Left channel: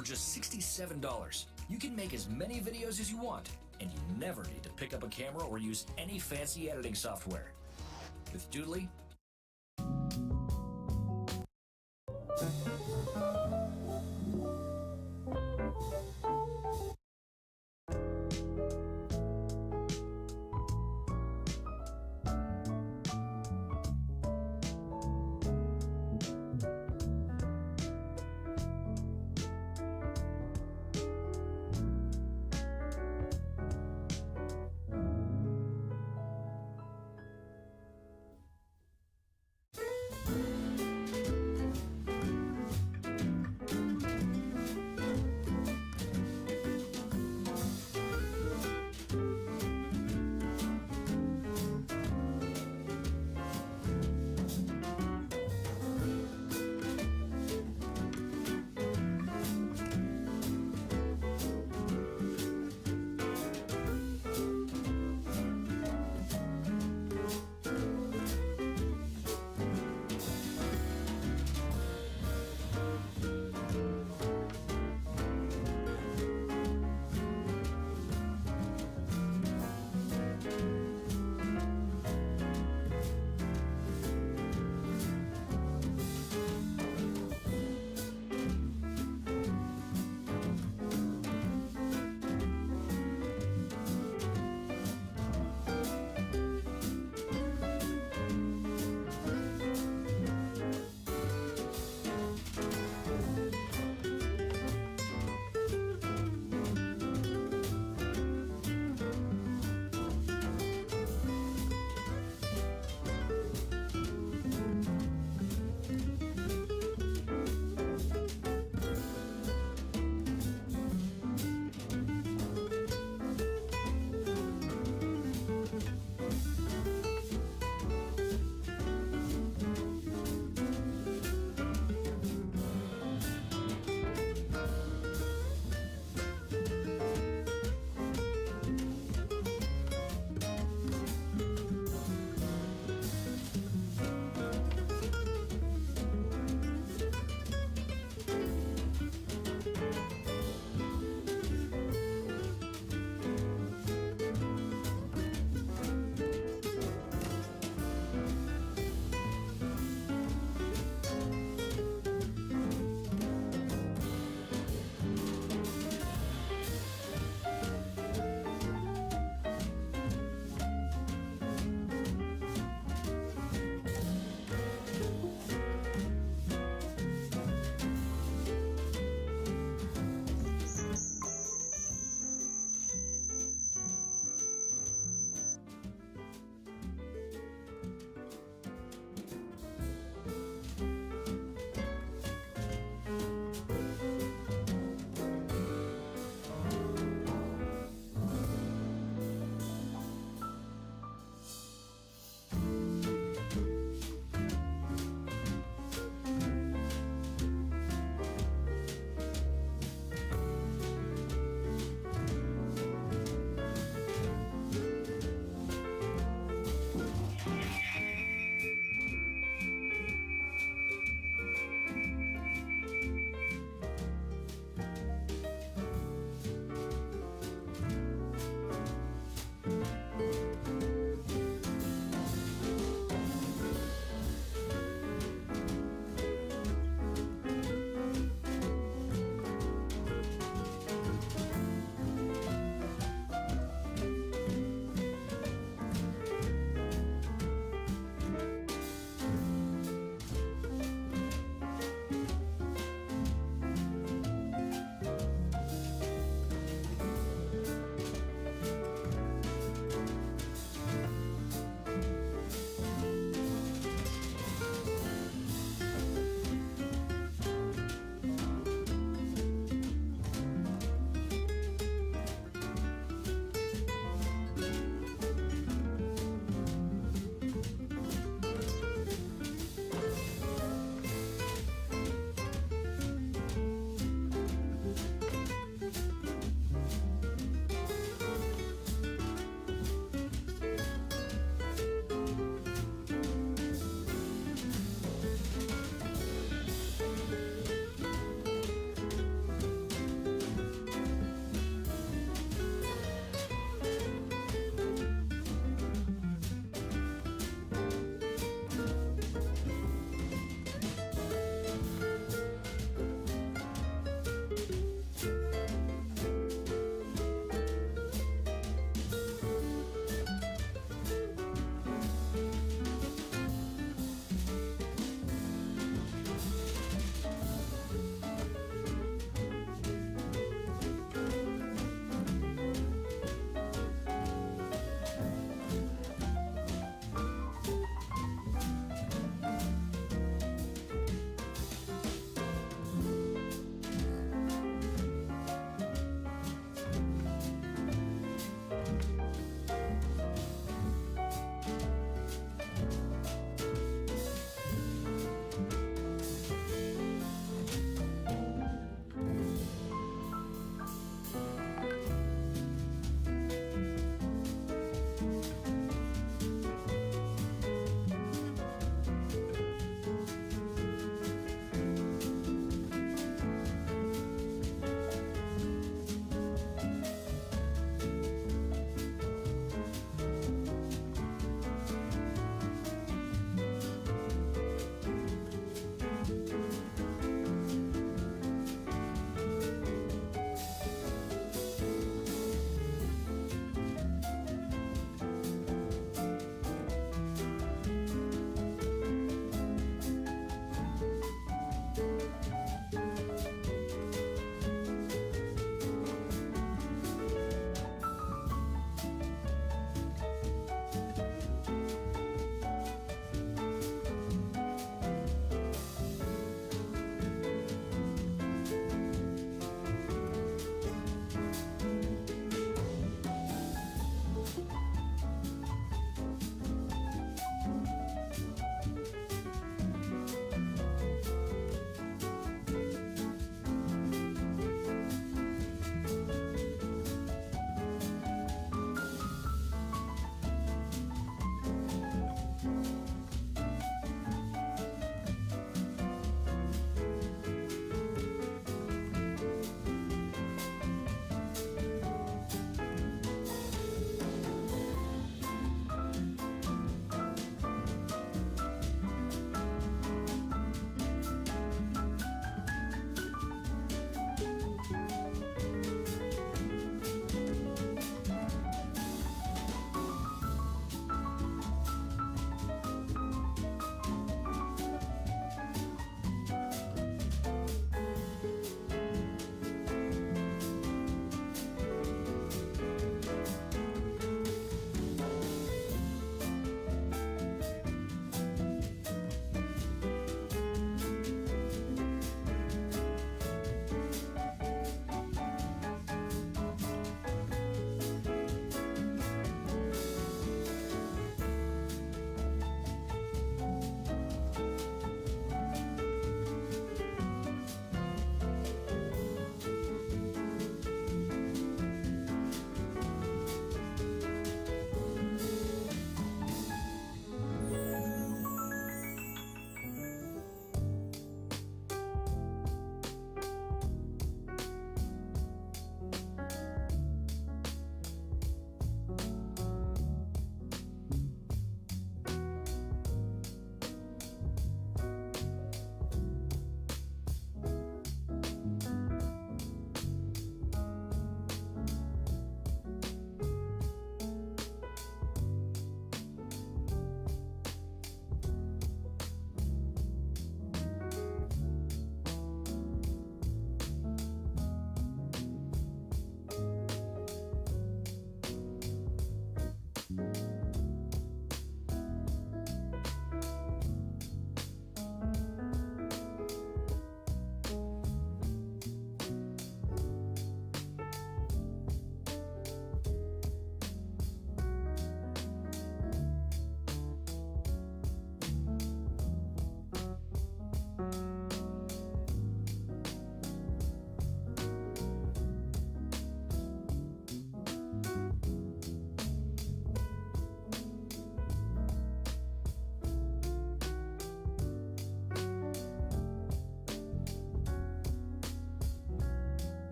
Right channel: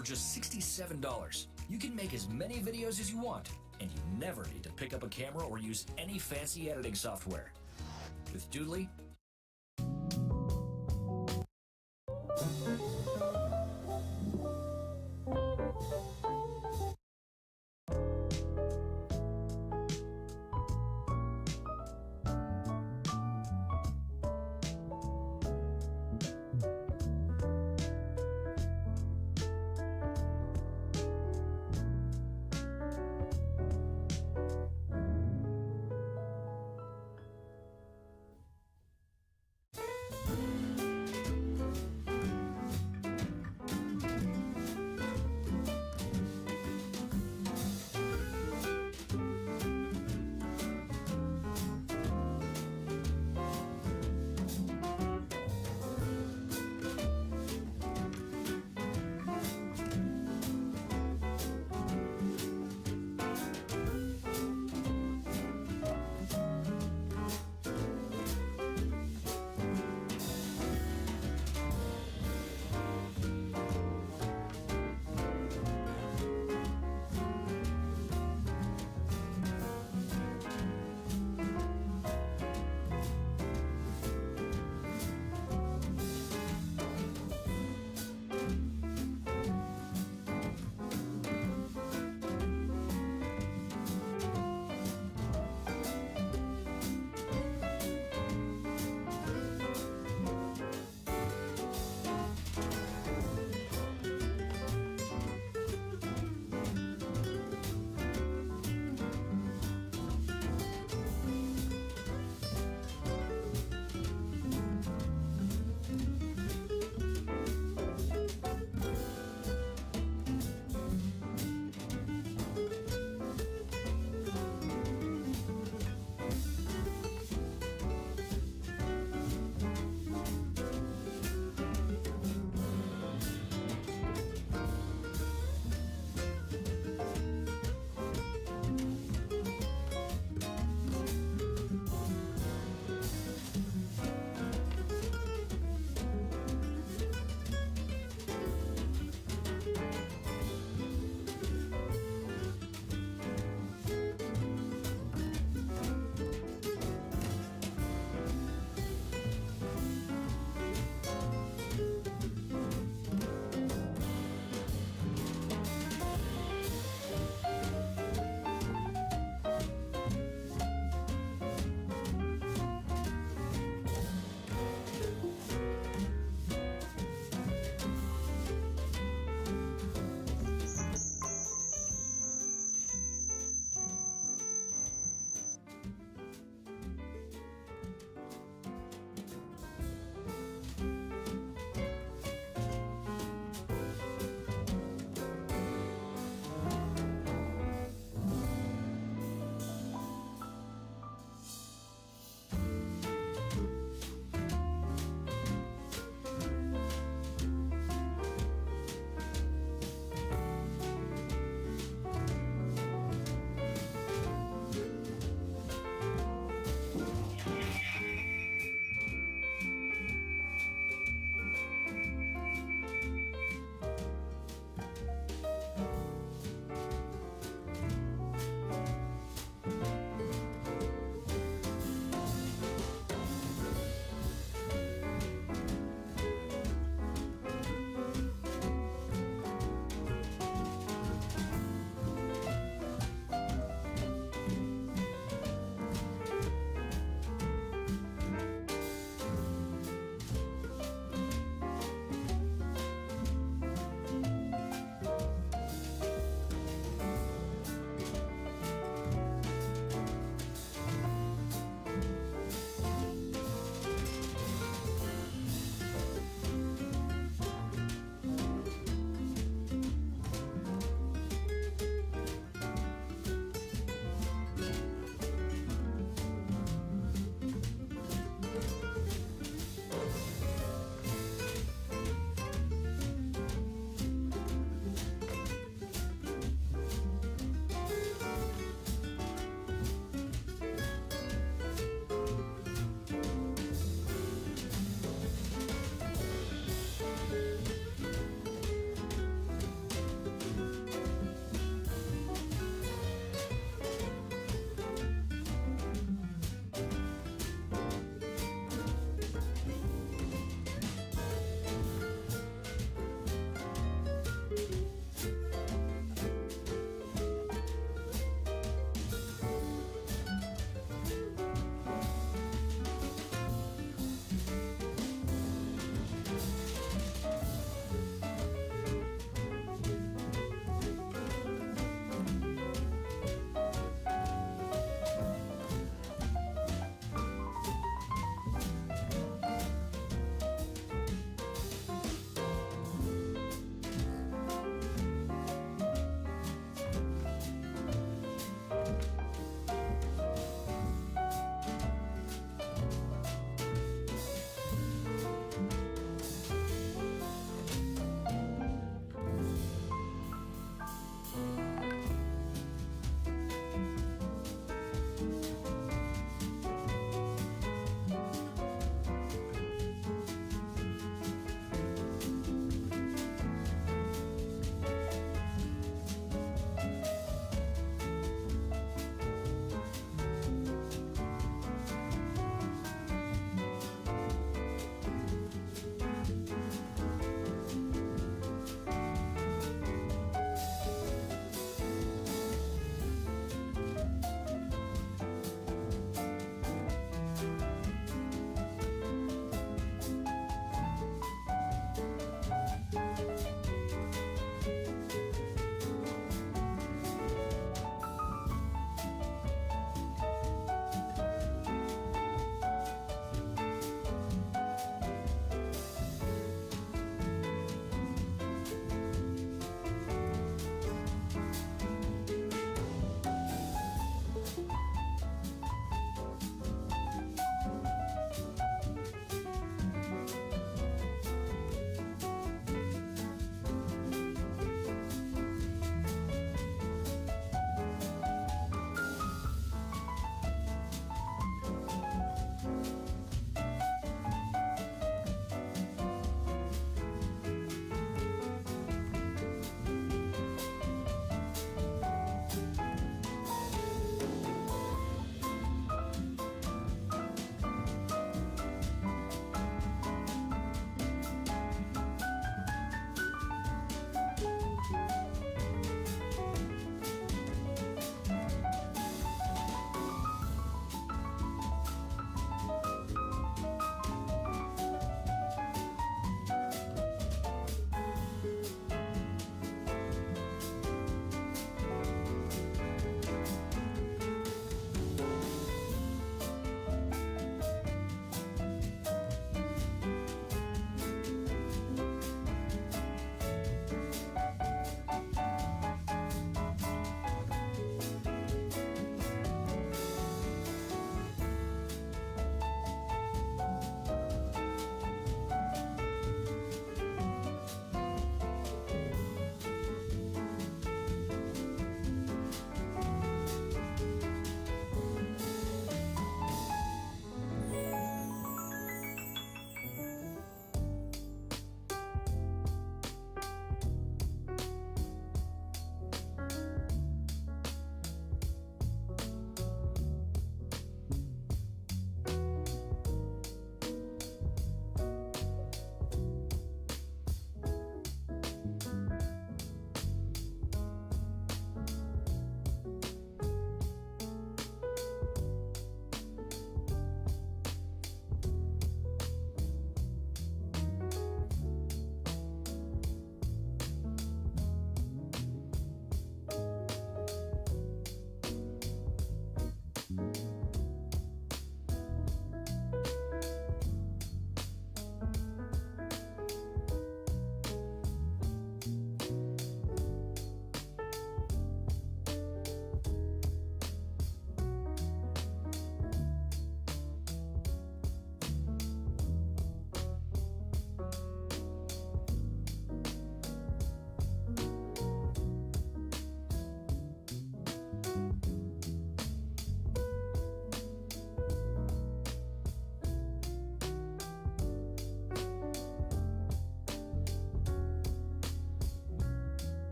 For just $67, you can make as many videos as you want, and you never need to pick up a camera or use any fancy editing software. With Doodly,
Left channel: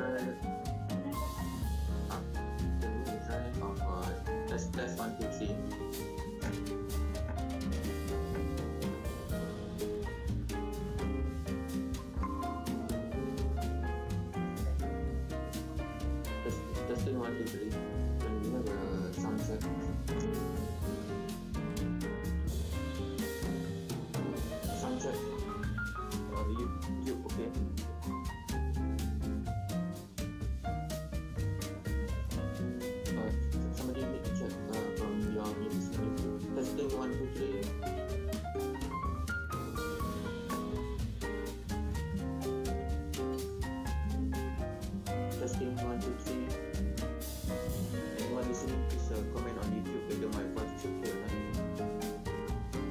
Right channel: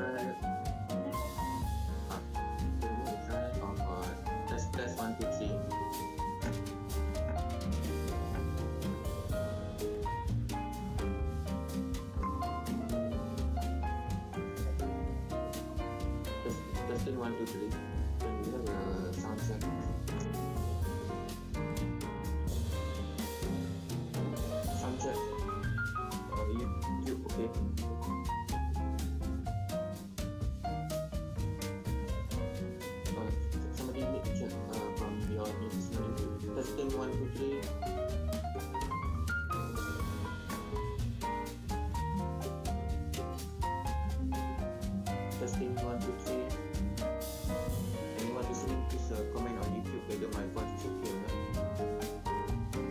try. Can we try test 1 2 3? Testing 1 2 3. Can we have a sound check? Sound check. You okay? Somebody need to check from your YouTube. Testing 1 2 3. Testing 1 2 3. Anyone listening, please comment on YouTube whether my voice is okay or not.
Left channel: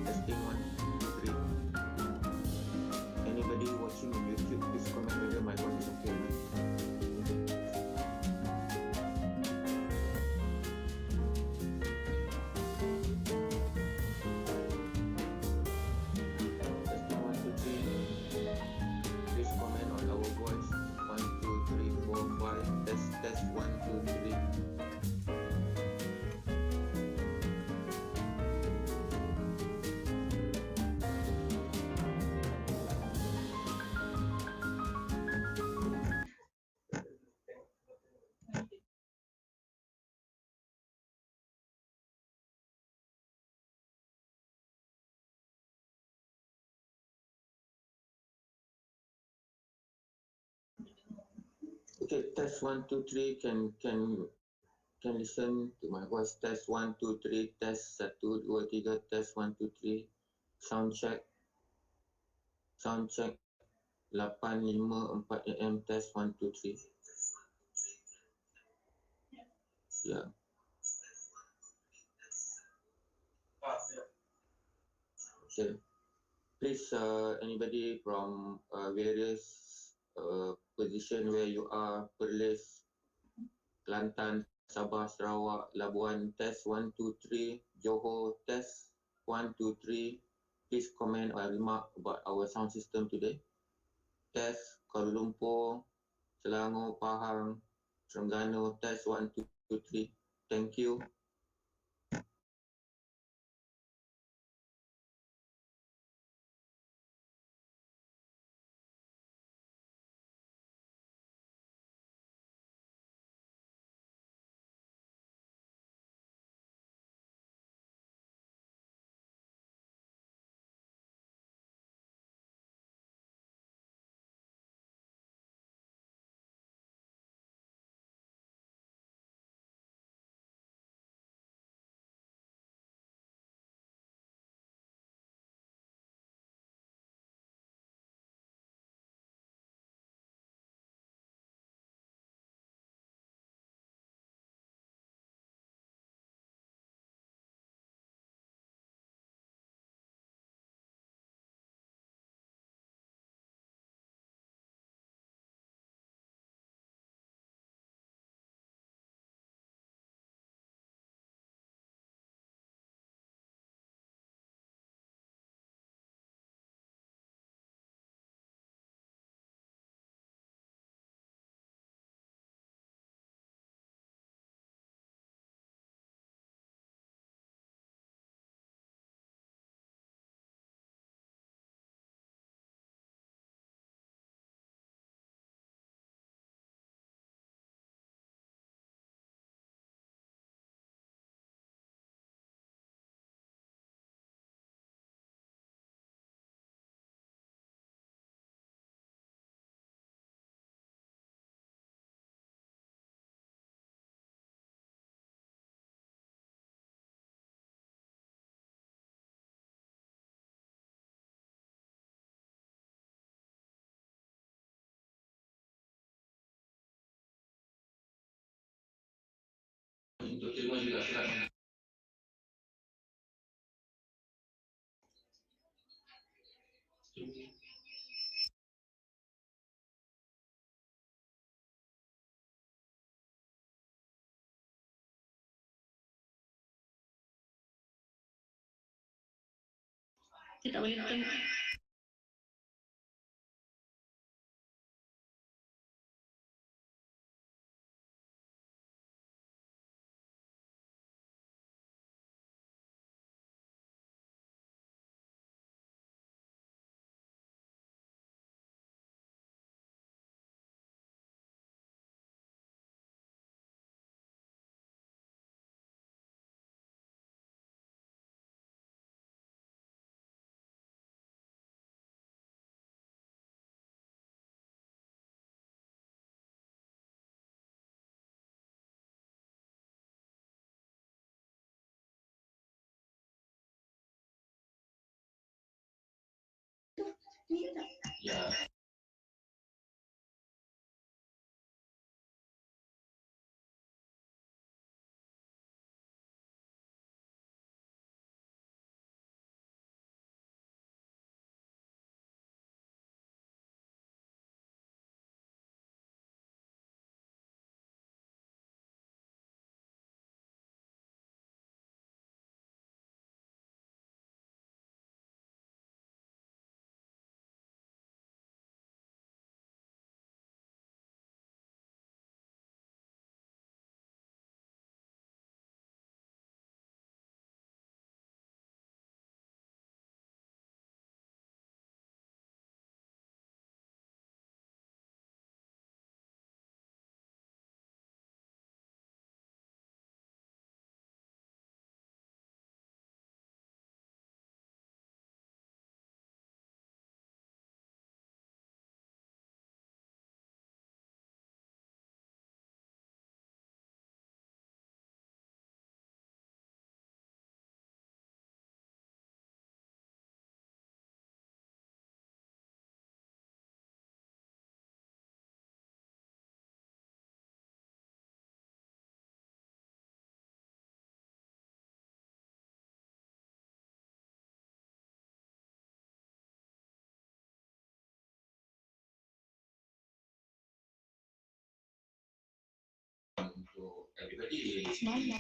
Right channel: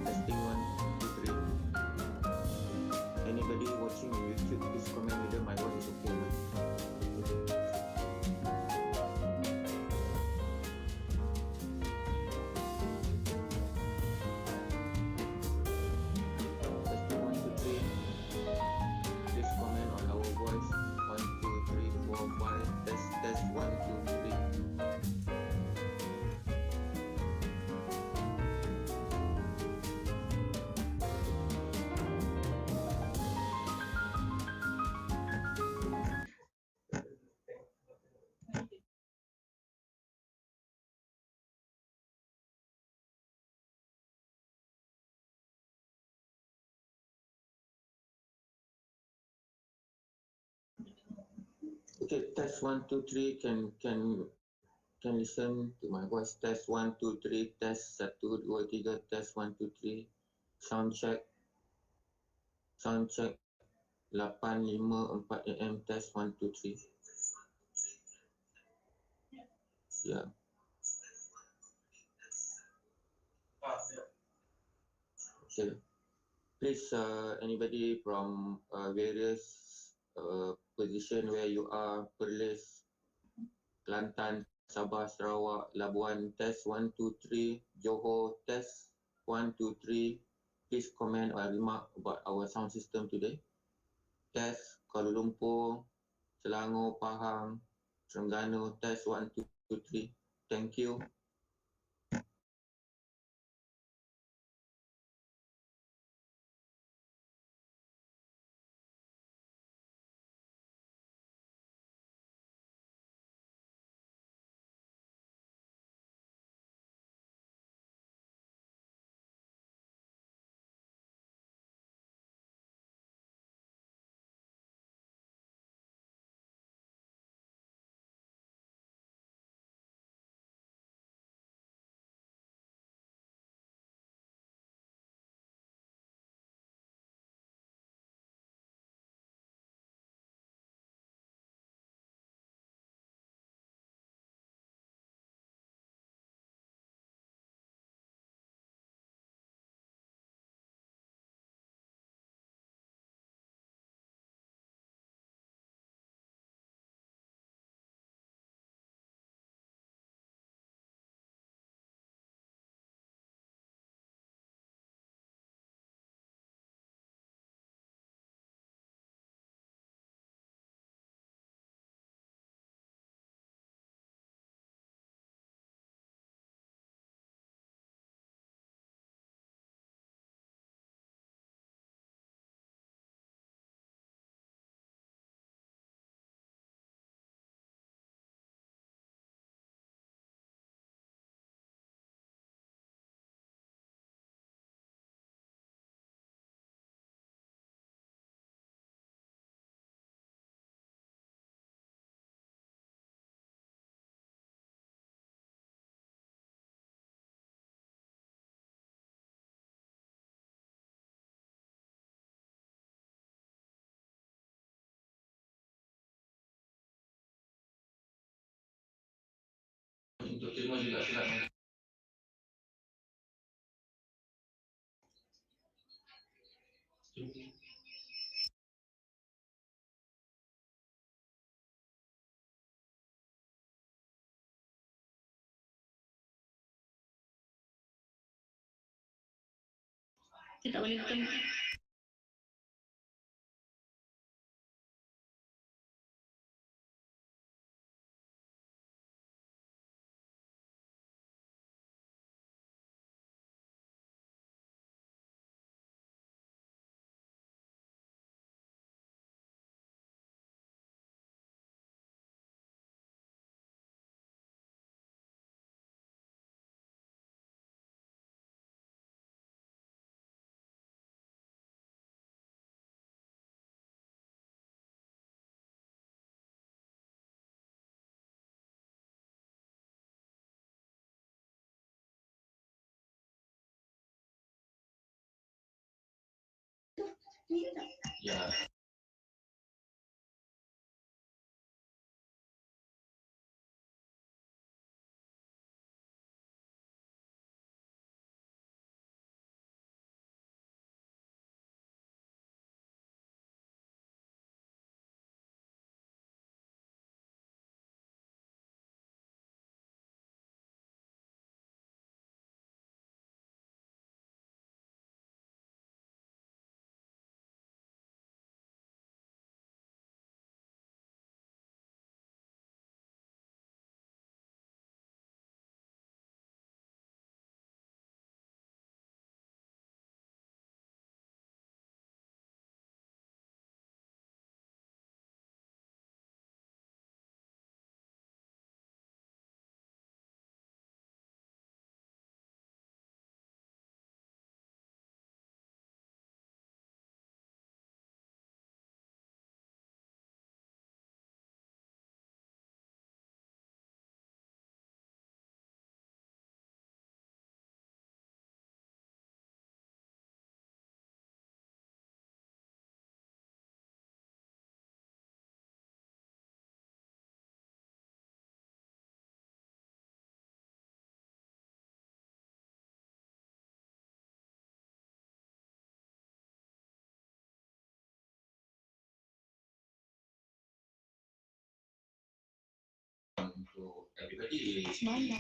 Testing 1 2 3. Anybody watching on YouTube, please comment whether my voice is okay or not. Testing 1 2 3. Please comment on our voice. 1 2 3 4 5. Test 1 2 3. Okay, test 1 2 3. Can listen to my voice. Test 1 2 3. Test 1 2 3. Test 1 2 3. Sound check. Sound check. 854 AM. Test 1 2 3. Yeah. Okay. Please, anybody from various position where you are, Perlis, Kelantan, Sabah, Sarawak, Labuan, test 1 2 3. Johor, test 1 2 3. Please comment or remark about our sound system today. Test Kuala Lumpur, Selangor, Pahang, Terengganu, test 1 2 3. Thank you. Kita boleh nonton. Ya. Untuk everybody. Semalam.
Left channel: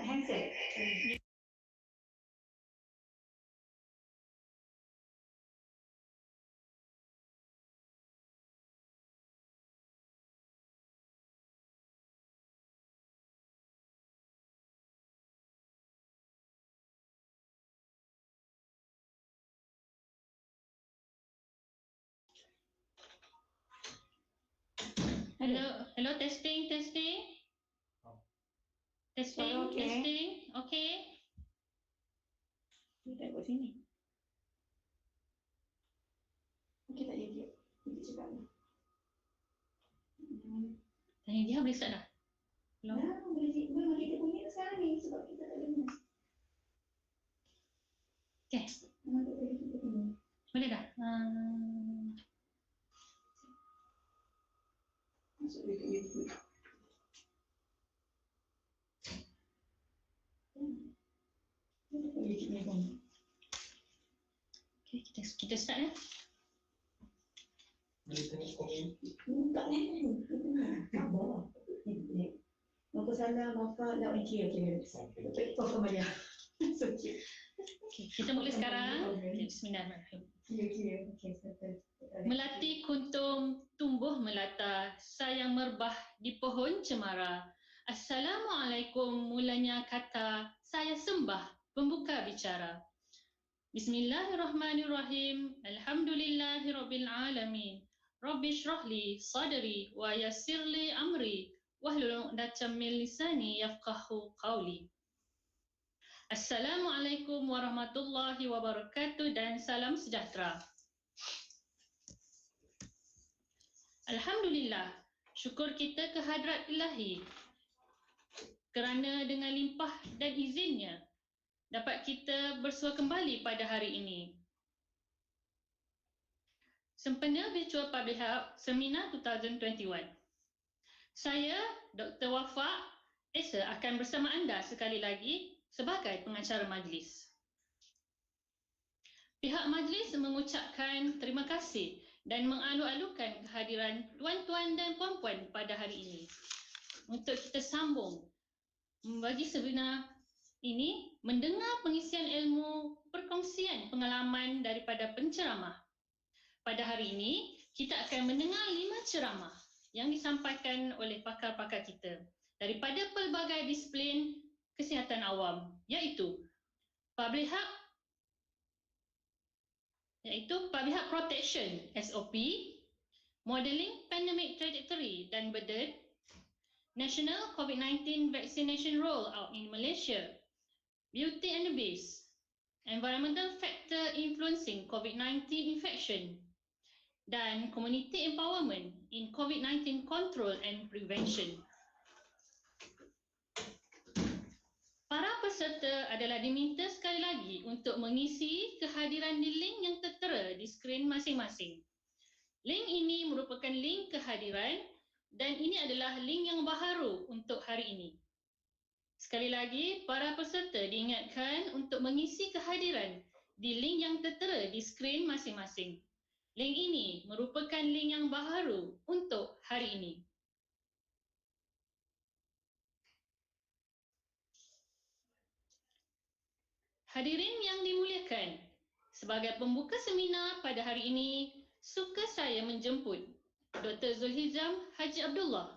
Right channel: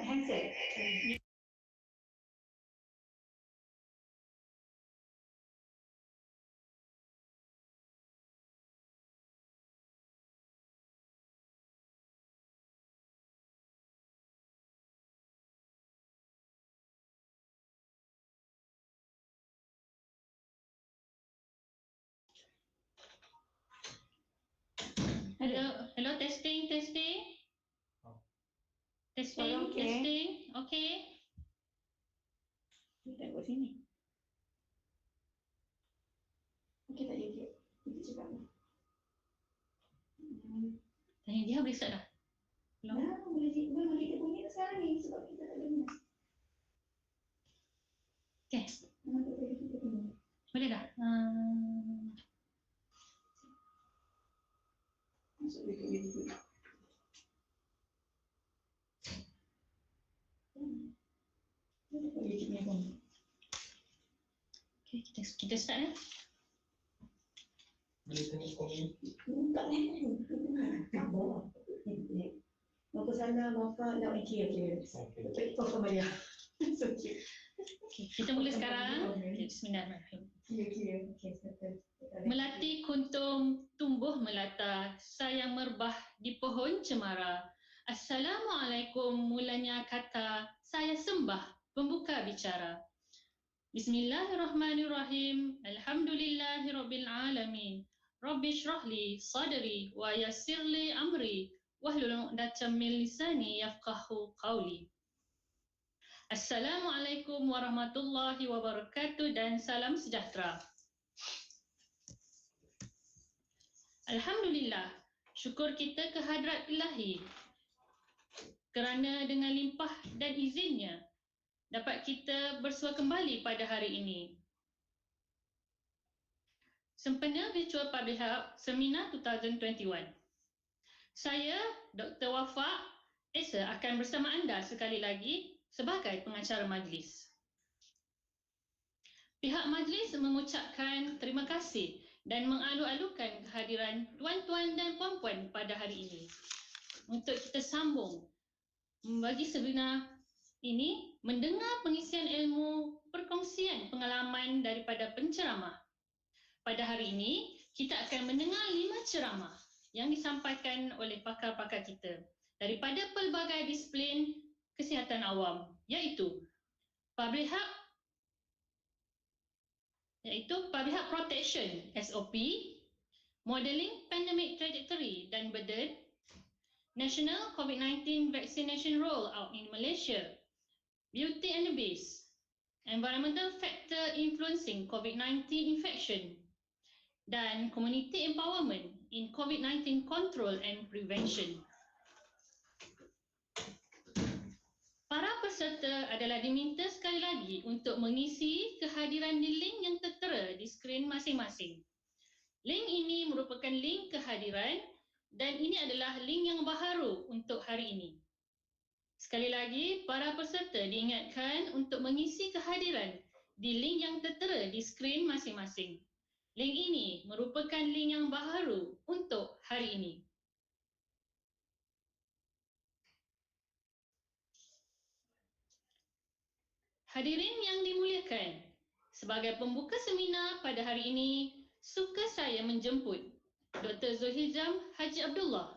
Handset. Hello, testing. Testing, Okay. testing. Okay. Kita kat sini. Okey tak dia? Kita cakap ni. Tanya dia boleh start dah? Belum? Dah, boleh kita bunyi sekarang ni sebab kita tak dengar. Okay. Kenapa tadi kita dengar? Boleh dah? Masuk dia ke YouTube. YouTube ni pun. Okay, kita start ya. Boleh tengok komuniti. Tak ni. Sabar. Maka sana, maka dah okey. Okey, kau kembali. It's okay. Okay, kita mula sekarang. Okay, bismillahirrahmanirrahim. Okey. Melati kuntum tumbuh melata, sayang merbah di pohon cemara. Assalamualaikum mulanya kata, saya sembah pembuka bicara. Bismillahirrahmanirrahim. Alhamdulillahirabbil alamin. Rabbi shrahli sadri wa yassirli amri wahlul 'uqdatam min lisani yafqahu qawli. Assalamualaikum warahmatullahi wabarakatuh dan salam sejahtera. Alhamdulillah, syukur kita kehadrat Ilahi kerana dengan limpah dan izinnya dapat kita bersua kembali pada hari ini. Sempena Virtual Public Health Seminar 2021. Saya, Dr. Wafa Esa akan bersama anda sekali lagi sebagai pengacara majlis. Pihak majlis mengucapkan terima kasih dan mengalu-alukan kehadiran tuan-tuan dan puan-puan pada hari ini. untuk kita sambung bagi Sabrina ini mendengar pengisian ilmu perkongsian pengalaman daripada penceramah. Pada hari ini, kita akan mendengar 5 ceramah yang disampaikan oleh pakar-pakar kita daripada pelbagai disiplin kesihatan awam, iaitu Public Health Protection SOP, Modeling Pandemic Trajectory dan Burden, National COVID-19 Vaccination Rollout in Malaysia, Beauty and the Beast, Environmental Factor Influencing COVID-19 Infection, dan Community Empowerment in COVID-19 Control and Prevention. Para peserta adalah diminta sekali lagi untuk mengisi kehadiran di link yang tertera di skrin masing-masing. Link ini merupakan link kehadiran dan ini adalah link yang baharu untuk hari ini. Sekali lagi, para peserta diingatkan untuk mengisi kehadiran di link yang tertera di skrin masing-masing. Link ini merupakan link yang baharu untuk hari ini. Hadirin yang dimuliakan, sebagai pembuka seminar pada hari ini, suka saya menjemput Dr. Zulhizam Haji Abdullah,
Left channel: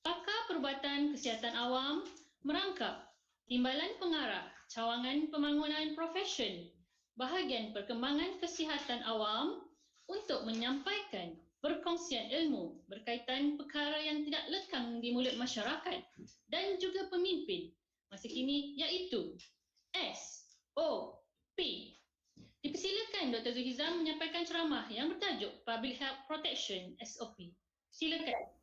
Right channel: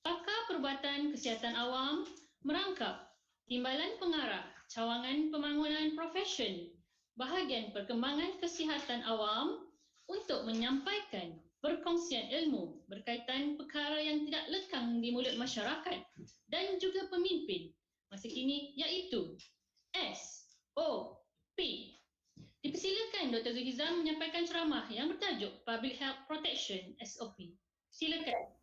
pakar perubatan kesihatan awam, merangkap Timbalan Pengarah Cawangan Pembangunan Profesion, bahagian perkembangan kesihatan awam untuk menyampaikan perkongsian ilmu berkaitan perkara yang tidak lekang di mulut masyarakat dan juga pemimpin masa kini, iaitu SOP. Dipersilakan Dr. Zulhizam menyampaikan ceramah yang bertajuk Public Health Protection SOP. Silakan.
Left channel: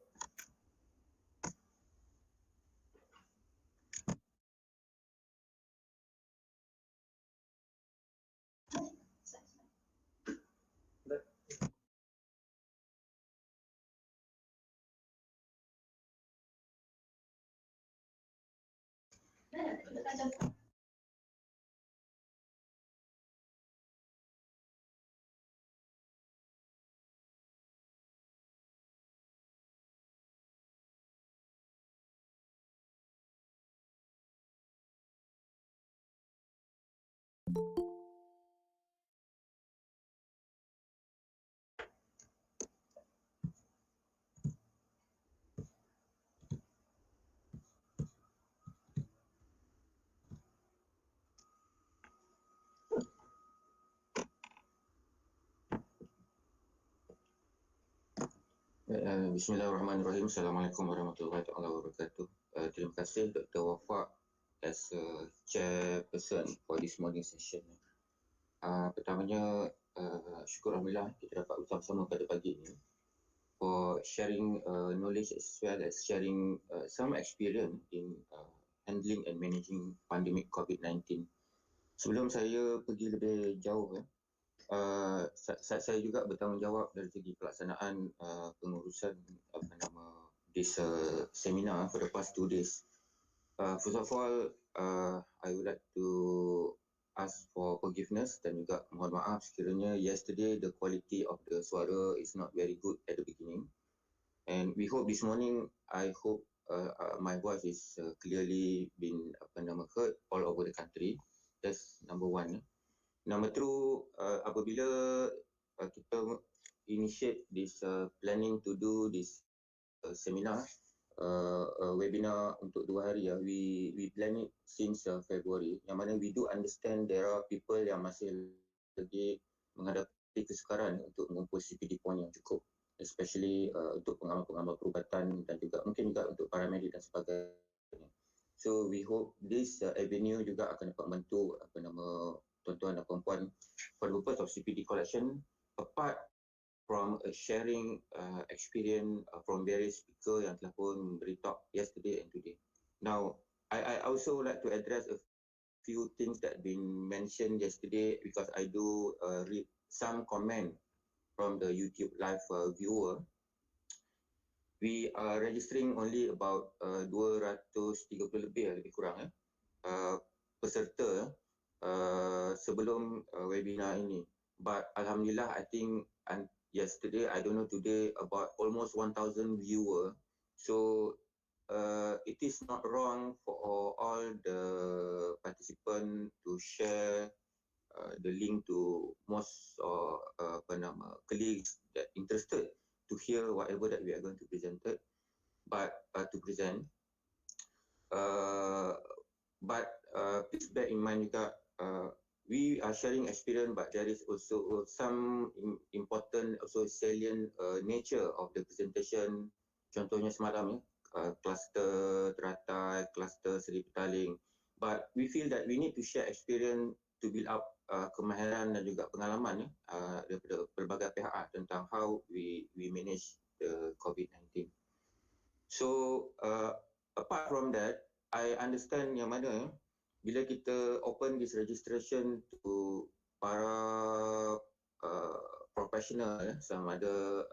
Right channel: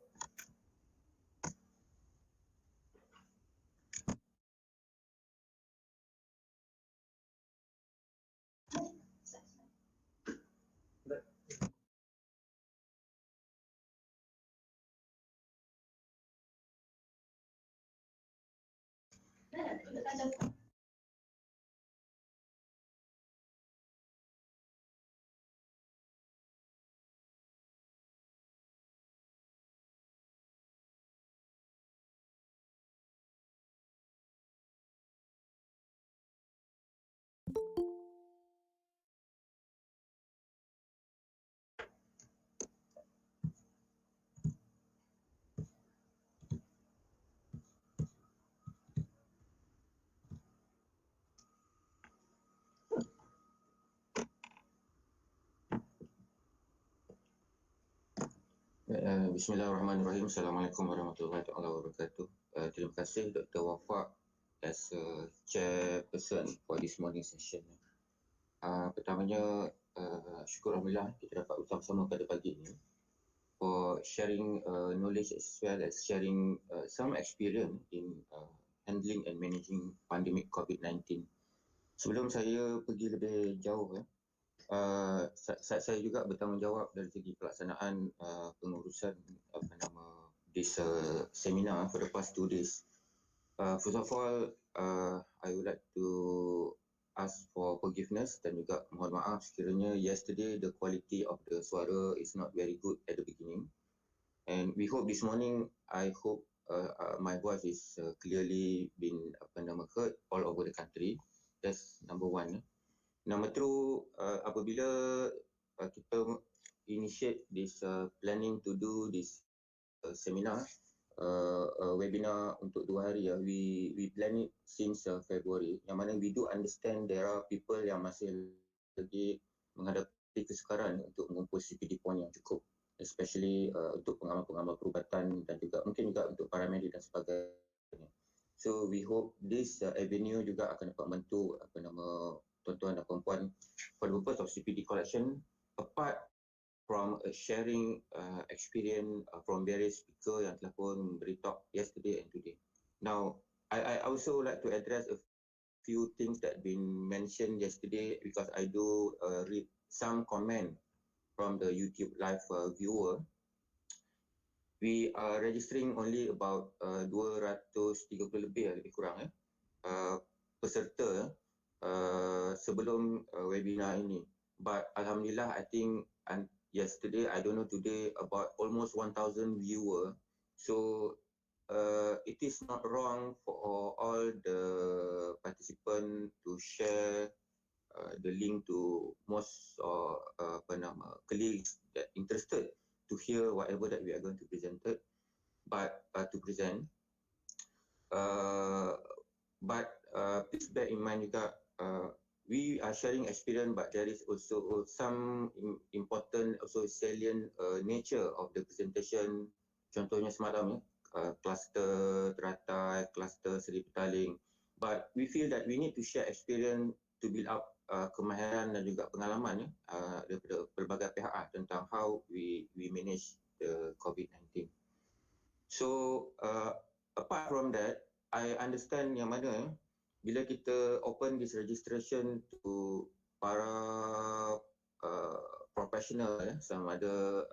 Bismillahirrahmanirrahim. Assalamualaikum warahmatullahi wabarakatuh. Terima kasih Dr. Wafa as a chairperson for this morning session. Pertamanya, syukur Alhamdulillah kita dapat bersama-sama pada pagi ini for sharing knowledge as well as sharing some experience in handling and managing pandemic COVID-19. Sebelum saya pergi lebih jauh, saya juga bertanggungjawab dari segi pelaksanaan pengurusan this seminar for the past 2 days. First of all, I would like to ask for forgiveness dan juga mohon maaf sekiranya yesterday the quality of the suara is not very good at the beginning, and we hope this morning, I hope my voice is clearly been heard all over the country. That's number one. Number two, apabila kita initiate this planning to do this seminar, webinar untuk 2 hari, we plan it since February, yang mana we do understand there are people yang masih lagi menghadapi kesukaran untuk mengumpul CPD point yang cukup, especially untuk pengamal-pengamal perubatan dan juga mungkin juga untuk paramedik dan sebagainya. So we hope this avenue juga akan dapat membantu tuan-tuan dan puan-puan for the purpose of CPD collection, apart from sharing experience from various speaker yang telah pun memberi talk yesterday and today. Now, I also like to address a few things that been mentioned yesterday because I do read some comment from the YouTube live viewer. We are registering only about 230 lebih kurang peserta sebelum webinar ini. But Alhamdulillah, I think yesterday, I don't know today, about almost 1,000 viewer. So it is not wrong for all the participants to share the link to most or colleagues that interested to hear whatever that we are going to present. Uh, but please bear in mind juga, we are sharing experience, but there is also some important, also salient nature of the presentation. Contohnya semalam, kluster teratai, kluster Seri Petaling. But we feel that we need to share experience to build up kemahiran dan juga pengalaman daripada pelbagai pihak tentang how we manage the COVID-19. So apart from that, I understand yang mana bila kita open this registration to para profesional sama ada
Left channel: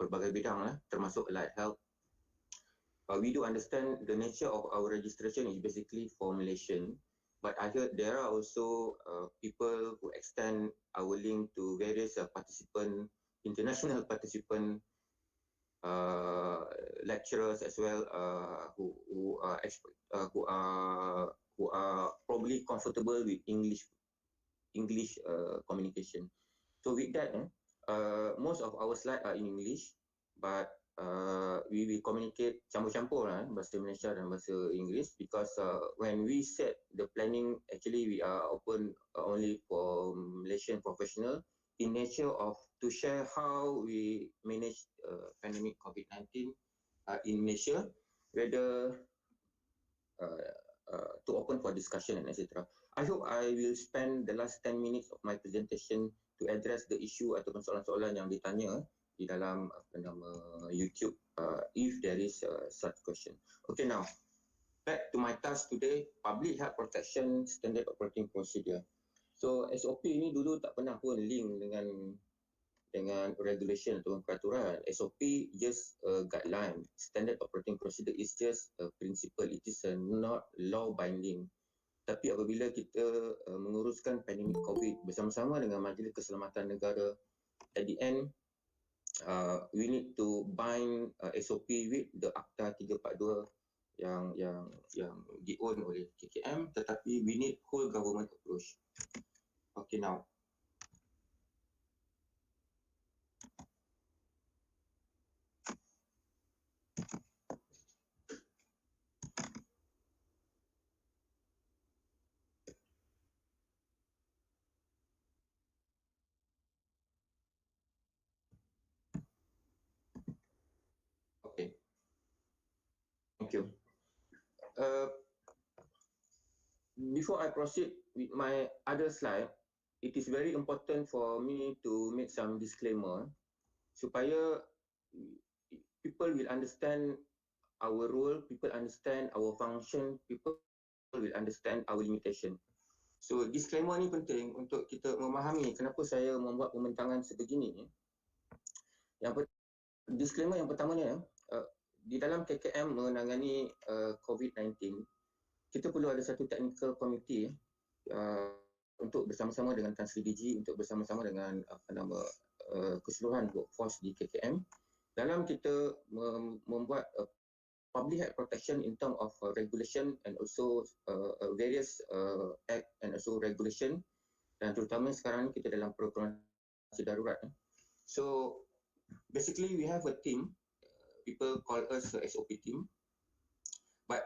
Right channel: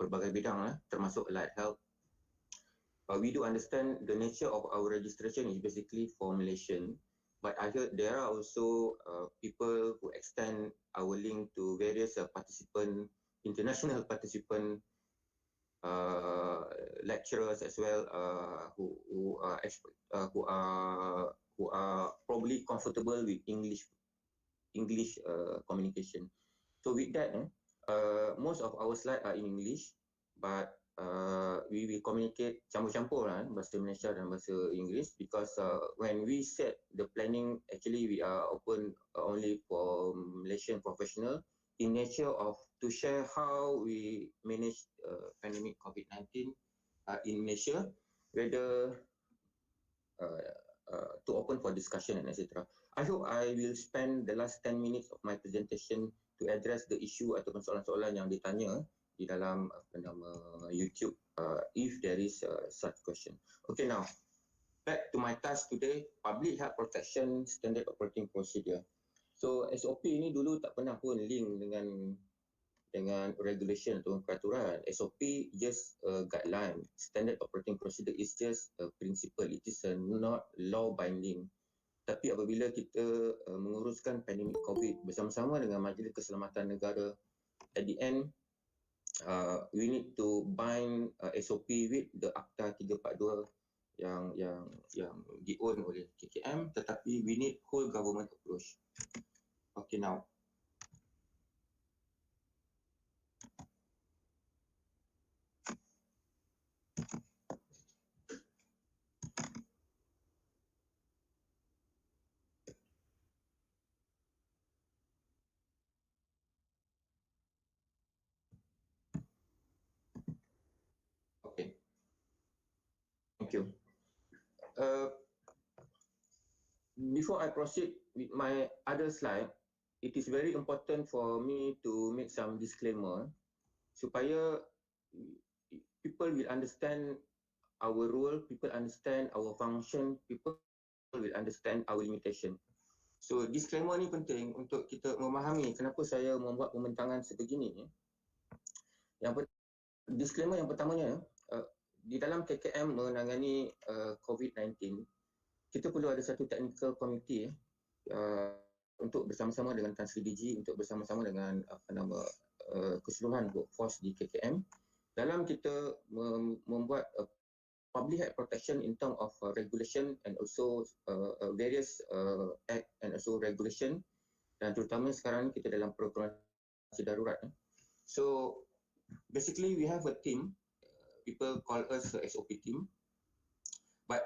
pelbagai bidang termasuk allied health, we do understand the nature of our registration is basically for Malaysian, but I heard there are also people who extend our link to various international participant, lecturers as well, who are probably comfortable with English communication. So with that, most of our slides are in English, but we will communicate campur-campur bahasa Malaysia dan bahasa Inggeris, because when we set the planning, actually we are open only for Malaysian professional in nature of to share how we manage pandemic COVID-19 in Malaysia, whether to open for discussion and etc. I hope I will spend the last 10 minutes of my presentation to address the issue ataupun soalan-soalan yang ditanya di dalam YouTube, if there is such question. Okay, now back to my task today, public health protection standard operating procedure. So SOP ni dulu tak pernah pun link dengan regulation atau peraturan. SOP just a guideline. Standard operating procedure is just a principle. It is not law binding. Tapi apabila kita menguruskan pandemik COVID bersama-sama dengan Majlis Keselamatan Negara, at the end we need to bind SOP with the Akta 342 yang di-own oleh KKM, tetapi we need whole government approach. Okay, now okay, thank you. Before I proceed with my other slide, it is very important for me to make some disclaimer supaya people will understand our role, people understand our function, people will understand our limitation. So disclaimer ni penting untuk kita memahami kenapa saya membuat pembentangan sebegini. Disclaimer yang pertamanya, di dalam KKM menangani COVID-19, kita perlu ada satu technical committee untuk bersama-sama dengan Tan Sri DG, untuk bersama-sama dengan keseluruhan workforce di KKM dalam kita membuat public health protection in term of regulation and also various act and also regulation, dan terutama sekarang ni kita dalam program darurat. So basically we have a team, people call us the SOP team, but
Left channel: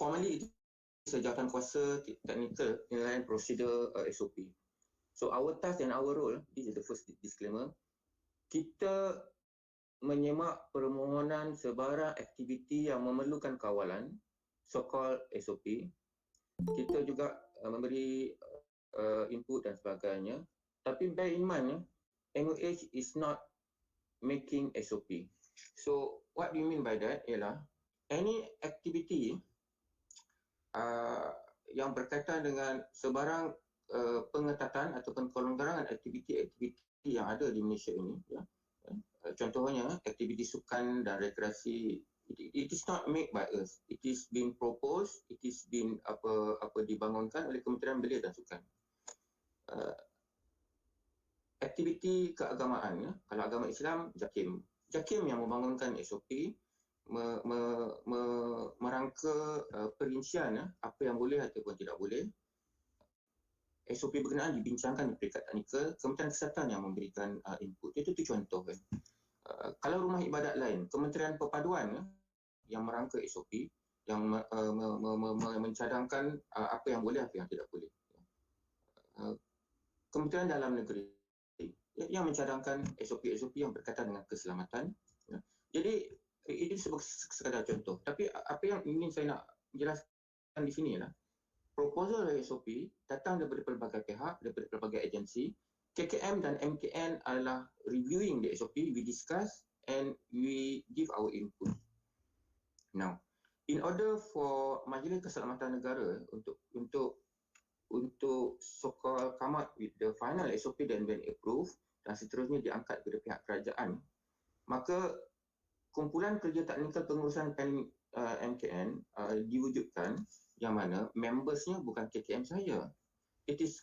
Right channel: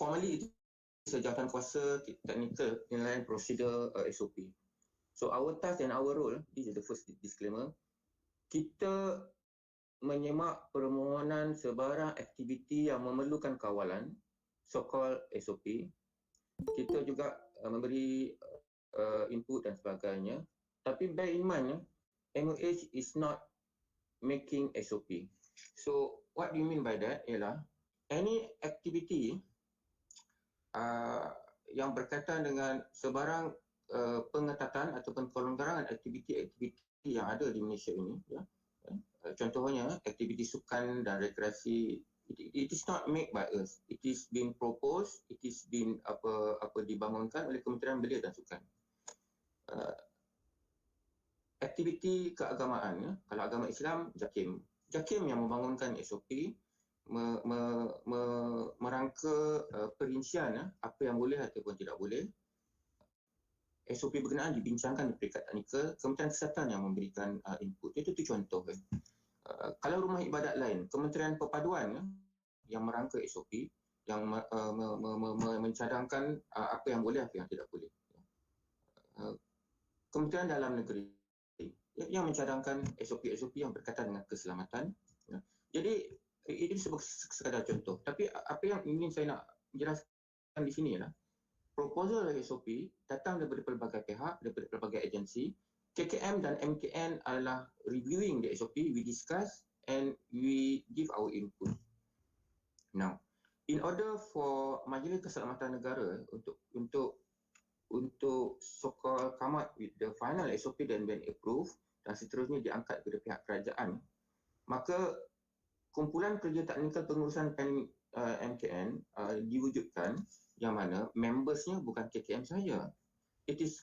formally it is a jawatan kuasa technical penilaian prosedur SOP. So our task and our role, this is the first disclaimer, kita menyemak permohonan sebarang aktiviti yang memerlukan kawalan, so-called SOP. Kita juga memberi input dan sebagainya. Tapi bear in mind, MOH is not making SOP. So what do you mean by that ialah any activity yang berkaitan dengan sebarang pengetatan ataupun pelonggaran aktiviti-aktiviti yang ada di Malaysia ini, contohnya aktiviti sukan dan rekreasi, it is not made by us, it is being proposed, it is being dibangunkan oleh Kementerian Belia dan Sukan. Aktiviti keagamaan, kalau agama Islam, JAKIM yang membangunkan SOP, merangka perincian apa yang boleh ataupun tidak boleh. SOP berkenaan dibincangkan di peringkat teknikal, Kementerian Kesihatan yang memberikan input. Itu contoh. Kalau rumah ibadat lain, Kementerian Perpaduan yang merangka SOP, yang mencadangkan apa yang boleh, apa yang tidak boleh. Kementerian Dalam Negeri yang mencadangkan SOP-SOP yang berkaitan dengan keselamatan. Jadi ini sekadar contoh. Tapi apa yang ingin saya nak jelaskan di sini ialah proposal dari SOP datang daripada pelbagai pihak, daripada pelbagai agensi. KKM dan MKN adalah reviewing the SOP, we discuss and we give our input. Now, in order for Majlis Keselamatan Negara untuk so-called come up with the final SOP dan when approved dan seterusnya diangkat kepada pihak kerajaan, maka kumpulan kerja teknikal pengurusan MKN diwujudkan yang mana membersnya bukan KKM saja.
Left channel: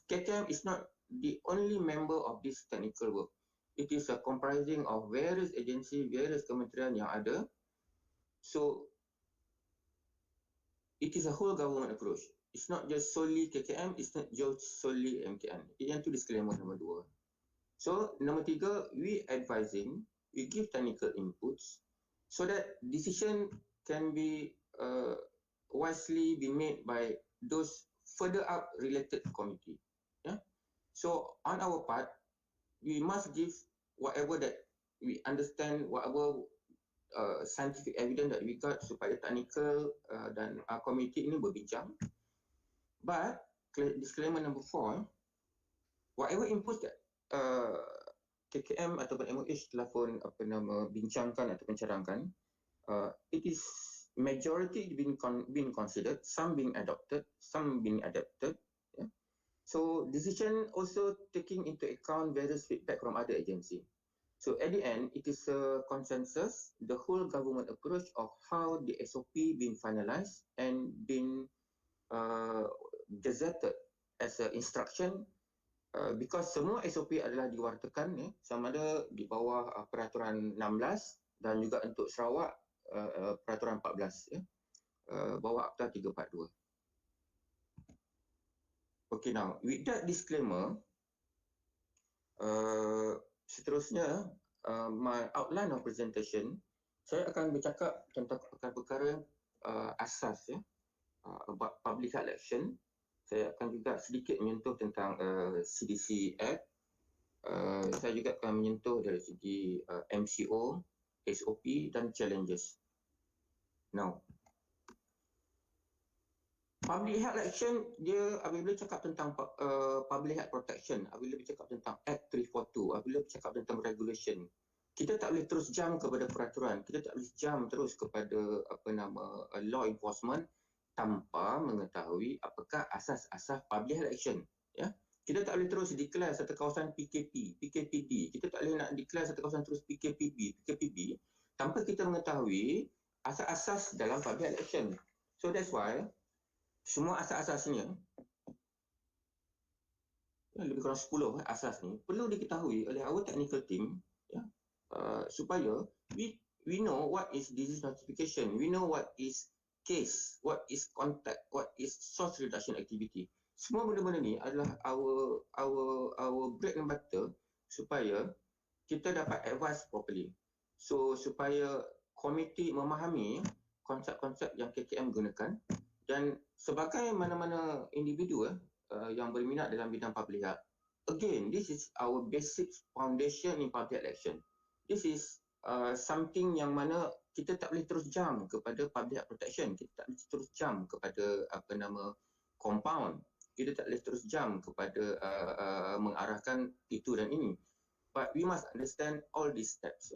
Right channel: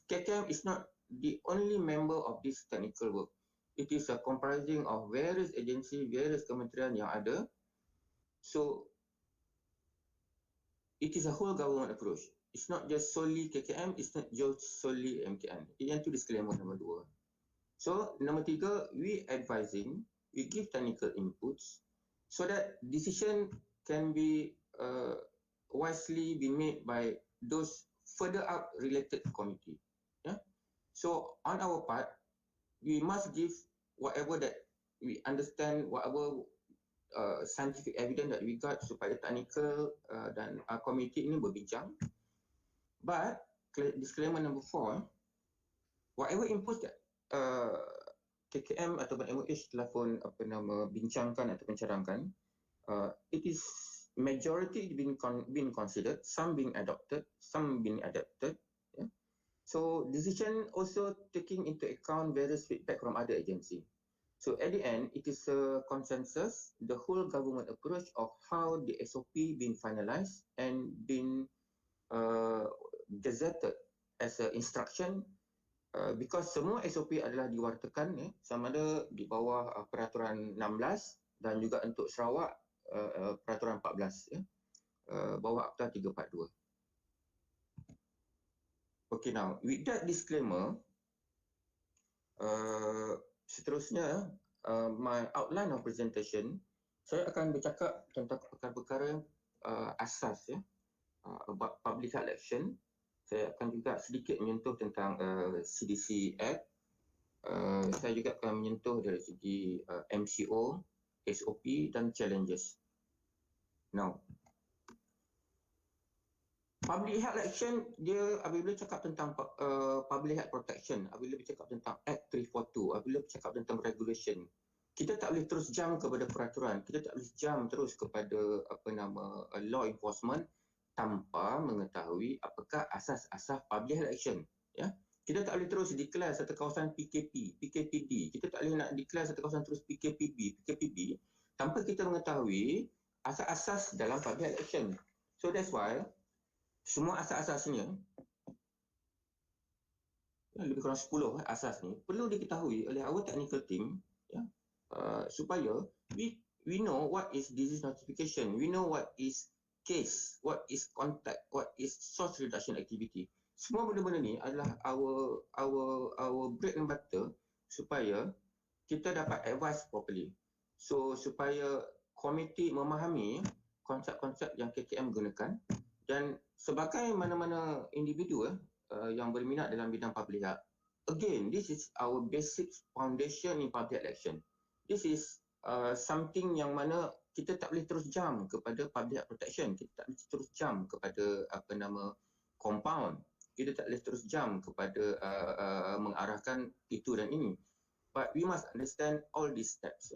KKM is not the only member of this technical work. It is a comprising of various agency, various kementerian yang ada. So it is a whole government approach. It's not just solely KKM, it's not just solely MKN. Yang itu disclaimer nombor 2. So nombor 3, we advising, we give technical inputs so that decision can be wisely be made by those further up related committee. Yeah. So on our part, we must give whatever that we understand, whatever scientific evidence that we got supaya technical dan committee ini berbincang. But disclaimer number 4, whatever inputs that KKM ataupun MOH telah pun bincangkan atau cadangkan, it is majority being considered, some being adopted, some being adapted. Yeah. So decision also taking into account various feedback from other agency. So at the end, it is a consensus, the whole government approach of how the SOP being finalized and been gazetted as an instruction, because semua SOP adalah diwartakan sama ada di bawah peraturan 16 dan juga untuk Sarawak peraturan 14 bawah Akta 342. Okay, now with that disclaimer, seterusnya my outline of presentation, saya akan bercakap tentang perkara-perkara asas about public health action. Saya akan juga sedikit menyentuh tentang CDC Act. Saya juga akan menyentuh dari segi MCO, SOP dan challenges. Now, public health action, dia apabila cakap tentang public health protection, apabila bercakap tentang Act 342, apabila bercakap tentang regulation, kita tak boleh terus jump kepada peraturan, kita tak boleh jump terus kepada law enforcement tanpa mengetahui apakah asas-asas public health action. Ya, kita tak boleh terus declare satu kawasan PKP, PKPD, kita tak boleh nak declare satu kawasan terus PKPB tanpa kita mengetahui asas-asas dalam public health action. So that's why semua asas-asasnya, lebih kurang 10 asas ni perlu diketahui oleh our technical team, supaya we know what is disease notification, we know what is case, what is contact, what is source reduction activity. Semua benda-benda ni adalah our bread and butter supaya kita dapat advise properly. So supaya komiti memahami konsep-konsep yang KKM gunakan, dan sebagai mana-mana individu yang berminat dalam bidang public health, again, this is our basic foundation in public action. This is something yang mana kita tak boleh terus jump kepada public protection, kita tak boleh terus jump kepada compound, kita tak boleh terus jump kepada mengarahkan itu dan ini. But we must understand all these steps.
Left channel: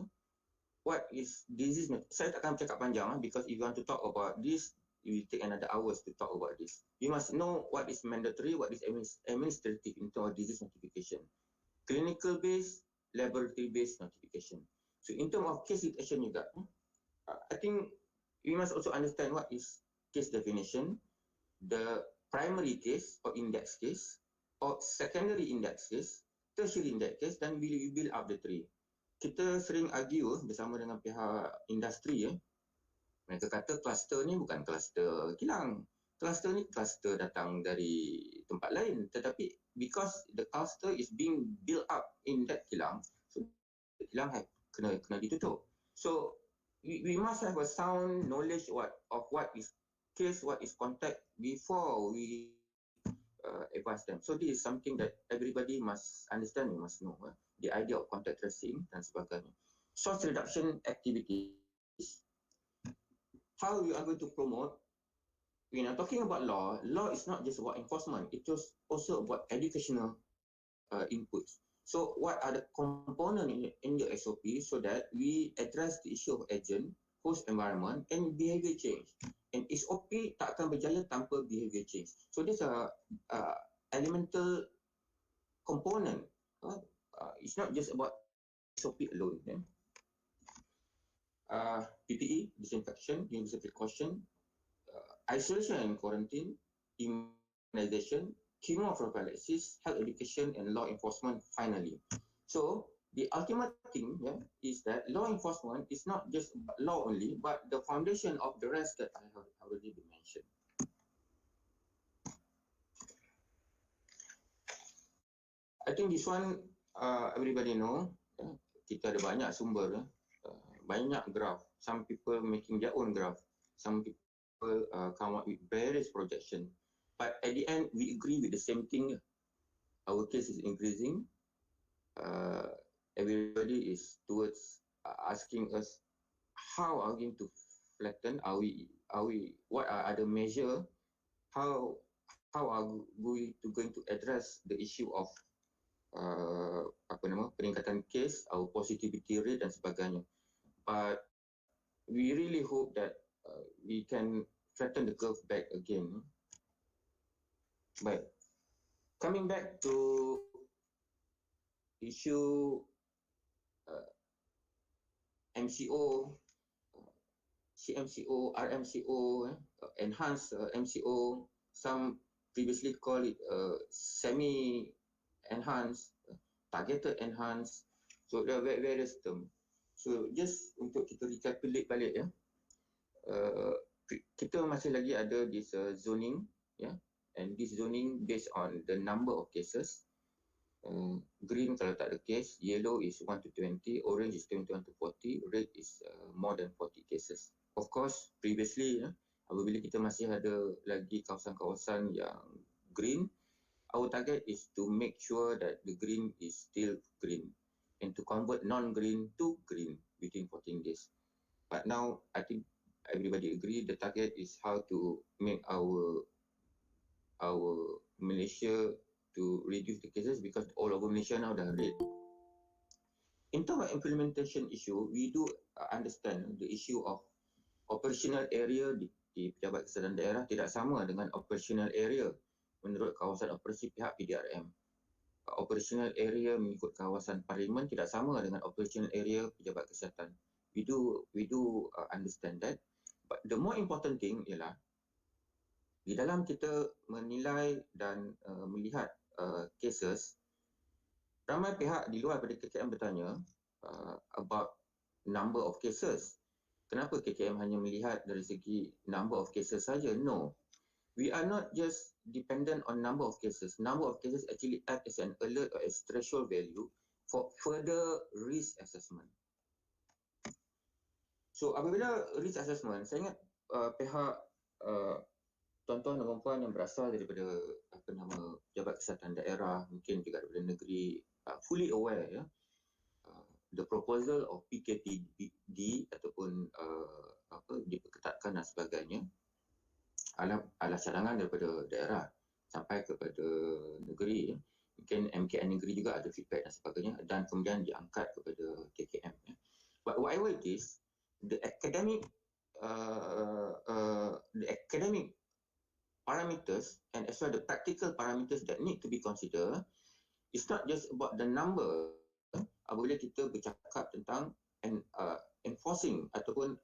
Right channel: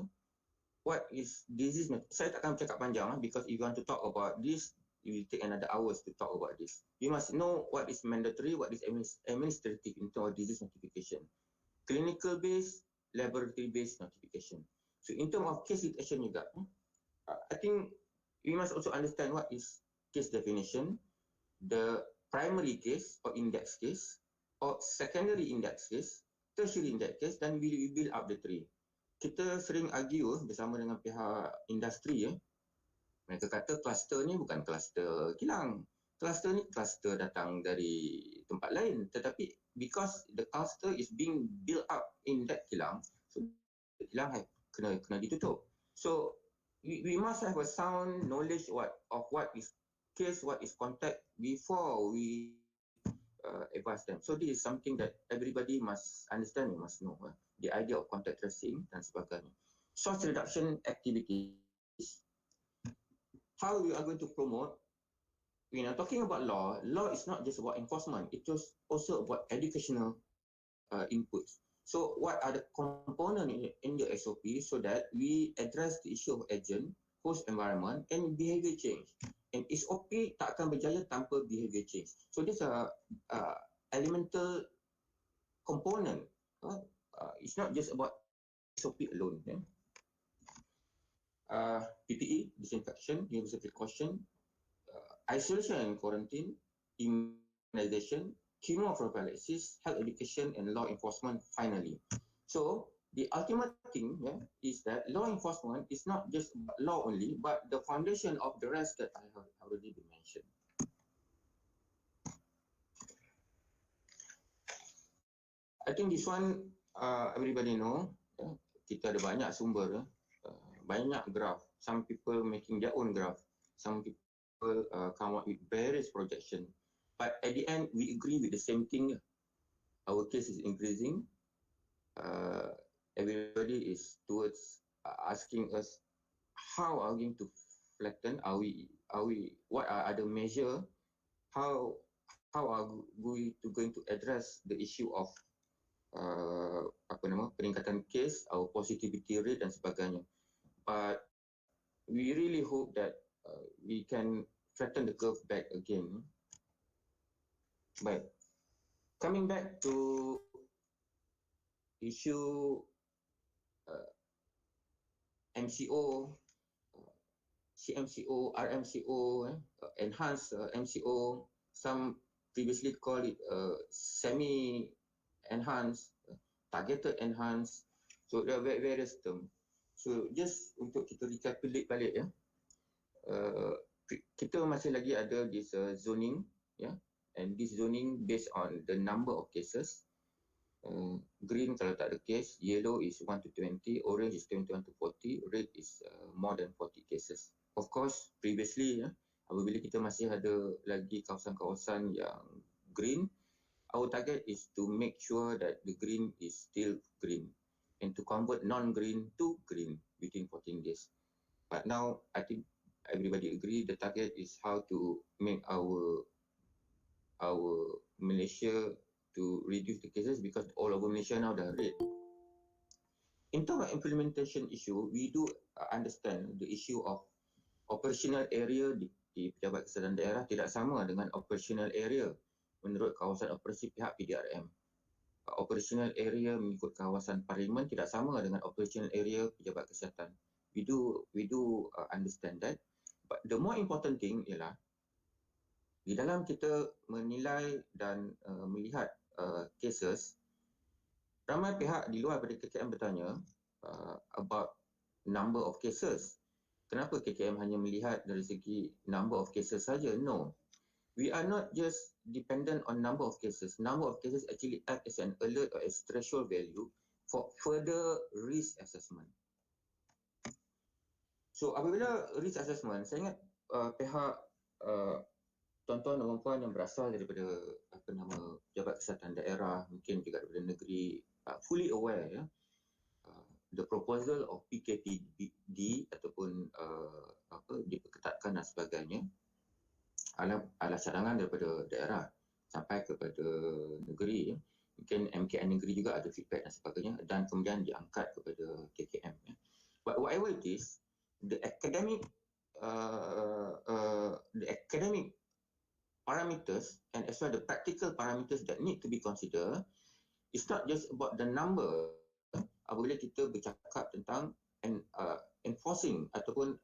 What is disease? Saya tak akan bercakap panjang because if you want to talk about this, it will take another hours to talk about this. You must know what is mandatory, what is administrative in terms of disease notification, clinical based, laboratory based notification. So in terms of case detection juga, I think we must also understand what is case definition, the primary case or index case, or secondary index case, tertiary index case, dan we build up the three. Kita sering argue bersama dengan pihak industri Mereka kata kluster ni bukan kluster kilang. Kluster ni kluster datang dari tempat lain. Tetapi because the cluster is being built up in that kilang, so the kilang kena ditutup. So we must have a sound knowledge of what is case, what is contact before we advise them. So this is something that everybody must understand, you must know. The idea of contact tracing dan sebagainya. Source reduction activities. How we are going to promote, talking about law is not just about enforcement, it is also about educational inputs. So what are the components in the SOP so that we address the issue of agent, host environment and behavior change. And SOP tak akan berjaya tanpa behavior change. So these are elemental component. It's not just about SOP alone. PPE, disinfection, universal precaution, isolation and quarantine, immunization, chemoprophylaxis, health education, and law enforcement finally. So the ultimate thing is that law enforcement is not just law only, but the foundation of the rest that I have already been mentioned. I think this one everybody know. Kita ada banyak sumber, banyak graph. Some people making their own graph. Some people come up with various projection. But at the end, we agree with the same thing. Our case is increasing. Everybody is towards asking us how are we going to flatten? Are we? What are other measure? How are we going to address the issue of peningkatan kes, our positivity rate dan sebagainya. But we really hope that we can flatten the curve back again. But coming back to issue MCO, CMCO, RMCO, enhanced MCO, some previously call it semi-enhanced, targeted enhanced. So there are various terms. So just untuk kita recapitulate balik kita masih lagi ada this zoning, and this zoning based on the number of cases. Green kalau tak ada case, yellow is 1 to 20, orange is 21 to 40, red is more than 40 cases. Of course, previously apabila kita masih ada lagi kawasan-kawasan yang green, our target is to make sure that the green is still green and to convert non-green to green within 14 days. But now, I think everybody agree the target is how to make our Malaysia to reduce the cases because all over Malaysia now dah red. In terms of implementation issue, we do understand the issue of operational area di Pejabat Kesihatan Daerah tidak sama dengan operational area menurut kawasan operasi pihak PDRM. Operational area mengikut kawasan parlimen tidak sama dengan operational area Pejabat Kesihatan. We do understand that. But the more important thing ialah di dalam kita menilai dan melihat cases, ramai pihak di luar daripada KKM bertanya about number of cases. Kenapa KKM hanya melihat dari segi number of cases saja? No. We are not just dependent on number of cases. Number of cases actually act as an alert or as threshold value for further risk assessment. So apabila risk assessment, saya ingat pihak tuan-tuan dan puan yang berasal daripada Pejabat Kesihatan Daerah, mungkin juga daripada negeri, fully aware the proposal of PKPD ataupun diperketatkan dan sebagainya adalah cadangan daripada daerah sampai kepada negeri. Mungkin MKN negeri juga ada feedback dan sebagainya dan kemudian diangkat kepada KKM. But whatever it is, the academic parameters and as well the practical parameters that need to be considered, it's not just about the number. Apabila kita bercakap tentang enforcing ataupun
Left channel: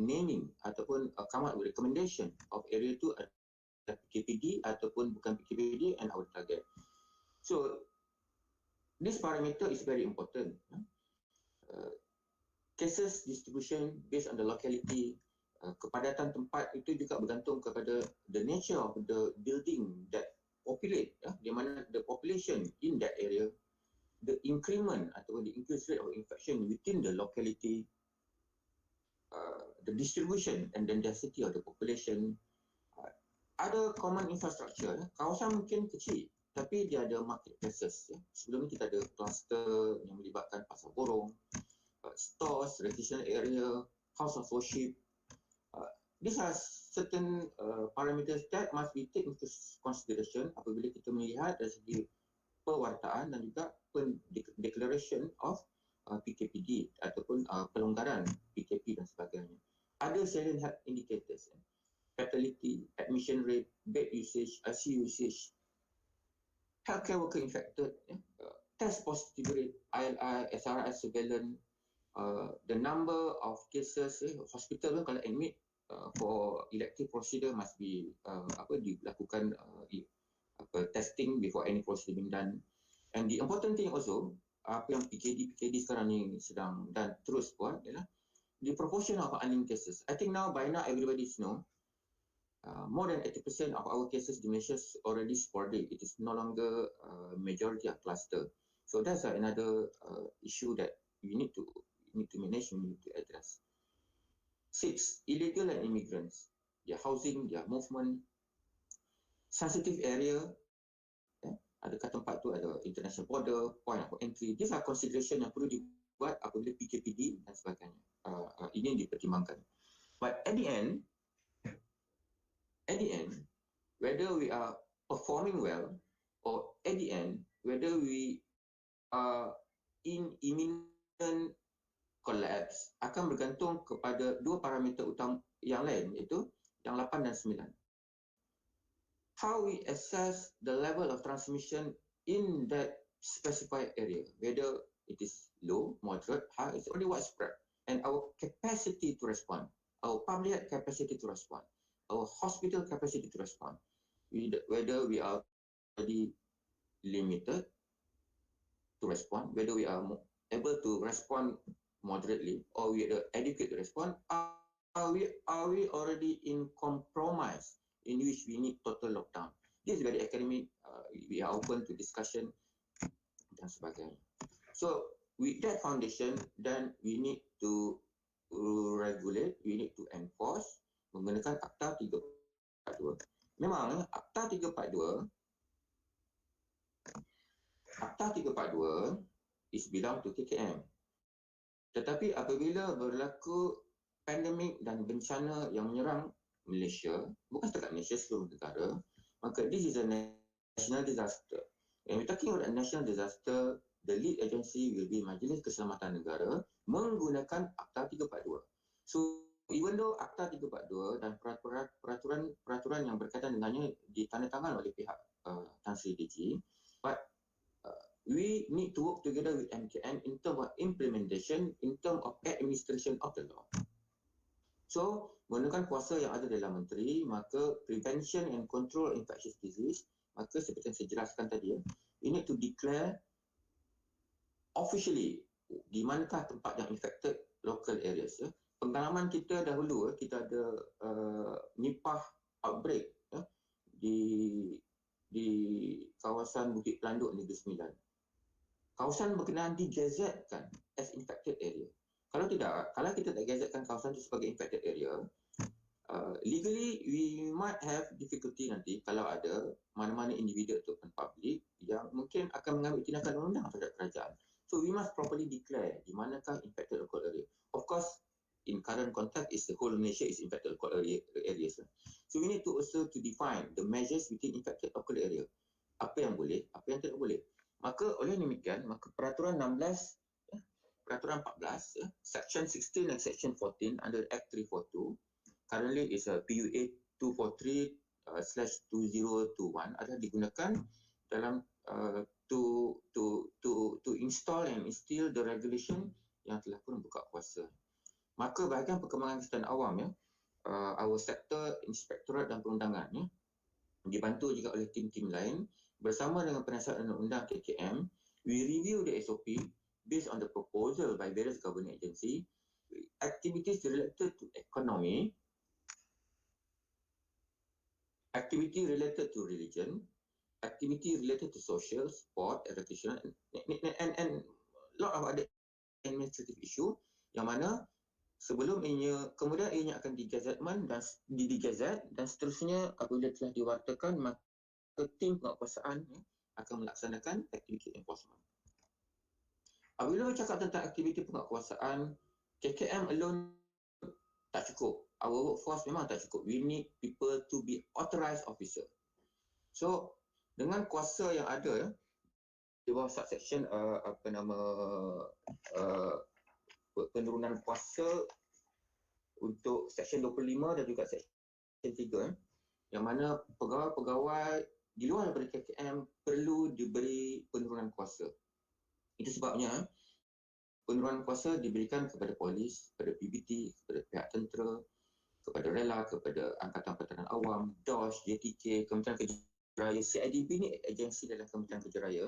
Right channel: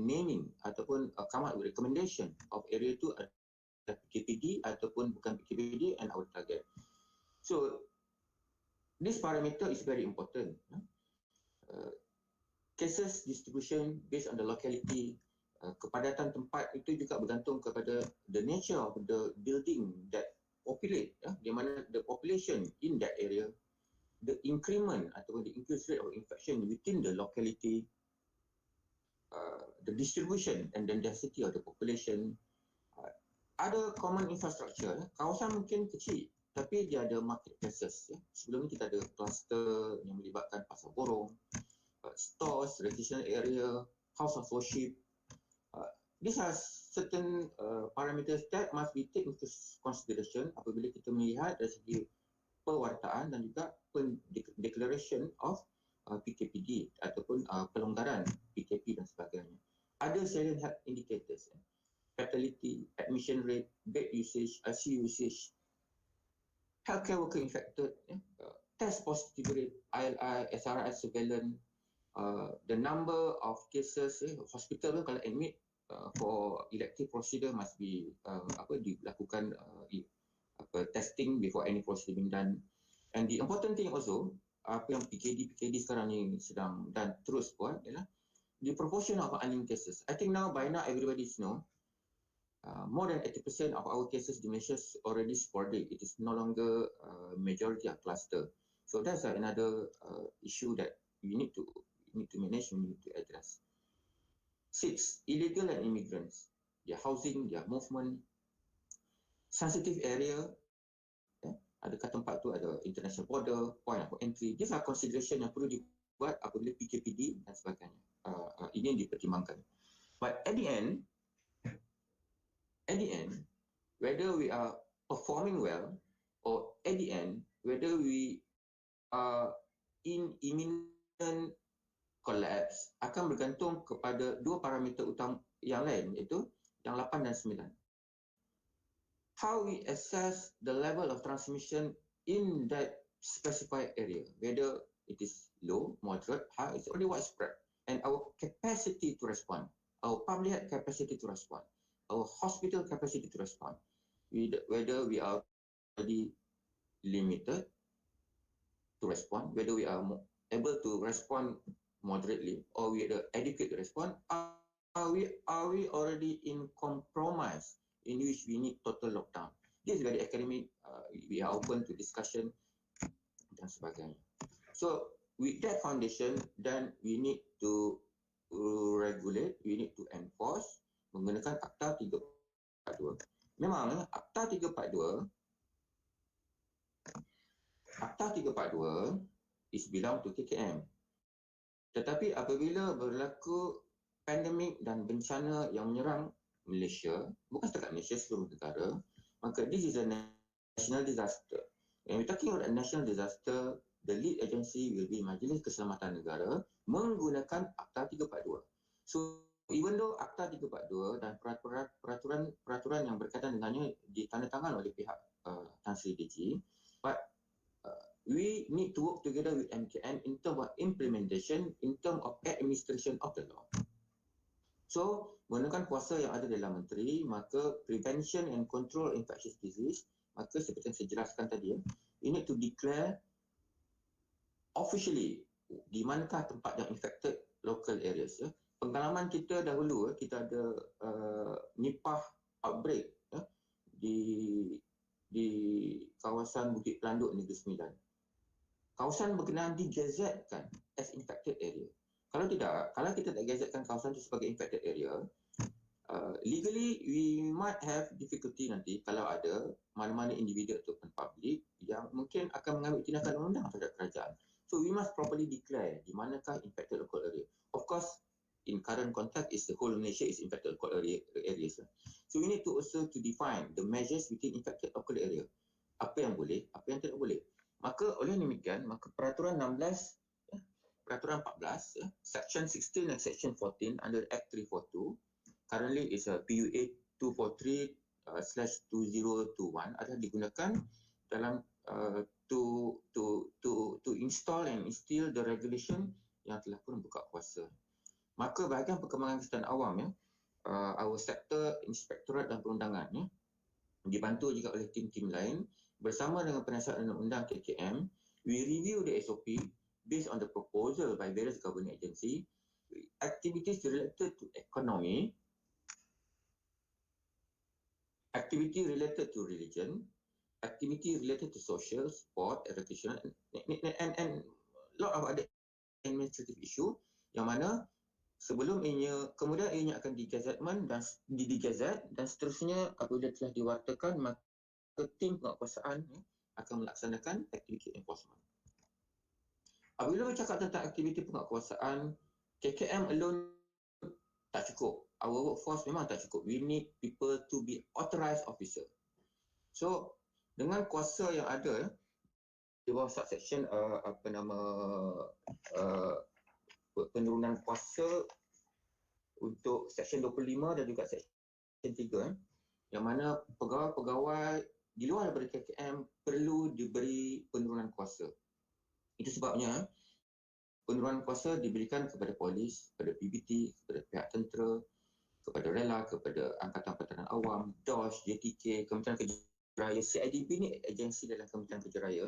naming ataupun come up with recommendation of area tu ada PKPD ataupun bukan PKPD and our target. So this parameter is very important. Cases distribution based on the locality, kepadatan tempat itu juga bergantung kepada the nature of the building that populate, di mana the population in that area, the increment atau the increase rate of infection within the locality, the distribution and the density of the population. Ada common infrastructure, kawasan mungkin kecil tapi dia ada marketplaces. Sebelum ni kita ada cluster yang melibatkan pasar borong, stores, recreational area, house of worship. These are certain parameters that must be taken into consideration apabila kita melihat dari segi pewartaan dan juga declaration of PKPD ataupun pelonggaran PKP dan sebagainya. Ada salient health indicators, fatality, admission rate, bed usage, ICU usage, healthcare worker infected, test positivity rate, ILI, SRI surveillance, the number of cases, hospital kalau admit for elective procedure must be dilakukan testing before any procedure being done. And the important thing also, apa yang PKD sekarang ni sedang dan terus buat ialah the proportion of unlinked cases. I think by now everybody know more than 80% of our cases di Malaysia is already sporadic. It is no longer majority of cluster. So that's another issue that we need to manage, we need to address. 6, illegal and immigrants, their housing, their movement, sensitive area, adakah tempat tu ada international border, point of entry. These are consideration yang perlu dibuat apabila PKPD dan sebagainya. Ini dipertimbangkan. But at the end, whether we are performing well or at the end, whether we are in imminent collapse akan bergantung kepada dua parameter utama yang lain, iaitu yang 8 dan 9. How we assess the level of transmission in that specified area, whether it is low, moderate, high, it's only widespread. And our capacity to respond, our public health capacity to respond, our hospital capacity to respond, whether we are already limited to respond, whether we are able to respond moderately or we are adequate to respond, are we already in compromise in which we need total lockdown. This is very academic, we are open to discussion dan sebagainya. So with that foundation, then we need to regulate, we need to enforce menggunakan Akta 342. Memang Akta 342 is belong to KKM. Tetapi apabila berlaku pandemik dan bencana yang menyerang Malaysia, bukan setakat Malaysia, seluruh negara, maka this is a national disaster. When we're talking about a national disaster, the lead agency will be Majlis Keselamatan Negara menggunakan Akta 342. So even though Akta 342 dan peraturan yang berkaitan dengannya ditandatangan oleh pihak Tan Sri DG, but we need to work together with MKN in terms of implementation, in terms of administration of the law. So, menggunakan kuasa yang ada dalam menteri, maka prevention and control infectious disease, maka seperti yang saya jelaskan tadi, we need to declare officially di manakah tempat yang infected local areas. Pengalaman kita dahulu, kita ada Nipah outbreak di kawasan Bukit Pelanduk Negeri Sembilan. Kawasan berkenaan digazetkan as infected area. Kalau kita tak gazetkan kawasan itu sebagai infected area, legally we might have difficulty nanti kalau ada mana-mana individu ataupun public yang mungkin akan mengambil tindakan undang-undang terhadap kerajaan. So we must properly declare di manakah infected local area. Of course, in current context is the whole Malaysia is infected local areas. So we need to also to define the measures within infected local area. Apa yang boleh, apa yang tidak boleh. Maka oleh demikian, maka peraturan 16, peraturan 14, section 16 dan section 14 under Act 342, currently is a PUA 243/2021 adalah digunakan dalam to install and instill the regulation yang telah pun buka kuasa. Maka bahagian perkembangan kesihatan awam our sector inspektorat dan perundangan dibantu juga oleh tim-tim lain bersama dengan penasihat undang-undang KKM, we review the SOP based on the proposal by various government agency, activities related to economy, activity related to religion, activity related to social, sport, recreation, and lot of other administrative issue yang mana sebelum ianya, kemudian ianya akan digazetman dan digazet dan seterusnya apabila telah diwartakan, maka tim penguatkuasaan akan melaksanakan aktiviti enforcement. Apabila bercakap tentang aktiviti penguatkuasaan, KKM alone tak cukup. Our workforce memang tak cukup. We need people to be authorized officer. So, dengan kuasa yang ada di bawah subsection penurunan kuasa untuk section 25 dan juga section 3 yang mana pegawai-pegawai di luar daripada KKM perlu diberi penurunan kuasa. Itu sebabnya penurunan kuasa diberikan kepada polis, kepada PBT, kepada pihak tentera, kepada rela, kepada Angkatan Pertahanan Awam, DOS, JTK, Kementerian Kerja Raya, CIDP ni agensi dalam Kementerian Kerja Raya,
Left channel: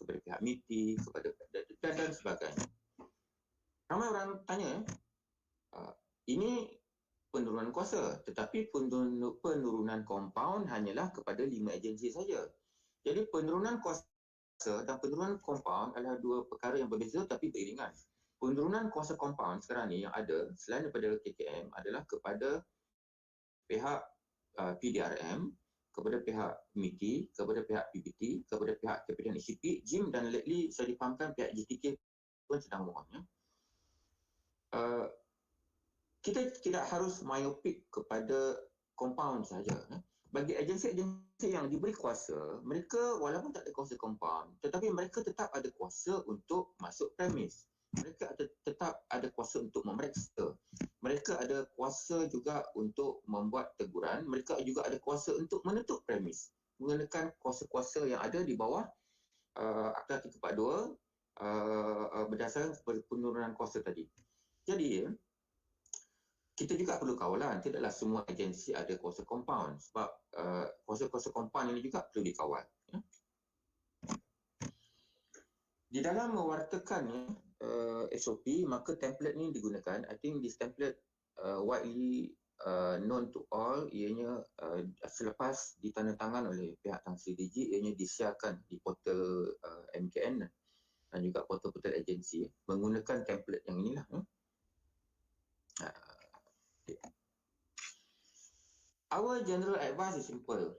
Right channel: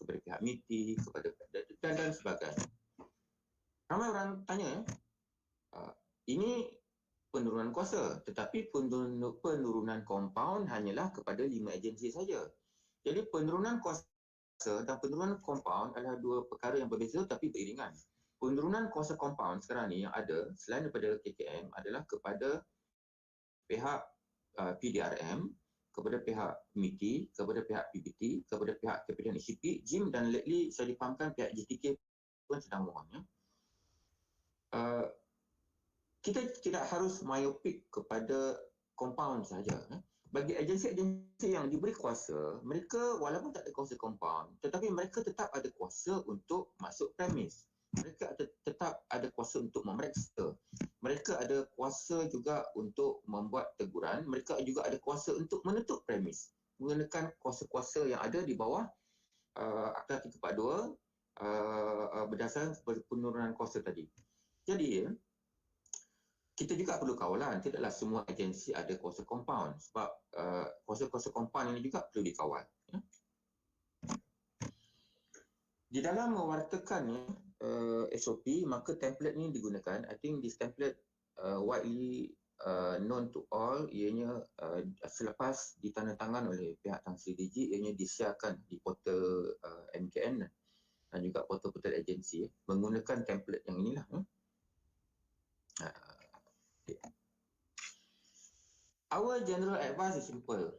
kepada pihak MITI, kepada dan sebagainya. Ramai orang tanya, ini penurunan kuasa, tetapi penurunan compound hanyalah kepada 5 agensi saja. Jadi penurunan kuasa dan penurunan compound adalah dua perkara yang berbeza tapi beriringan. Penurunan kuasa compound sekarang ni yang ada selain daripada KKM adalah kepada pihak PDRM, kepada pihak MITI, kepada pihak PBT, kepada pihak Kapitan ICP, JIM dan lately saya dipahamkan pihak JTK pun sedang mohonnya. Kita tidak harus myopik kepada compound saja. Bagi agensi-agensi yang diberi kuasa, mereka walaupun tak ada kuasa compound, tetapi mereka tetap ada kuasa untuk masuk premis. Mereka tetap ada kuasa untuk memeriksa. Mereka ada kuasa juga untuk membuat teguran. Mereka juga ada kuasa untuk menutup premis menggunakan kuasa-kuasa yang ada di bawah Akta 342 berdasarkan penurunan kuasa tadi. Jadi kita juga perlu kawalan, tidaklah semua agensi ada kuasa compound sebab kuasa-kuasa compound ini juga perlu dikawal. Ya. Di dalam mewartakan SOP, maka template ni digunakan. I think this template widely known to all. Ianya selepas ditandatangan oleh pihak Tan Sri DG, ianya disiarkan di portal MKN dan juga portal-portal agensi menggunakan template yang inilah. Our general advice is simple.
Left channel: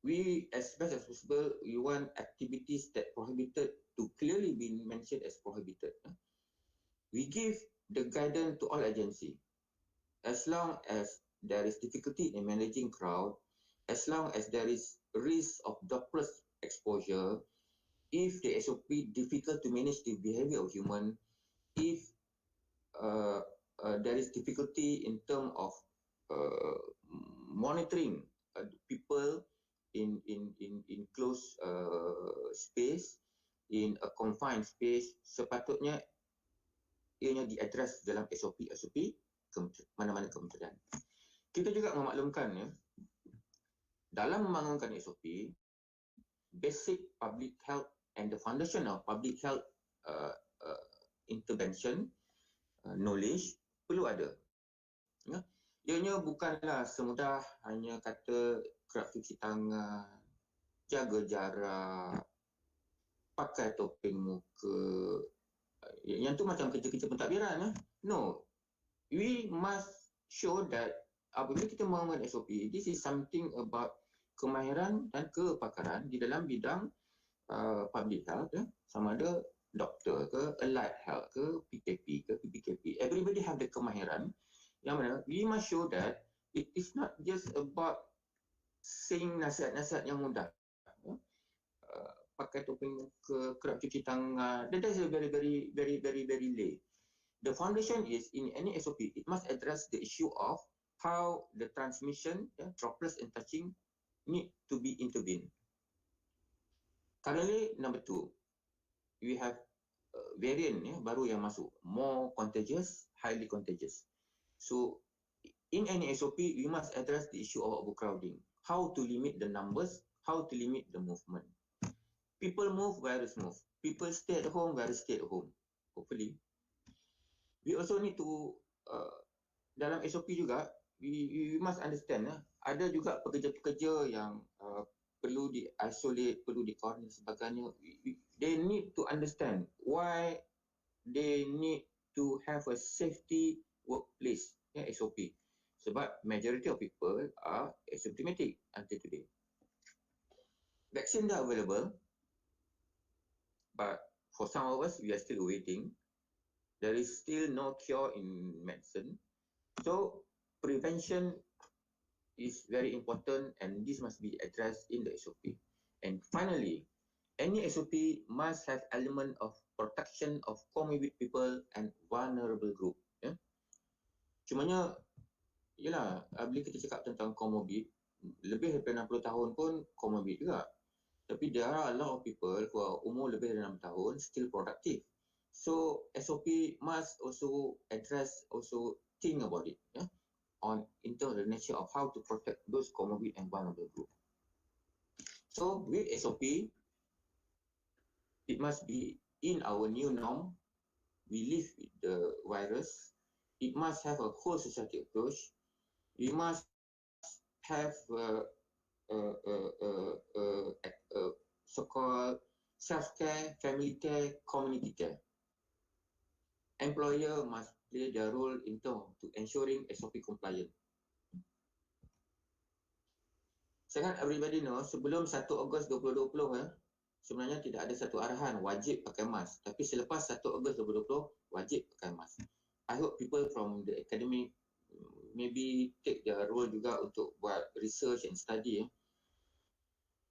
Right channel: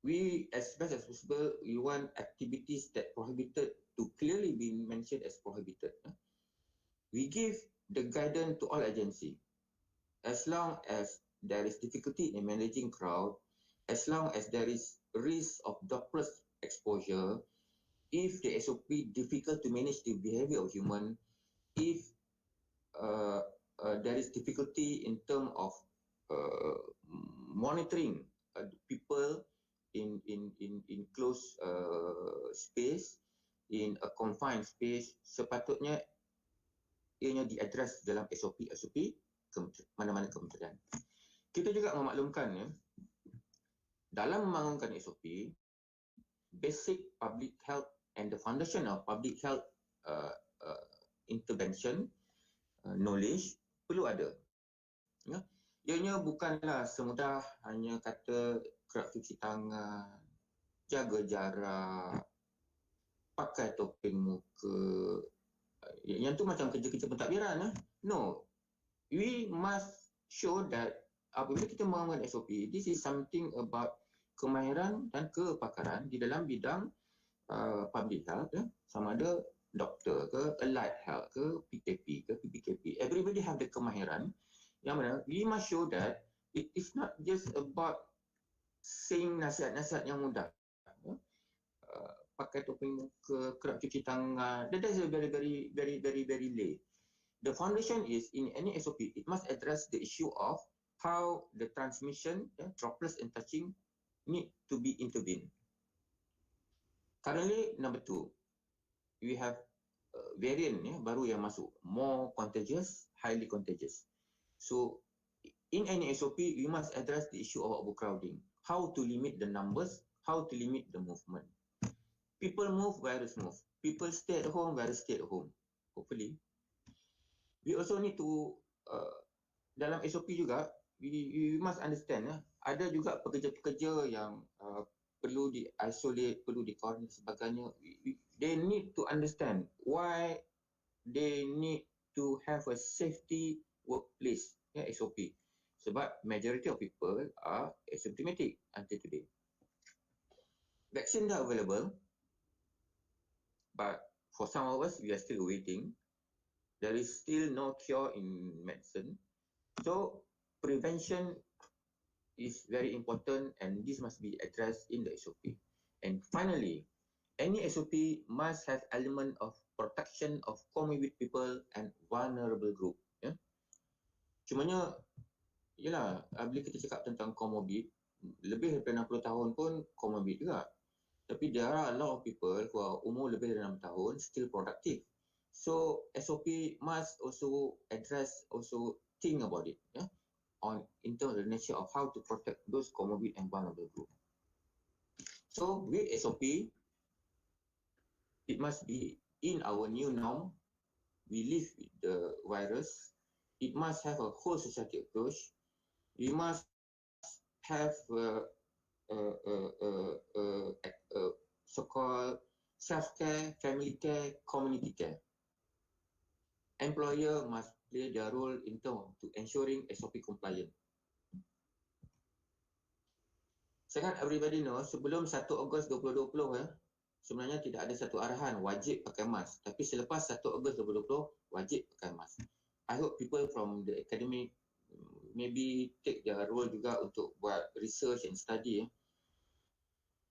We, as best as possible, we want activities that prohibited to clearly be mentioned as prohibited. We give the guidance to all agency. As long as there is difficulty in managing crowd, as long as there is risk of droplet exposure, if the SOP difficult to manage the behavior of human, if there is difficulty in terms of monitoring people in closed space, in a confined space, sepatutnya ianya diadres dalam SOP mana-mana kementerian. Kita juga memaklumkan dalam membangunkan SOP, basic public health and the foundation of public health intervention knowledge perlu ada. Ya. Ianya bukanlah semudah hanya kata kerap cuci tangan, jaga jarak, pakai topeng muka. Yang tu macam kerja-kerja pentadbiran. No. We must show that apabila kita membangun SOP, this is something about kemahiran dan kepakaran di dalam bidang public health. Sama ada doktor ke, allied health ke, PKP ke, PBKP. Everybody have the kemahiran. Yang mana we must show that it is not just about saying nasihat-nasihat yang mudah. Pakai topeng muka, kerap cuci tangan. That is a very lay. The foundation is in any SOP, it must address the issue of how the transmission, droplets and touching need to be intervened. Currently, number 2, we have variant baru yang masuk, more contagious, highly contagious. So, in any SOP, we must address the issue of overcrowding. How to limit the numbers, how to limit the movement. People move, virus move. People stay at home, virus stay at home. Hopefully. We also need to, dalam SOP juga, we must understand ada juga pekerja-pekerja yang perlu di-isolate, perlu di-quarantine dan sebagainya. They need to understand why they need to have a safety workplace, SOP. Sebab majority of people are asymptomatic until today. Vaccine dah available, but for some of us, we are still waiting. There is still no cure in medicine. So prevention is very important, and this must be addressed in the SOP. And finally, any SOP must have element of protection of comorbid people and vulnerable group. Cumanya, yelah, bila kita cakap tentang comorbid, lebih daripada 60 tahun pun comorbid juga. Tapi there are a lot of people who are umur lebih dari 6 tahun still productive. So SOP must also address, also think about it, in terms of the nature of how to protect those comorbid and vulnerable group. So with SOP, it must be in our new norm. We live with the virus. It must have a whole society approach. We must have so-called self-care, family care, community care. Employer must play their role in terms to ensuring SOP compliant. Sangat everybody know, sebelum 1 Ogos 2020 sebenarnya tidak ada satu arahan wajib pakai mask. Tapi selepas 1 Ogos 2020 wajib pakai mask. I hope people from the academic maybe take their role juga untuk buat research and study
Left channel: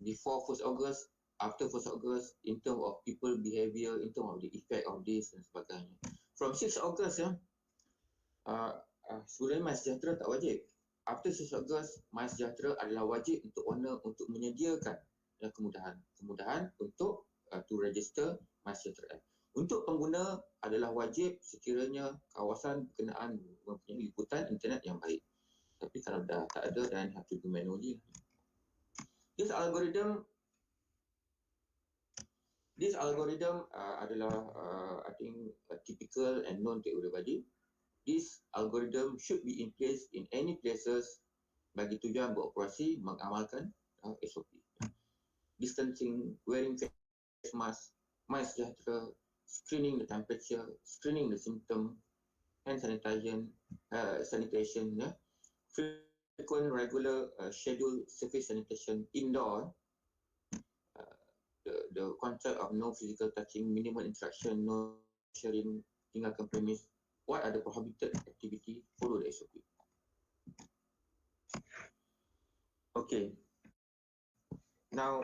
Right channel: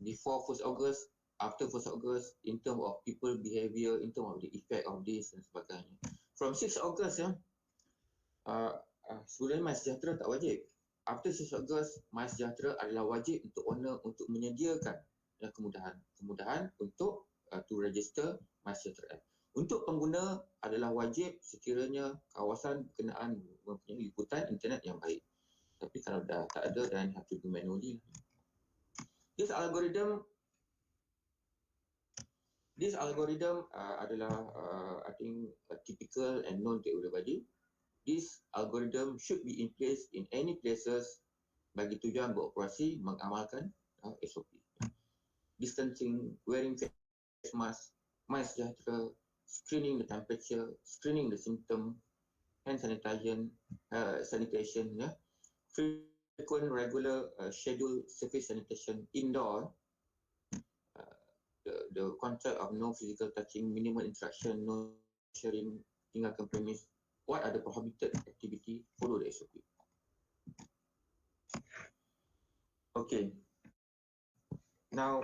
before 1 August, after 1 August, in terms of people behavior, in terms of the effect of this dan sebagainya. From 6 August sebenarnya MySejahtera tak wajib. After 6 August, MySejahtera adalah wajib untuk owner untuk menyediakan kemudahan untuk to register MySejahtera App. Untuk pengguna adalah wajib sekiranya kawasan berkenaan mempunyai liputan internet yang baik. Tapi kalau dah tak ada, then have to do manually. This algorithm adalah I think typical and known to everybody. This algorithm should be in place in any places bagi tujuan beroperasi mengamalkan SOP. Distancing, wearing face mask, MySejahtera, screening the temperature, screening the symptom, hand sanitation, frequent, regular, scheduled surface sanitation indoor, the concept of no physical touching, minimal interaction, no sharing, tinggalkan premise. What are the prohibited activity? Follow the SOP. Okay. Now,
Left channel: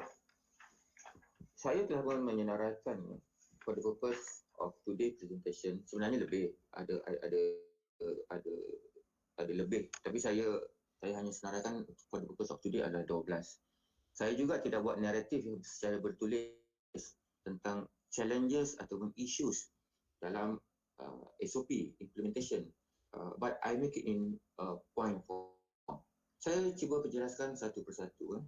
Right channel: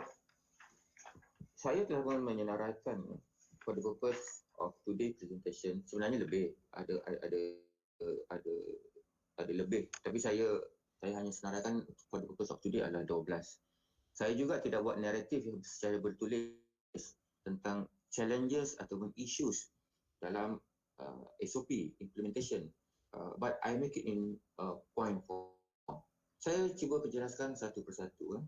saya telah pun menyenaraikan for the purpose of today's presentation. Sebenarnya lebih ada lebih, tapi saya hanya senaraikan for the purpose of today adalah 12. Saya juga tidak buat naratif secara bertulis tentang challenges ataupun issues dalam SOP implementation, but I make it in point form. Saya cuba penjelaskan satu persatu.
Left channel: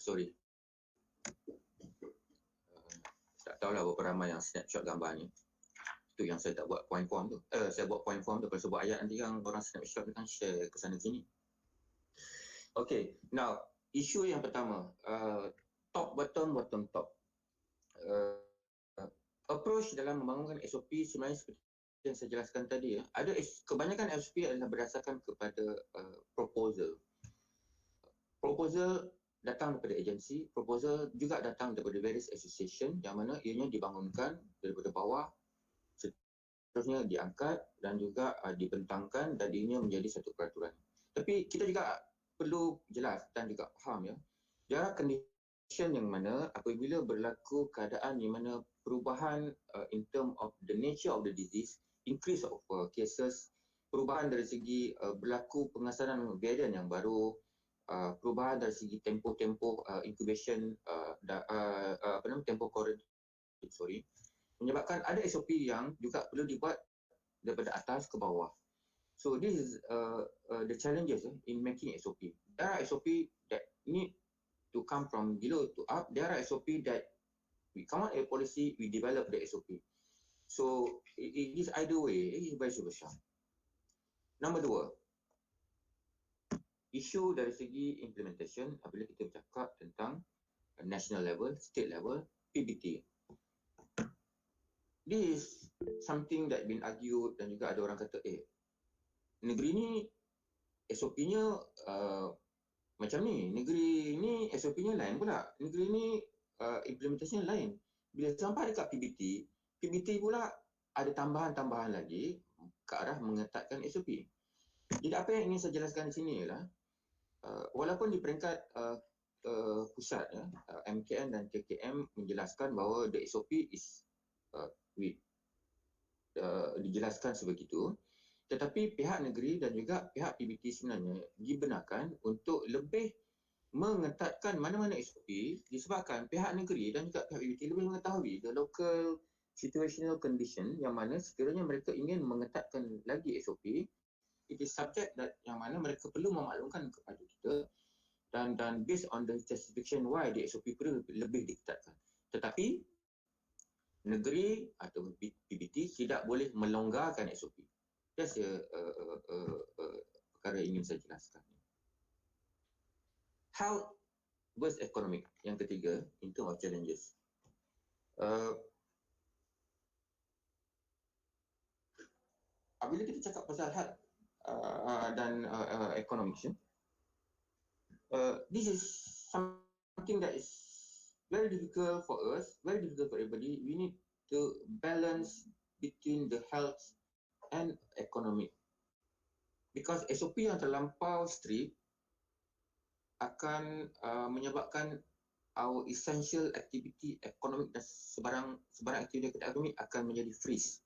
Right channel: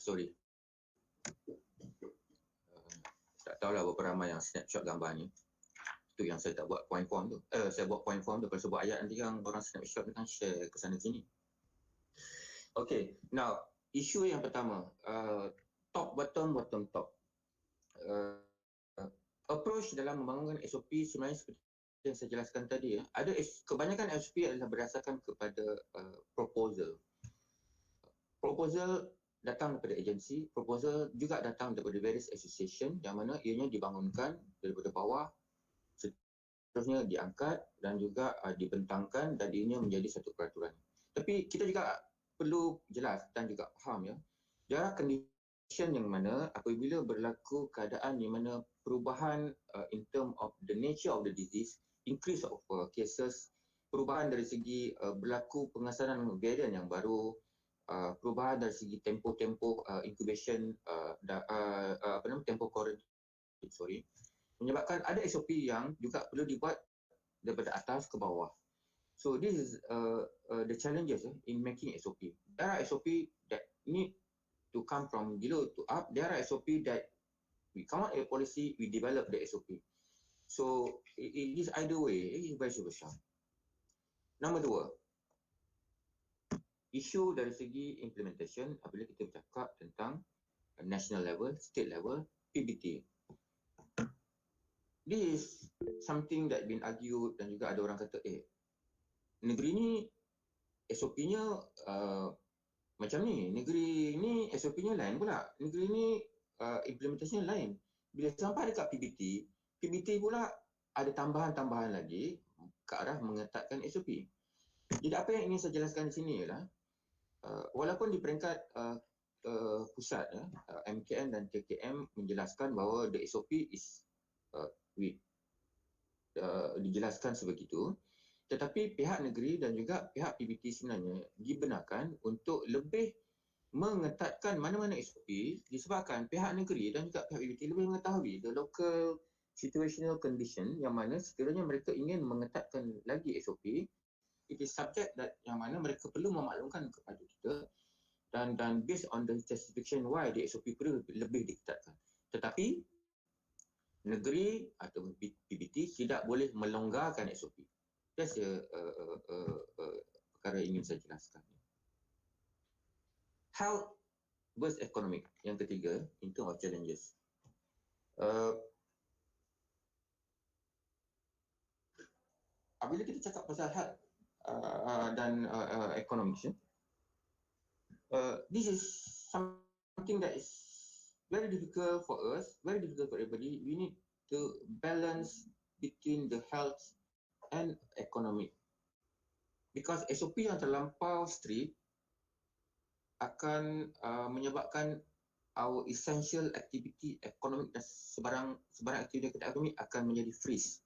Sorry. Tak tahulah berapa ramai yang snapshot gambar ni. Itu yang saya tak buat point form tu. Saya buat point form tu kalau saya buat ayat nanti yang orang snapshot kan share ke sana sini. Okay, now isu yang pertama, top bottom, bottom top. Approach dalam membangunkan SOP sebenarnya seperti yang saya jelaskan tadi. Ada kebanyakan SOP adalah berdasarkan kepada proposal. Proposal datang daripada agensi, proposal juga datang daripada various association yang mana ianya dibangunkan daripada bawah, seterusnya diangkat dan juga dibentangkan dan ianya menjadi satu peraturan. Tapi kita juga perlu jelas dan juga faham there are condition yang mana apabila berlaku keadaan di mana perubahan in term of the nature of the disease, increase of cases, perubahan dari segi berlaku pengesanan varian yang baru, perubahan dari segi tempo incubation, tempo quarantine, menyebabkan ada SOP yang juga perlu dibuat daripada atas ke bawah. So this is the challenges in making SOP. there are SOP that need to come from below to up. There are SOP that we come out a policy, we develop the SOP. So it is either way, it is vice versa. Nombor dua, isu dari segi implementation apabila kita bercakap tentang national level, state level, PBT. This is something that been argued dan juga ada orang kata, negeri ni SOP-nya macam ni, negeri ni SOP-nya lain pula, negeri ni implementasinya lain. Bila sampai dekat PBT pula ada tambahan-tambahan lagi ke arah mengetatkan SOP. Jadi apa yang ingin saya jelaskan di sini ialah walaupun di peringkat pusat MKN dan KKM menjelaskan bahawa the SOP is dijelaskan sebegitu, tetapi pihak negeri dan juga pihak PBT sebenarnya dibenarkan untuk lebih mengetatkan mana-mana SOP disebabkan pihak negeri dan juga pihak PBT lebih mengetahui the local situational condition yang mana sekiranya mereka ingin mengetatkan lagi SOP, it is subject that yang mana mereka perlu memaklumkan kepada kita dan based on the justification why the SOP perlu lebih diketatkan. Tetapi negeri atau PBT tidak boleh melonggarkan SOP. That's perkara yang ingin saya jelaskan. Health versus economic, yang ketiga, in terms of challenges. Apabila kita cakap pasal health dan economics, this is something that is very difficult for us, very difficult for everybody. We need to balance between the health and economic. Because SOP yang terlampau strict akan menyebabkan our essential activity economic dan sebarang aktiviti ekonomi akan menjadi freeze.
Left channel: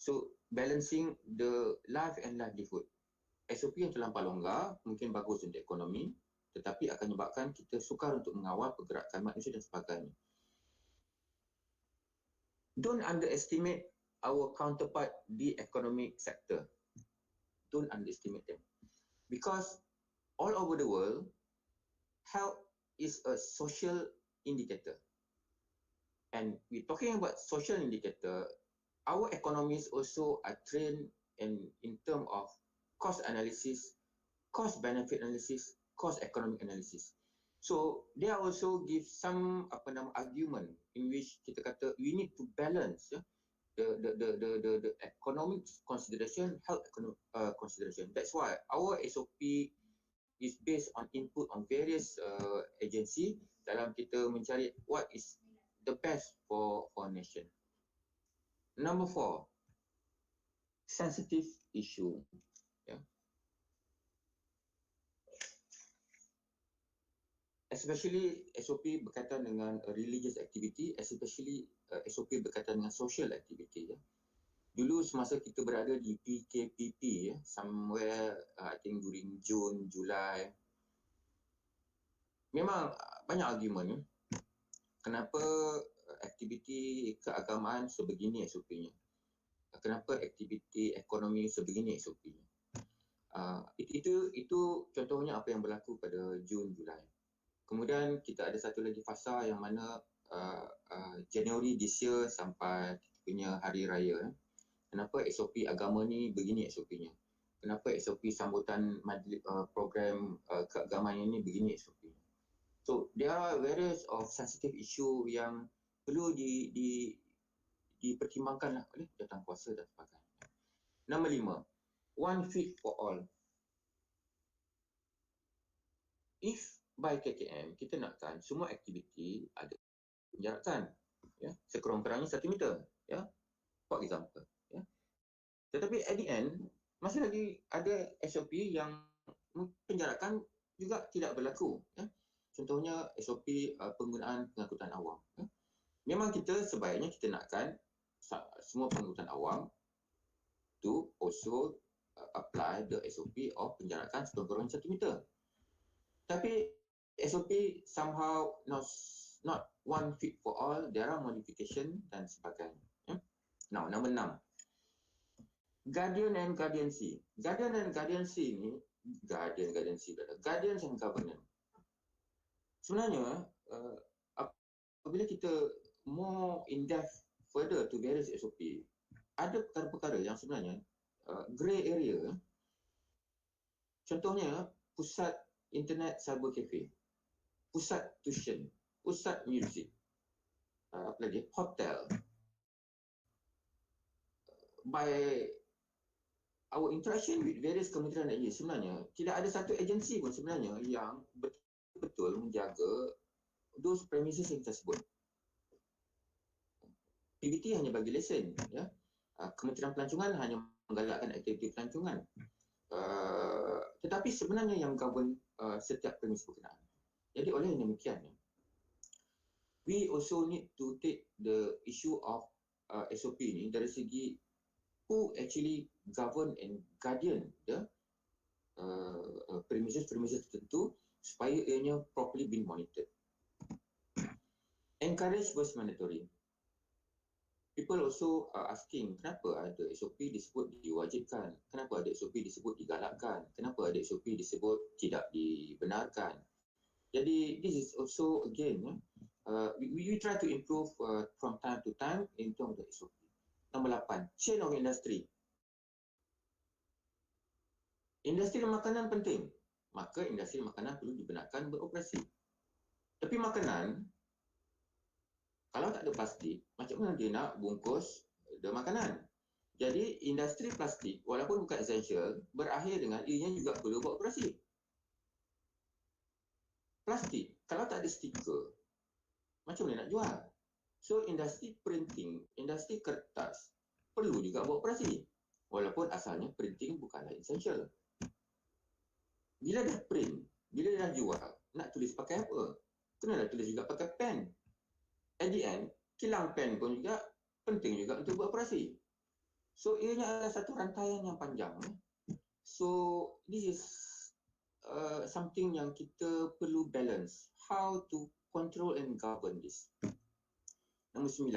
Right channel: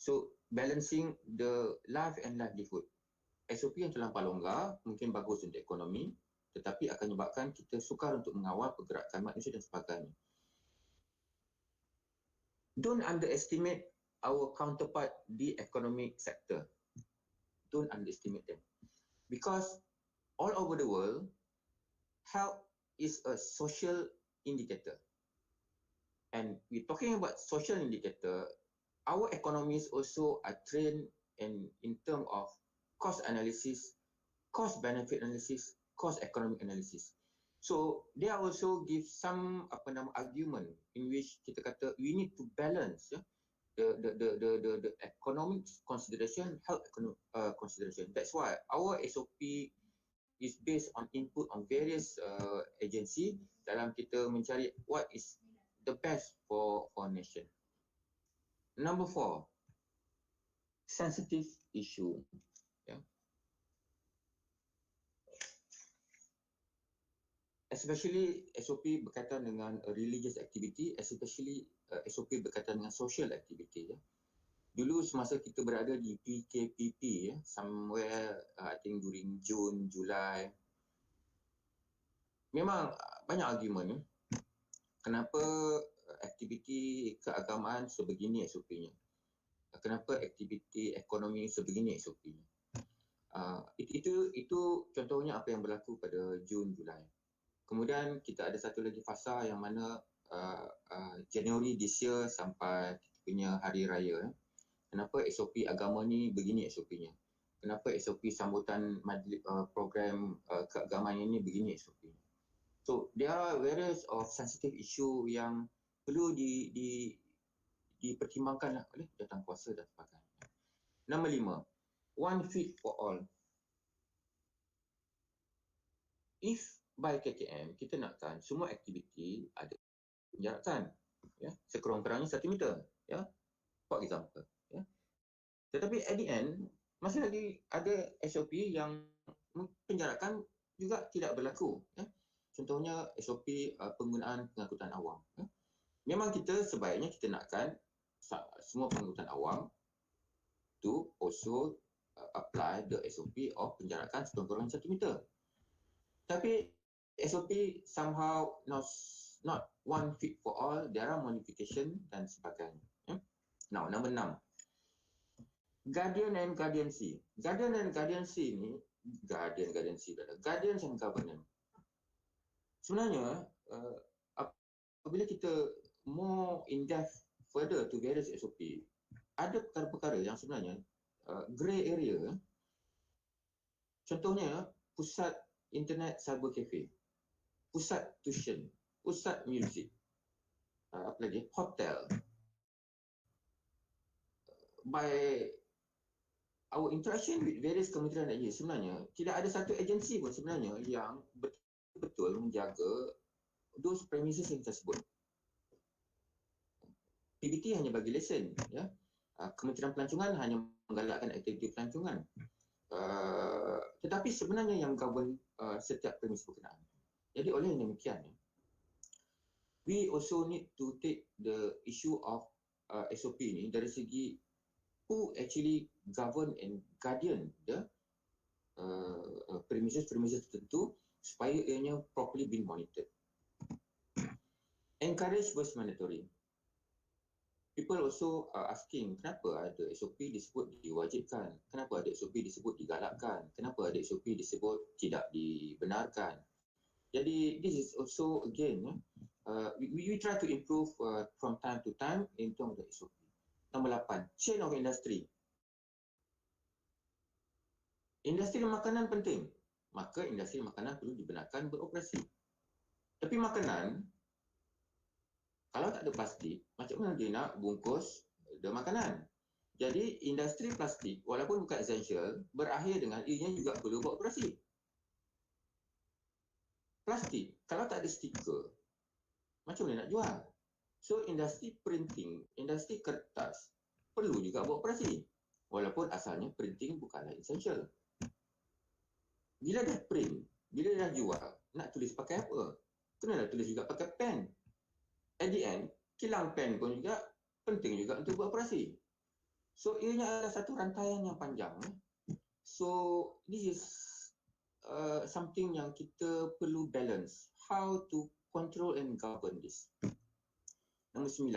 So balancing the life and livelihood. SOP yang terlampau longgar mungkin bagus untuk ekonomi, tetapi akan menyebabkan kita sukar untuk mengawal pergerakan manusia dan sebagainya. Don't underestimate our counterpart di economic sector. Don't underestimate them. Because all over the world, health is a social indicator. And we're talking about social indicator, our economies also are trained in terms of cost analysis, cost benefit analysis, cost economic analysis. So they also give some argument in which kita kata we need to balance the economic consideration, health economic consideration. That's why our SOP is based on input on various agency dalam kita mencari what is the best for nation. Number 4, sensitive issue. Especially SOP berkaitan dengan religious activity, especially SOP berkaitan dengan social activity. Dulu semasa kita berada di PKPP, somewhere I think during June, July, memang banyak argument kenapa aktiviti keagamaan sebegini SOP-nya, kenapa aktiviti ekonomi sebegini SOP-nya. Itu contohnya apa yang berlaku pada Jun, Julai. Kemudian kita ada satu lagi fasa yang mana Januari this year sampai kita punya hari raya. Kenapa SOP agama ni begini SOP-nya? Kenapa SOP sambutan program keagamaan ini begini SOP-nya? So there are various of sensitive issue yang perlu dipertimbangkan oleh jawatankuasa dan sebagainya. Nombor 5, one fit for all. If by KKM kita nakkan semua aktiviti ada penjarakan, sekurang-kurangnya 1 meter, for example. Tetapi at the end masih lagi ada SOP yang penjarakan juga tidak berlaku. Contohnya SOP penggunaan pengangkutan awam. Memang kita sebaiknya kita nakkan semua pengangkutan awam to also apply the SOP of penjarakan sekurang-kurangnya 1 meter. Tapi SOP somehow not one fit for all, there are modification dan sebagainya. Now, number 6. Guardian and guardiancy. Guardian and guardiancy ni guardiancy, guardians and governance. Sebenarnya apabila kita more in depth further to various SOP, ada perkara-perkara yang sebenarnya grey area. Contohnya pusat internet cyber cafe, pusat tuition, pusat music, apa lagi, hotel. By our interaction with various kementerian dan agensi, sebenarnya tidak ada satu agensi pun sebenarnya yang betul-betul menjaga those premises yang kita sebut. PBT hanya bagi lesen, ya. Kementerian Pelancongan hanya menggalakkan aktiviti pelancongan. Tetapi sebenarnya yang govern setiap premis berkenaan. Jadi oleh demikian, we also need to take the issue of SOP ni dari segi who actually govern and guardian the premises tertentu supaya ianya properly being monitored. Encourage versus mandatory. People also are asking, kenapa ada SOP disebut diwajibkan? Kenapa ada SOP disebut digalakkan? Kenapa ada SOP disebut tidak dibenarkan? Jadi, this is also again, we try to improve from time to time in terms of the SOP. Nombor 8, chain of industry. Industri makanan penting, maka industri makanan perlu dibenarkan beroperasi. Tapi makanan, kalau tak ada plastik, macam mana dia nak bungkus the makanan? Jadi, industri plastik, walaupun bukan essential, berakhir dengan ianya juga perlu beroperasi. Plastik, kalau tak ada stiker, macam mana nak jual? So, industri printing, industri kertas, perlu juga beroperasi. Walaupun asalnya printing bukanlah essential. Bila dah print, bila dah jual, nak tulis pakai apa? Kena dah tulis juga pakai pen. At the end, kilang pen pun juga penting juga untuk beroperasi. So, ianya adalah satu rantaian yang panjang. So, this is something yang kita perlu balance. How to control and govern this. Nombor 9,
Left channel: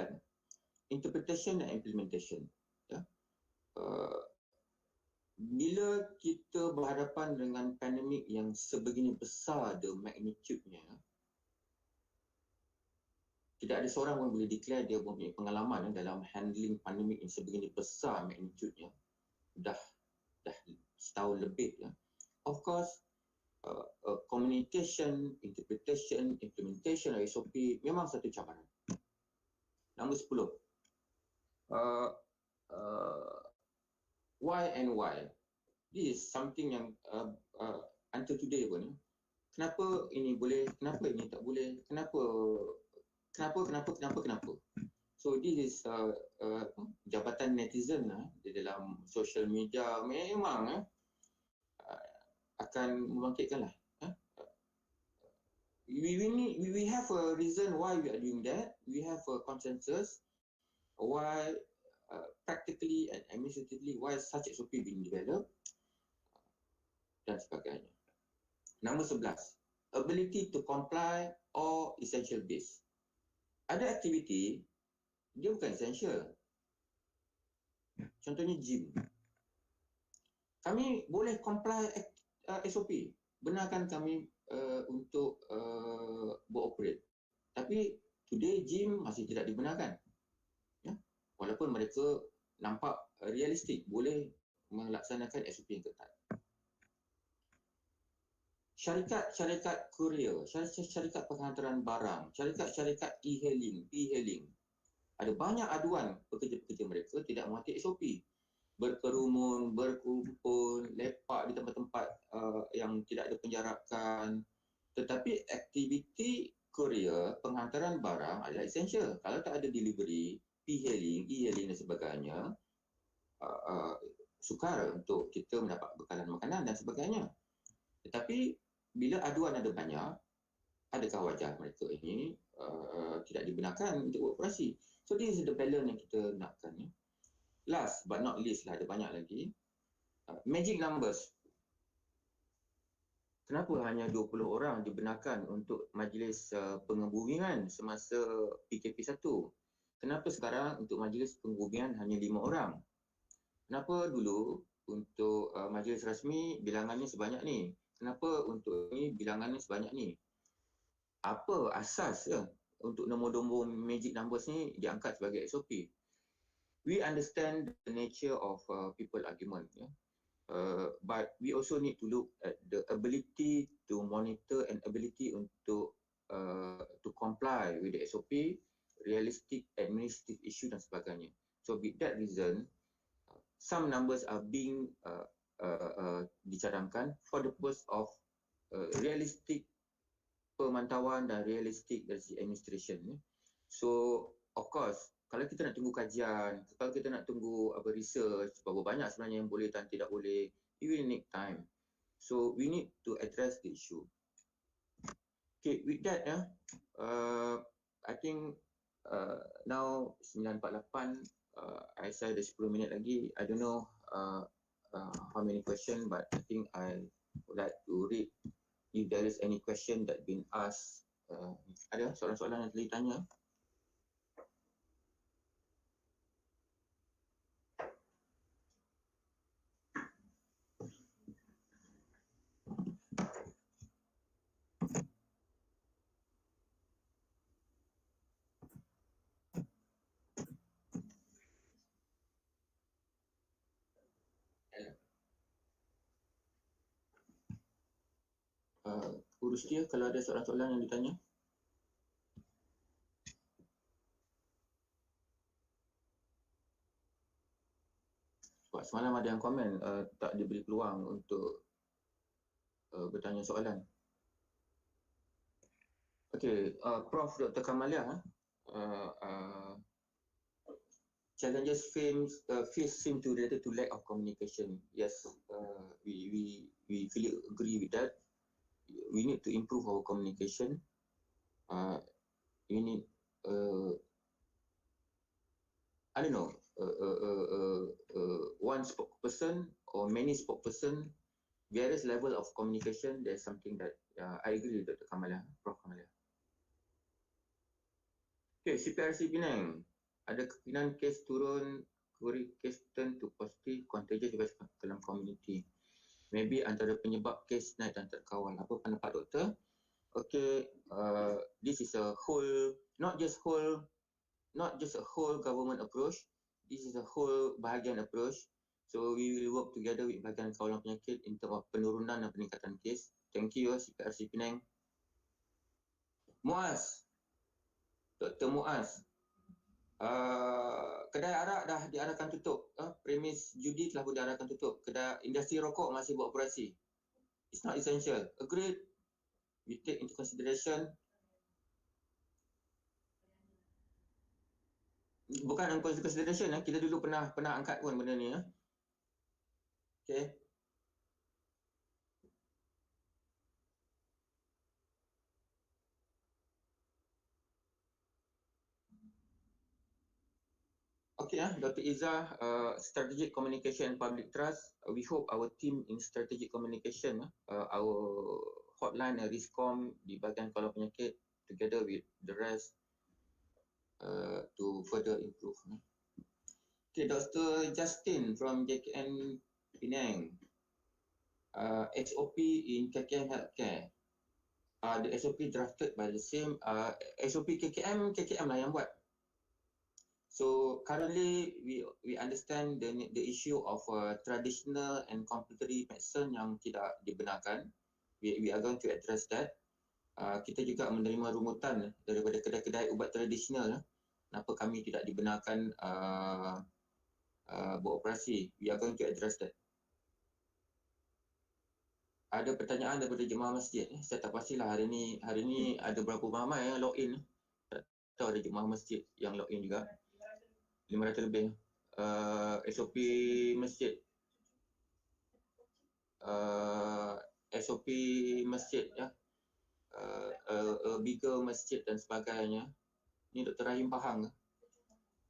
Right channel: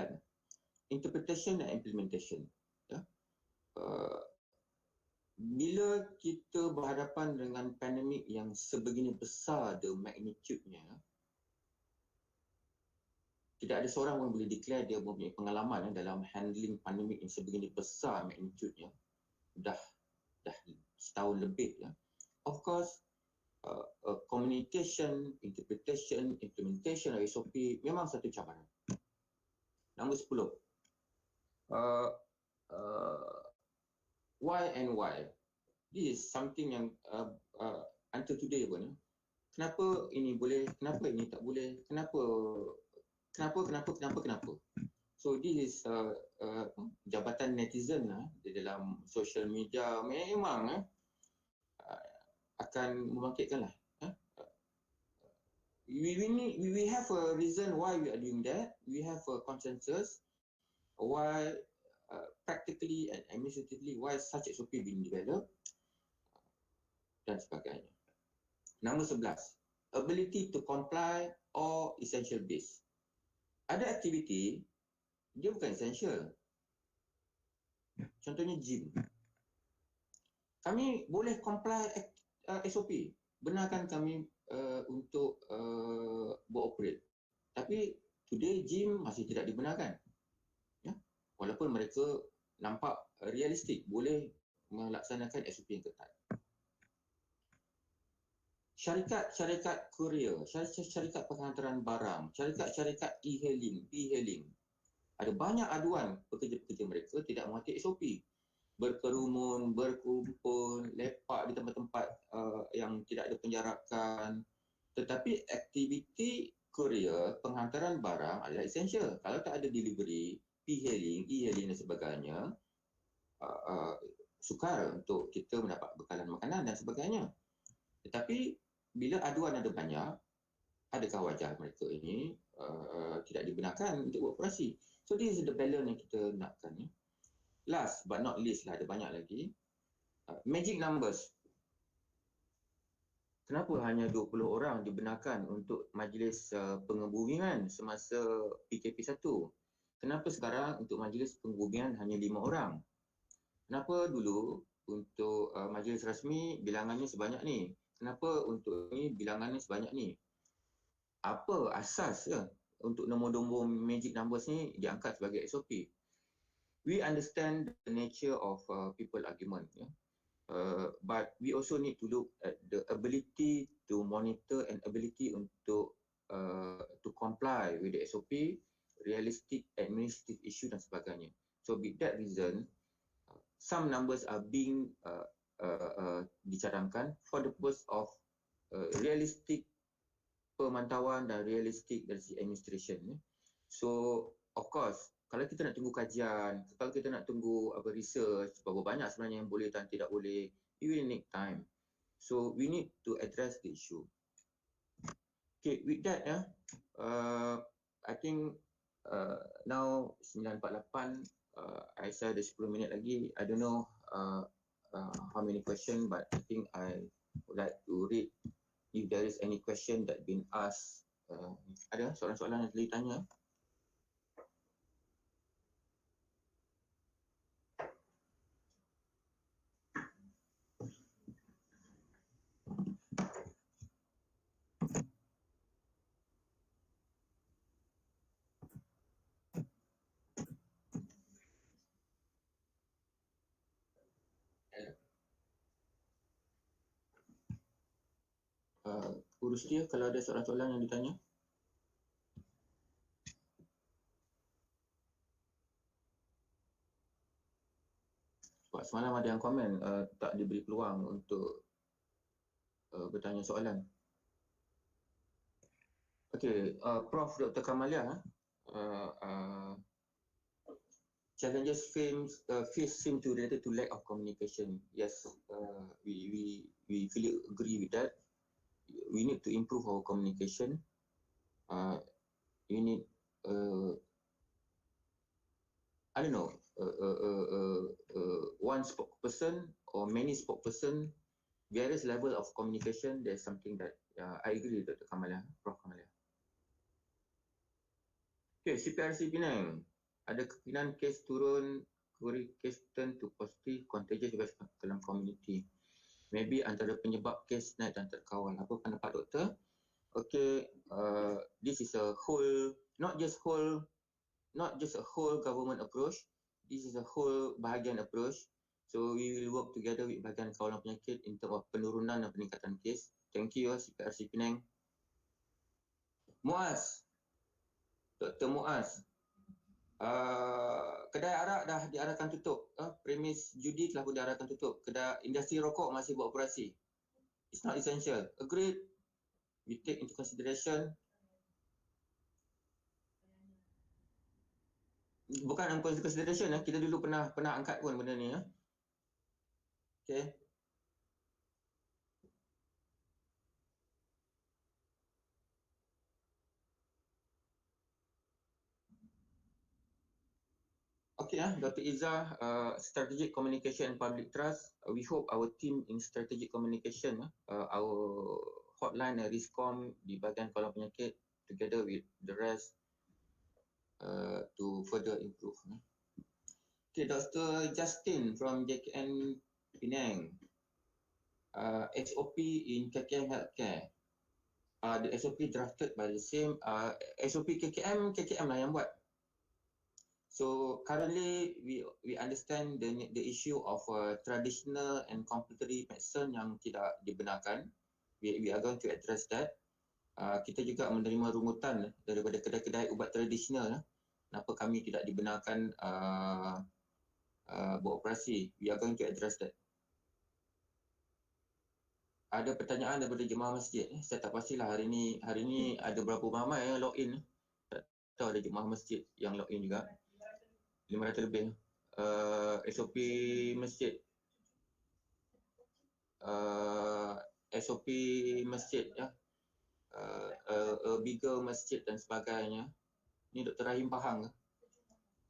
interpretation and implementation. Ya. Bila kita berhadapan dengan pandemik yang sebegini besar the magnitude-nya, tidak ada seorang pun boleh declare dia mempunyai pengalaman dalam handling pandemik yang sebegini besar magnitude-nya. Dah setahun lebih. Ya. Of course, communication, interpretation, implementation of SOP memang satu cabaran. Nombor 10. Why and why? This is something yang until today pun. Kenapa ini boleh, kenapa ini tak boleh, kenapa. So this is jabatan netizen di dalam social media memang akan membangkitkanlah. We have a reason why we are doing that. We have a consensus why practically and administratively why such SOP being developed dan sebagainya. Nombor 11, ability to comply or essential base. Ada aktiviti dia bukan essential. Contohnya gym. Kami boleh comply SOP, benarkan kami untuk beroperate. Tapi today gym masih tidak dibenarkan. Ya? Walaupun mereka nampak realistik, boleh melaksanakan SOP yang ketat. Syarikat kurier, syarikat penghantaran barang, syarikat e-hailing. Ada banyak aduan pekerja-pekerja mereka tidak mematuhi SOP. Berkerumun, berkumpul, lepak di tempat-tempat yang tidak ada penjarakan. Tetapi aktiviti kurier, penghantaran barang adalah essential. Kalau tak ada delivery, e-hailing dan sebagainya, sukar untuk kita mendapat bekalan makanan dan sebagainya. Tetapi bila aduan ada banyak, adakah wajar mereka ini tidak dibenarkan untuk beroperasi? So this is the balance yang kita nakkan. Last but not least ada banyak lagi. Magic numbers. Kenapa hanya 20 orang dibenarkan untuk majlis pengebumian semasa PKP 1? Kenapa sekarang untuk majlis pengebumian hanya 5 orang? Kenapa dulu untuk majlis rasmi bilangannya sebanyak ni. Kenapa untuk ni bilangannya sebanyak ni? Apa asas untuk nombor-nombor magic numbers ni diangkat sebagai SOP? We understand the nature of people argument, but we also need to look at the ability to monitor and ability untuk to comply with the SOP, realistic administrative issue dan sebagainya. So with that reason, some numbers are being dicadangkan for the purpose of realistic pemantauan dan realistik dari segi administration. So of course, kalau kita nak tunggu kajian, kalau kita nak tunggu research, berapa banyak sebenarnya yang boleh dan tidak boleh, it will need time. So we need to address the issue. Okay, with that I think now 9:48, I say ada 10 minit lagi. I don't know how many question, but I think I would like to read if there is any question that been asked. Ada soalan-soalan yang telah ditanya? Urus dia kalau ada soalan-soalan yang ditanya. Sebab semalam ada yang komen tak diberi peluang untuk bertanya soalan. Okay, Prof. Dr. Kamalia, challenges faced seem to related to lack of communication. Yes, we fully agree with that. We need to improve our communication. We need I don't know, one spokesperson or many spokesperson, various level of communication. There's something that I agree with Dr. Kamalia, Prof. Kamalia. Okay, CPRC Penang. Ada kemungkinan kes turun, kes turn to positive, contagious dalam community. Maybe antara penyebab kes naik dan terkawal. Apa pendapat doktor? Okay, this is a whole, not just a whole government approach. This is a whole bahagian approach. So we will work together with bahagian kawalan penyakit in terms of penurunan dan peningkatan kes. Thank you, CPRC Penang. Muaz, Dr. Muaz. Kedai arak dah diarahkan tutup. Premis judi telah pun diarahkan tutup. Kedai industri rokok masih beroperasi. It's not essential. Agreed. We take into consideration. Bukan consideration, kita dulu pernah angkat pun benda ni. Okay. Okay, Dr. Izzah, strategic communication and public trust. We hope our team in strategic communication, our hotline and RISCOM di bahagian kawalan penyakit, together with the rest, to further improve. Okay, Dr. Justin from JKN Penang. SOP in KKM Healthcare. The SOP drafted by the same SOP KKM lah yang buat. So currently we understand the issue of traditional and complementary medicine yang tidak dibenarkan. We are going to address that. Kita juga menerima rungutan daripada kedai-kedai ubat tradisional. Kenapa kami tidak dibenarkan beroperasi? We are going to address that. Ada pertanyaan daripada jemaah masjid. Saya tak pastilah hari ni ada berapa ramai yang login. Tak tahu ada jemaah masjid yang login juga. 500 lebih. SOP masjid. SOP masjid ya. Bigger masjid dan sebagainya. Ini Dr. Rahim Pahang.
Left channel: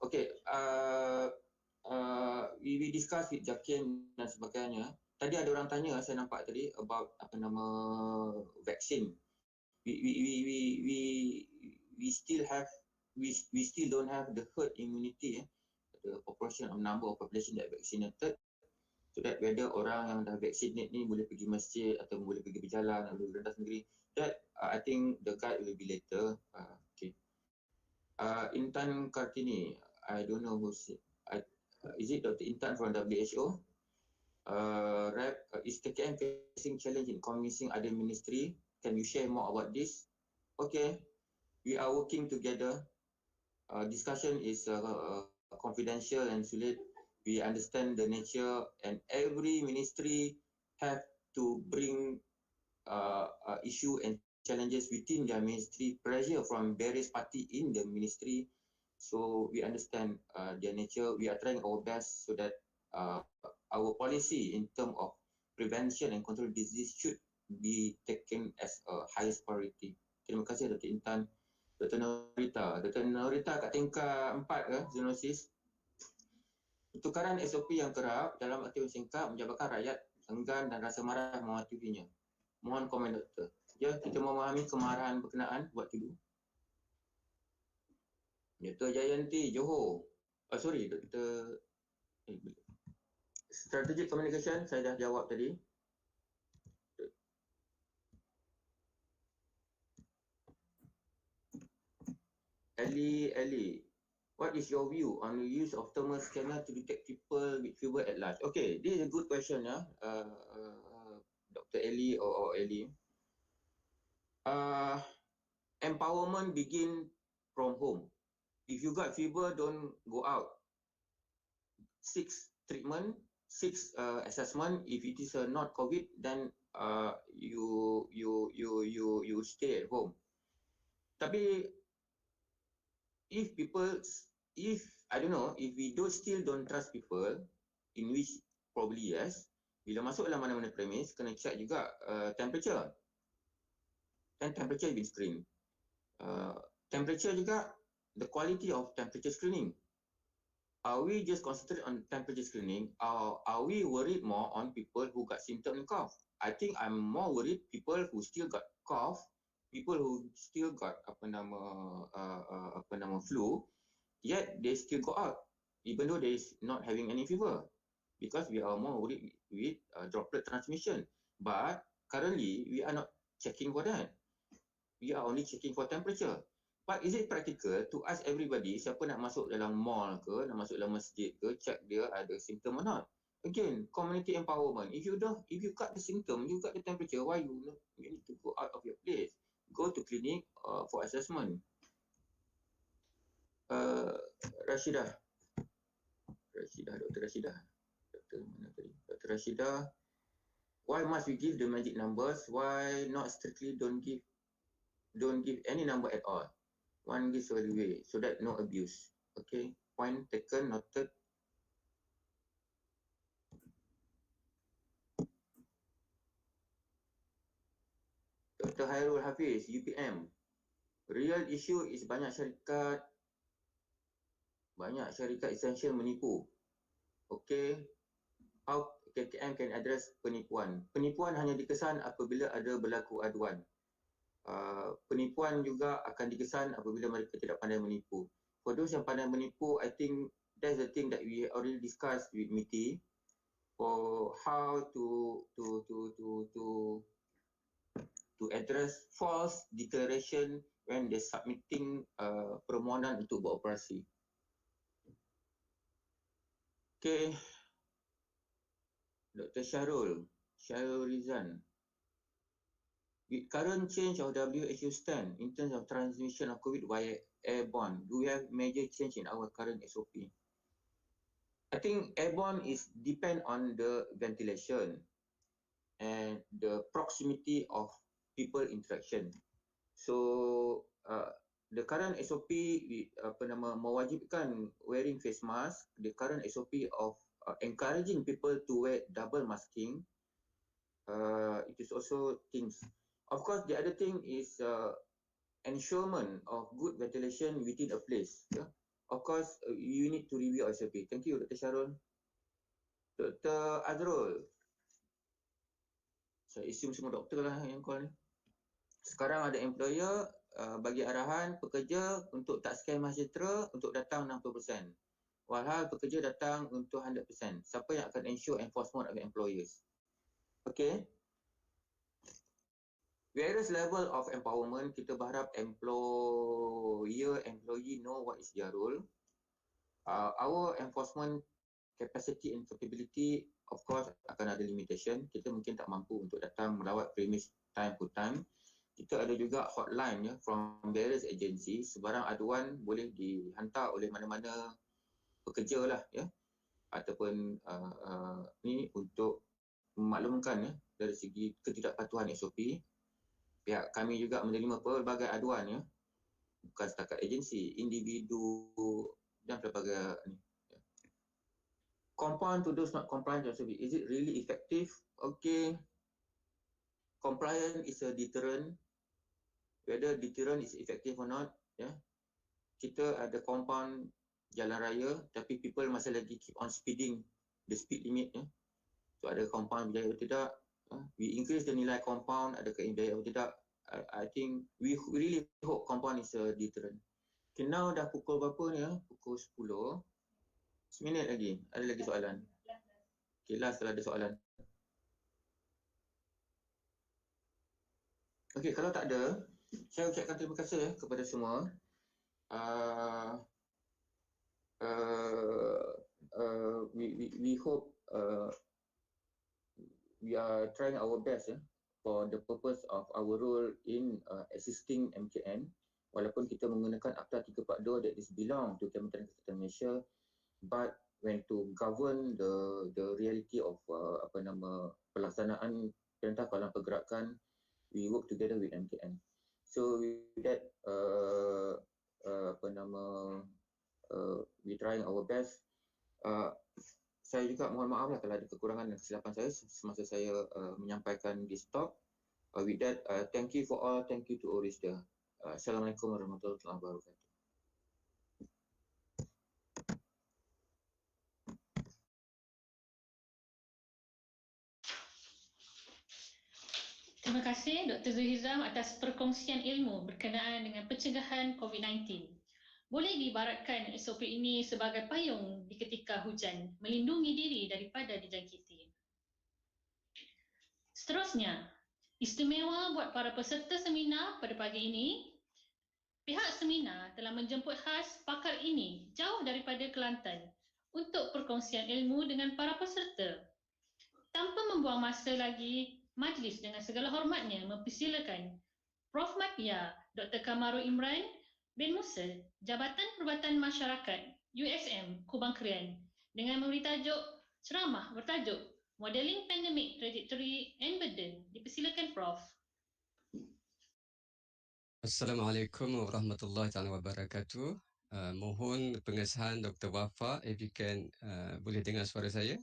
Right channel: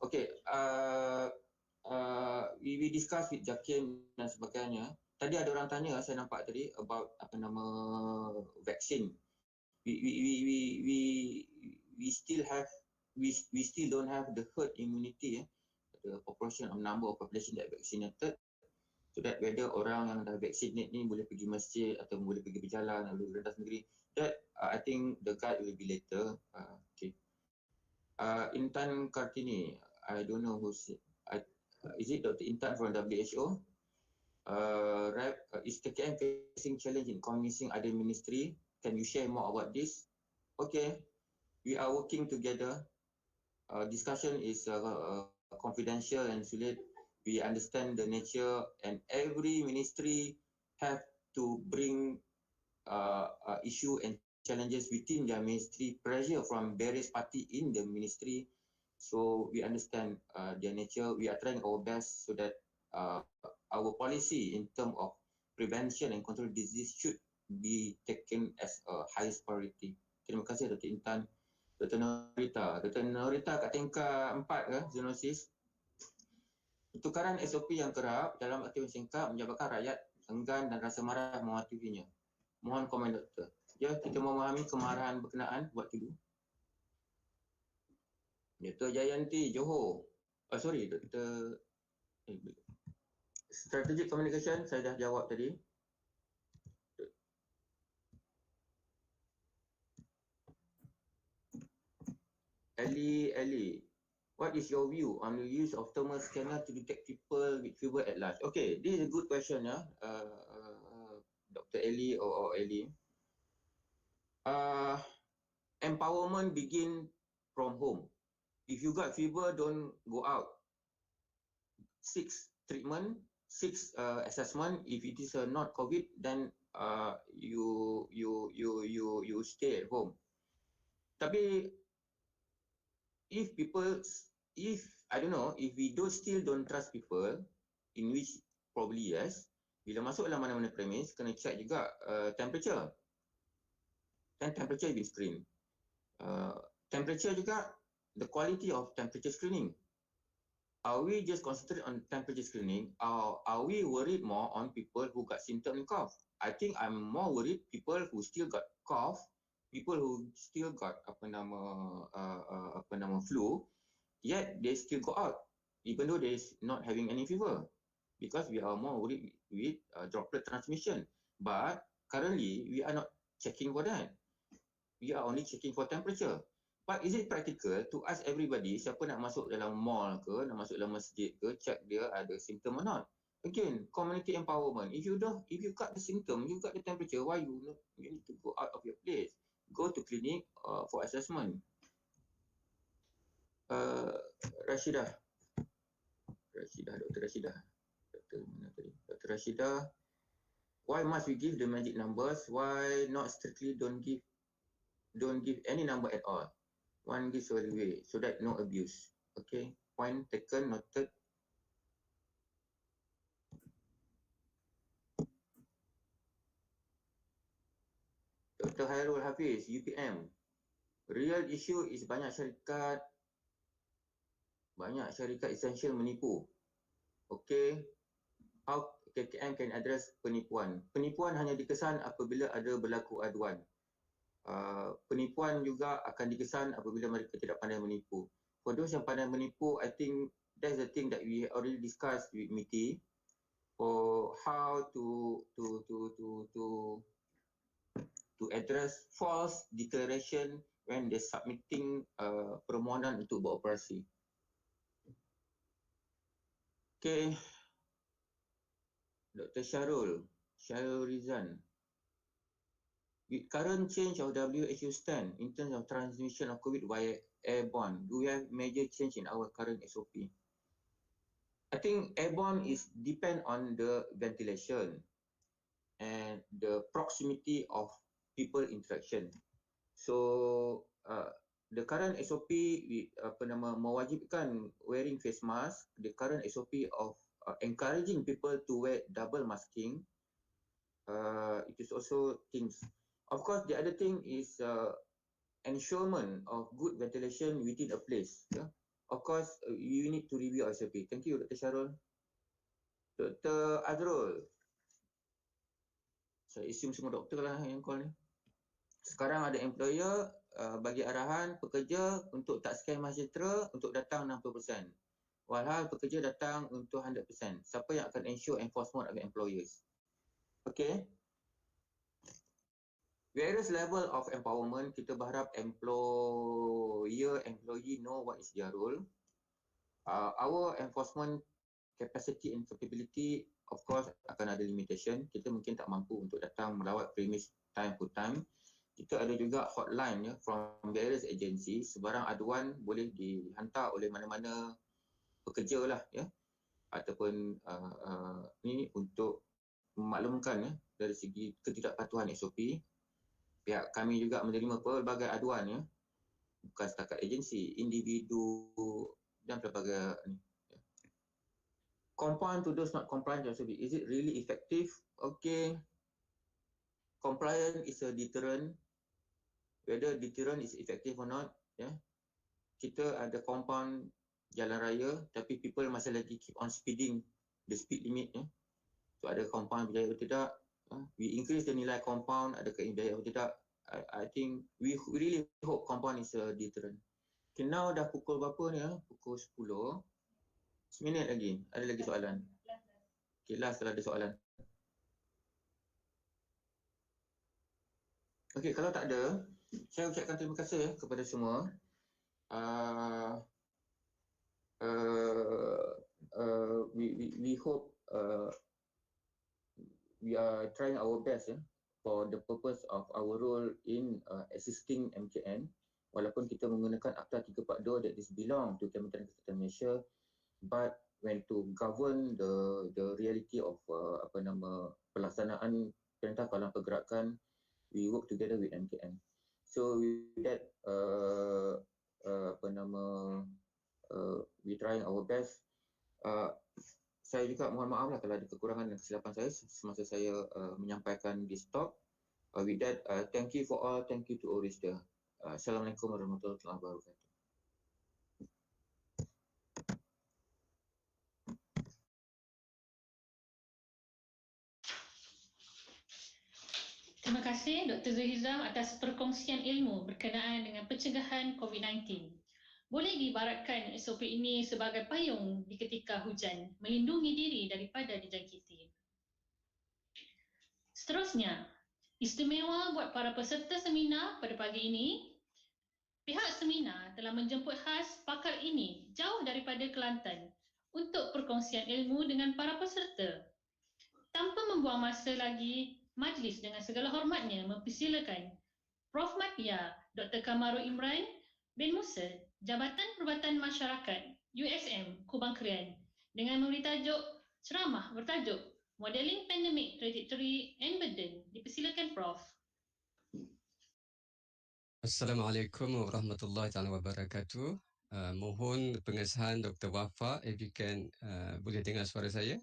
Okay, we discuss with Jakim dan sebagainya. Tadi ada orang tanya, saya nampak tadi about vaksin. We still don't have the herd immunity, the proportion of number of population that vaccinated. So that whether orang yang dah vaccinate ni boleh pergi masjid atau boleh pergi berjalan atau boleh rentas negeri, that I think the guide will be later. Okay. Intan Kartini, I don't know who's it. Is it Dr. Intan from WHO? Is KKM facing challenge in convincing other ministry? Can you share more about this? Okay, we are working together. Discussion is confidential and sulit. We understand the nature, and every ministry have to bring issue and challenges within their ministry, pressure from various party in the ministry. So we understand their nature. We are trying our best so that our policy in terms of prevention and control disease should be taken as a highest priority. Terima kasih Dr. Intan. Dr. Norita. Dr. Norita kat tingkat 4 ke, zoonosis. Pertukaran SOP yang kerap dalam aktiviti singkat menyebabkan rakyat enggan dan rasa marah mematuhinya. Mohon komen doktor. Ya, kita memahami kemarahan berkenaan buat dulu. Dr. Jayanti, Johor. Sorry, Dr. Strategic Communication, saya dah jawab tadi. Ellie, what is your view on the use of thermal scanner to detect people with fever at large? Okay, this is a good question, Dr. Ellie or Ellie. Empowerment begin from home. If you got fever, don't go out. 6 treatment, 6 assessment. If it is not COVID, then you stay at home. Tapi if I don't know, if we still don't trust people, in which probably yes, bila masuk dalam mana-mana premise, kena check juga temperature. Dan temperature been screened. Temperature juga, the quality of temperature screening. Are we just concentrate on temperature screening, or are we worried more on people who got symptom and cough? I think I'm more worried people who still got cough, people who still got flu, yet they still go out, even though they is not having any fever, because we are more worried with droplet transmission. But currently, we are not checking for that. We are only checking for temperature. But is it practical to ask everybody, siapa nak masuk dalam mall ke, nak masuk dalam masjid ke, check dia ada symptom or not? Again, community empowerment. If you got the symptom, you got the temperature, why you need to go out of your place? Go to clinic for assessment. Dr. Rashidah, why must we give the magic numbers? Why not strictly don't give any number at all? One gives all the way, so that no abuse. Okay, point taken, noted. Dr. Hairul Hafiz, UPM. Real issue is banyak syarikat essential menipu. Okay, how KKM can address penipuan? Penipuan hanya dikesan apabila ada berlaku aduan. Penipuan juga akan dikesan apabila mereka tidak pandai menipu. For those yang pandai menipu, I think that's the thing that we already discussed with MITI for how to address false declaration when they're submitting permohonan untuk beroperasi. Okay, Dr. Syarul Rizan. With current change of WHO stand in terms of transmission of COVID via airborne, do we have major change in our current SOP? I think airborne is depend on the ventilation and the proximity of people interaction. So the current SOP mewajibkan wearing face mask. The current SOP of encouraging people to wear double masking. It is also things. Of course, the other thing is ensurement of good ventilation within a place. Yeah? Of course, you need to review SOP. Thank you, Dr. Syarul. Dr. Azrul. Saya assume semua doktor lah yang call ni. Sekarang ada employer bagi arahan pekerja untuk tak scan MySejahtera untuk datang 60%. Walhal pekerja datang untuk 100%. Siapa yang akan ensure enforcement of employers? Okay. Various level of empowerment, kita berharap employer, employee know what is their role. Our enforcement capacity and capability, of course, akan ada limitation. Kita mungkin tak mampu untuk datang melawat premise time to time. Kita ada juga hotline from various agency. Sebarang aduan boleh dihantar oleh mana-mana pekerja lah ataupun ni untuk memaklumkan dari segi ketidakpatuhan SOP. Pihak kami juga menerima pelbagai aduan bukan setakat agensi, individu dan pelbagai ni. Compliant to those not compliant to SOP. Is it really effective? Okay. Compliant is a deterrent. Whether deterrent is effective or not, kita ada compound jalan raya tapi people masih lagi keep on speeding the speed limit So ada compound berjaya atau tidak, we increase the nilai compound, adakah berjaya atau tidak. I think we really hope compound is a deterrent. Okay, now dah pukul berapa ni Pukul 10. Seminit lagi. Ada lagi soalan? Okay, last kalau ada soalan. Okay, kalau tak ada, saya ucapkan terima kasih kepada semua. We hope we are trying our best for the purpose of our role in assisting MKN. Walaupun kita menggunakan Akta 342 that is belong to Kementerian Kesihatan Malaysia, but when to govern the reality of pelaksanaan Perintah Kawalan Pergerakan, we work together with MKN. So with that we trying our best. Saya juga mohon maaf lah kalau ada kekurangan dan kesilapan saya semasa saya menyampaikan this talk. With that, thank you for all. Thank you to Orista. Assalamualaikum warahmatullahi wabarakatuh. Terima kasih Dr. Zulhizam atas perkongsian ilmu berkenaan dengan pencegahan COVID-19. Boleh diibaratkan SOP ini sebagai payung di ketika hujan, melindungi diri daripada dijangkiti. Seterusnya, istimewa buat para peserta seminar pada pagi ini, pihak seminar telah menjemput khas pakar ini jauh daripada Kelantan untuk perkongsian ilmu dengan para peserta. Tanpa membuang masa lagi, majlis dengan segala hormatnya mempersilakan Prof. Matia Dr. Kamarul Imran bin Musa, Jabatan Perubatan Masyarakat USM Kubang Krian, dengan memberi tajuk ceramah bertajuk Modeling Pandemic Trajectory and Burden. Dipersilakan Prof. Assalamualaikum warahmatullahi wabarakatuh. Mohon pengesahan Dr. Wafa, if you can boleh dengar suara saya?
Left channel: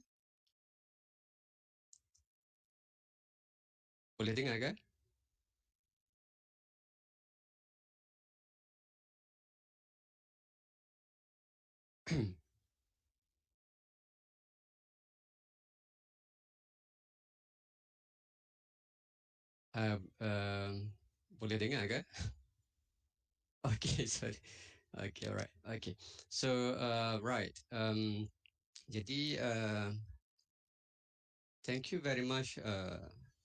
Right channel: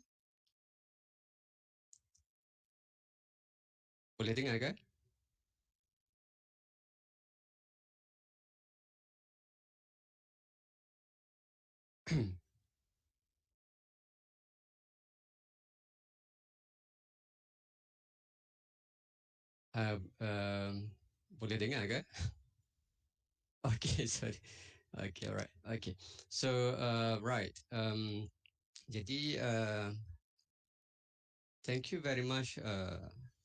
Boleh dengar kan? Boleh dengar kan? Okay, sorry. Okay, alright. Okay. So, right. Jadi, thank you very much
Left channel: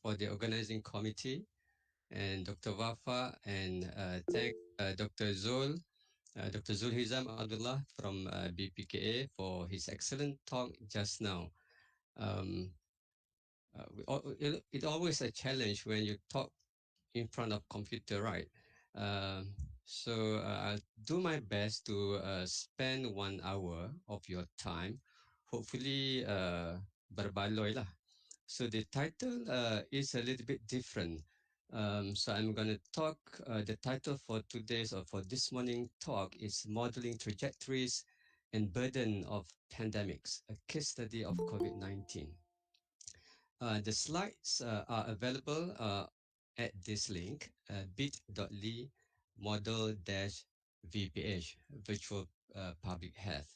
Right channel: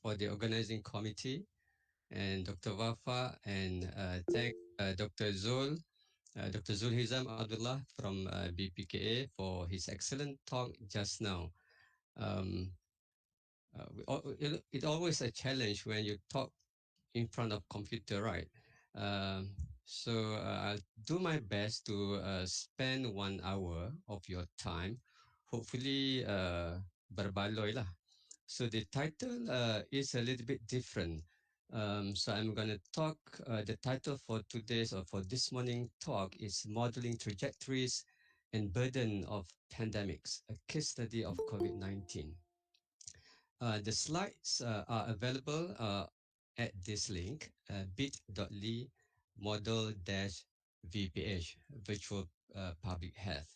for the organizing committee and Dr. Wafa, and thank Dr. Zulhizam Abdullah from BPKA for his excellent talk just now. It's always a challenge when you talk in front of computer, right? So I'll do my best to spend 1 hour of your time, hopefully berbaloi lah. So the title is a little bit different. So I'm going to talk, the title for today's or for this morning talk is Modeling Trajectories and Burden of Pandemics, a case study of COVID-19. The slides are available at this link, bit.ly model-VPH, Virtual Public Health.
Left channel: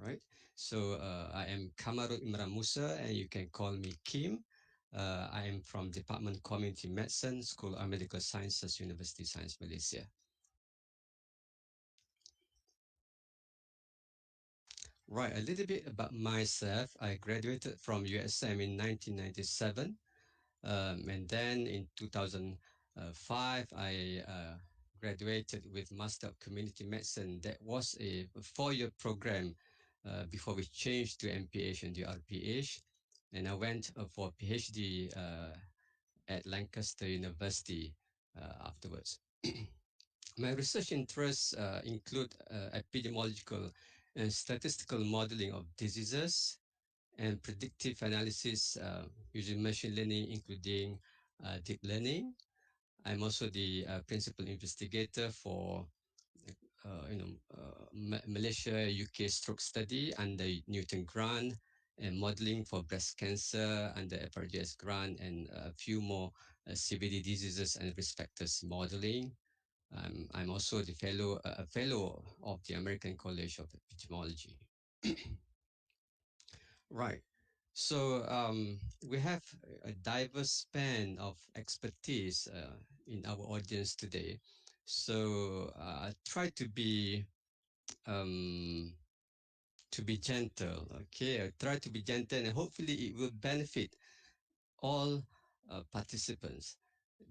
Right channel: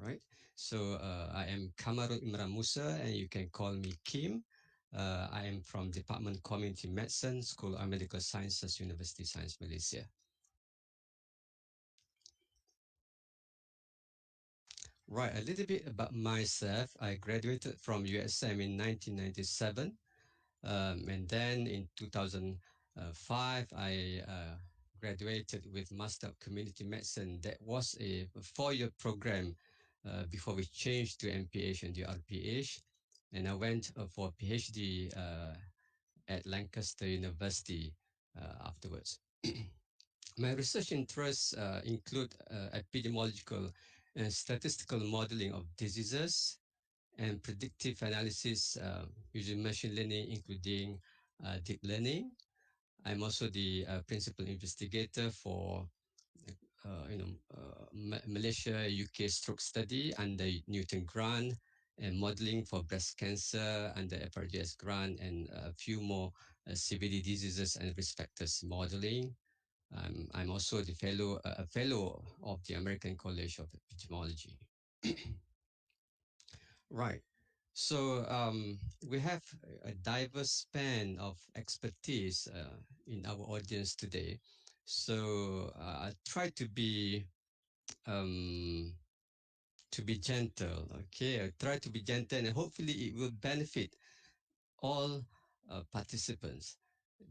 Right. So I am Kamarul Imran Musa, and you can call me Kim. I am from Department Community Medicine, School of Medical Sciences, University Science Malaysia. Right, a little bit about myself. I graduated from USM in 1997, and then in 2005, I graduated with Master of Community Medicine. That was a four-year program before we changed to MPH and the RPH. And I went for PhD at Lancaster University afterwards. My research interests include epidemiological and statistical modeling of diseases and predictive analysis using machine learning, including deep learning. I'm also the principal investigator for Malaysia UK stroke study under Newton grant and modeling for breast cancer under FRGS grant and a few more CVD diseases and risk factors modeling. I'm also the a fellow of the American College of Epidemiology. Right. So we have a diverse span of expertise in our audience today. So I try um, to be gentle. Okay, I try to be gentle, and hopefully it will benefit all participants.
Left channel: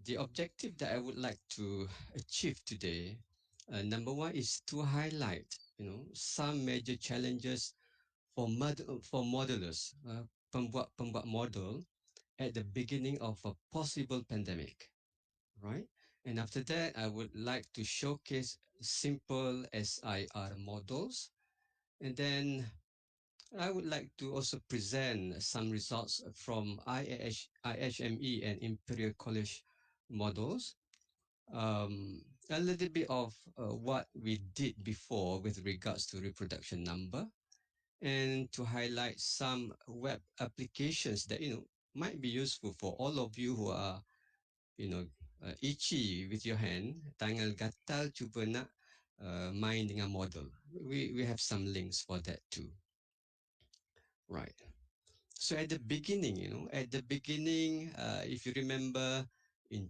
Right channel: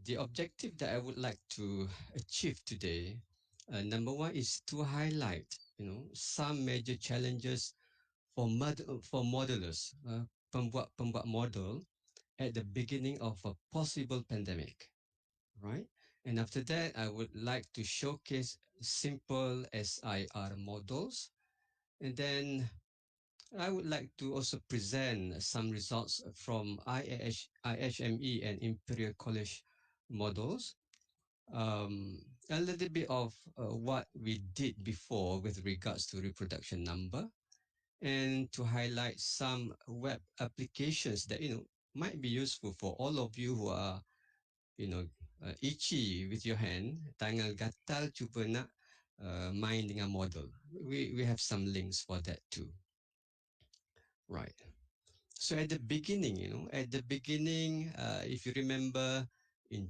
The objective that I would like to achieve today, number one, is to highlight, some major challenges for modelers, pembuat model at the beginning of a possible pandemic, right? And after that, I would like to showcase simple SIR models, and then I would like to also present some results from IHME and Imperial College models, a little bit of what we did before with regards to reproduction number, and to highlight some web applications that might be useful for all of you who are you know itchy with your hand, tangan gatal cuba nak main dengan model. We have some links for that too, right? So at the beginning, if you remember, in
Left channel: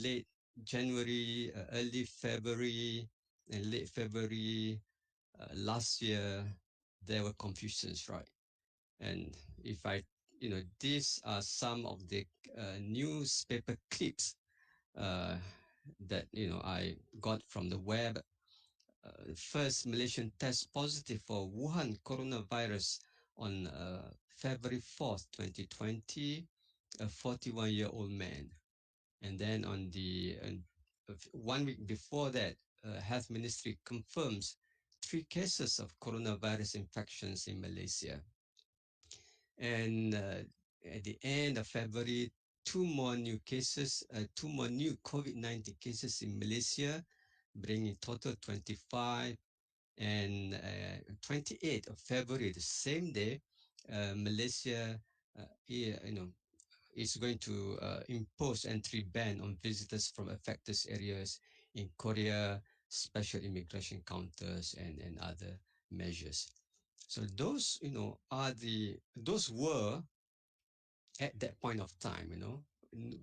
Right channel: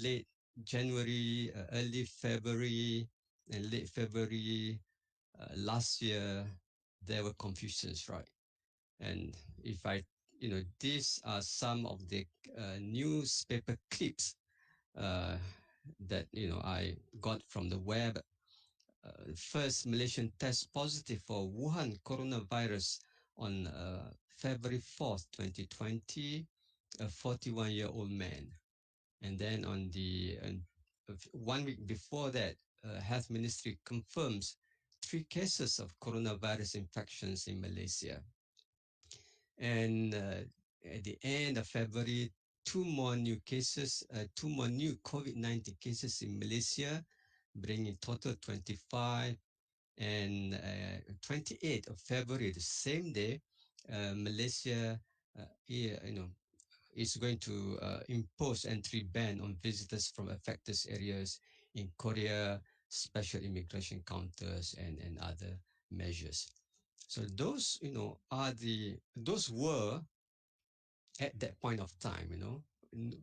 late January, early February, and late February last year, there were confusions, right? And if I, these are some of the newspaper clips uh, that I got from the web. First Malaysian test positive for Wuhan coronavirus on February 4th, 2020, a 41-year-old man. And then on the 1 week before that, Health Ministry confirms 3 cases of coronavirus infections in Malaysia. And at the end of February, 2 more new COVID-19 cases in Malaysia, bringing total 25. And 28th of February, the same day, Malaysia, is going to impose entry ban on visitors from affected areas in Korea, special immigration counters, and other measures. So those, those were at that point of time,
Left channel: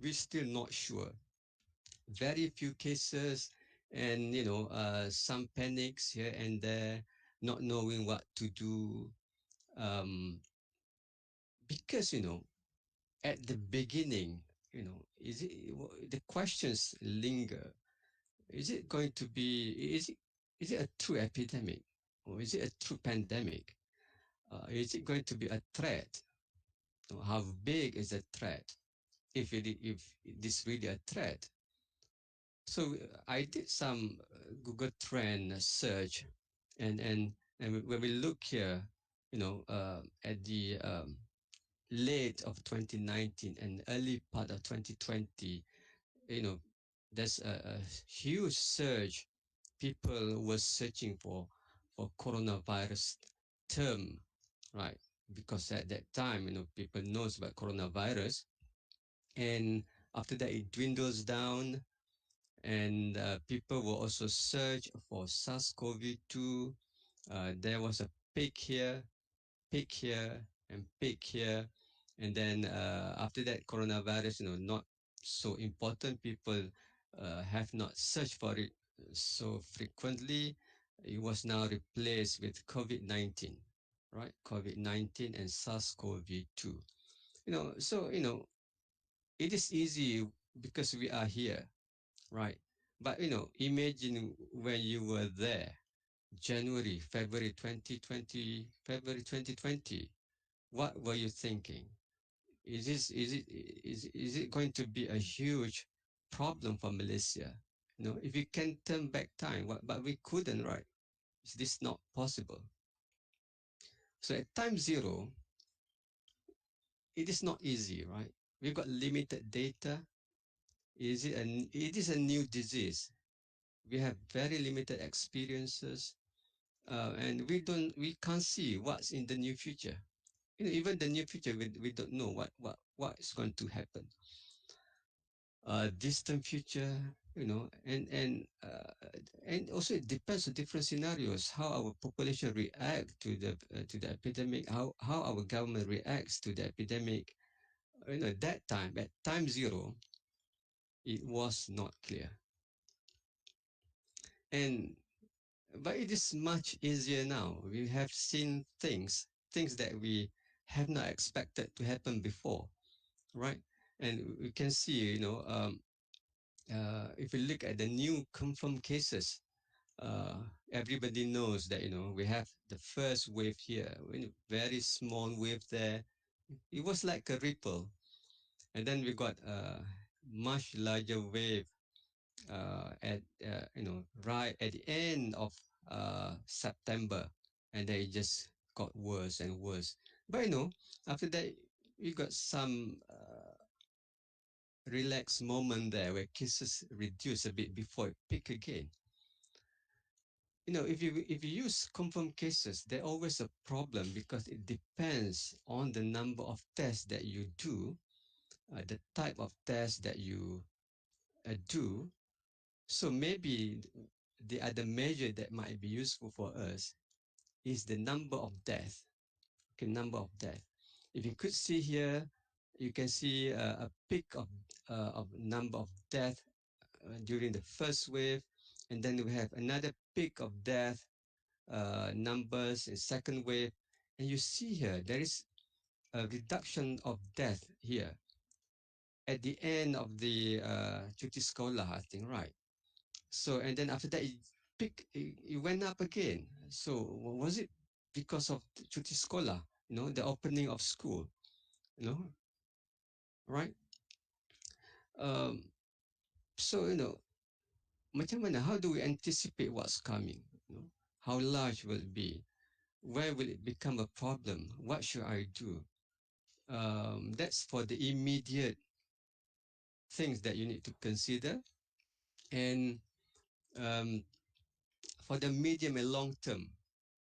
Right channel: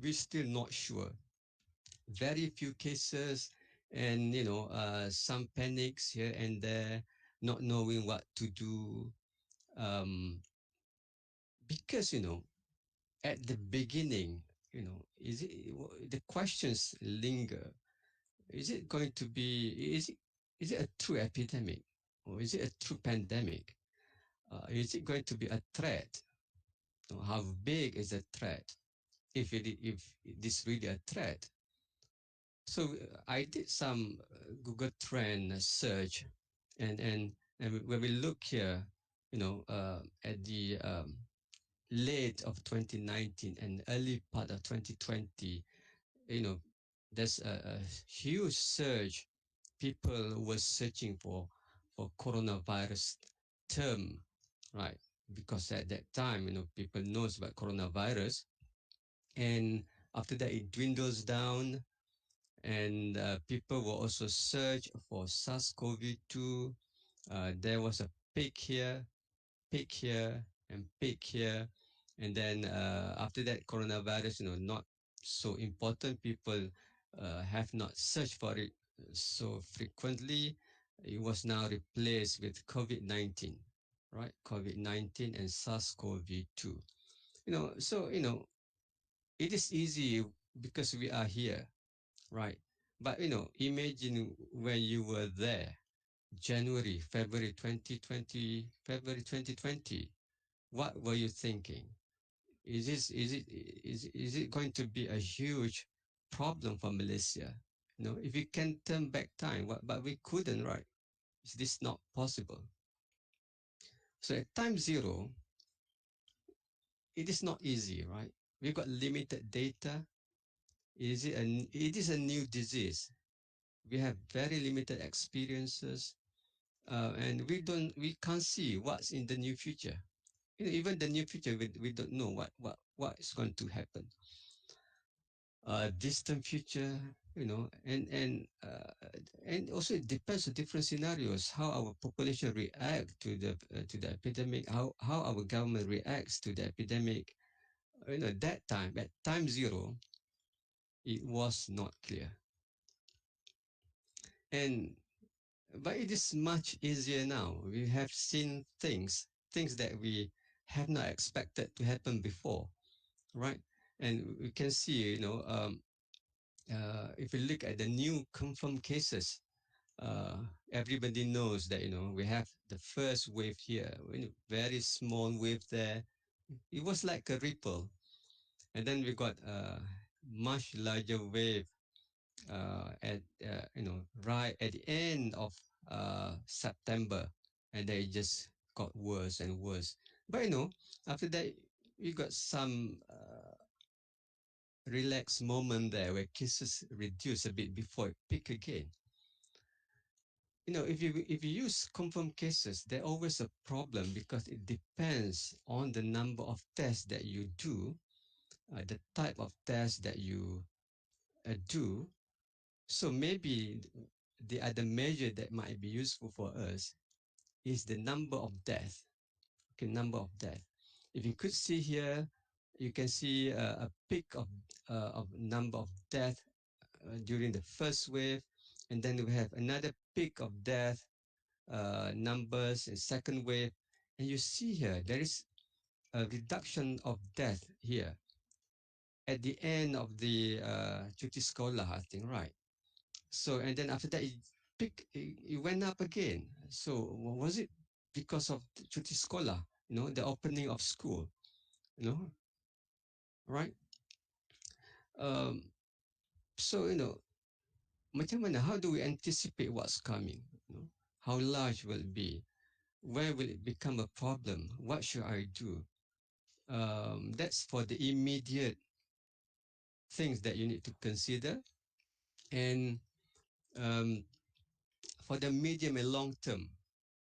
we're still not sure. Very few cases, and some panics here and there, not knowing what to do, because at the beginning, is it the questions linger? Is it going to be? Is it a true epidemic, or is it a true pandemic? Is it going to be a threat? How big is the threat? If it is really a threat. So I did some Google Trend search, and when we look here, at the late of 2019 and early part of 2020, there's a huge surge. People were searching for coronavirus term, right? Because at that time, people knows about coronavirus, and after that it dwindles down, and people will also search for SARS-CoV-2. There was a peak here, and peak here, and then after that, coronavirus, not so important. People have not searched for it so frequently. It was now replaced with COVID-19. right? COVID-19 and SARS-CoV-2. So it is easy because we are here, right? But imagine when you were there, February 2020. What were you thinking? Is it going to be a huge problem for Malaysia? If we can turn back time, but we couldn't, right? Is this not possible? So at time zero, it is not easy, right? We've got limited data. It is a new disease. We have very limited experiences, and we can't see what's in the near future. Even the near future, we don't know what is going to happen. Distant future, and also it depends on different scenarios, how our population react to the epidemic, how our government reacts to the epidemic. That time at time zero, it was not clear, and but it is much easier now. We have seen things that we have not expected to happen before, right? And we can see, if you look at the new confirmed cases, uh, everybody knows that we have the first wave here, very small wave there. It was like a ripple, and then we got a much larger wave at right at the end of September, and then it just got worse and worse. But after that, we got some relaxed moment there where cases reduce a bit before it peak again. If you use confirmed cases, there's always a problem because it depends on the number of tests that you do, the type of test that you do. So maybe the other measure that might be useful for us is the number of death. Okay, number of death. If you could see here, you can see a peak of number of death during the first wave, and then we have another peak of death numbers in second wave, and you see here there is a reduction of death here at the end of the cuti sekolah, I think, right? So and then after that it went up again. So was it because of cuti sekolah? The opening of school, you know, right? Um, so macam mana? How do we anticipate what's coming? How large will it be? Where will it become a problem? What should I do? That's for the immediate things that you need to consider. And um, for the medium and long term,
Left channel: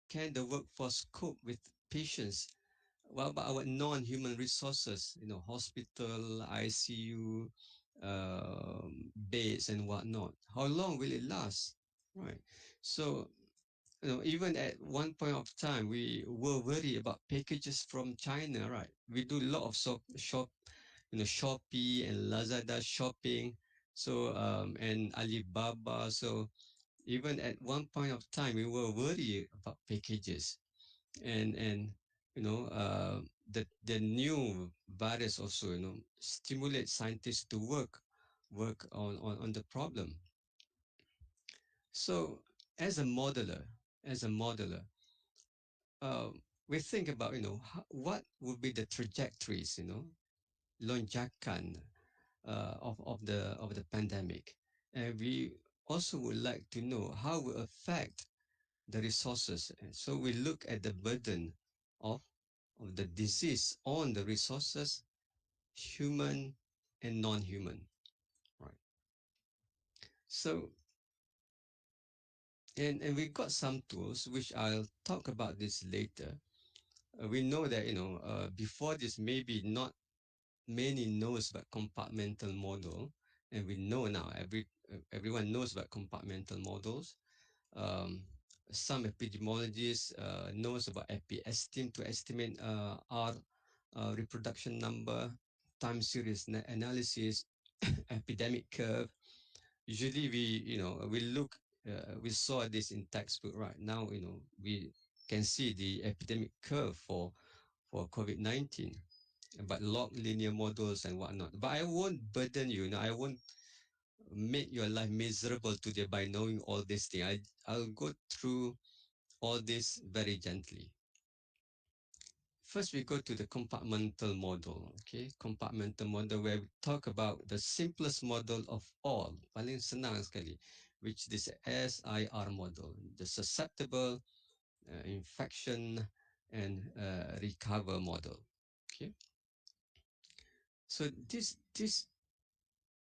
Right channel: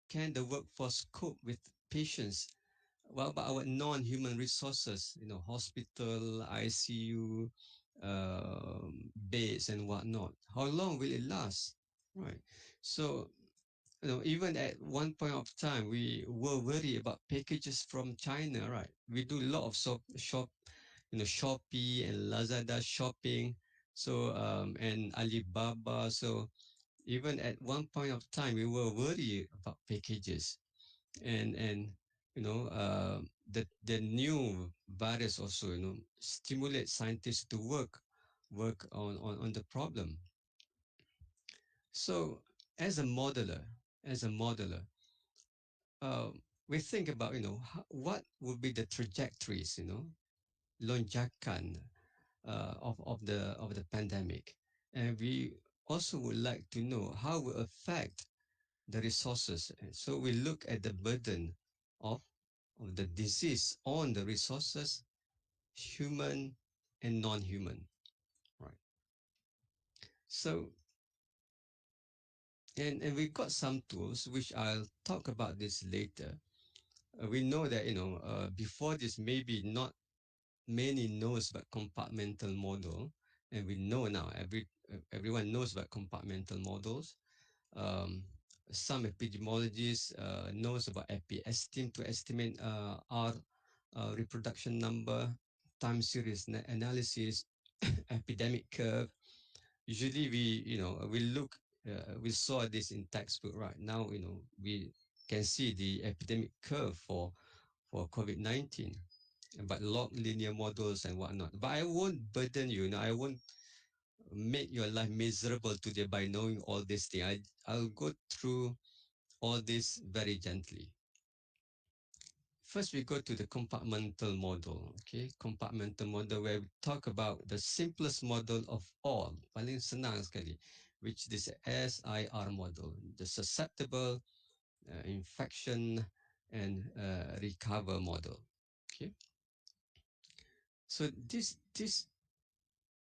can the workforce cope with patients? What about our non-human resources? Hospital, ICU, beds, and whatnot. How long will it last? Right. So even at one point of time, we were worried about packages from China, right? We do a lot of Shopee and Lazada shopping. So, and Alibaba. So even at one point of time, we were worried about packages, and the new virus also stimulate scientists to work on the problem. So as a modeler, uh, we think about what would be the trajectories, lonjakan of the pandemic, and we also would like to know how it will affect the resources. And so we look at the burden of of the disease on the resources, human and non-human, right? So and we got some tools which I'll talk about this later. We know that before this maybe not many knows about compartmental model, and we know now everyone knows about compartmental models. Um, some epidemiologists knows about epi-estim to estimate R reproduction number, time series analysis, epidemic curve. Usually we look we saw this in textbook, right? Now we can see the epidemic curve for COVID-19, but log linear models and whatnot. But I won't burden you. I won't make your life miserable today by knowing all these things. I'll go through all this very gently. First, we go to the compartmental model. Okay, compartmental model where we talk about the simplest model of all, paling senang sekali, which is the SIR model, the susceptible, infection, and recover model. Okay, so this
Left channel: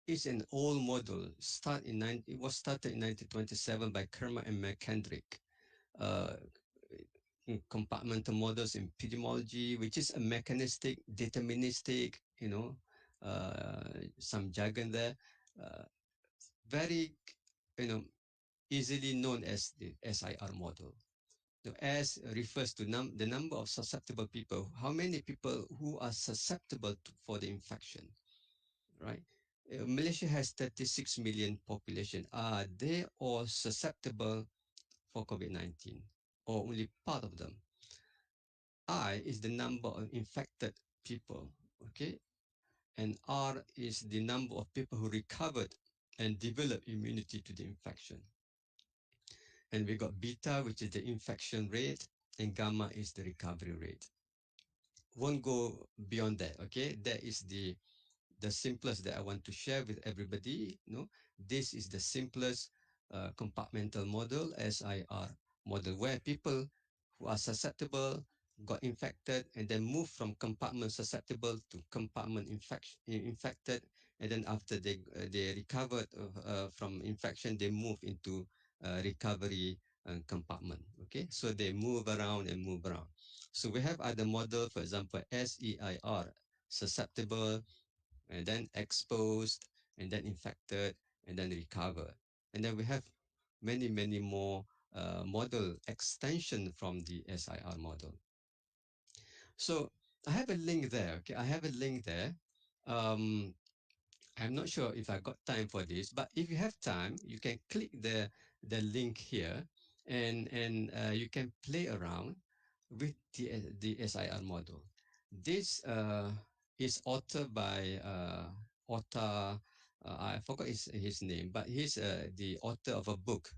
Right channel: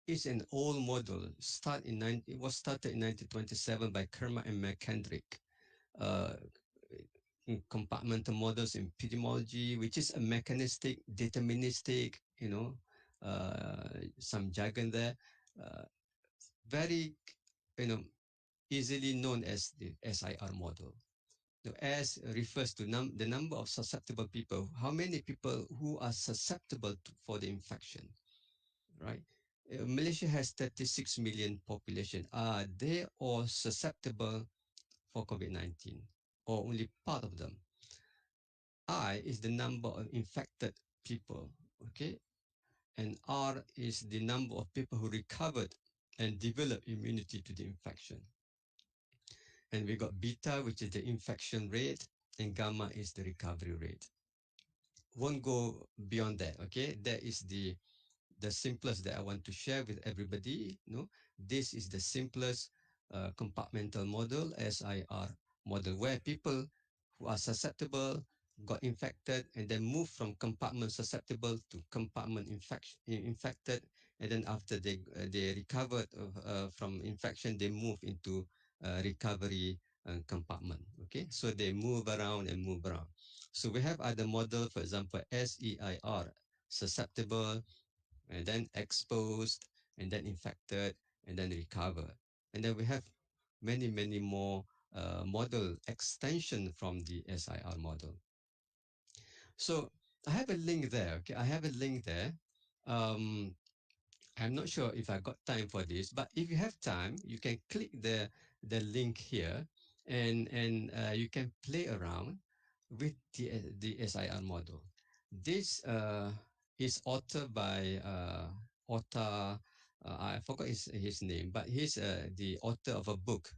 is an old model. It was started in 1927 by Kerma and McKendrick. Uh, Compartmental models in epidemiology, which is a mechanistic, deterministic, some jargon there, uh, very, you know, easily known as the SIR model. The S refers to the number of susceptible people, how many people who are susceptible for the infection, right? Malaysia has 36 million population. Are they all susceptible for COVID-19 or only part of them? I is the number of infected people, okay? And R is the number of people who recovered and developed immunity to the infection. And we got beta, which is the infection rate, and gamma is the recovery rate. Won't go beyond that, okay? That is the simplest that I want to share with everybody. This is the simplest compartmental model, SIR model, where people who are susceptible got infected and then move from compartment susceptible to compartment infected, and then after they recovered from infection, they move into recovery compartment. Okay, so they move around and move around. So we have other model, for example, SEIR, susceptible, and then exposed, and then infected, and then recover. And then we have many more model extension from the SIR model. So I have a link there. Okay, I have a link there. Um, I'm not sure if I got time for this, but if you have time, you can click the link here, and you can play around with the SIR model. This is authored by Otta. I forgot his name, but he's the author of a book,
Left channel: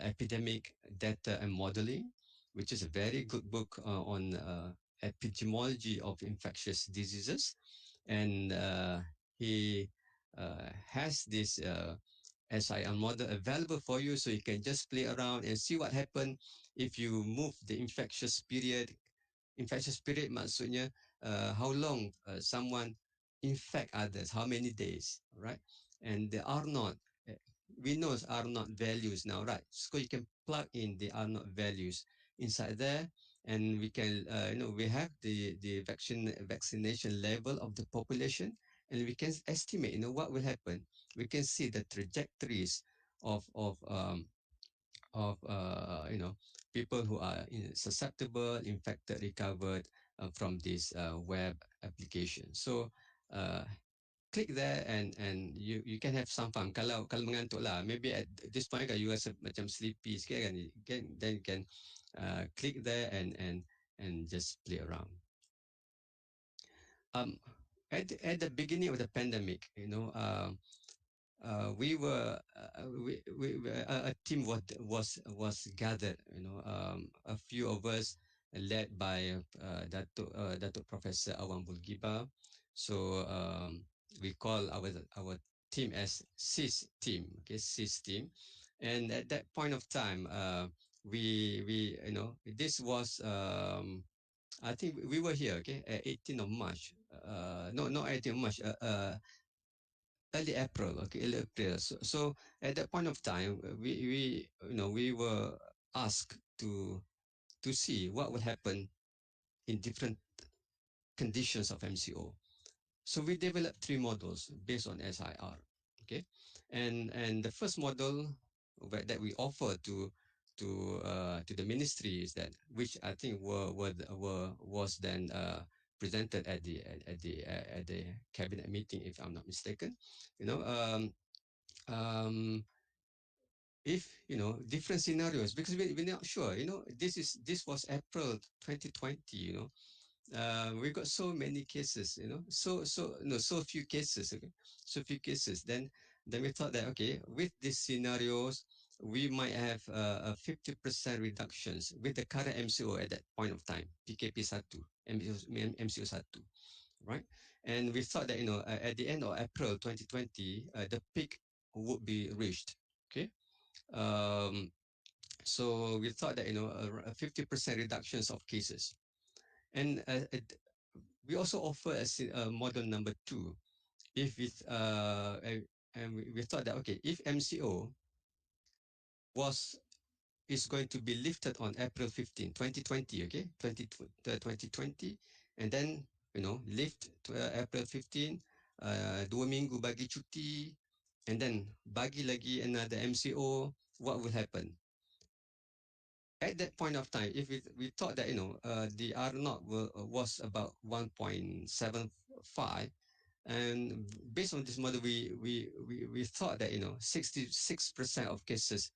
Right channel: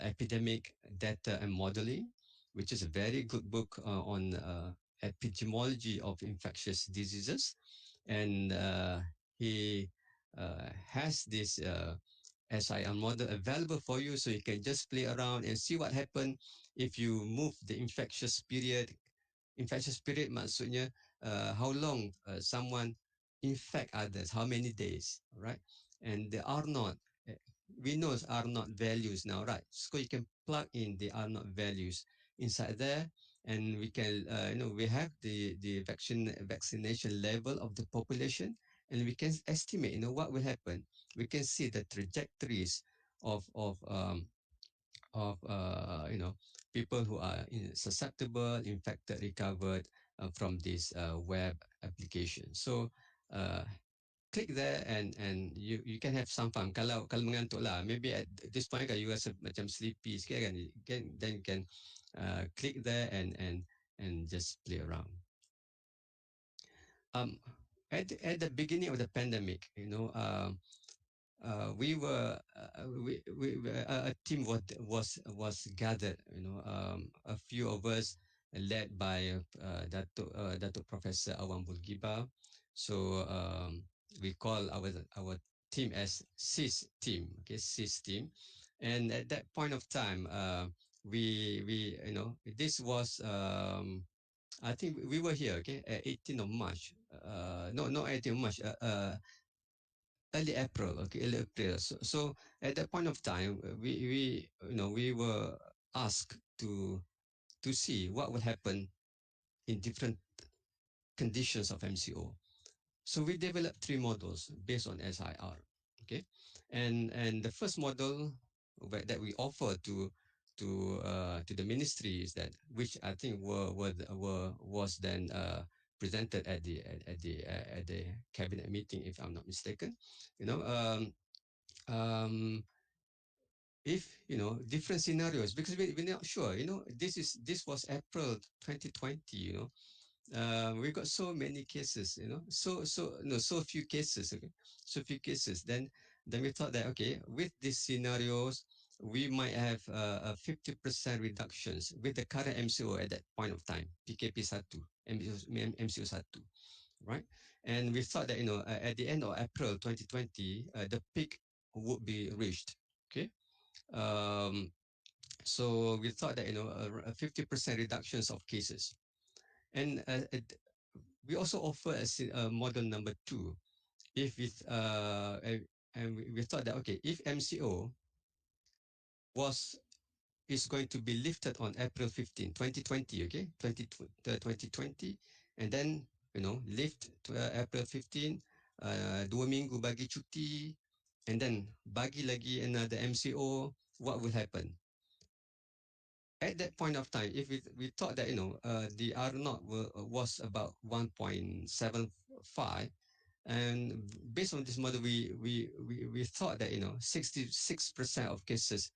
Epidemic Data and Modeling, which is a very good book on epidemiology of infectious diseases, and he has this SIR model available for you, so you can just play around and see what happens if you move the infectious period. Infectious period maksudnya how long someone infect others, how many days, right? And the R naught, we know R naught values now, right? So you can plug in the R naught values inside there, and we can, we have the vaccination level of the population, and we can estimate, what will happen. We can see the trajectories of people who are susceptible, infected, recovered from this web application. So uh, click there, and you can have some fun. Kalau mengantuk lah, maybe at this point kan you rasa macam sleepy sikit kan, then you can click there and just play around. At the beginning of the pandemic, a team was gathered. A few of us led by Datuk Professor Awang Bulgiba. So we call our team as CIS team. Okay, CIS team. And at that point of time, we this was I think we were here. Okay, 18th of March. No, not 18th of March. Early April, okay, early April. So at that point of time, we were asked to see what would happen in different conditions of MCO. So we developed three models based on SIR, okay, and the first model that we offer to the ministry is that, which I think was then presented at the cabinet meeting, if I'm not mistaken. You know, um, if different scenarios, because we're not sure. This was April 2020. We got so many cases. So few cases. Okay, so few cases. Then we thought that, okay, with these scenarios, we might have a 50% reductions with the current MCO at that point of time, PKP 1, MCO 1, right? And we thought that, at the end of April 2020, the peak would be reached. Okay. Um, so we thought that, a 50% reductions of cases. And we also offer a model number 2. If with and we thought that, okay, if MCO was is going to be lifted on April 15, 2020, okay, 2020, and then lift to April 15, 2 minggu bagi cuti, and then bagi lagi another MCO, what will happen? At that point of time, if we thought that the R naught was about 1.75, and based on this model, we thought that 66% of cases,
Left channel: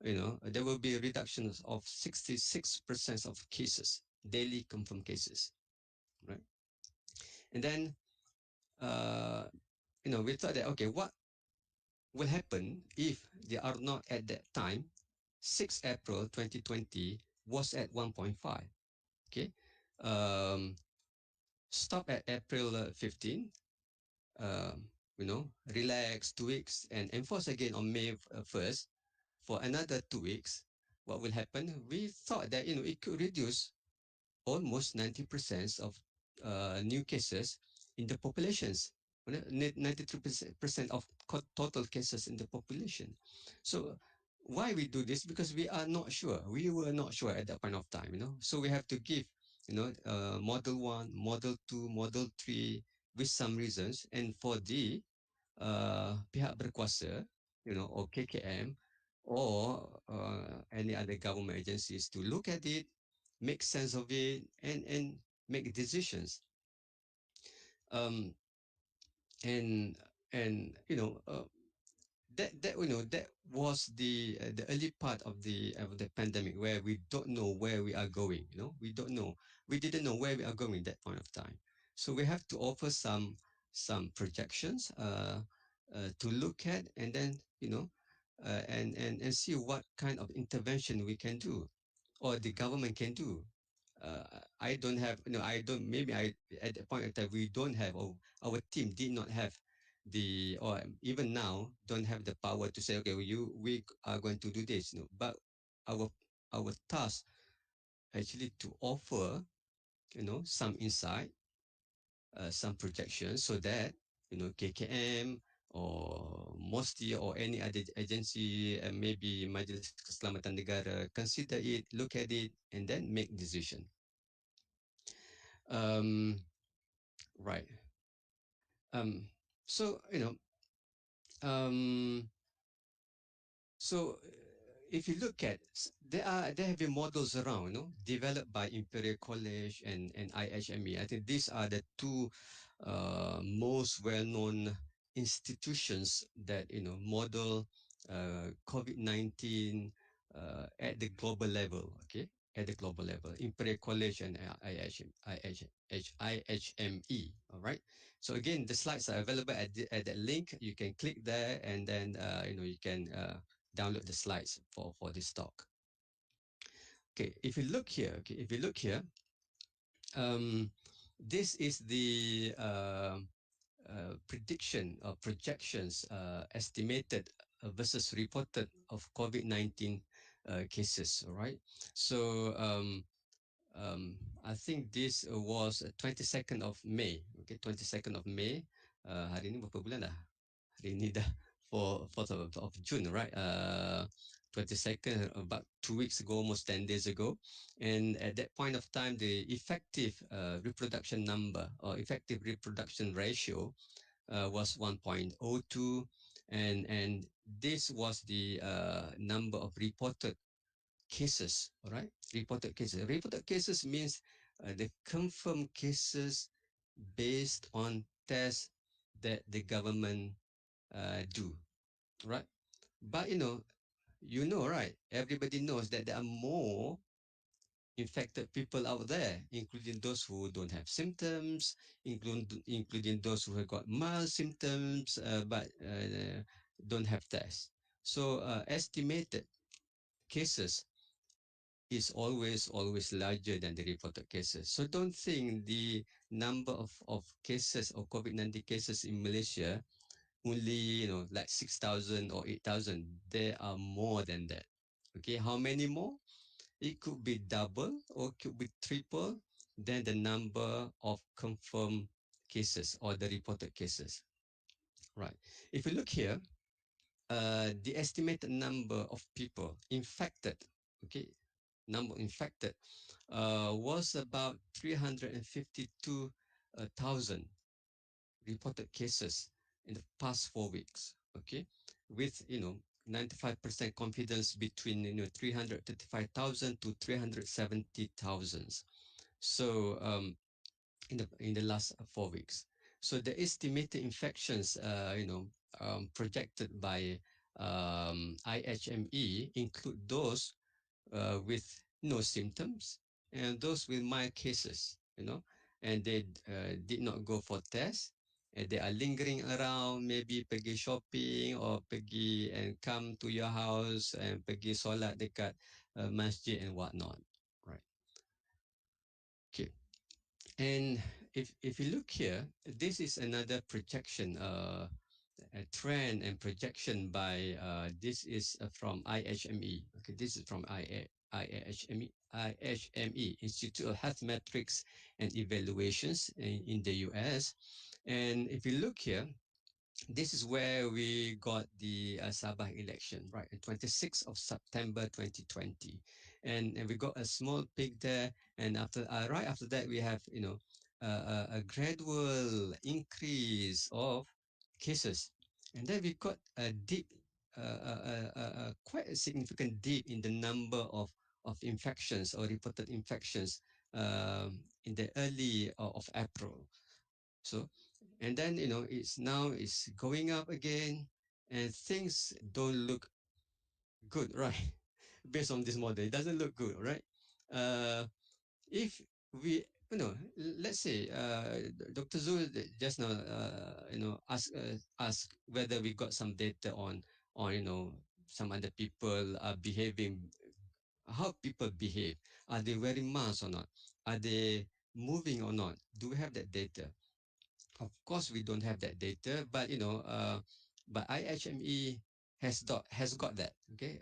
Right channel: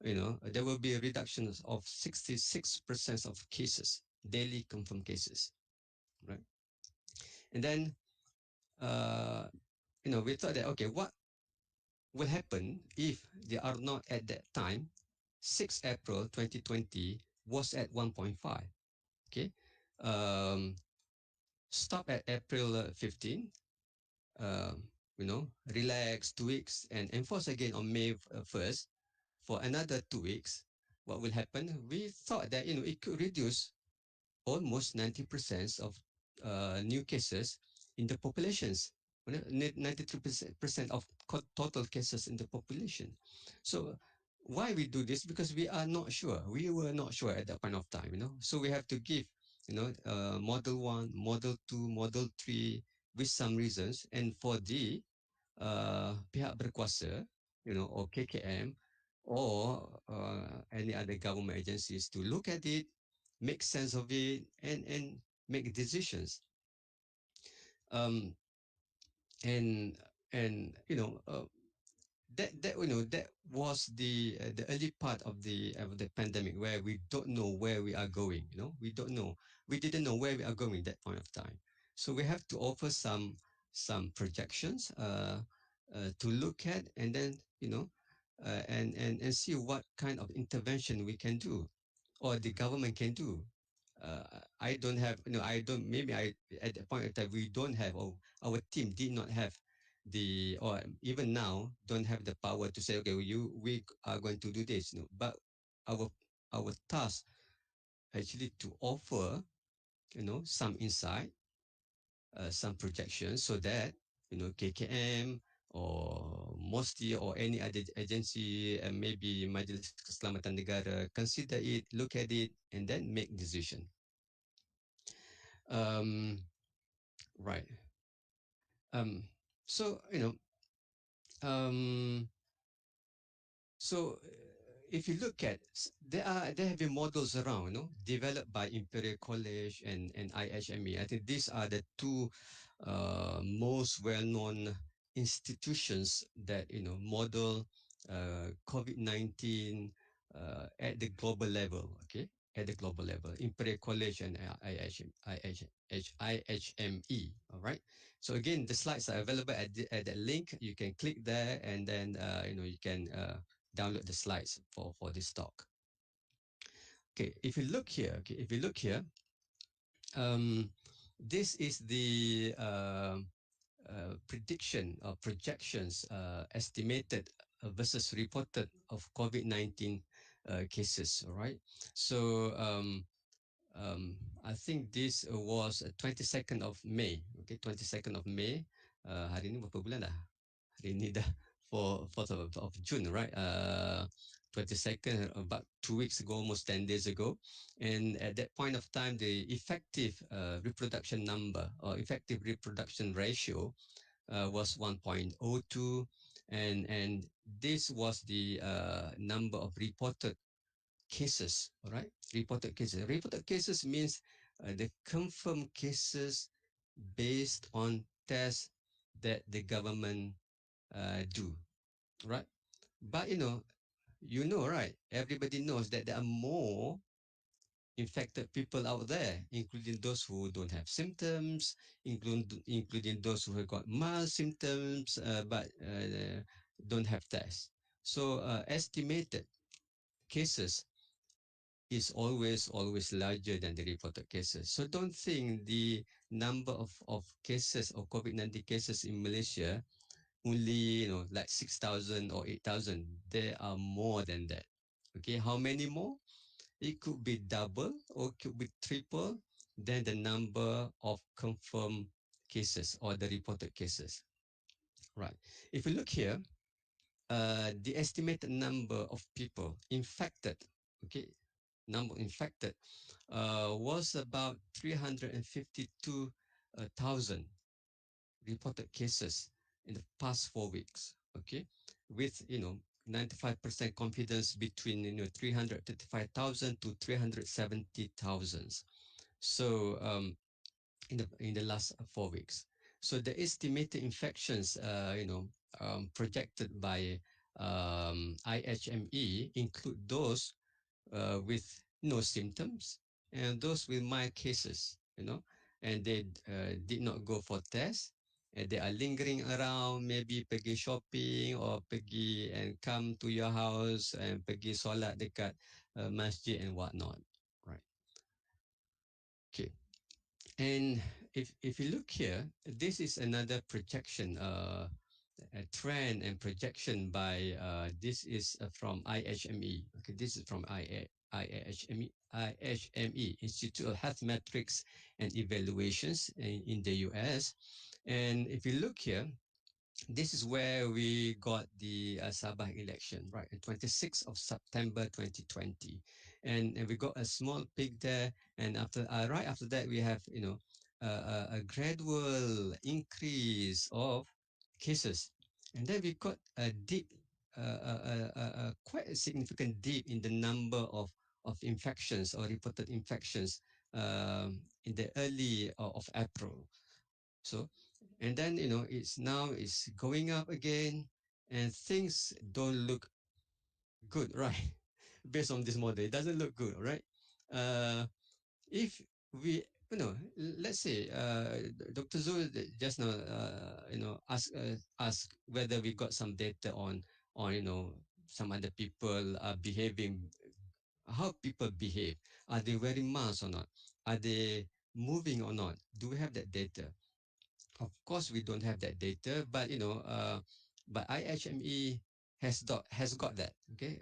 there will be reductions of 66% of cases, daily confirmed cases, right? And then we thought that, okay, what will happen if the R naught at that time, 6 April 2020, was at 1.5? Okay. um, Stop at April 15, relax 2 weeks, and enforce again on May 1st for another 2 weeks. What will happen? We thought that it could reduce almost 90% of new cases in the populations. 93% of total cases in the population. So why we do this? Because we are not sure. We were not sure at that point of time. So we have to give model 1, model 2, model 3 with some reasons, and for the pihak berkuasa, or KKM, or any other government agencies to look at it, make sense of it, and make decisions. Um, and that was the early part of the pandemic, where we don't know where we are going. We didn't know where we are going at that point of time. So we have to offer some projections to look at, and then and see what kind of intervention we can do, or the government can do. I don't have, I don't, maybe at that point of time, we don't have, or our team did not have or even now don't have the power to say, okay, we are going to do this, but our task actually to offer, some insight, some projections, so that, KKM or MOSTI or any other agency, and maybe Majlis Keselamatan Negara, consider it, look at it, and then make decision. Right. So um, so if you look at, there have been models around, developed by Imperial College and IHME. I think these are the two most well-known institutions that model COVID-19 at the global level. Okay, at the global level, Imperial College and IHME. All right. So again, the slides are available at that link. You can click there, and then you can download the slides for this talk. Okay, if you look here, this is the prediction or projections estimated versus reported of COVID-19 cases. All right. So I think this was 22nd of May. Okay, 22nd of May. Hari ini berapa bulan dah? Hari ini dah 4th of June, right? 22nd, about 2 weeks ago, almost 10 days ago. And at that point of time, the effective reproduction number, or effective reproduction ratio, was 1.02, and this was the number of reported cases. All right, reported cases. Reported cases means the confirmed cases based on tests that the government do, right? But you know, right? Everybody knows that there are more infected people out there, including those who don't have symptoms, including those who have got mild symptoms but don't have tests. So estimated cases is always larger than the reported cases. So don't think the number of cases of COVID-19 cases in Malaysia only like 6,000 or 8,000. There are more than that. Okay, how many more? It could be double or it could be triple than the number of confirmed cases or the reported cases. Right. If you look here, the estimated number of people infected, okay, number infected was about 352,000 reported cases in the past 4 weeks. Okay, with 95% confidence between 335,000 to 370,000. So in the last 4 weeks. So the estimated infections, projected by IHME include those with no symptoms and those with mild cases, and they did not go for tests. And they are lingering around, maybe pergi shopping or pergi and come to your house and pergi solat dekat masjid and whatnot, right? Okay, and if you look here, this is another projection, a trend and projection by this is from IHME. Okay, this is from IHME, Institute of Health Metrics and Evaluations in the US. And if you look here, this is where we got the Sabah election, right? On 26th of September 2020. And we got a small peak there. And right after that, we have, a gradual increase of cases. And then we got a dip, quite a significant dip in the number of infections or reported infections in the early of April. So, and then it's going up again, and things don't look good, right? Based on this model, it doesn't look good, right? If we, let's say, Dr. Zul just now, ask whether we got some data on some other people are behaving, how people behave. Are they wearing masks or not? Are they moving or not? Do we have that data? Of course, we don't have that data, but but IHME has got that. Okay,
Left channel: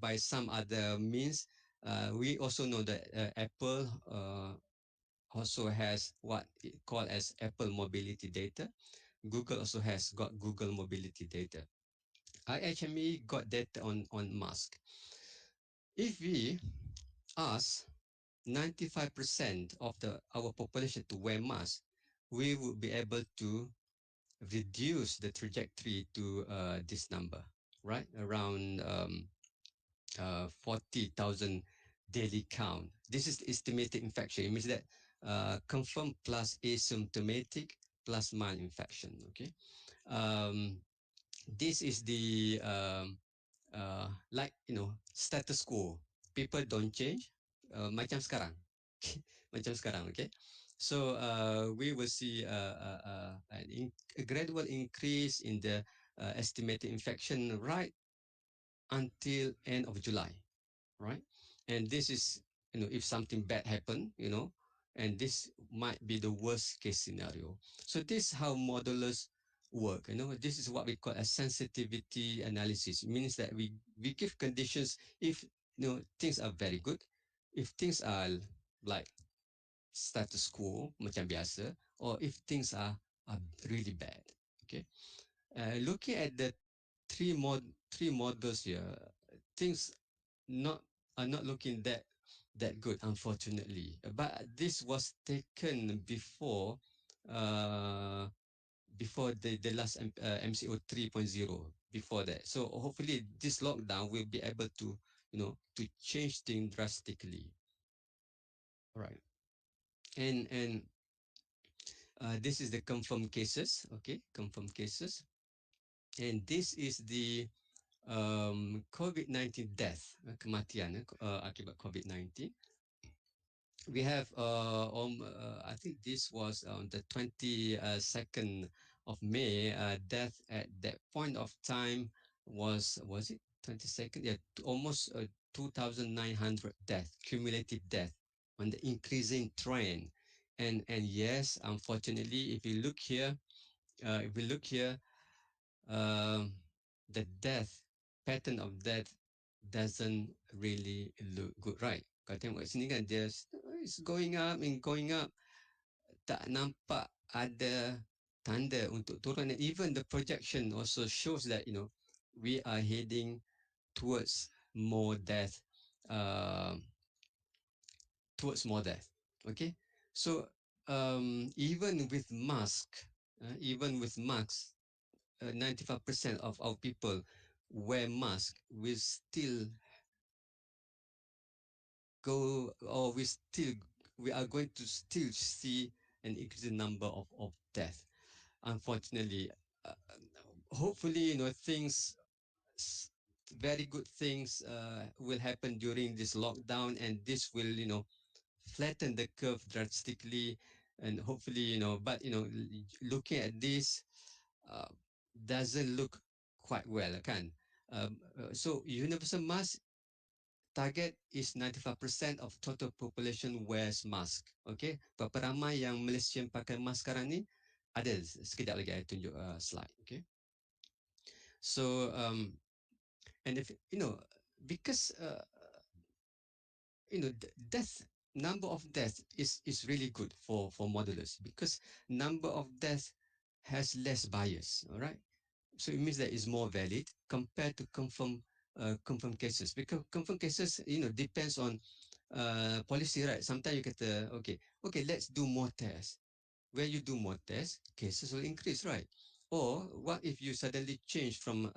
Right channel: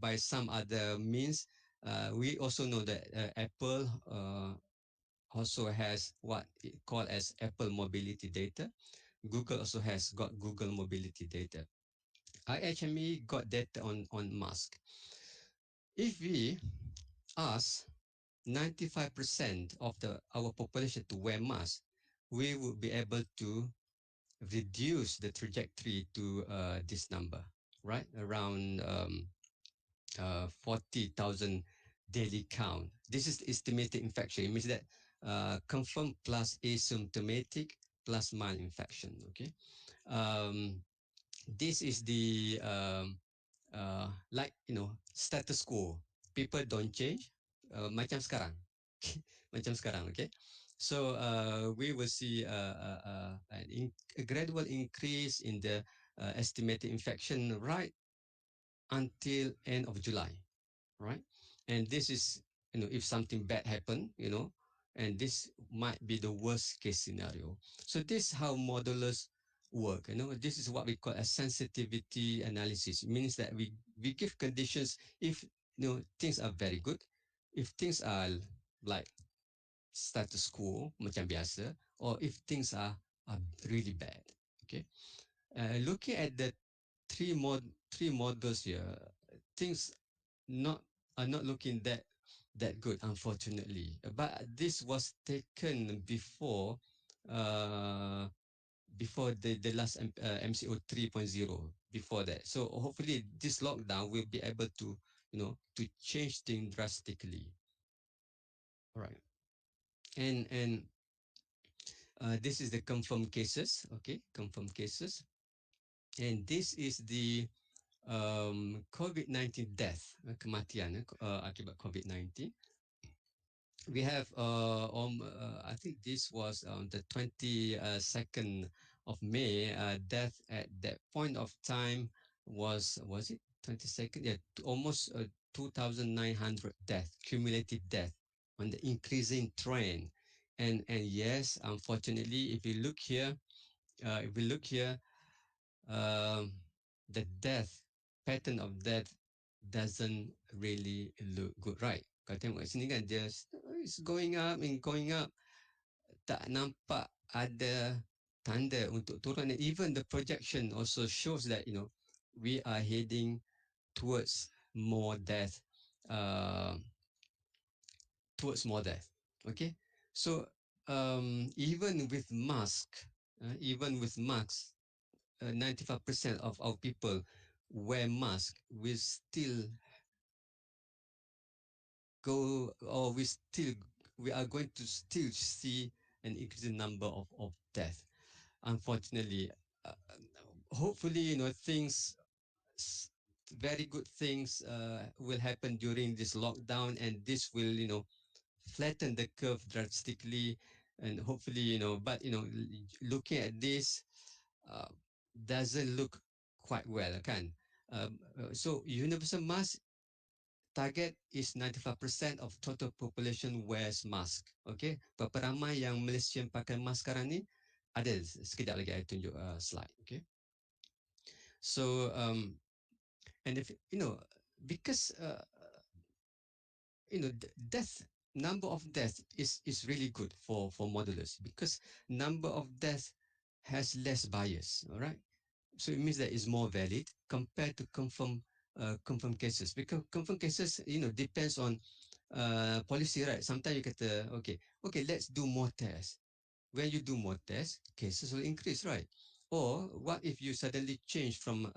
by some other means, we also know that Apple also has what it called as Apple mobility data. Google also has got Google mobility data. IHME got data on mask. If we ask 95% of our population to wear masks, we would be able to reduce the trajectory to this number, right? Around 40,000 daily count. This is the estimated infection. It means that confirmed plus asymptomatic plus mild infection. Okay. This is the like status quo. People don't change. Macam sekarang, macam sekarang. Okay. So we will see a gradual increase in the estimated infection right until end of July, right? And this is, if something bad happen, and this might be the worst case scenario. So this is how modelers work. This is what we call a sensitivity analysis. It means that we give conditions if things are very good, if things are like status quo macam biasa, or if things are really bad. Okay, looking at the three models here, things not are not looking that good, unfortunately. But this was taken before the last MCO 3.0, before that. So hopefully this lockdown will be able to to change things drastically. All right. And this is the confirmed cases. Okay, confirmed cases. And this is the COVID-19 death, kematian akibat COVID-19. We have I think this was on the 22nd of May. Death at that point of time was it 22nd? Yeah, almost 2,900 death, cumulative death on the increasing trend. And yes, unfortunately, if we look here, um, the death pattern of death doesn't really look good, right? Kau tengok kat sini kan, dia it's going up and going up. Tak nampak ada tanda untuk turun. And even the projection also shows that, we are heading towards more death, uh, Okay, so even with masks, 95% of our people wear mask. We are going to still see an increasing number of death. Unfortunately, uh, hopefully, things, very good things will happen during this lockdown, and this will, flatten the curve drastically, and hopefully, but looking at this, uh, doesn't look quite well, kan? So universal mask target is 95% of total population wears mask. Okay, berapa ramai yang Malaysian pakai mask sekarang ni? Ada, sekejap lagi saya tunjuk slide. Okay, so and if because death number of death is really good for modelers, because number of death has less bias. All right, so it means that it's more valid compared to confirmed cases, because confirmed cases depends on policy, right? Sometimes you get okay, let's do more tests. When you do more tests, cases will increase, right? Or what if you suddenly change from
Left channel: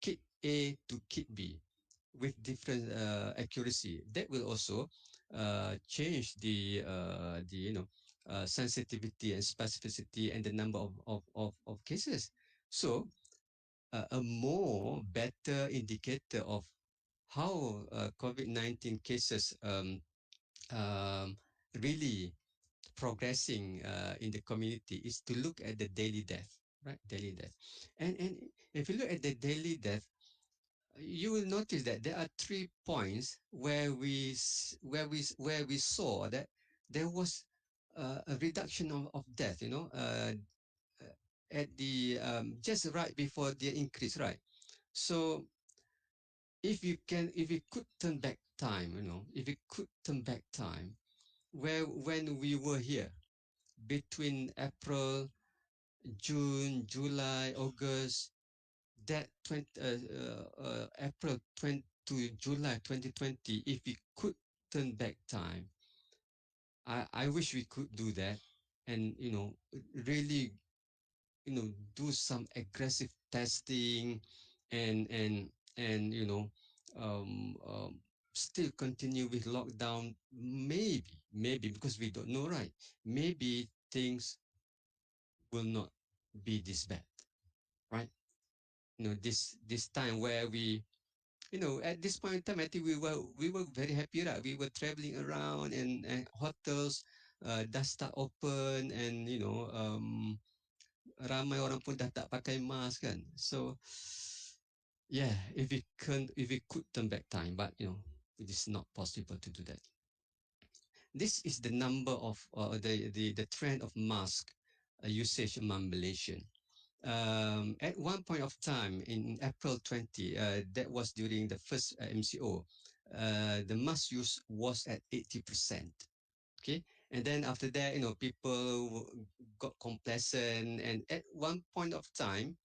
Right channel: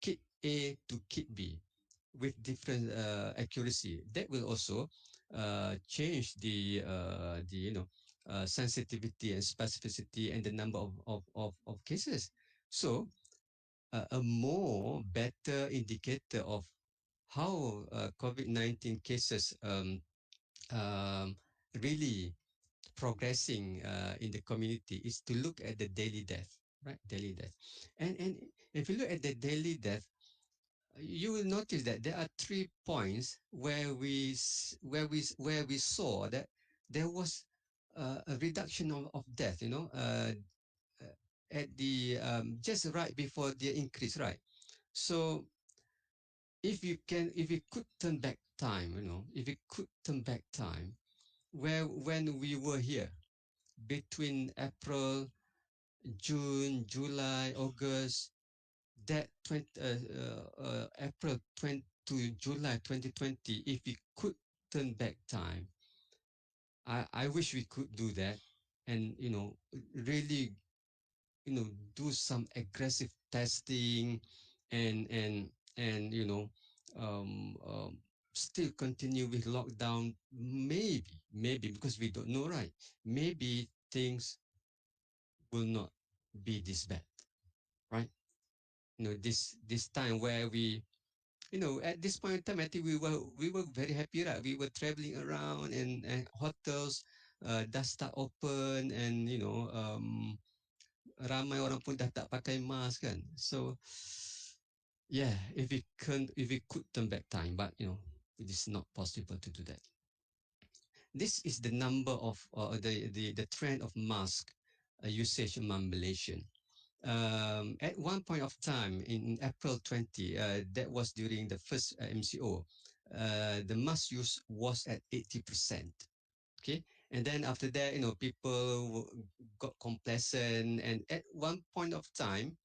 kit A to kit B with different accuracy? That will also change the sensitivity and specificity and the number of cases. So a more better indicator of how COVID-19 cases um, really progressing in the community is to look at the daily death, right? Daily death, and if you look at the daily death, you will notice that there are 3 points where we saw that there was a reduction of death. At the just right before the increase, right? So if we could turn back time, if we could turn back time, when we were here between April, June, July, August, that April 20 to July 2020, if we could turn back time, I wish we could do that, and really do some aggressive testing, and and and still continue with lockdown. Maybe because we don't know, right? Maybe things will not be this bad, right? This time where we at this point in time, I think we were very happy, right? We were traveling around, and hotels dah start open, and ramai orang pun dah tak pakai mask, kan? So yeah, if we could turn back time, but it is not possible to do that. This is the number of the trend of mask usage among Malaysian. At one point of time in April 20, that was during the first MCO, the mask use was at 80%. Okay, and then after that, people got complacent, and at one point of time,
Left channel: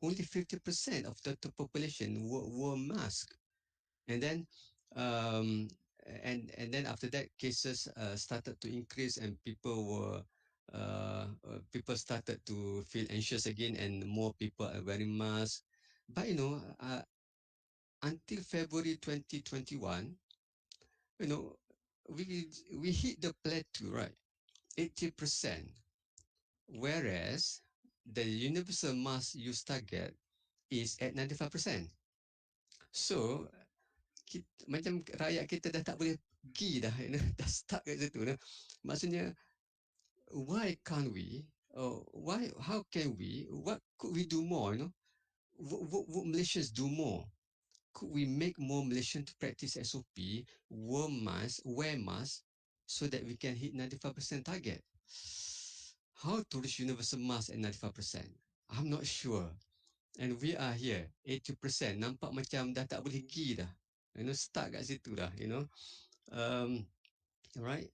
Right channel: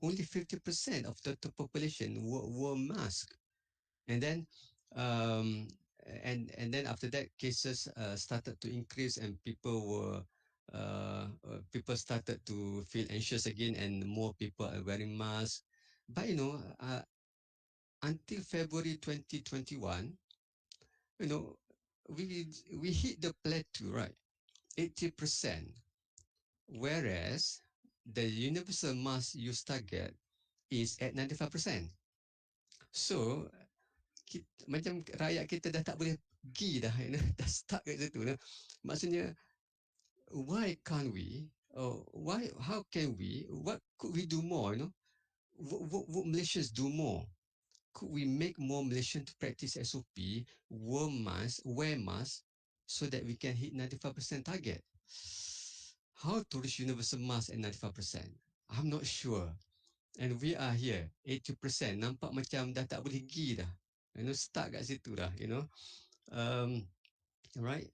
only 50% of the population wore mask, and then um, and then after that, cases started to increase, and people started to feel anxious again, and more people are wearing masks. But until February 2021, you know, we hit the plateau, right? 80%, whereas the universal mass use target is at 95%. So macam rakyat kita dah tak boleh pergi dah, dah stuck kat situ. Maksudnya, why can't we? How can we? What could we do more? Would Malaysians do more? Could we make more Malaysians to practice SOP, wear masks, so that we can hit 95% target? How to reach universal mask at 95%? I'm not sure. And we are here, 80%. Nampak macam dah tak boleh pergi dah. Stuck kat situ dah, right?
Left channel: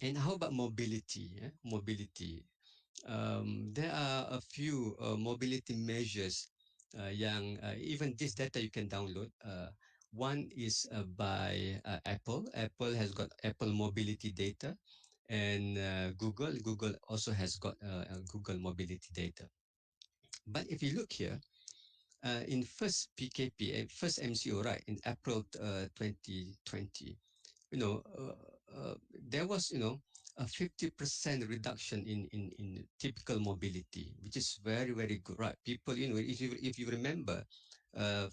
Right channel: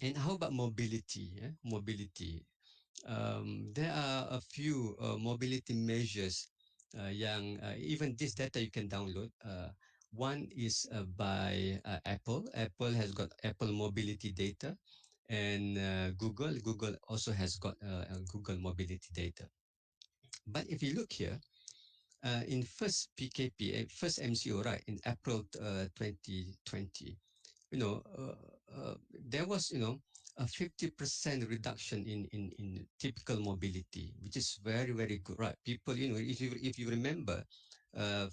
And how about mobility? Mobility. There are a few mobility measures yang even this data you can download. One is by Apple. Apple has got Apple mobility data, and Google also has got Google mobility data. But if you look here, in first PKP, first MCO, right, in April 2020, there was, a 50% reduction in typical mobility, which is very, very good, right? People, if you remember,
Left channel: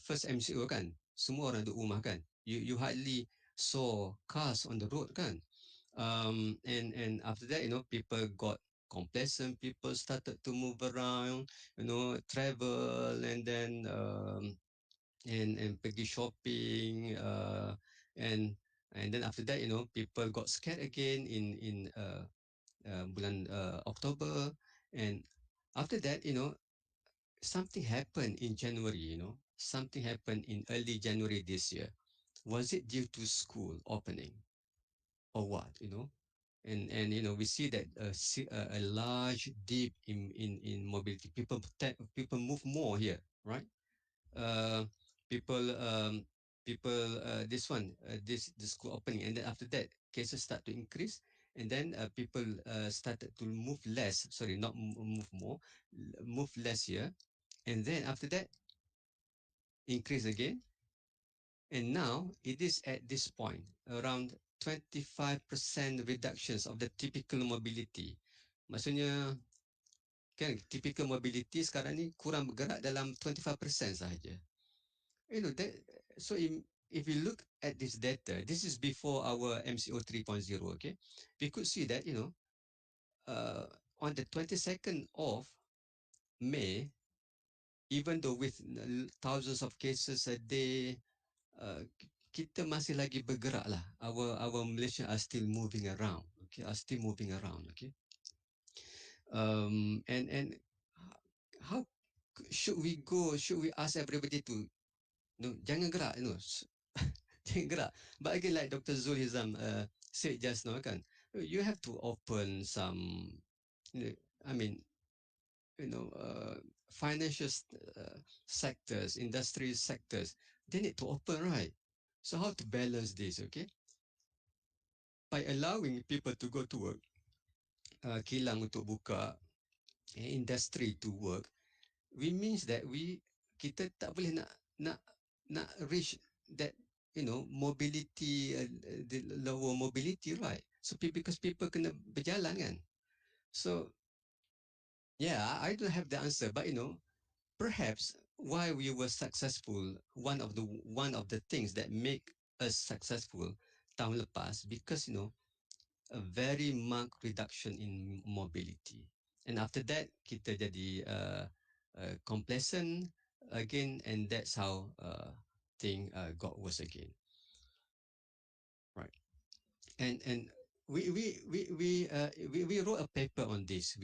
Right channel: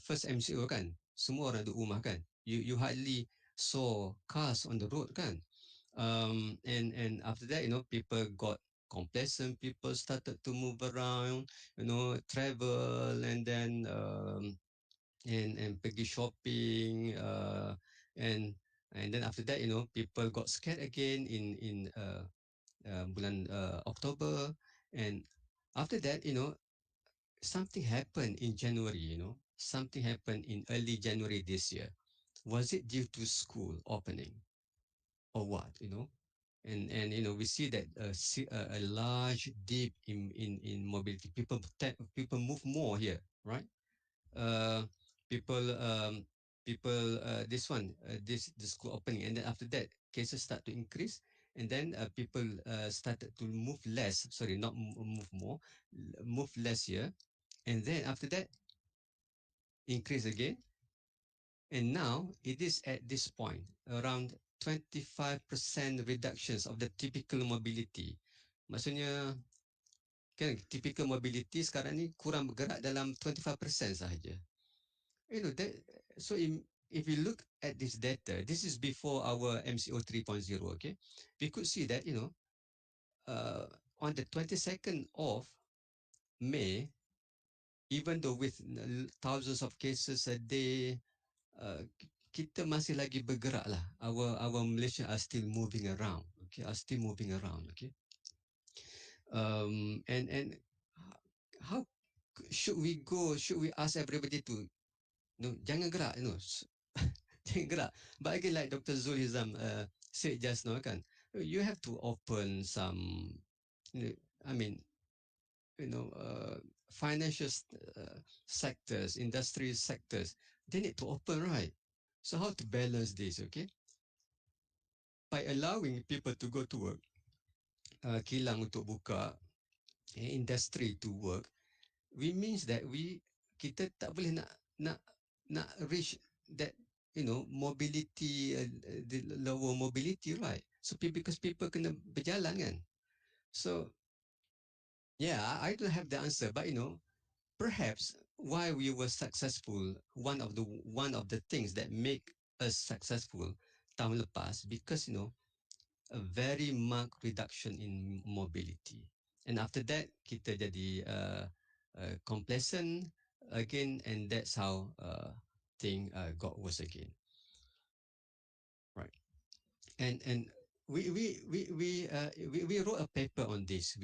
first MCO kan, semua orang duduk rumah kan, you hardly saw cars on the road kan. And after that, people got complacent, people started to move around, travel, and then and pergi shopping, and then after that, people got scared again in bulan October, and after that, something happened in January. Something happened in early January this year. Was it due to school opening or what? And we see that a large dip in mobility. People move more here, right? Uh, people people this one this the school opening, and then after that cases start to increase, and then people started to move less. Sorry, not move more, move less here, and then after that increase again, and now it is at this point around 25% reductions of the typical mobility. Maksudnya kan typical mobility sekarang ni kurang bergerak dalam 25% sahaja. That, so if you look at this data, this is before our MCO 3.0, okay? We could see that, on the 22nd of May, even though with thousands of cases a day, kita masih lagi bergerak lah. Our Malaysia are still moving around, okay? Okay? And how should we go? Should we ask everybody to, jangan gerak, jangan gerak. But again, like Dr. Zul Hizam said just now, kan, you have to open some, I mean, financial sectors, industry sectors, they need to open, right? So how to balance this, okay? By allowing people to go to work, kilang untuk buka, industry to work, we means that kita tak boleh nak reach that, mobility, the lower mobility, right? So because people kena berjalan kan. So yeah, I don't have the answer, but perhaps why we were successful, one of the things that make us successful tahun lepas, because a very marked reduction in mobility, and after that kita jadi complacent again, and that's how thing got worse again, right? And we wrote a paper on this.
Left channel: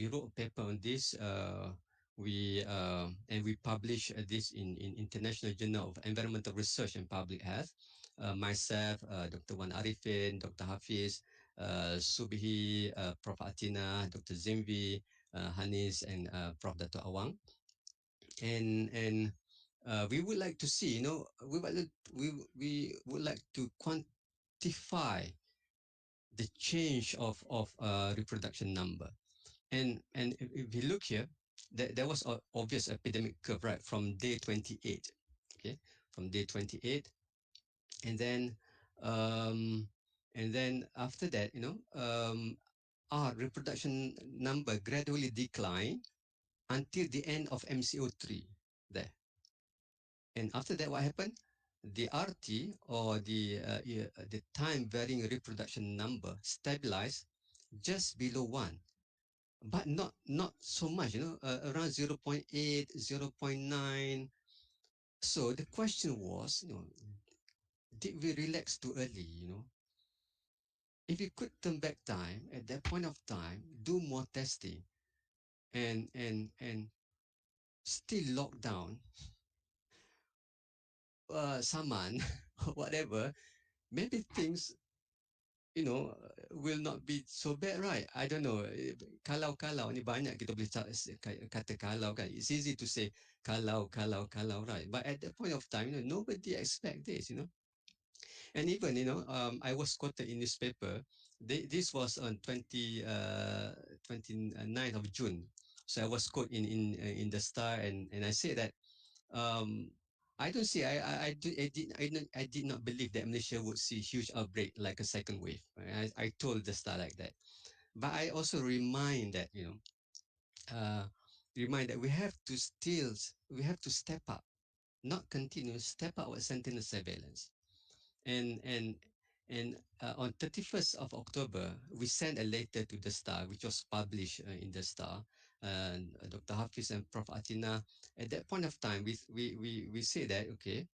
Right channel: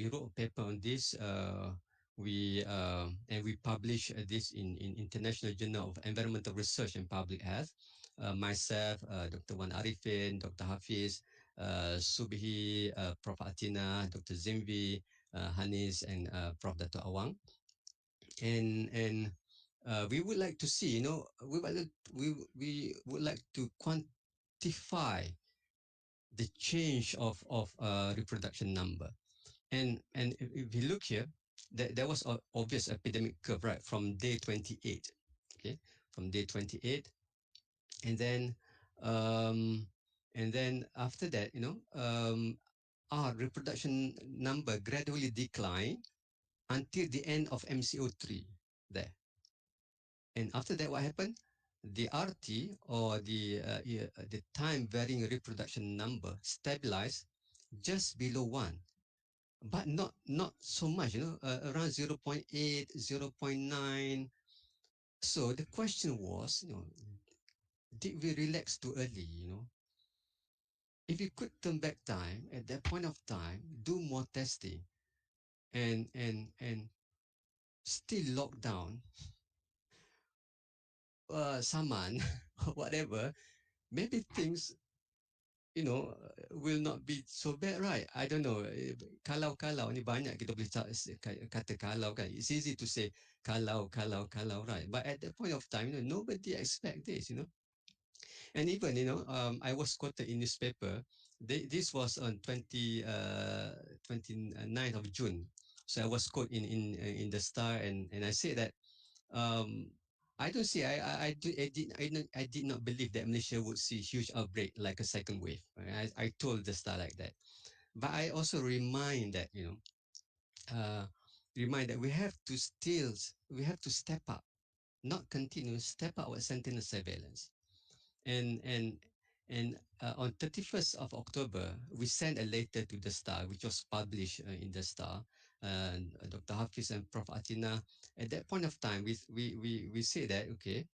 And we published this in International Journal of Environmental Research and Public Health. Myself, Dr. Wan Arifin, Dr. Hafiz, Subhi, Prof. Atina, Dr. Zimvi, Hanis, and Prof. Dr. Awang. And we would like to see, we would like to quantify the change of reproduction number. And if you look here, there was an obvious epidemic curve, right, from day 28, okay, from day 28, and then after that, our reproduction number gradually declined until the end of MCO3 there. And after that, what happened? The RT, or the time varying reproduction number, stabilized just below 1, but not so much, around 0.8, 0.9. So the question was, did we relax too early? If you could turn back time at that point of time, do more testing, and still lock down Saman or whatever, maybe things will not be so bad, right? I don't know. Kalau ni banyak kita boleh kata kalau kan. It's easy to say kalau, right? But at that point of time, nobody expect this. And even, I was quoted in newspaper. This was on 29th of June. So I was quoted in the Star, and I said that um, I don't see. I did not believe that Malaysia would see huge outbreak like a second wave. I told the Star like that, but I also remind that we have to step up, not continue, step up with sentinel surveillance. And on 31st of October, we sent a letter to the Star, which was published in the Star. Dr. Hafiz and Prof. Atina, at that point of time, we say that, okay,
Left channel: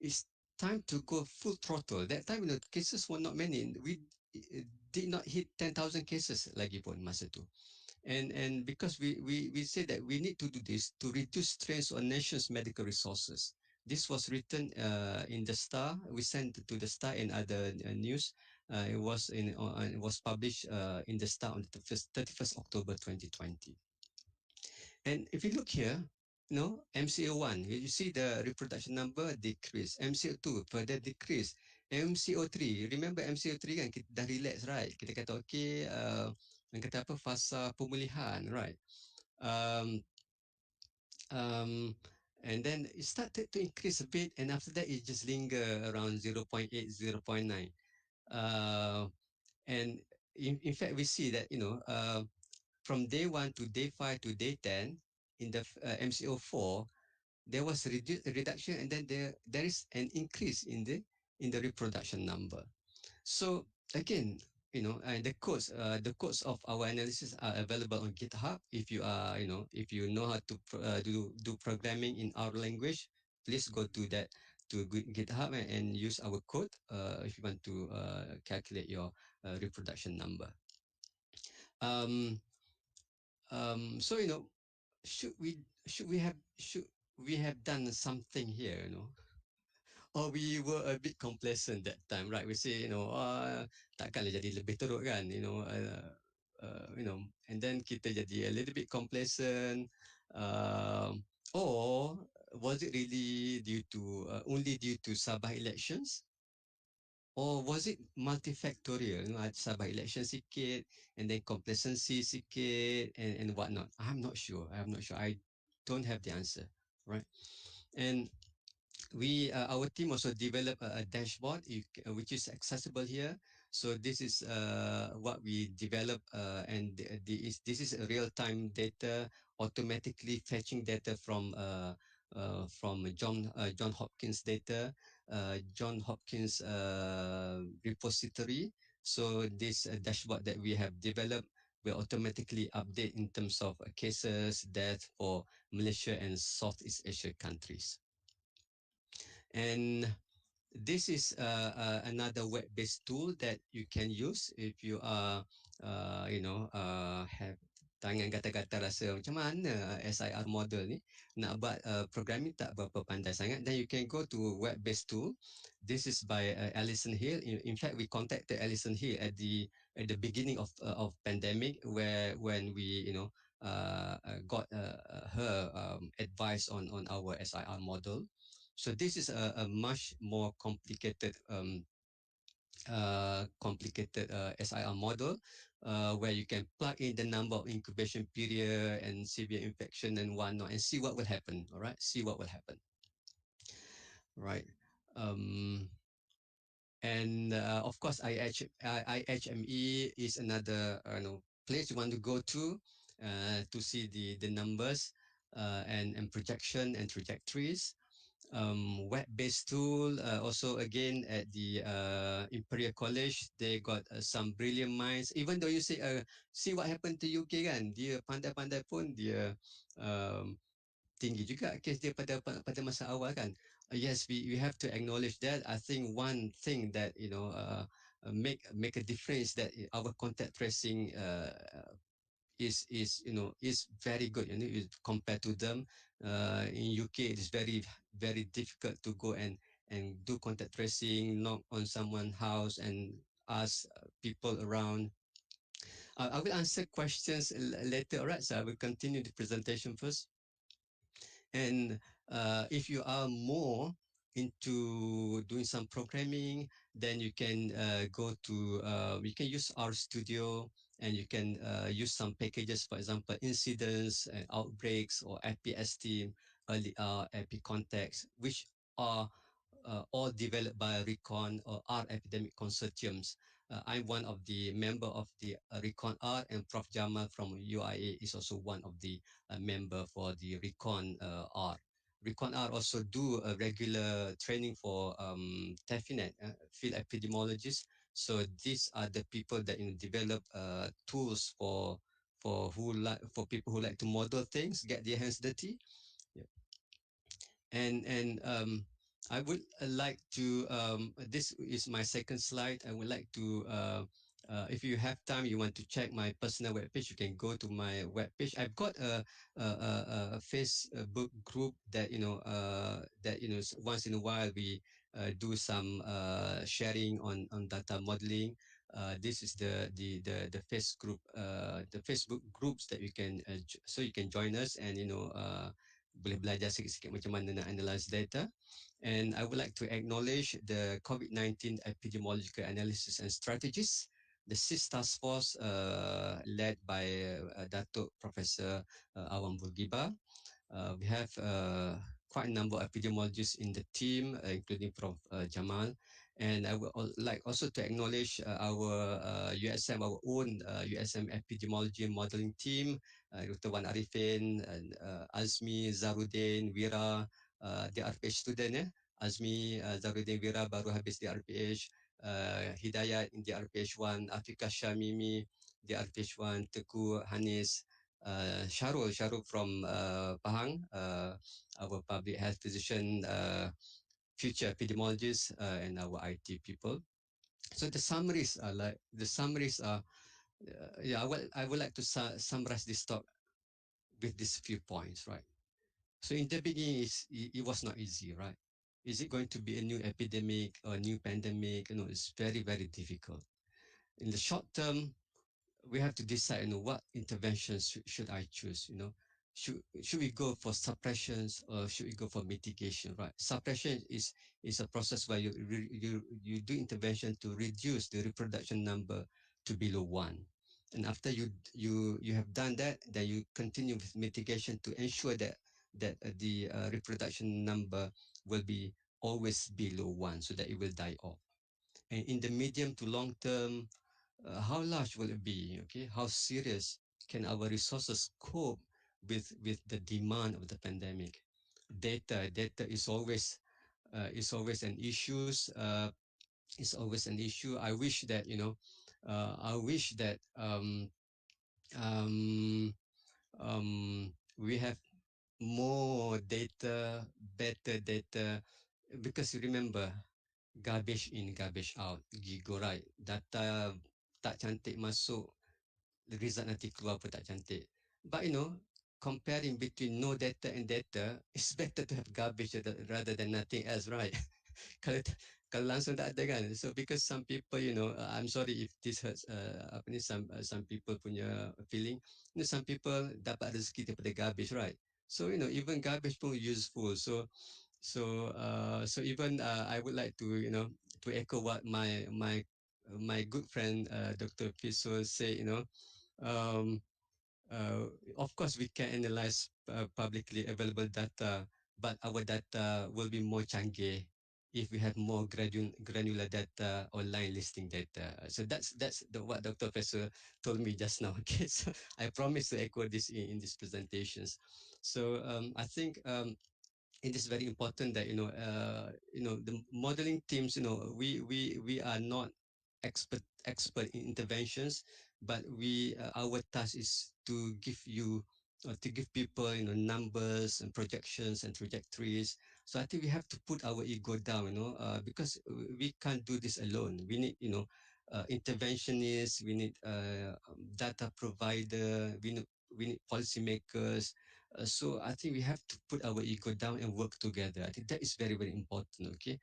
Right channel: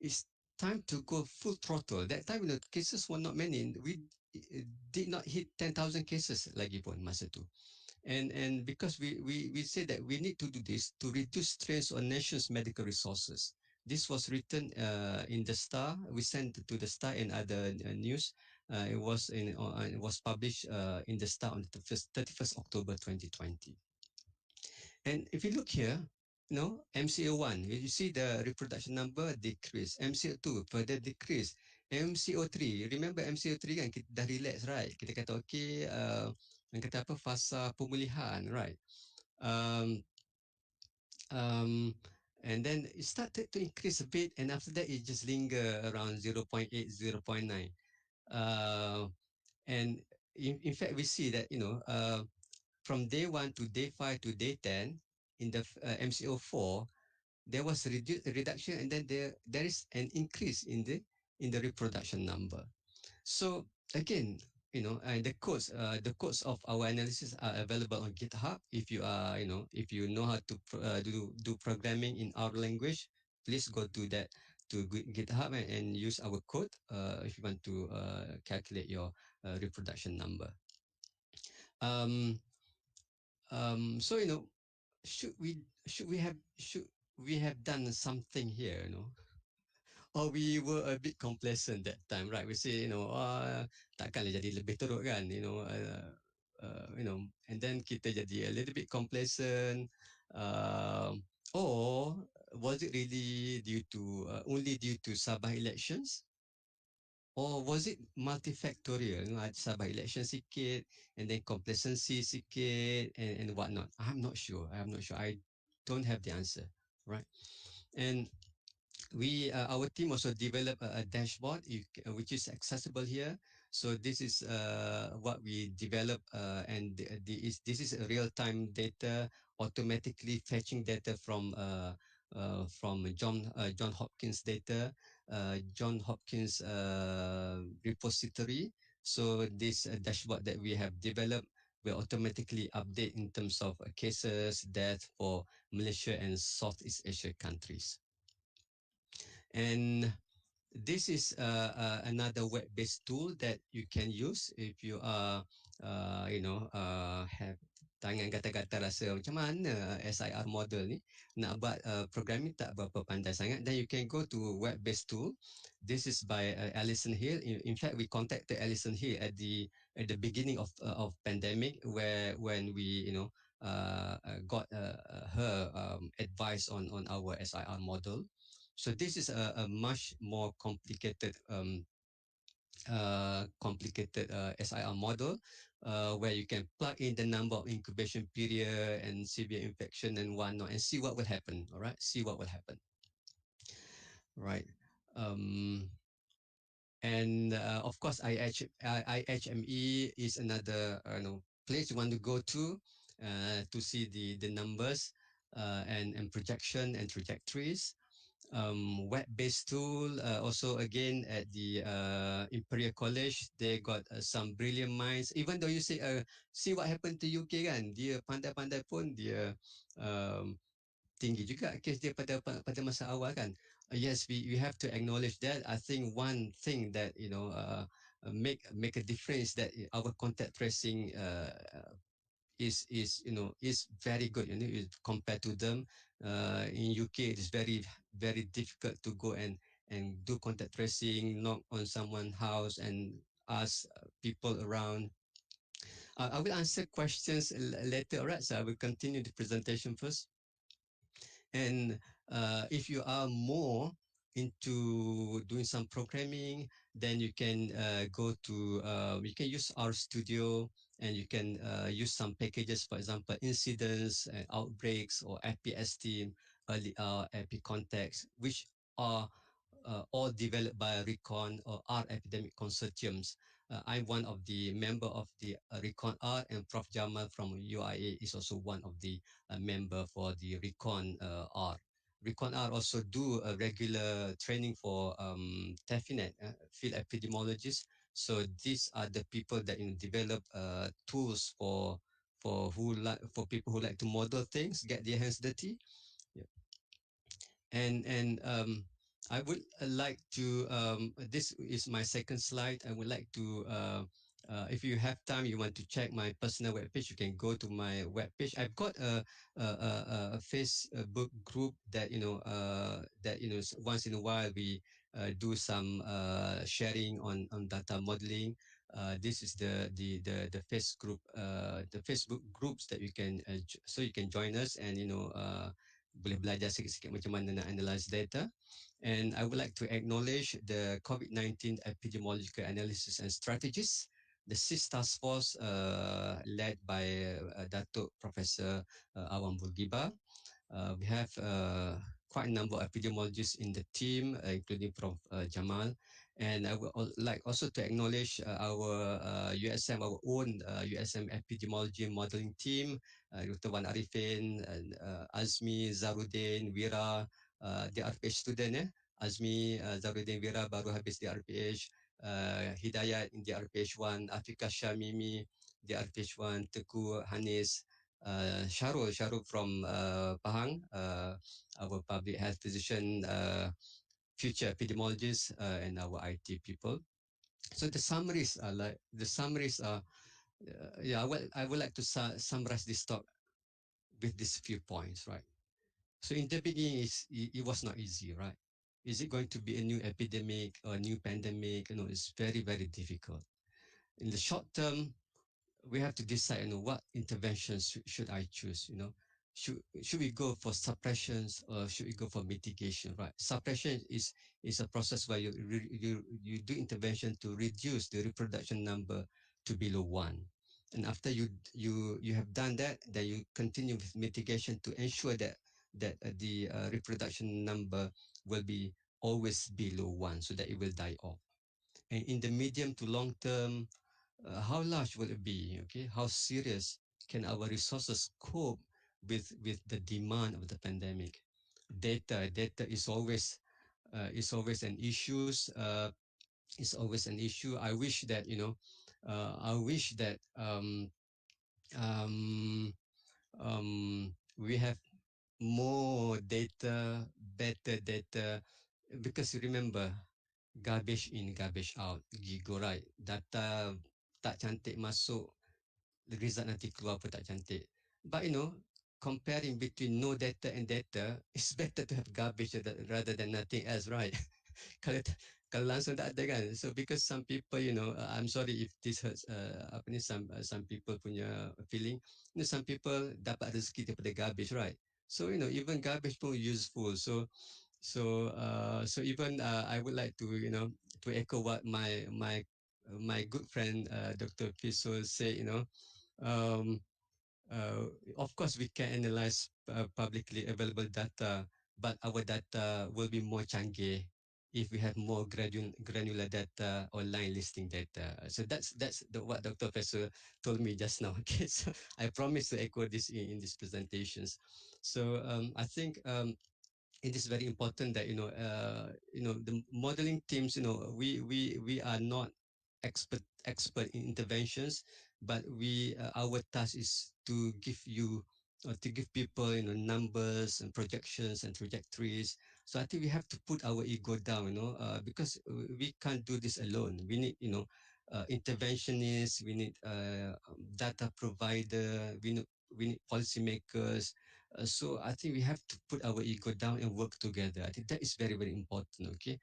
it's time to go full throttle. That time, cases were not many. We did not hit 10,000 cases lagi pun masa tu. And because we say that we need to do this to reduce strains on nation's medical resources. This was written in the Star. We sent to the Star and other news. It was published in the Star on the 31st October 2020. And if you look here, MCO1, you see the reproduction number decrease. MCO2 further decrease. MCO3, remember MCO3 kan kita dah relax, right? Kita kata okay, yang kata apa, fasa pemulihan, right? And then it started to increase a bit, and after that it just linger around 0.8, 0.9. And in fact, we see that, from day 1 to day 5 to day 10, in the MCO4, there was a reduction, and then there is an increase in the reproduction number. So again, the codes of our analysis are available on GitHub. If you know how to do programming in our language, please go to GitHub and use our code if you want to calculate your reproduction number. So should we have done something here, or we were a bit complacent that time, right? We say, takkanlah jadi lebih teruk kan, and then kita jadi a little bit complacent, or was it really only due to Sabah elections? Or was it multifactorial? Sabah election sikit, and then complacency sikit, and whatnot. I'm not sure. I don't have the answer, right? And our team also developed a dashboard which is accessible here. So this is what we developed, and this is real-time data, automatically fetching data from John Hopkins data, John Hopkins repository. So this dashboard that we have developed will automatically update in terms of cases, death for Malaysia and Southeast Asia countries. And this is another web-based tool that you can use if you are, have tangan kata-kata rasa macam mana SIR model ni nak buat programming tak berapa pandai sangat, then you can go to web-based tool. This is by Alison Hill. In fact, we contacted Alison Hill at the beginning of pandemic, when we got her advice on our SIR model. So this is a much more complicated SIR model, where you can plug in the number of incubation period and severe infection and whatnot, and see what will happen. All right, see what will happen. Right. And of course, IHME is another place you want to go to. to see the numbers and projection and trajectories. Web-based tool also again at the Imperial College, they got some brilliant minds. Even though you say see what happened to UK kan, dia pandai-pandai pun dia um, tinggi juga kes dia pada masa awal kan. Yes, we have to acknowledge that. I think one thing that make a difference that our contact tracing is very good, compared to them. In UK it is very difficult to go and do contact tracing, knock on someone's house and ask people around. I will answer questions later, alright? So I will continue the presentation first. And if you are more into doing some programming, then you can go to, you can use our studio, and you can use some packages, for example, incidents and outbreaks, or FPS team, early epic contacts, which are all developed by Recon or R Epidemic Consortiums. I'm one of the member of the Recon R, and Prof. Jamal from UIA is also one of the member for the Recon R. Recon R also do a regular training for TEFINET, field epidemiologists. So these are the people that develop tools for people who like to model things, get their hands dirty. Yeah. And I would like to this is my second slide. I would like to if you have time, you want to check my personal webpage, you can go to my webpage. I've got a Facebook group that once in a while we do some sharing on data modeling. This is the the Facebook groups that you can so you can join us, and boleh belajar sikit-sikit macam mana nak analyze data. And I would like to acknowledge the COVID-19 epidemiological analysis and strategies, the SIS task force led by Datuk Professor Awang Burgiba. We have quite a number of epidemiologists in the team, including Prof. Jamal. And I would like also to acknowledge our USM, our own USM epidemiology modeling team, Dr. Wan Arifin, and Azmi, Zarudin, Wira, the RPH student. Azmi, Zarudin, Wira baru habis di RPH. Hidayat in the RPH 1, Afika Shamimi, the RPH 1, Teku Hanis, Sharul from Pahang, our public health physician, future epidemiologists, and our IT people. So the summaries are I would like to summarize this talk with these few points, right? So in the beginning, it was not easy, right? Is it going to be a new epidemic or a new pandemic? It's very, very difficult. In the short term, we have to decide, what interventions should I choose, should we go for suppressions or should we go for mitigation, right? Suppression is a process where you do intervention to reduce the reproduction number to below 1. And after you have done that, then you continue with mitigation to ensure that the reproduction number will be always below 1, so that it will die off. And in the medium to long term, how large will it be? Okay, how serious can our resources cope with the demand of the pandemic? Data is always an issue. Is always an issue. I wish that um, we have more data, better data, because remember, garbage in, garbage out. Gigo, right? Data tak cantik masuk, result nanti keluar pun tak cantik. But comparing between no data and data, it's better to have garbage rather than nothing else, right? kalau kalau langsung tak ada kan. So because some people, I'm sorry if this hurts some people punya feeling. Some people dapat rezeki daripada garbage, right? So even garbage pun useful. So even I would like to to echo what my good friend Dr. Piso said. Um, of course, we can analyze publicly available data, but our data will be more canggih. if we have more granular data or line listing data. So that's what Dr. Professor told me just now. Okay, so I promise to echo this in these presentations. So I think it is very important that the modeling teams, we are not expert in interventions, but we our task is to give you to give people numbers and projections and trajectories. So I think we have to put our ego down, because we can't do this alone. We need interventionists, we need data provider, we need policymakers. So I think we have to put our ego down and work together. I think that is very, very important. Okay,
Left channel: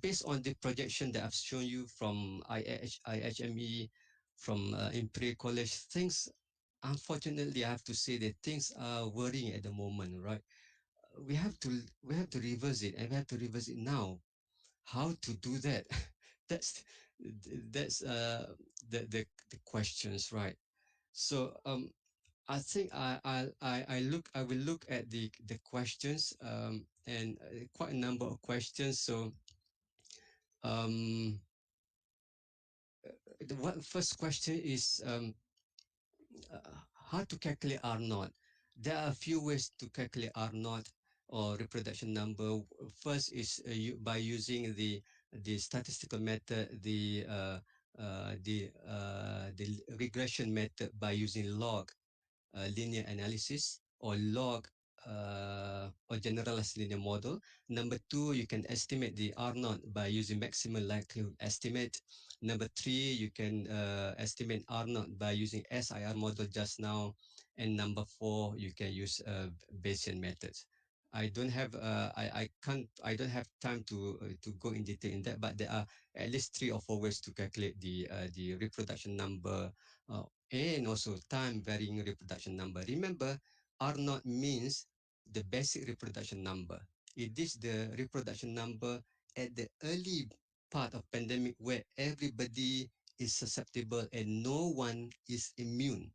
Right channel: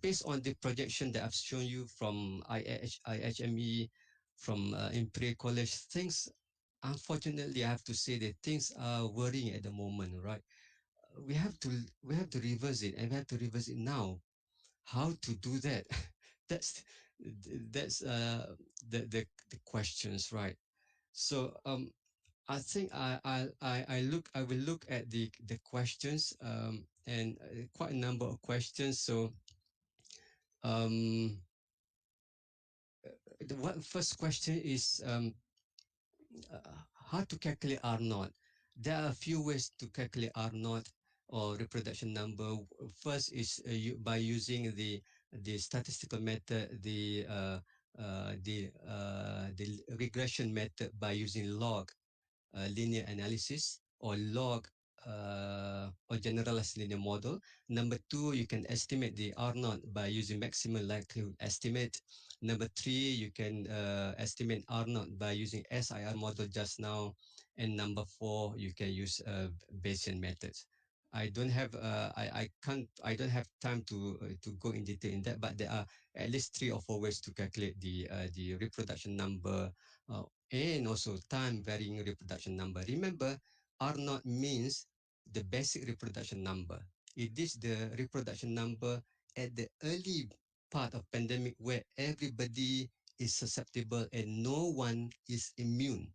based on the projection that I've shown you from IHME, from Imperial College, things, unfortunately, I have to say that things are worrying at the moment, right? We have to we have to reverse it, and we have to reverse it now. How to do that? that's that's the questions, right? So I think I will look at the questions, and quite a number of questions. So um, the first question is how to calculate R naught. There are a few ways to calculate R naught or reproduction number. First is by using the statistical method, the regression method by using log linear analysis or log or generalized linear model. Number two, you can estimate the R naught by using maximum likelihood estimate. Number three, you can estimate R naught by using SIR model just now. And number four, you can use Bayesian methods. I don't have time to go in detail in that, but there are at least 3 or 4 ways to calculate the reproduction number uh, and also time varying reproduction number. Remember, R naught means the basic reproduction number. It is the reproduction number at the early part of pandemic where everybody is susceptible and no one is immune.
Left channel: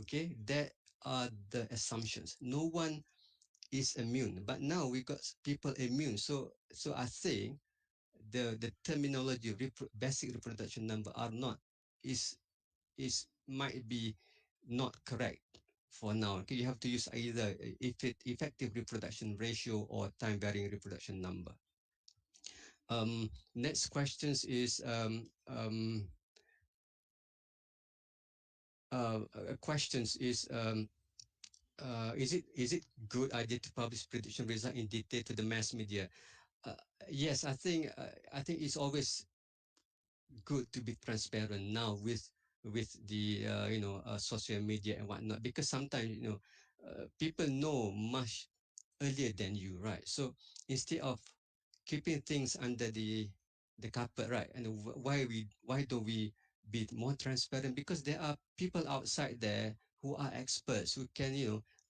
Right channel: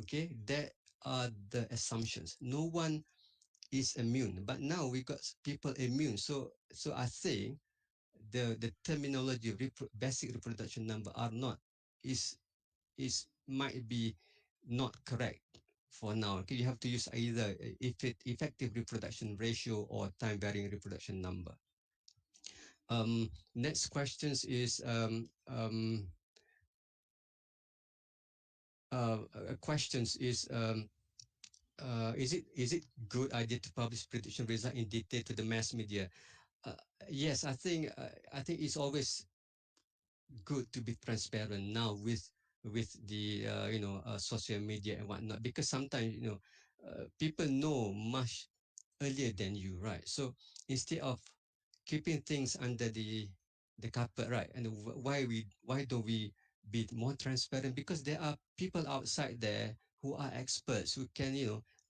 Okay, that are the assumptions. No one is immune, but now we got people immune. So I think the terminology basic reproduction number R naught is might be not correct for now. Okay, you have to use either effective reproduction ratio or time varying reproduction number. Next questions is questions is it good idea to publish prediction result in detail to the mass media? Uh, yes, I think it's always good to be transparent now with the social media and whatnot, because sometimes people know much earlier than you, right? So instead of keeping things under the carpet, right? And why don't we be more transparent? Because there are people outside there who are experts who can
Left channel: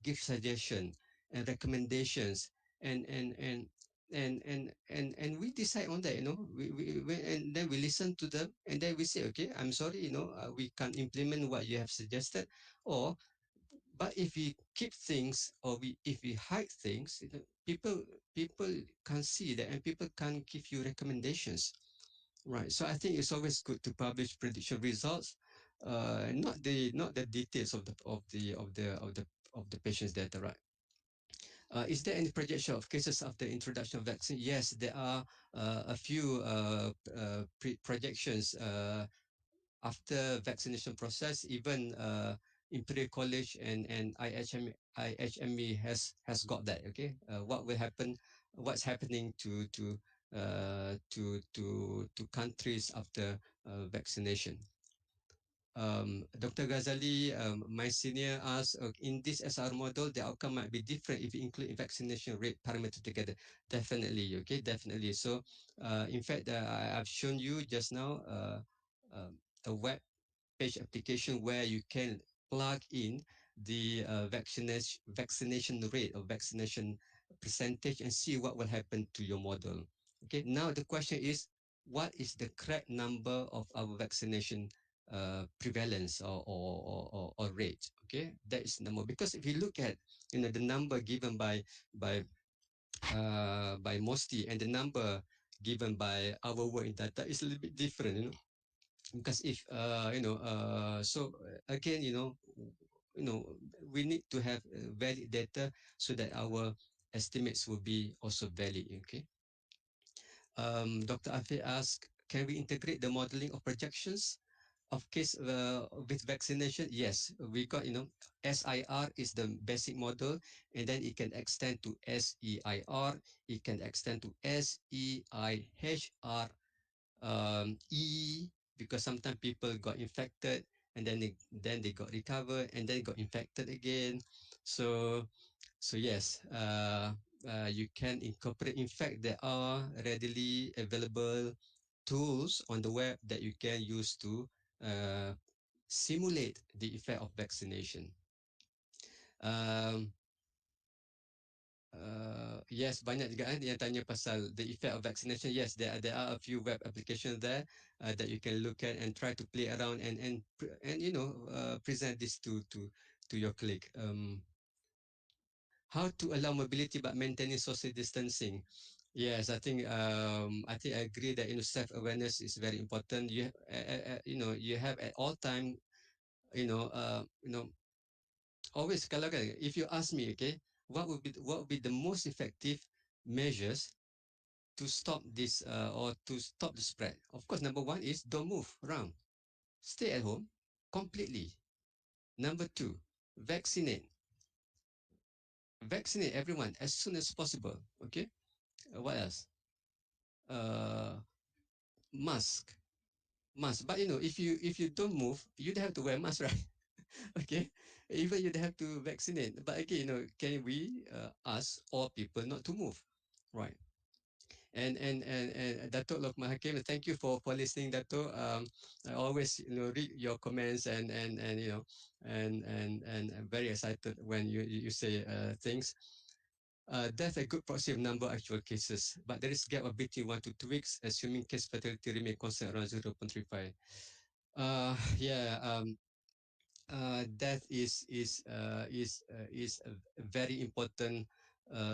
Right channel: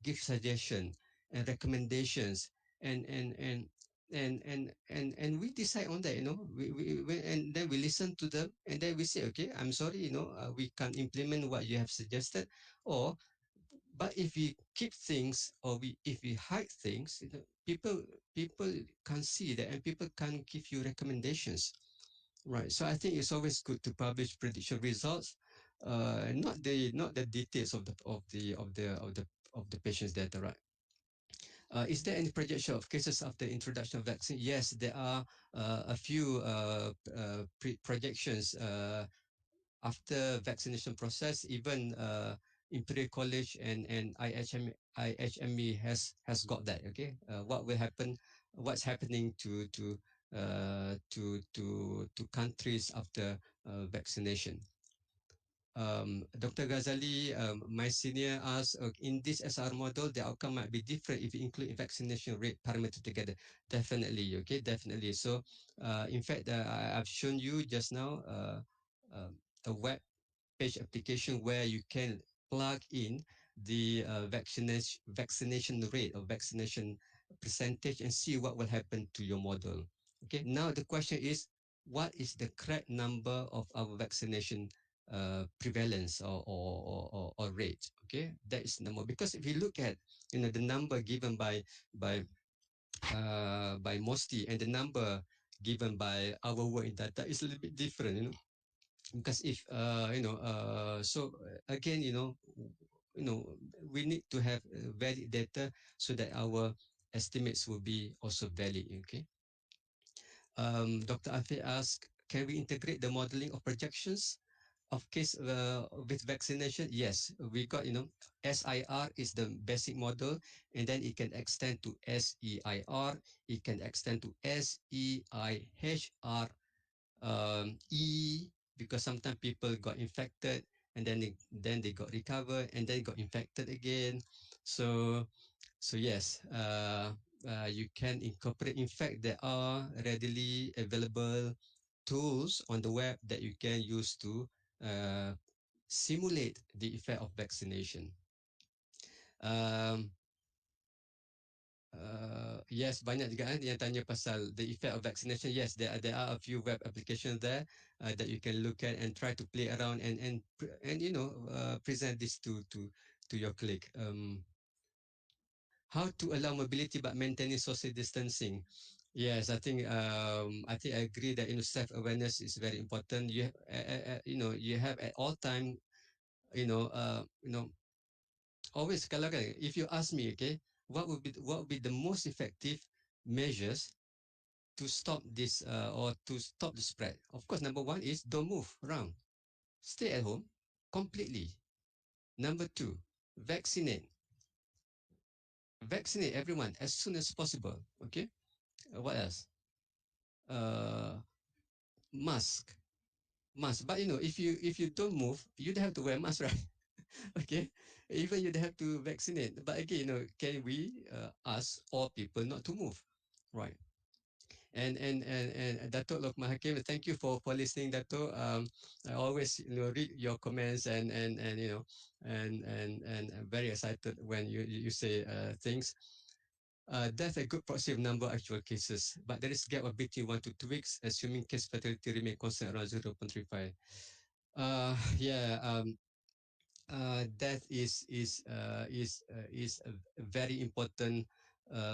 give suggestion and recommendations, and and and and we decide on that. And then we listen to them, and then we say, okay, I'm sorry, we can't implement what you have suggested. Or but if we keep things, or if we hide things, people can't see that, and people can't give you recommendations, right? So I think it's always good to publish prediction results, not the details of the patient's data, right? Is there any projection of cases after introduction of vaccine? Yes, there are a few projections after vaccination process. Even Imperial College and IHME has got that. Okay, what will happen? What's happening to countries after vaccination? Dr. Ghazali, my senior asked, in this SR model, the outcome might be different if you include vaccination rate parameter together. Definitely, okay, definitely. So, in fact, I've shown you just now a web page application where you can plug in the vaccination rate or vaccination percentage and see what will happen to your model. Okay, now the question is, what is the correct number of our vaccination prevalence or rate? Okay, that is number, because if you look at the number given by by MOSTI, and the number given by our work in data is a little bit different, because if again, we need to have valid data so that our estimates will be also valid. Okay. Dr. Afi asked, can we integrate the modeling of projections of case with vaccination? Yes, we got, SIR is the basic model, and then it can extend to SEIR, it can extend to SEIHR, because sometimes people got infected and then they got recovered and then got infected again. So yes, you can incorporate. In fact, there are readily available tools on the web that you can use to uh, simulate the effect of vaccination. Um, yes, banyak juga yang tanya pasal the effect of vaccination. Yes, there are a few web applications there that you can look at and try to play around and present this to your colleague. How to allow mobility but maintaining social distancing? Yes, I think I agree that self awareness is very important. You have at all time, you know uh, you know always kalau kan, if you ask me, okay, what would be the most effective measures to stop this or to stop the spread? Of course, number one is don't move around, stay at home completely. Number two, vaccinate vaccinate everyone as soon as possible. Okay. What else? uh Mask. But if you don't move, you'd have to wear mask, right? Okay. Even you'd have to vaccinate, but again, can we ask all people not to move, right? And Dato Lokman Hakim, thank you for listening, Dato. I always read your comments and I'm very excited when you say things. That's a good proxy of number of actual cases, but there is gap of between 1 to 2 weeks, assuming case fatality remain constant around 0.35. Yeah, that is a very important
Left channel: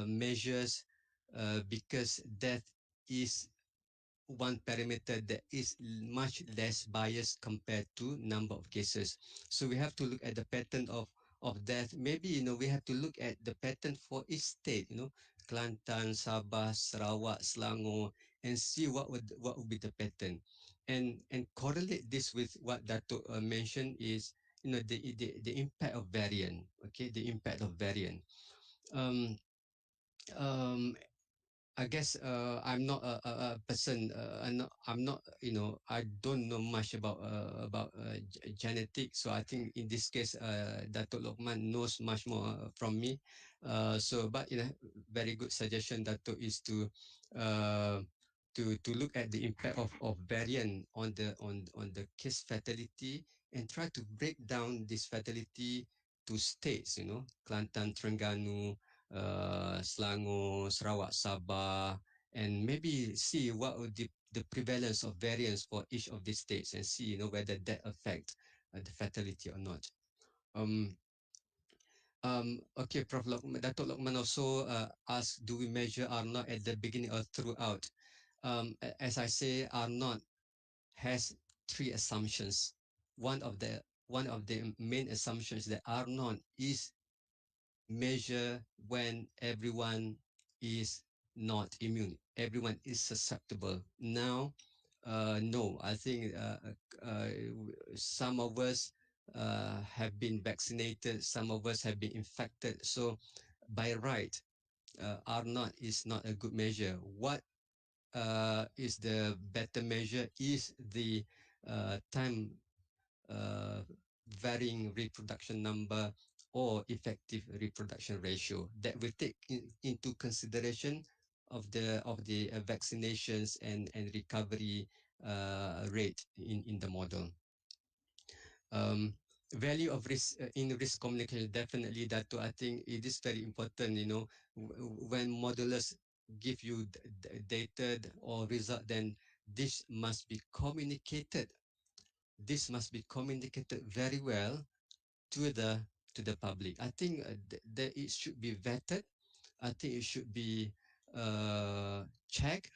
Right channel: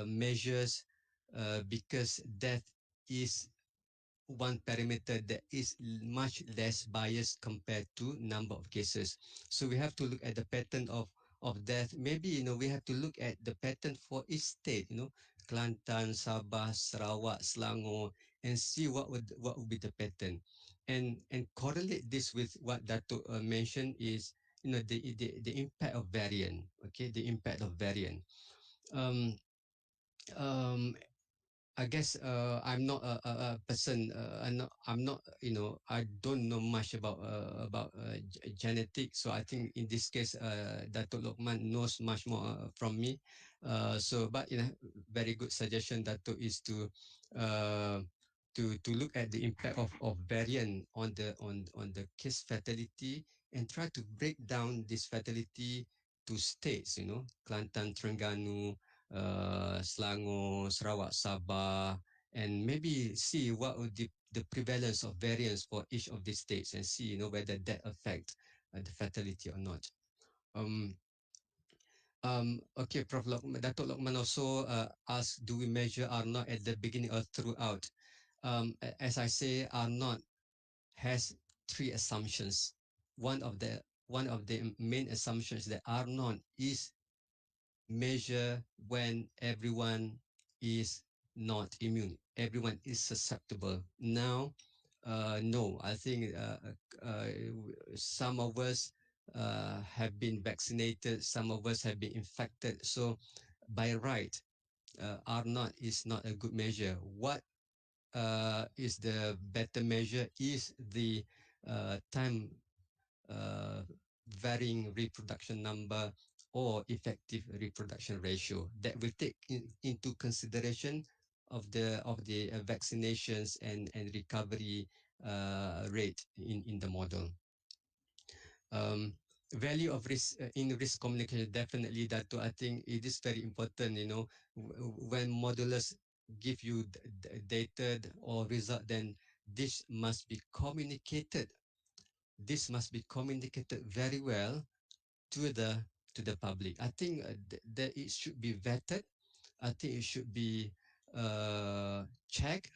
measures, because that is one parameter that is much less biased compared to number of cases. So we have to look at the pattern of death. Maybe we have to look at the pattern for each state. Kelantan, Sabah, Sarawak, Selangor, and see what would be the pattern, and correlate this with what Dato mentioned is the impact of variant. Okay, the impact of variant. Um, um, I guess I'm not a person. I'm not. I don't know much about genetics. So I think in this case, Datuk Lokman knows much more from me. But very good suggestion, Datuk, is uh, to look at the impact of variant on the case fatality and try to break down this fatality to states. Kelantan, Terengganu, Selangor, Sarawak, Sabah, and maybe see what would the prevalence of variants for each of these states, and see whether that affect the fatality or not. Um, okay, Prof. Datuk Lokman also asked, do we measure R naught at the beginning or throughout? As I say, R naught has three assumptions. One of the main assumptions is that R naught is measure when everyone is not immune, everyone is susceptible. Now, no, I think some of us have been vaccinated, some of us have been infected. So, by right, R naught is not a good measure. What is the better measure is the time uh, varying reproduction number or effective reproduction ratio that will take into consideration of the vaccinations and recovery rate in the model. Um, Value of risk in risk communication, definitely that too. I think it is very important. When modelers give you data or result, then this must be communicated. This must be communicated very well to the public. I think that it should be vetted. I think it should be check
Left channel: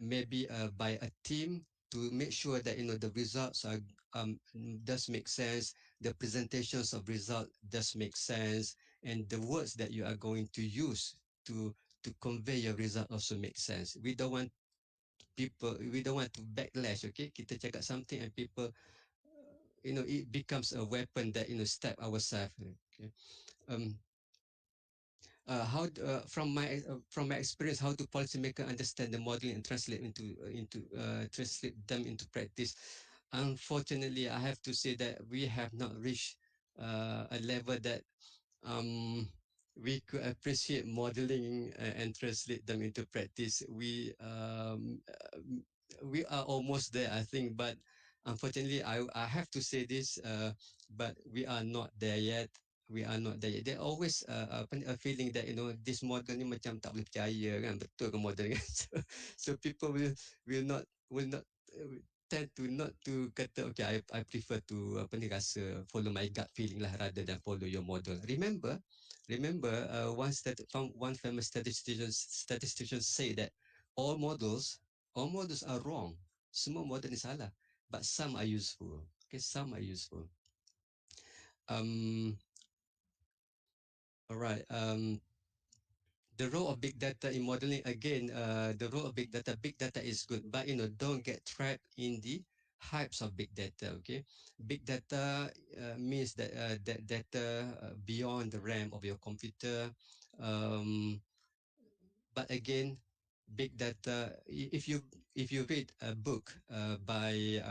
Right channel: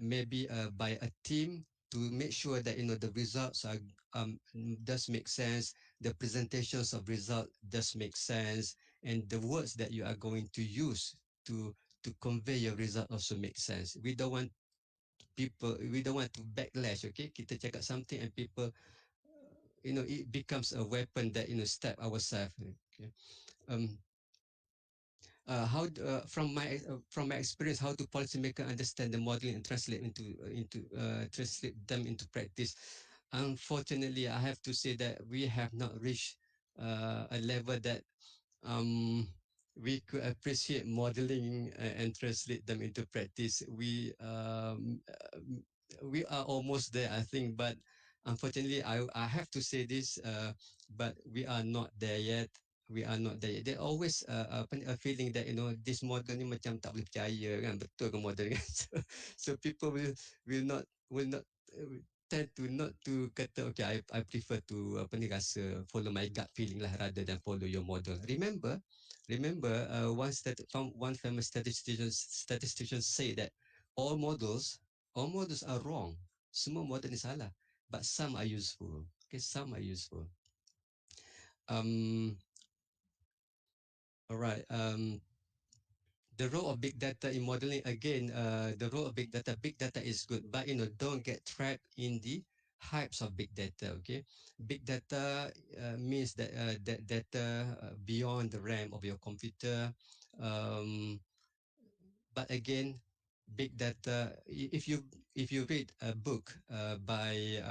maybe by a team to make sure that the results are does make sense, the presentations of result does make sense, and the words that you are going to use to convey your result also make sense. We don't want to backlash. Okay, kita cakap something and people it becomes a weapon that stab ourselves. Okay. um from my experience, how do policymakers understand the modeling and translate them into practice? Unfortunately, I have to say that we have not reached a level that um, we could appreciate modeling and translate them into practice. We are almost there, I think, but unfortunately, I have to say this, but we are not there yet. We are not there yet. There always a feeling that this model ni macam tak boleh percaya kan, betul ke model kan? So people will not tend to not to kata okay, I prefer to follow my gut feeling lah rather than follow your model. Remember one famous statistician say that all models all models are wrong. Semua model ni salah, but some are useful. Okay, some are useful. um all right. The role of big data in modeling, again, the role of big data is good, but don't get trapped in the hypes of big data. Okay, big data means that data beyond the RAM of your computer. um, but again, big data, if you read a book by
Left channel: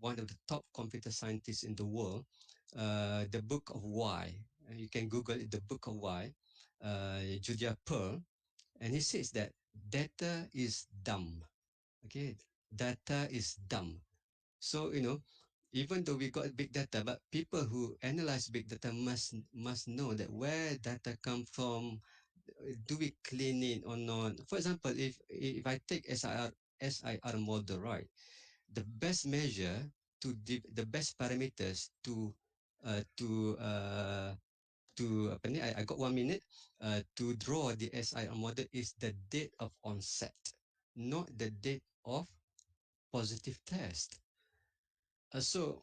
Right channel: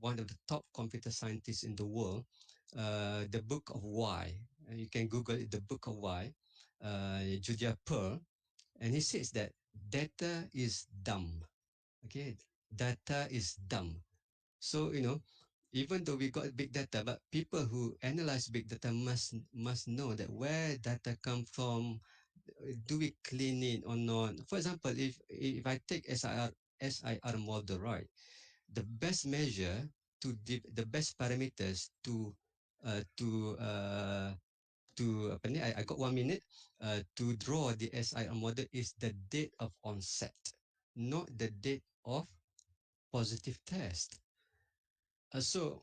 one of the top computer scientists in the world, the book of why, you can google it, the book of why, Julia Pearl, and he says that data is dumb. Okay, data is dumb. So even though we got big data, but people who analyze big data must know that where data come from. Do we clean it or not? For example, if I take SIR model, right, the best measure the best parameters to apa ni, I got 1 minute to draw the SIR model is the date of onset, not the date of positive test. So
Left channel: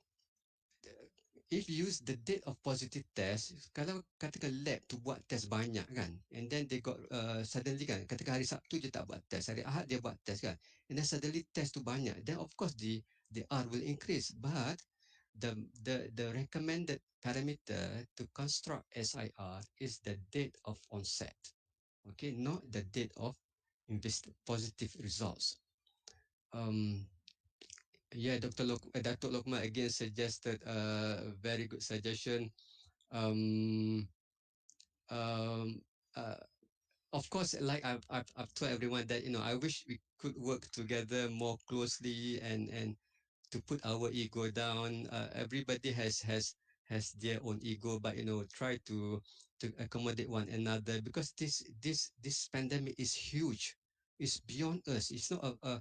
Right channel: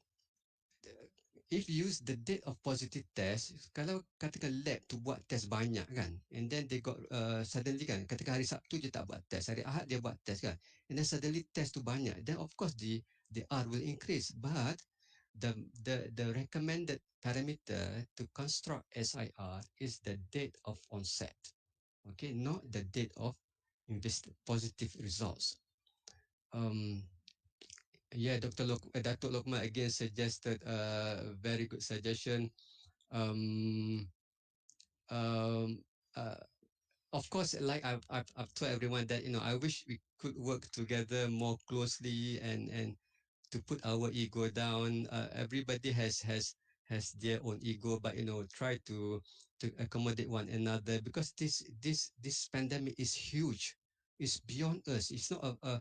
if you use the date of positive test, kalau katakan lab tu buat test banyak kan, and then they got suddenly kan, katakan hari Sabtu je tak buat test, hari Ahad dia buat test kan, and then suddenly test tu banyak, then of course the R will increase, but the recommended parameter to construct SIR is the date of onset. Okay, not the date of positive results. um Yeah, Datuk Lokman again suggested a very good suggestion. Um, um, uh, of course, like I've told everyone that I wish we could work together more closely and to put our ego down. Everybody has their own ego, but try to accommodate one another, because this pandemic is huge. It's beyond us. It's not a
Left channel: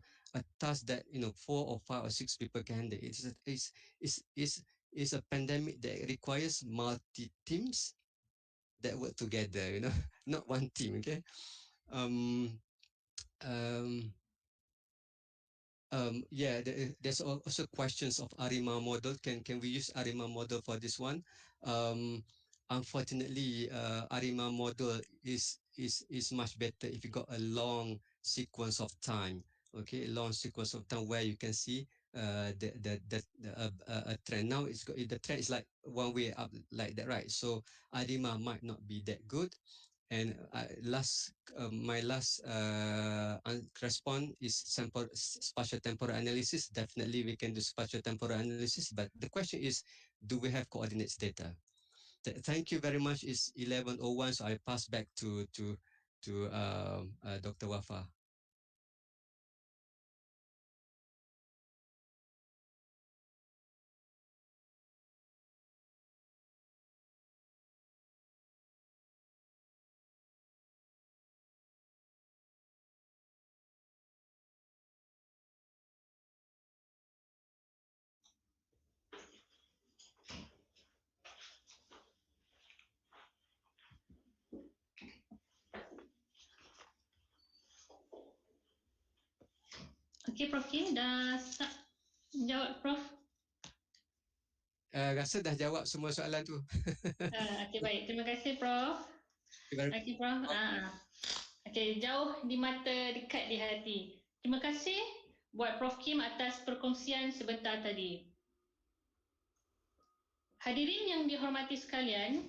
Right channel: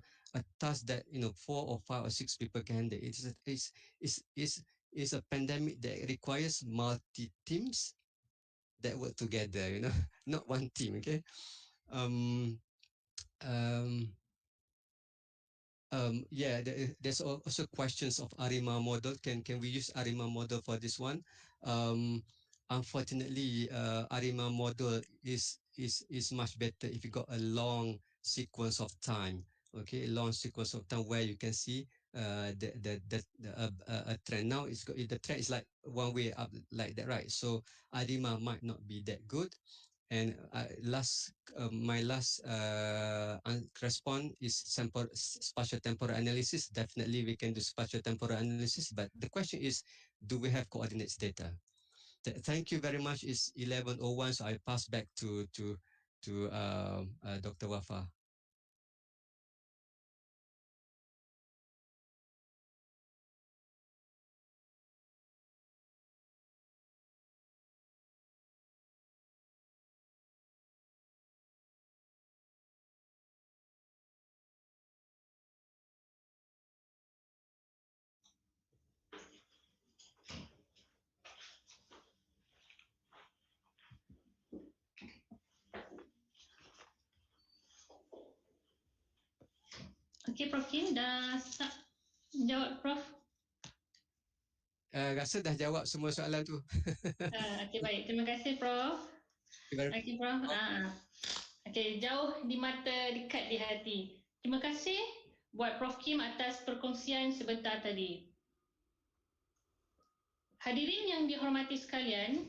task that 4 or 5 or 6 people can handle. It's a pandemic that requires multi teams that work together. Not one team. Okay. Um. Um. Yeah, there's also questions of ARIMA model. Can we use ARIMA model for this one? Um, Unfortunately, ARIMA model is much better if you got a long sequence of time. Okay, a long sequence of time where you can see a trend. Now the trend is like one way up like that, right? So ARIMA might not be that good. And my last response is spatial temporal analysis. Definitely, we can do spatial temporal analysis. But the question is, do we have coordinates data? Thank you very much. It's 11:01, so I pass back to Dr. Wafa. Okey, Prof Kim dah jawab, Prof? Rasa dah jawab semua soalan tu. Okey, baik. Terima kasih, Prof. Okey, Prof. Okey, jauh di mata, dekat di hati. Terima kasih buat Prof Kim atas perkongsian sebentar tadi. Hadirin yang dihormati sekalian,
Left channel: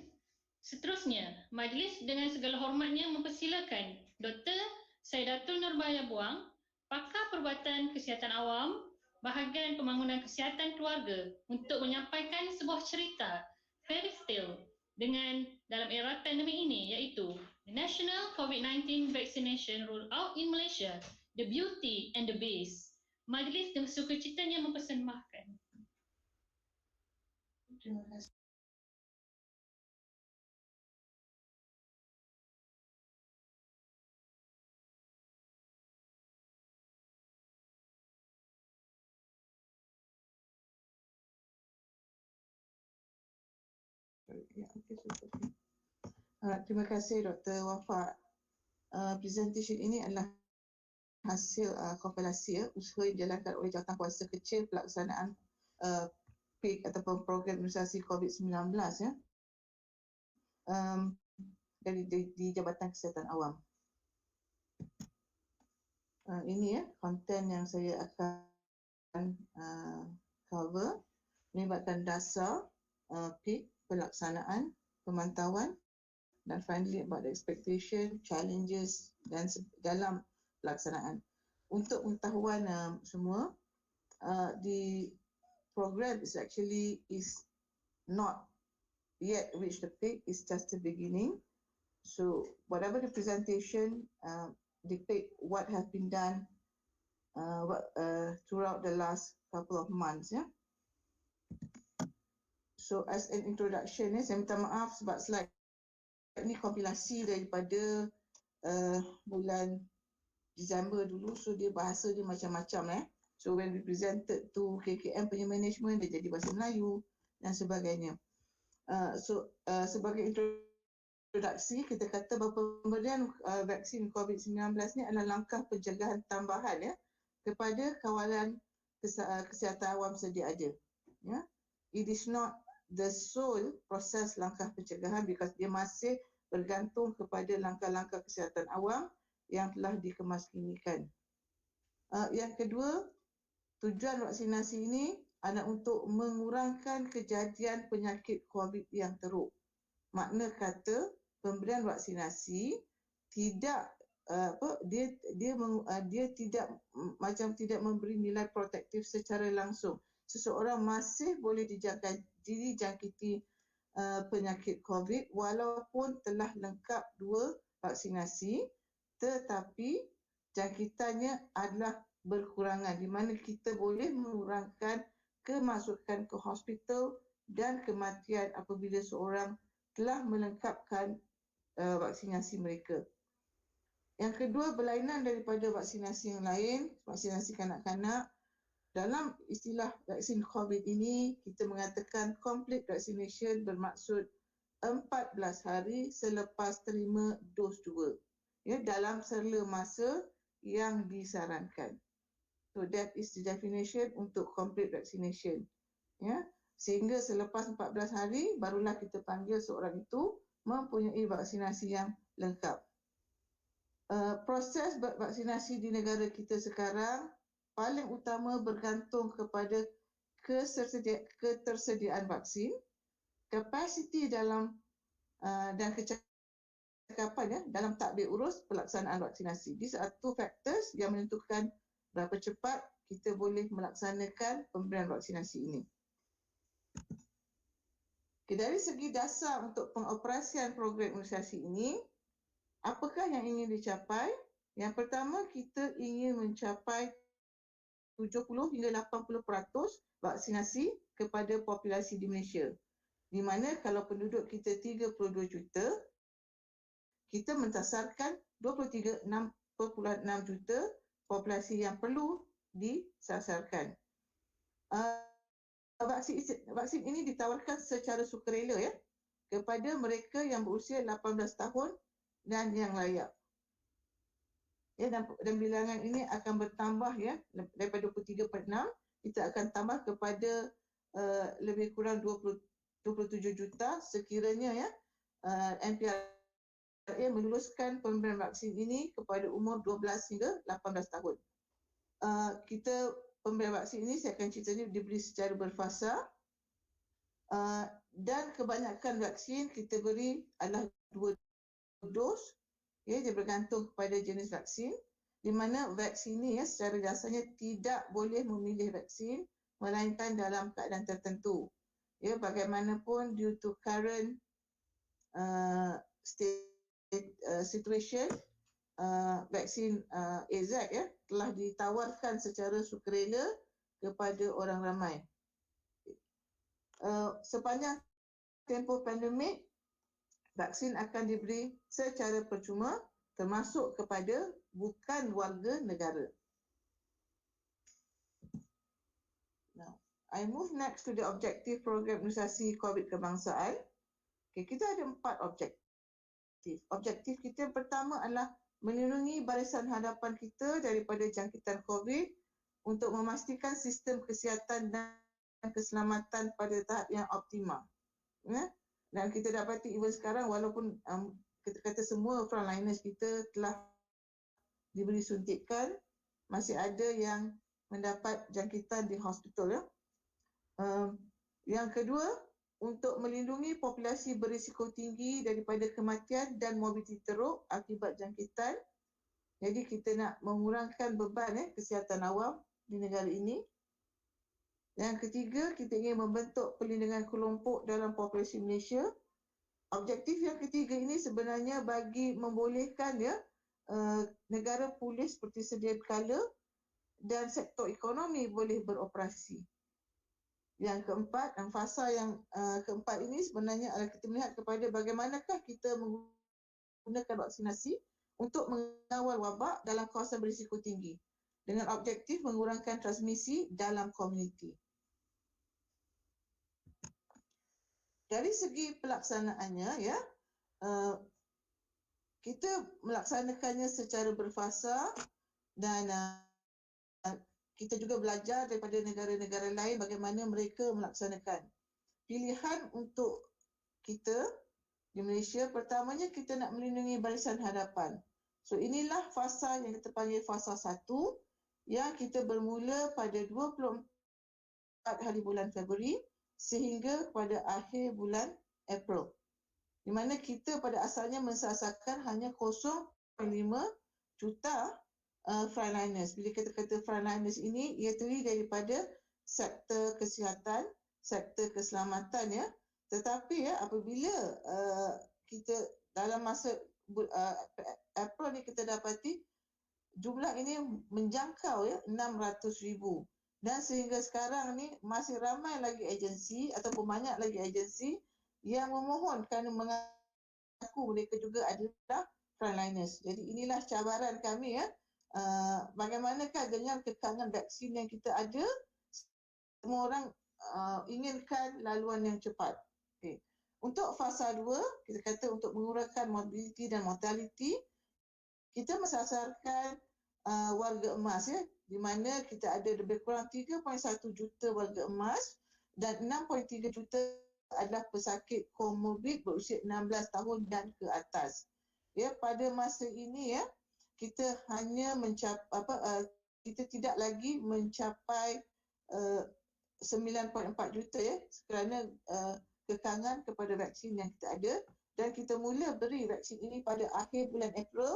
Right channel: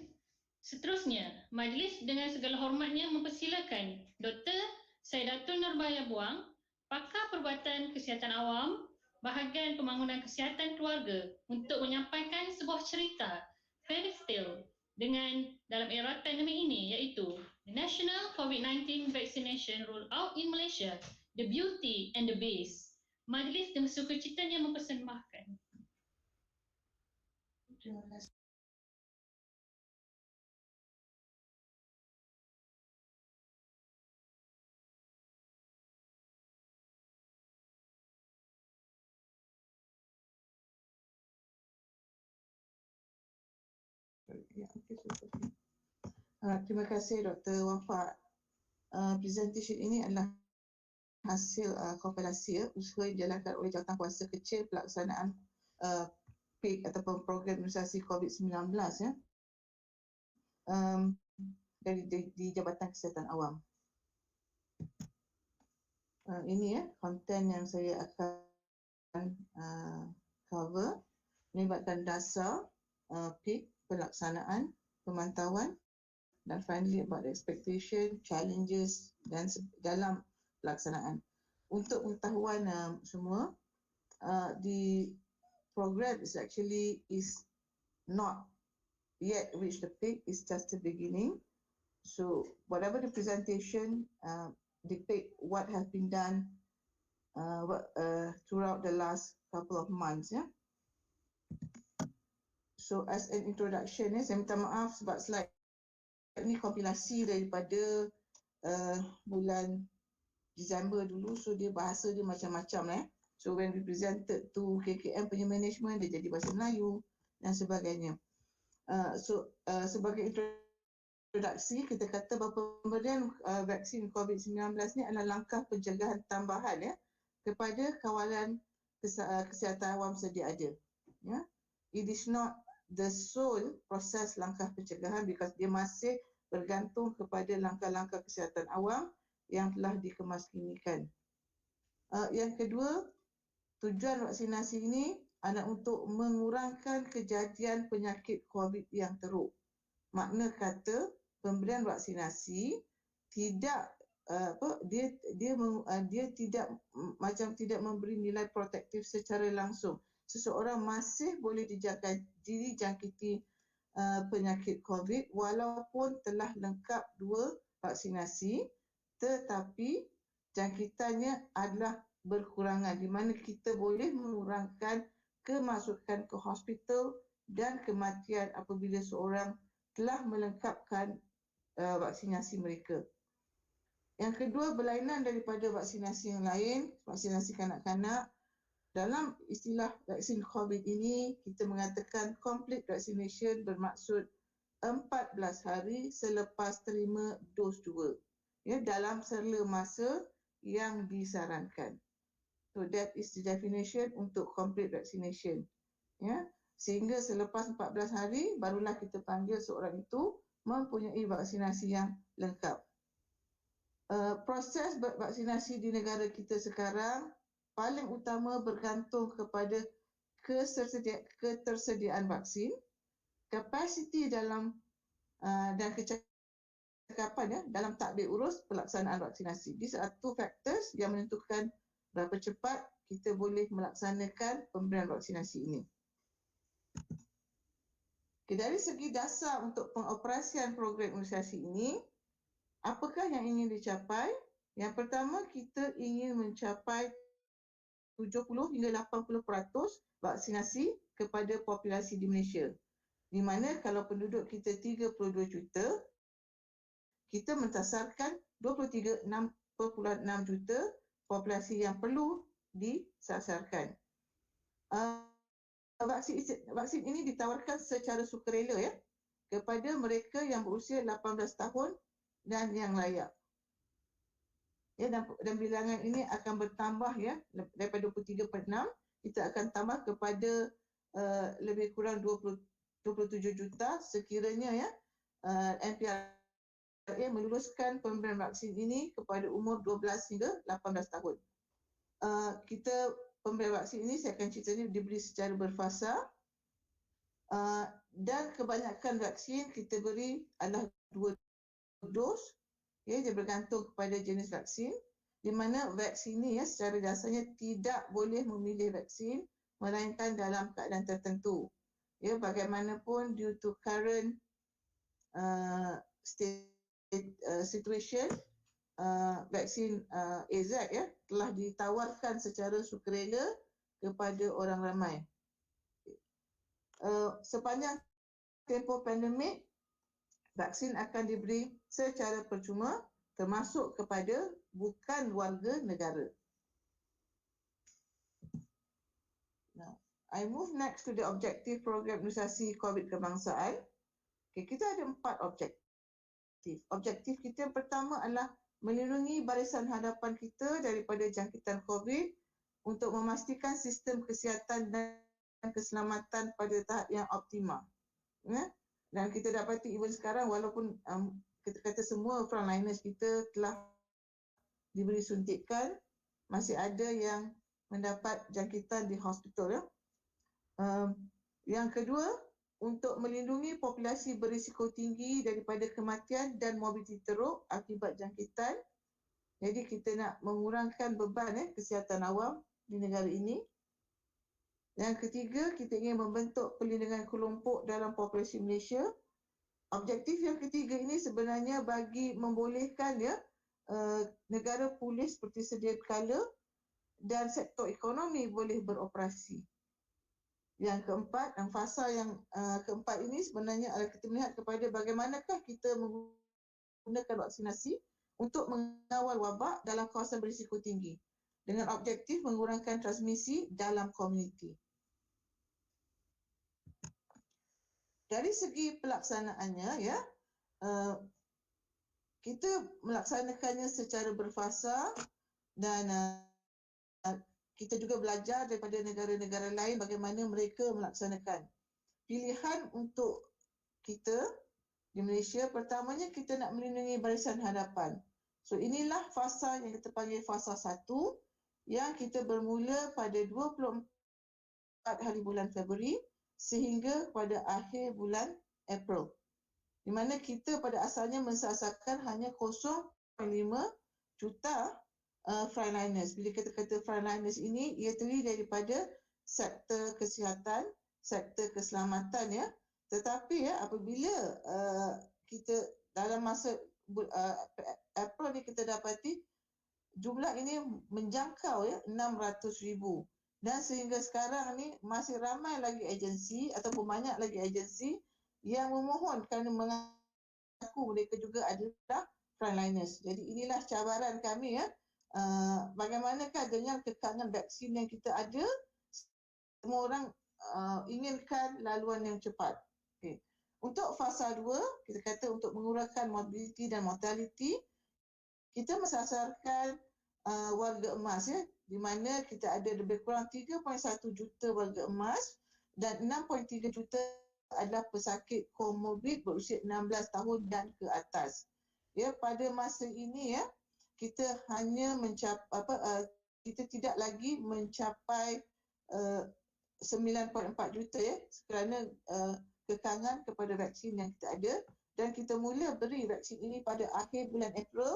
seterusnya, majlis dengan segala hormatnya mempersilakan Dr. Saidatul Nurbaya Buang, Pakar Perubatan Kesihatan Awam, Bahagian Pembangunan Kesihatan Keluarga untuk menyampaikan sebuah cerita fairy tale dengan dalam era pandemik ini, iaitu The National COVID-19 Vaccination Rollout in Malaysia, The Beauty and the Beast. Majlis dengan sukacitanya mempersembahkan. Terima kasih. Terima kasih Dr. Wafa. Presentation ini adalah hasil kompilasi usaha yang dijalankan oleh Jawatankuasa Kecil pelaksanaan PIK ataupun program imunisasi COVID-19 di Jabatan Kesihatan Awam. Ini konten yang saya akan cover melibatkan dasar PIK, pelaksanaan, pemantauan dan finally about the expectation, challenges dan dalam pelaksanaan. Untuk pengetahuan semua, the program is not yet reached the peak, it's just the beginning. So whatever the presentation depict what has been done throughout the last couple of months. So as an introduction, saya minta maaf sebab slide ini kompilasi daripada bulan Disember dulu, so dia bahasa dia macam-macam. So when we presented to KKM punya management, dia jadi bahasa Melayu dan sebagainya. Sebagai introduksi, kita kata bahawa pemberian vaksin COVID-19 ni adalah langkah pencegahan tambahan kepada kawalan kesihatan awam sedia ada. It is not the sole proses langkah pencegahan because dia masih bergantung kepada langkah-langkah kesihatan awam yang telah dikemaskinikan. Yang kedua, tujuan vaksinasi ini adalah untuk mengurangkan kejadian penyakit COVID yang teruk. Makna kata pemberian vaksinasi tidak dia tidak macam tidak memberi nilai protektif secara langsung. Seseorang masih boleh dijangkiti penyakit COVID walaupun telah lengkap 2 vaksinasi, tetapi jangkitannya adalah berkurangan di mana kita boleh mengurangkan kemasukan ke hospital dan kematian apabila seorang telah melengkapkan vaksinasi mereka. Yang kedua, berlainan daripada vaksinasi yang lain, vaksinasi kanak-kanak. Dalam istilah vaksin COVID ini, kita mengatakan complete vaccination bermaksud 14 hari selepas terima dos 2. Dalam serla masa yang disarankan. So that is the definition untuk complete vaccination. Sehingga selepas 14 hari, barulah kita panggil seorang itu mempunyai vaksinasi yang lengkap. Proses vaksinasi di negara kita sekarang paling utama bergantung kepada ketersediaan vaksin, kapasiti dalam dan kecakapan dalam tadbir urus pelaksanaan vaksinasi. These are 2 factors yang menentukan berapa cepat kita boleh melaksanakan pemberian vaksinasi ini. Dari segi dasar untuk pengoperasian program imunisasi ini, apakah yang ingin dicapai? Yang pertama, kita ingin mencapai 70 hingga 80% vaksinasi kepada populasi di Malaysia. Di mana kalau penduduk kita 32 juta, kita mentasarkan 23.6 juta populasi yang perlu disasarkan. Vaksin ini ditawarkan secara sukarela kepada mereka yang berusia 18 tahun dan yang layak. Ya, dan bilangan ini akan bertambah ya, daripada 23.6 kita akan tambah kepada lebih kurang 27 juta sekiranya ya MPRA meluluskan pemberian vaksin ini kepada umur 12 hingga 18 tahun. Kita pemberian vaksin ini saya akan cerita ni diberi secara berfasa dan kebanyakan vaksin kita beri adalah 2 dos. Ya, dia bergantung kepada jenis vaksin, di mana vaksin ini ya secara dasarnya tidak boleh memilih vaksin melainkan dalam keadaan tertentu. Ya, bagaimanapun due to current situation, vaksin AZ ya telah ditawarkan secara sukarela kepada orang ramai. Sepanjang tempoh pandemik, vaksin akan diberi secara percuma termasuk kepada bukan warga negara. Now, I move next to the objective program imunisasi COVID kebangsaan. Okay, kita ada 4 objektif. Objektif kita yang pertama adalah melindungi barisan hadapan kita daripada jangkitan COVID untuk memastikan sistem kesihatan dan keselamatan pada tahap yang optimal. Ya? Dan kita dapati even sekarang walaupun kita kata semua frontliners kita telah diberi suntikan, masih ada yang mendapat jangkitan di hospital ya. Yang kedua, untuk melindungi populasi berisiko tinggi daripada kematian dan morbiditi teruk akibat jangkitan. Jadi kita nak mengurangkan beban kesihatan awam di negara ini. Yang ketiga, kita ingin membentuk perlindungan kelompok dalam populasi Malaysia. Objektif yang ketiga ini sebenarnya bagi membolehkan ya negara pulih seperti sedia kala dan sektor ekonomi boleh beroperasi. Yang keempat, dan fasa yang keempat ini sebenarnya adalah kita melihat kepada bagaimanakah kita menggunakan vaksinasi untuk mengawal wabak dalam kawasan berisiko tinggi dengan objektif mengurangkan transmisi dalam komuniti. Dari segi pelaksanaannya ya, kita melaksanakannya secara berfasa dan kita juga belajar daripada negara-negara lain bagaimana mereka melaksanakan. Pilihan untuk kita di Malaysia, pertamanya kita nak melindungi barisan hadapan. So inilah fasa yang kita panggil fasa 1 yang kita bermula pada 24 hari bulan Februari sehingga pada akhir bulan April. Di mana kita pada asalnya mensasarkan hanya 0.5 juta frontliners. Bila kita kata frontliners ini, ia terdiri daripada sektor kesihatan, sektor keselamatan ya. Tetapi ya apabila kita dalam masa April ni kita dapati jumlah ini menjangkau ya 600,000 dan sehingga sekarang ni masih ramai lagi agensi ataupun banyak lagi agensi yang memohon kerana mengaku mereka juga adalah frontliners. Jadi inilah cabaran kami ya. Bagaimanakah dengan kekangan vaksin yang kita ada, semua orang inginkan laluan yang cepat. Okay. Untuk fasa 2, kita kata untuk mengurangkan morbiditi dan mortality, kita mensasarkan warga emas ya, di mana kita ada lebih kurang 3.1 juta warga emas dan 6.3 juta adalah pesakit komorbid berusia 16 tahun dan ke atas. Ya, pada masa ini ya, kita hanya kita tidak lagi mencapai 9.4 juta ya kerana kekangan kepada vaksin yang kita ada, dan kita mula beri vaksin ini pada akhir bulan April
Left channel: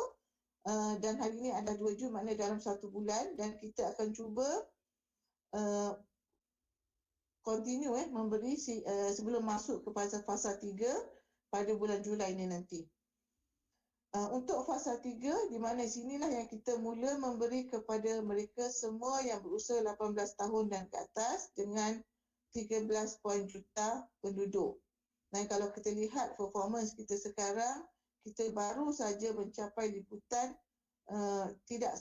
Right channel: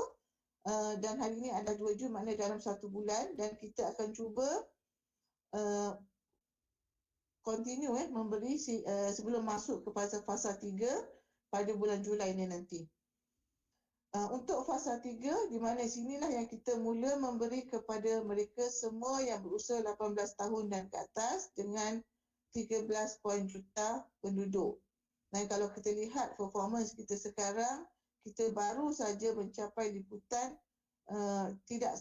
dan hari ini adalah 2 Jun, maknanya dalam 1 bulan, dan kita akan cuba continue memberi sebelum masuk ke fasa 3 pada bulan Julai ini nanti. Untuk fasa 3, di mana sinilah yang kita mula memberi kepada mereka semua yang berusia 18 tahun dan ke atas dengan 13 juta penduduk. Dan kalau kita lihat performance kita sekarang, kita baru saja mencapai liputan tidak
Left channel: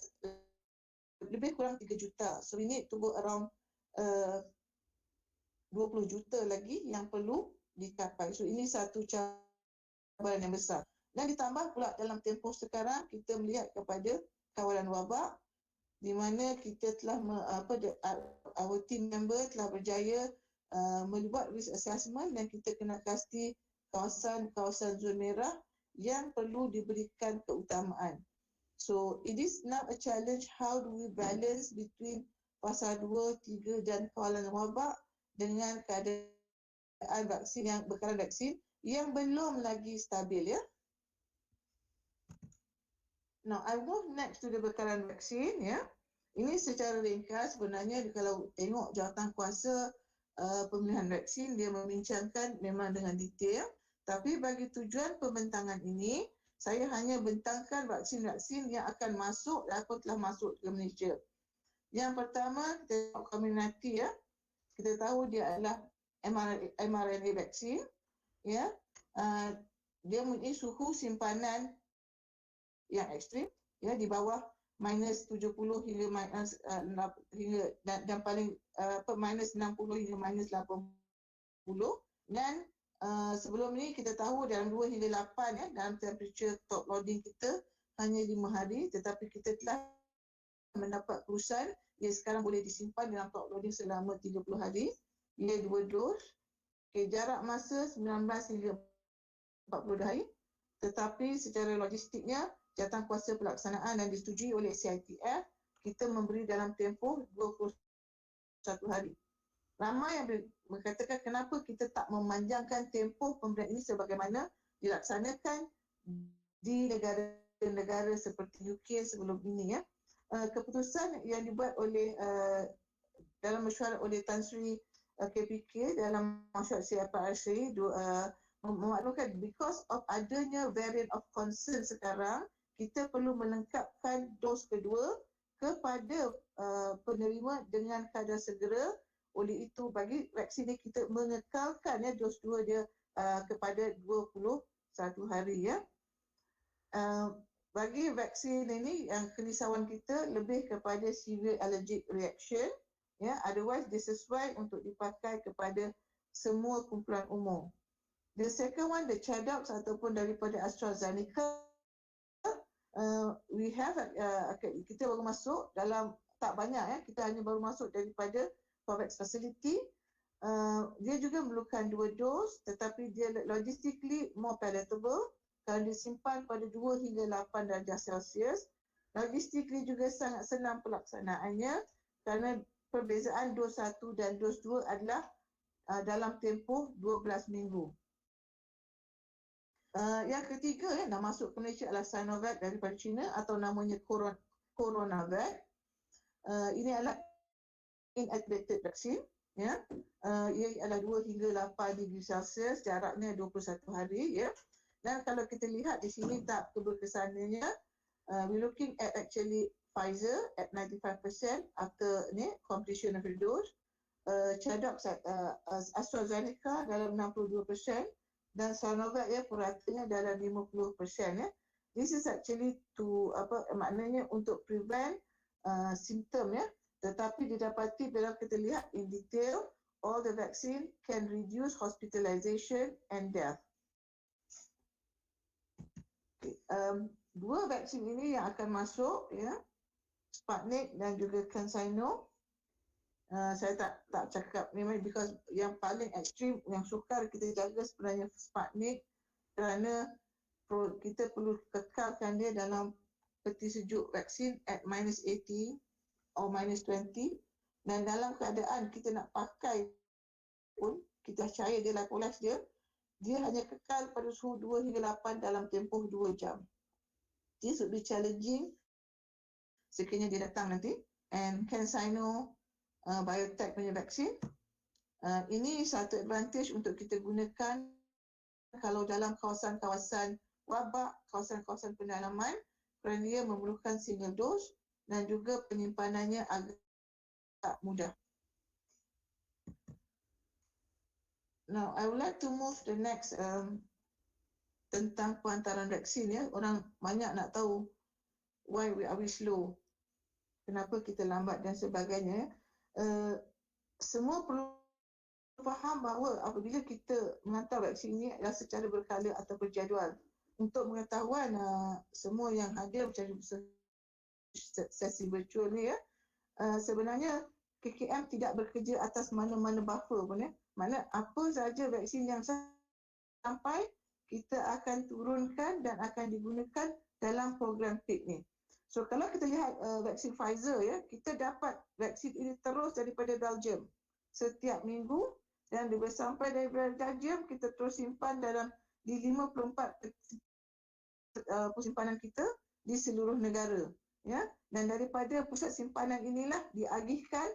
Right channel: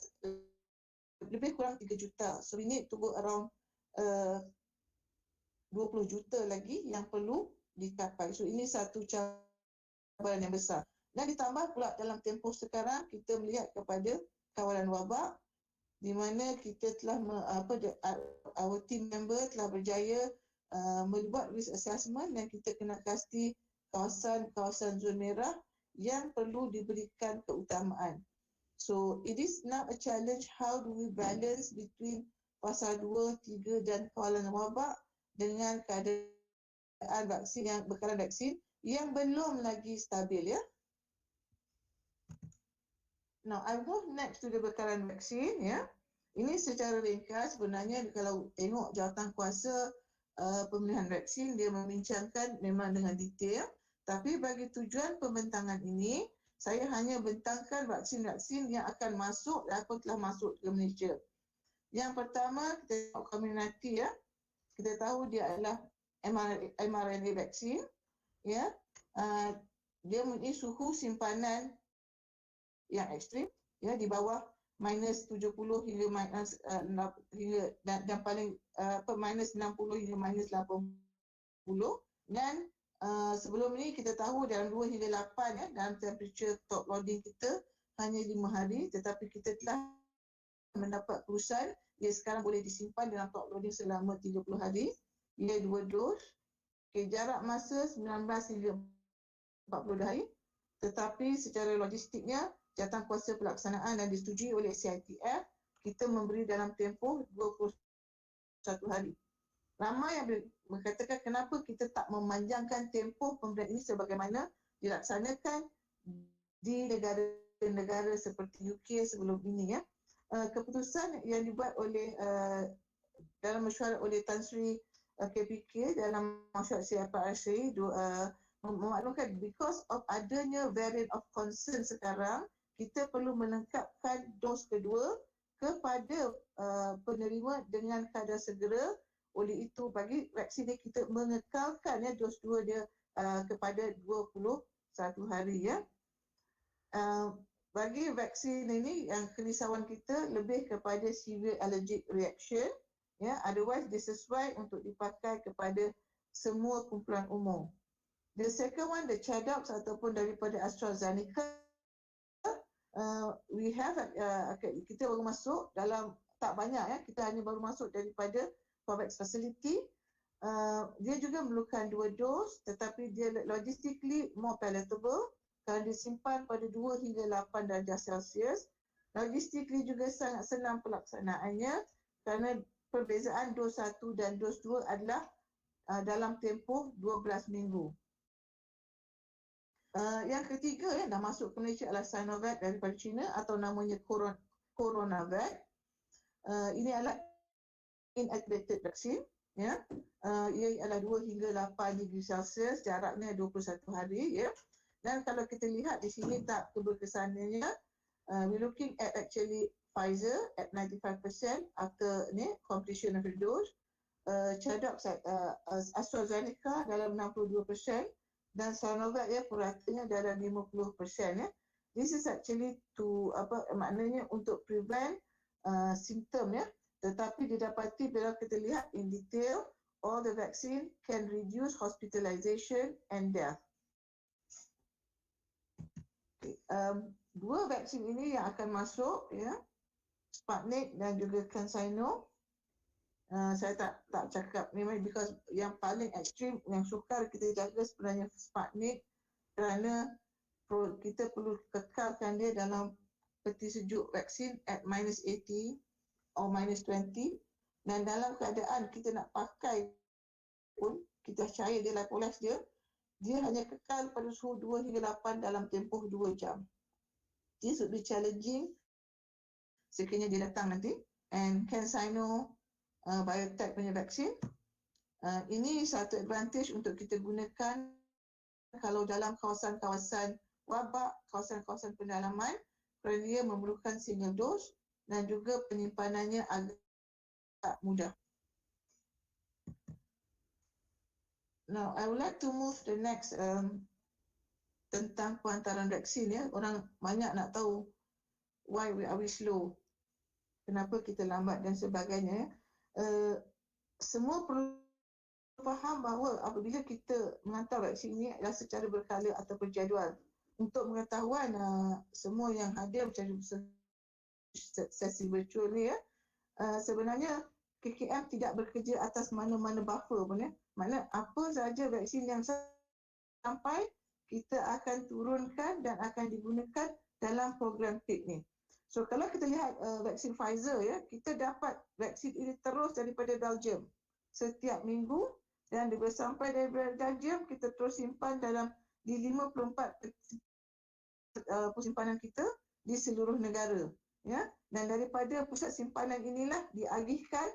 lebih kurang 3 juta. So we need to go around 20 juta lagi yang perlu dicapai. So ini satu cabaran yang besar. Dan ditambah pula dalam tempoh sekarang kita melihat kepada kawalan wabak, di mana kita telah our team member telah berjaya membuat risk assessment dan kita kena pasti kawasan-kawasan zon merah yang perlu diberikan keutamaan. So it is now a challenge, how do we balance between fasa 2, 3 dan kawalan wabak dengan keadaan vaksin yang bekalan vaksin yang belum lagi stabil, ya. Now I move next to the bekalan vaksin, ya. Ini secara ringkas sebenarnya kalau tengok jawatankuasa pemilihan vaksin, dia membincangkan memang dengan detail, tapi bagi tujuan pembentangan ini saya hanya bentangkan vaksin-vaksin yang akan masuk ataupun telah masuk ke Malaysia. Yang pertama, kita tengok Fraternity, ya. Kita tahu dia adalah mRNA vaksin, ya. Dia mempunyai suhu simpanan yang ekstrim, ya, di bawah minus 70 hingga minus dan paling minus 60 hingga minus 80. Dan sebelum ni kita tahu dalam 2 hingga 8, ya, dalam temperature top loading kita hanya 5 hari, tetapi kita telah mendapat keputusan ia sekarang boleh disimpan dalam top loading selama 30 hari. Ia 2 dos. Okay, jarak masa 19 hingga 40 hari. Tetapi secara logistiknya, jawatankuasa pelaksanaan dan disetujui oleh CITF, kita memberi dalam tempoh 21 hari. Ramai yang mengatakan kenapa kita tak memanjangkan tempoh pemberian ini sebagaimana dilaksanakan di negara-negara seperti UK sebelum ini, ya. Keputusan yang dibuat oleh dalam mesyuarat oleh Tan Sri KPK dalam mesyuarat CFRC memaklumkan because of adanya variant of concern sekarang, kita perlu melengkapkan dos kedua kepada penerima dengan kadar segera. Oleh itu, bagi vaksin ini kita mengekalkan, ya, dos 2 dia kepada 21 hari, ya. Bagi vaksin ini yang kerisauan kita lebih kepada severe allergic reaction, ya, otherwise dia sesuai untuk dipakai kepada semua kumpulan umum. The second one, the ChAdOx ataupun daripada AstraZeneca, we have kita baru masuk dalam tak banyak, ya, kita hanya baru masuk daripada COVAX facility. Dia juga memerlukan 2 dos, tetapi dia logistically more palatable kerana disimpan pada 2 hingga 8 darjah Celsius. Logistically juga sangat senang pelaksanaannya kerana perbezaan dos 1 dan dos 2 adalah dalam tempoh 12 minggu. Yang ketiga, ya, dah masuk ke Malaysia adalah Sinovac daripada China atau namanya Coronavac. Ini adalah inactivated vaksin, ya. Ia adalah 2 hingga 8 degree Celsius, jaraknya 21 hari, ya. Dan kalau kita lihat di sini tak keberkesanannya, we looking at actually Pfizer at 95% after completion of the dose, ChAdOx at AstraZeneca dalam 62%, dan Sinovac, ya, puratanya dalam 50%, ya. This is actually to maknanya untuk prevent simptom, ya. Tetapi didapati bila kita lihat in detail, all the vaccine can reduce hospitalization and death. Okay. 2 vaksin ini yang akan masuk, ya, Sputnik dan juga CanSino. Saya tak cakap memang because yang paling ekstrim, yang sukar kita jaga sebenarnya Sputnik kerana kita perlu kekalkan dia dalam peti sejuk vaksin at minus 80 or minus 20, dan dalam keadaan kita nak pakai pun kita cair dia lipolyze dia hanya kekal pada suhu 2 hingga 8 dalam tempoh 2 jam. This would be challenging sekiranya dia datang nanti. And CanSino biotech punya vaksin, ini satu advantage untuk kita gunakan kalau dalam kawasan-kawasan wabak, kawasan-kawasan pendalaman, kerana dia memerlukan single dose dan juga penyimpanannya agak mudah. Now, I would like to move the next tentang perantaran vaksin, ya. Orang banyak nak tahu why are we slow, kenapa kita lambat dan sebagainya. Semua perlu faham bahawa apabila kita menghantar vaksin ini adalah secara berkala atau berjadual. Untuk pengetahuan semua yang hadir secara sesi virtual ni ya. Sebenarnya KKM tidak bekerja atas mana-mana buffer pun ya. Maknanya apa sahaja vaksin yang sampai kita akan turunkan dan akan digunakan dalam program PIK ni. So kalau kita lihat vaksin Pfizer ya, kita dapat vaksin ini terus daripada Belgium setiap minggu, dan bila sampai dari Belgium kita terus simpan di 54 simpanan kita di seluruh negara ya, dan daripada pusat simpanan inilah dialihkan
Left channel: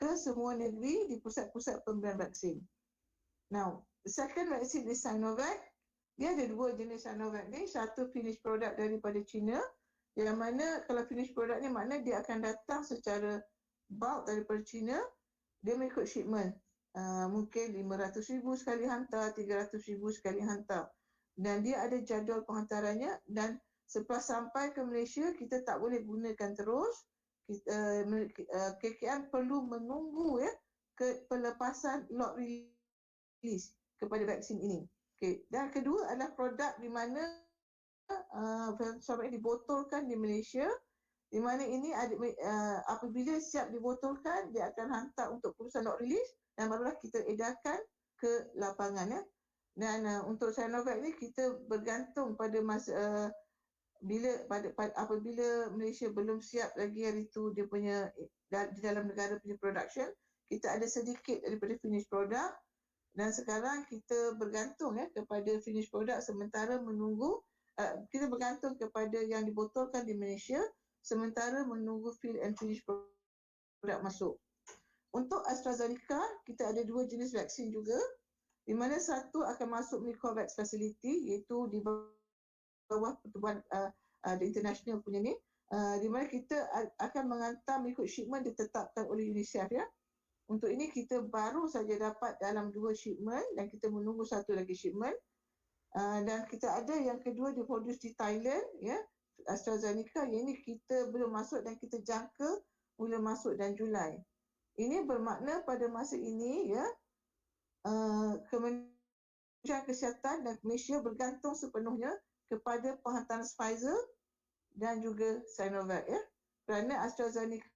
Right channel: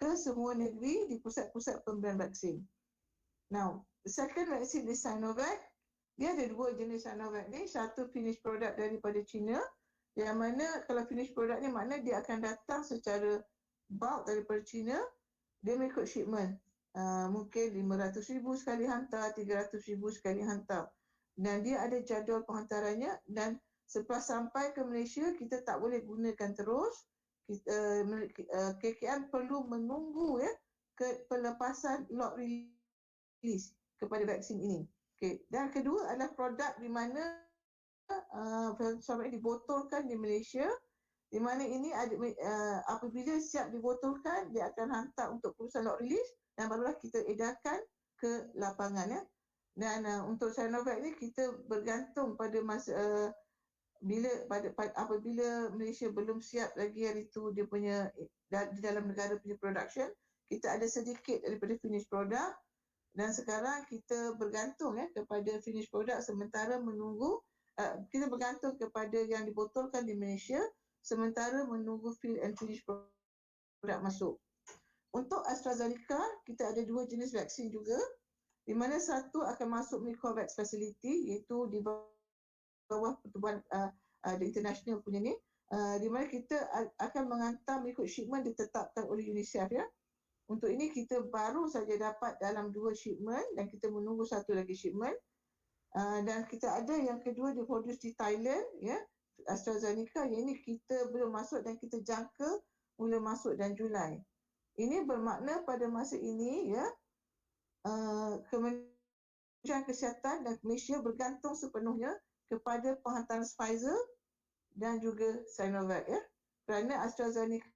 ke semua negeri di pusat-pusat pemberian vaksin. Now, the second vaksin is Sinovac. Dia ada dua jenis Sinovac ni, satu finish product daripada China, yang mana kalau finish product ni maknanya dia akan datang secara bulk daripada China, dia mengikut shipment. Mungkin 500,000 sekali hantar, 300,000 sekali hantar. Dan dia ada jadual penghantarannya, dan selepas sampai ke Malaysia, kita tak boleh gunakan terus. KKM perlu menunggu ya ke pelepasan lot release kepada vaksin ini. Okay. Dan kedua adalah produk di mana sampai dibotolkan di Malaysia, di mana ini apabila siap dibotolkan, dia akan hantar untuk perusahaan lot release dan barulah kita edarkan ke lapangan ya. Dan untuk Sinovac ni kita bergantung pada masa apabila Malaysia belum siap lagi hari tu dia punya di dalam negara punya production, kita ada sedikit daripada finish product, dan sekarang kita bergantung ya kepada finish product sementara menunggu kita bergantung kepada yang dibotolkan di Malaysia sementara menunggu fill and finish product masuk. Untuk AstraZeneca, kita ada dua jenis vaksin juga, di mana satu akan masuk melalui COVAX facility, iaitu di bawah pertubuhan the international punya ni, di mana kita akan menghantar mengikut shipment ditetapkan oleh UNICEF ya. Untuk ini kita baru saja dapat dalam 2 shipment dan kita menunggu satu lagi shipment. Dan kita ada yang kedua diproduce di Thailand ya, AstraZeneca, yang ini kita belum masuk dan kita jangka mula masuk dan Julai. Ini bermakna pada masa ini ya, Kementerian Kesihatan dan Malaysia bergantung sepenuhnya kepada penghantaran Pfizer dan juga Sinovac ya. Kerana AstraZeneca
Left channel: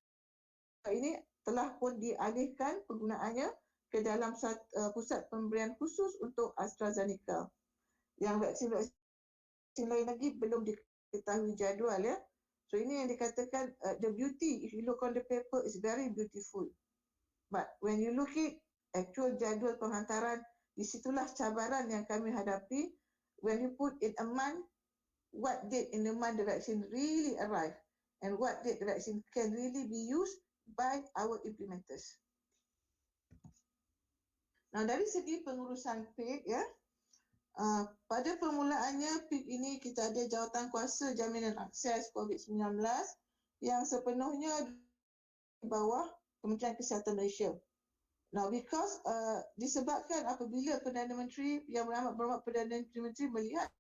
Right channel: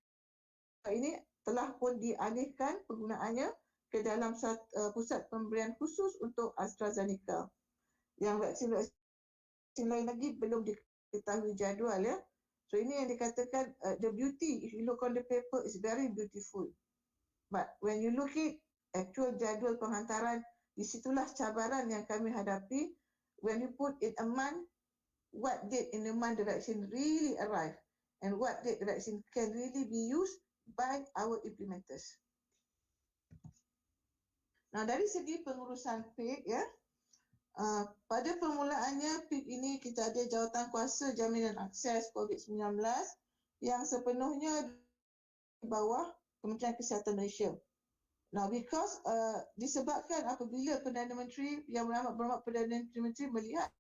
ini telah pun dialihkan penggunaannya ke dalam pusat pemberian khusus untuk AstraZeneca. Yang vaksin lain lagi belum diketahui jadual ya. So ini yang dikatakan the beauty, if you look on the paper, is very beautiful. But when you look at actual jadual penghantaran, di situlah cabaran yang kami hadapi. When you put in a month, what date in the month the vaccine really arrive, and what date the vaccine can really be used by our implementers. Nah, dari segi pengurusan PIK ya, pada permulaannya PIK ini kita ada jawatan kuasa jaminan akses COVID-19 yang sepenuhnya di bawah Kementerian Kesihatan Malaysia. Now, because disebabkan apabila Perdana Menteri Yang Berhormat Perdana Menteri melihat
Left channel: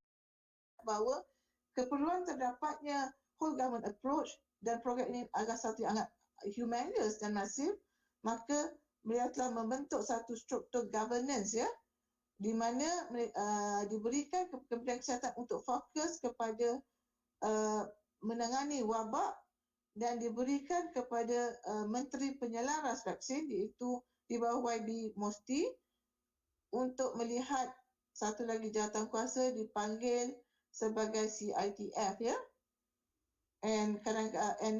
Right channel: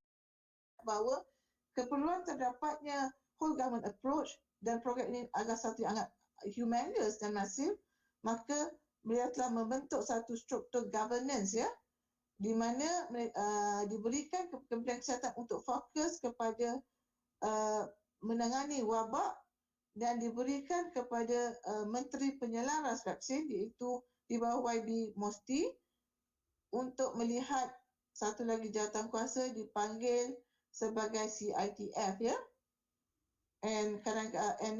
bahawa keperluan terdapatnya whole government approach dan program ini agak satu yang sangat humongous dan masif, maka beliau telah membentuk satu struktur governance ya, di mana diberikan Kementerian Kesihatan untuk fokus kepada menangani wabak, dan diberikan kepada Menteri Penyelaras Vaksin, iaitu di bawah YB Mosti, untuk melihat satu lagi jawatan kuasa dipanggil sebagai CITF ya. And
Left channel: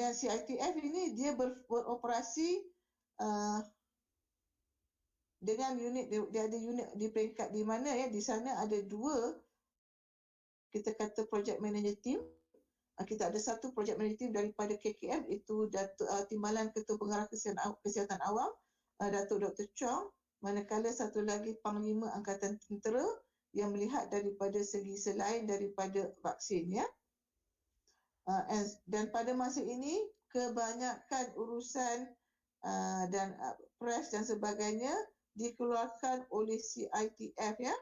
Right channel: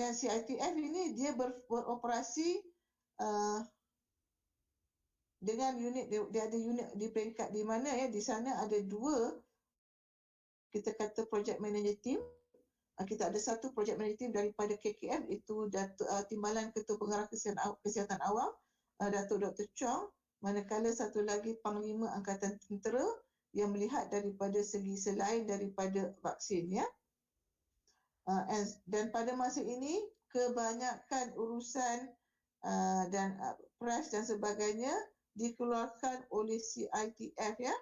then CITF ini dia beroperasi dengan unit, dia ada unit di peringkat di mana ya, di sana ada dua kita kata project manager team. Kita ada satu project manager team daripada KKM, itu Timbalan Ketua Pengarah Kesihatan Awam Datuk Dr. Chong, manakala satu lagi Panglima Angkatan Tentera yang melihat daripada segi selain daripada vaksin ya. Dan pada masa ini kebanyakan urusan dan press dan sebagainya dikeluarkan oleh CITF ya,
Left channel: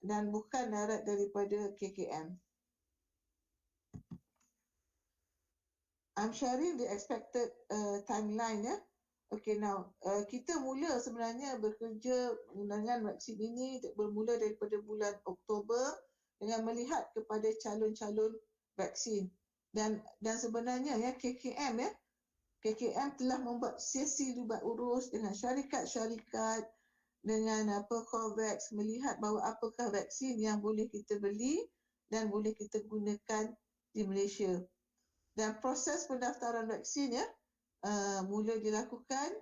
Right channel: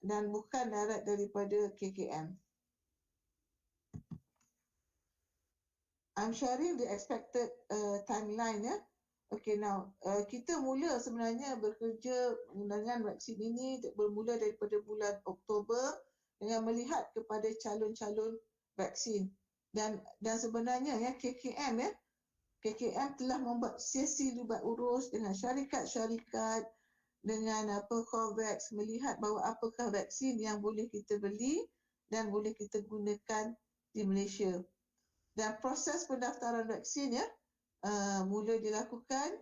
dan bukan darat daripada KKM. I'm sharing the expected timeline ya. Okay, now kita mula sebenarnya bekerja dengan vaksin ini bermula daripada bulan Oktober dengan melihat kepada calon-calon vaksin. dan sebenarnya ya KKM telah membuat sesi libat urus dengan syarikat-syarikat, dengan COVAX, melihat bahawa apakah vaksin yang boleh kita beli dan boleh kita gunakan di Malaysia. Dan proses pendaftaran vaksin mula dilakukan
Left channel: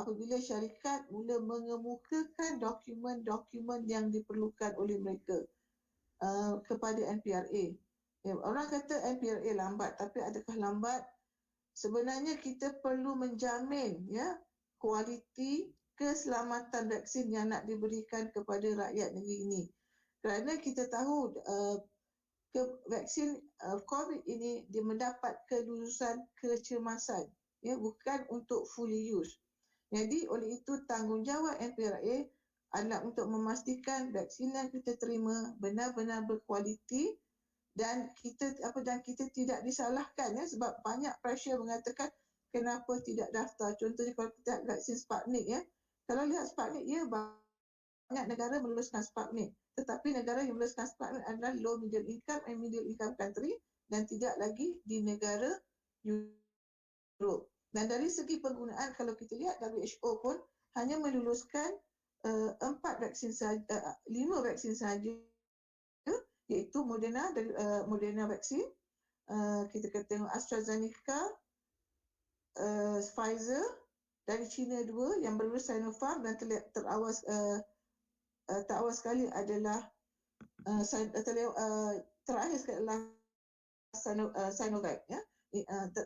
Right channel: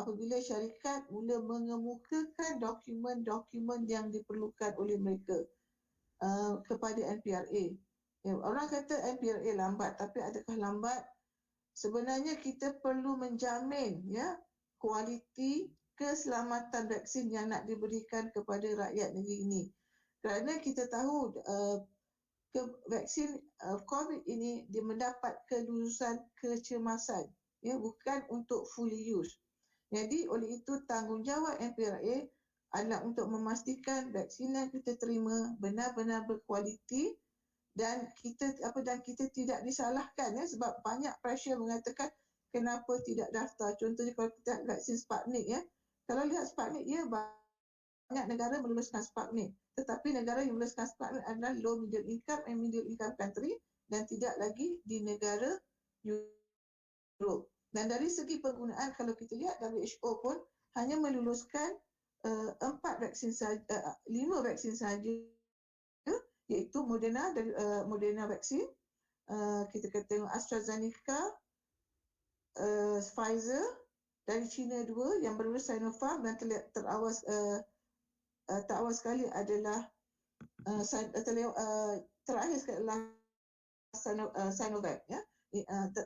apabila syarikat mula mengemukakan dokumen-dokumen yang diperlukan oleh mereka kepada NPRA. Orang kata NPRA lambat, tapi adakah lambat? Sebenarnya kita perlu menjamin kualiti keselamatan vaksin yang nak diberikan kepada rakyat negeri ini. Kerana kita tahu vaksin COVID ini dia mendapat kelulusan kecemasan, bukan untuk fully use. Jadi oleh itu tanggungjawab NPRA adalah untuk memastikan vaksin yang kita terima benar-benar berkualiti dan kita tidak disalahkan sebab banyak pressure mengatakan kenapa tidak daftar. Contohnya kalau kita vaksin Sputnik kalau lihat Sputnik banyak negara meluluskan Sputnik, tetapi negara yang meluluskan Sputnik adalah low middle income and middle income country dan tidak lagi di negara Europe. Dan dari segi penggunaan kalau kita lihat WHO pun hanya meluluskan 5 vaksin saja, iaitu Moderna vaksin, kita tengok AstraZeneca, Pfizer, dari China 2 yang berlulus Sinopharm dan terawal sekali adalah terakhir sekali adalah Sinovac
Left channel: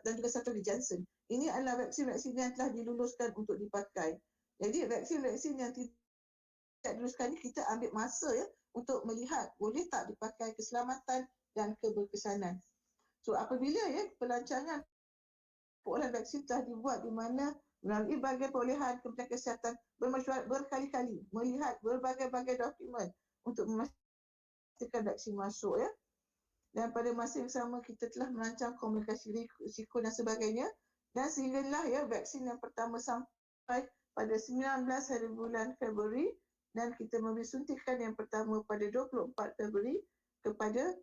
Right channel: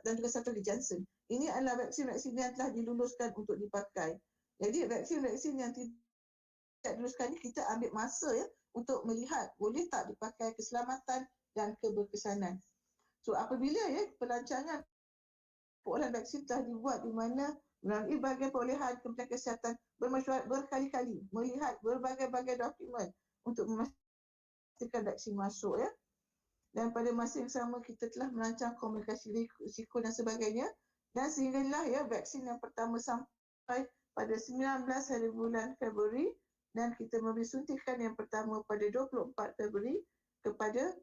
dan juga satu di Janssen. Ini adalah vaksin-vaksin yang telah diluluskan untuk dipakai. Jadi vaksin-vaksin yang tidak diluluskan ini kita ambil masa untuk melihat boleh tak dipakai keselamatan dan keberkesanan. So apabila pelancangan perolehan vaksin telah dibuat di mana melalui bahagian perolehan Kementerian Kesihatan bermesyuarat berkali-kali melihat berbagai-bagai dokumen untuk memastikan vaksin masuk dan pada masa yang sama kita telah merancang komunikasi risiko dan sebagainya dan sehinggalah vaksin yang pertama sampai pada 19 hari bulan Februari dan kita memberi suntikan yang pertama pada 24 Februari kepada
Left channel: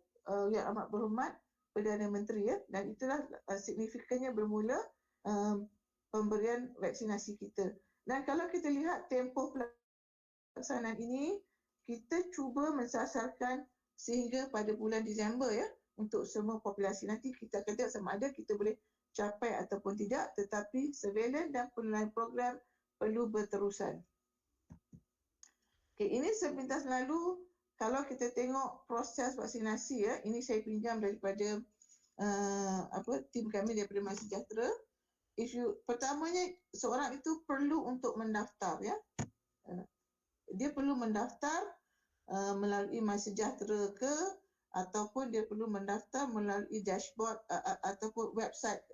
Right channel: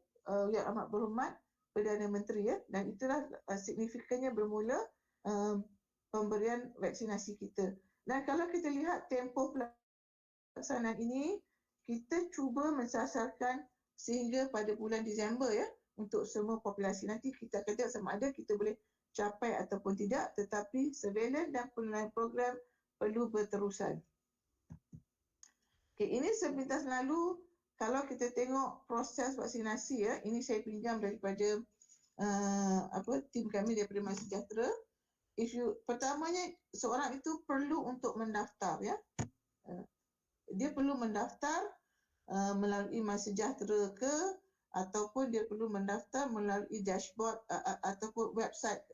Yang Amat Berhormat Perdana Menteri dan itulah signifikannya bermula pemberian vaksinasi kita. Dan kalau kita lihat tempoh pelaksanaan ini, kita cuba mensasarkan sehingga pada bulan Disember untuk semua populasi. Nanti kita akan tengok sama ada kita boleh capai ataupun tidak, tetapi surveillance dan penilaian program perlu berterusan. Okay, ini sepintas lalu kalau kita tengok proses vaksinasi ini saya pinjam daripada tim kami daripada MySejahtera. Isu pertamanya seorang itu perlu untuk mendaftar dia perlu mendaftar melalui MySejahtera ataupun dia perlu mendaftar melalui dashboard ataupun website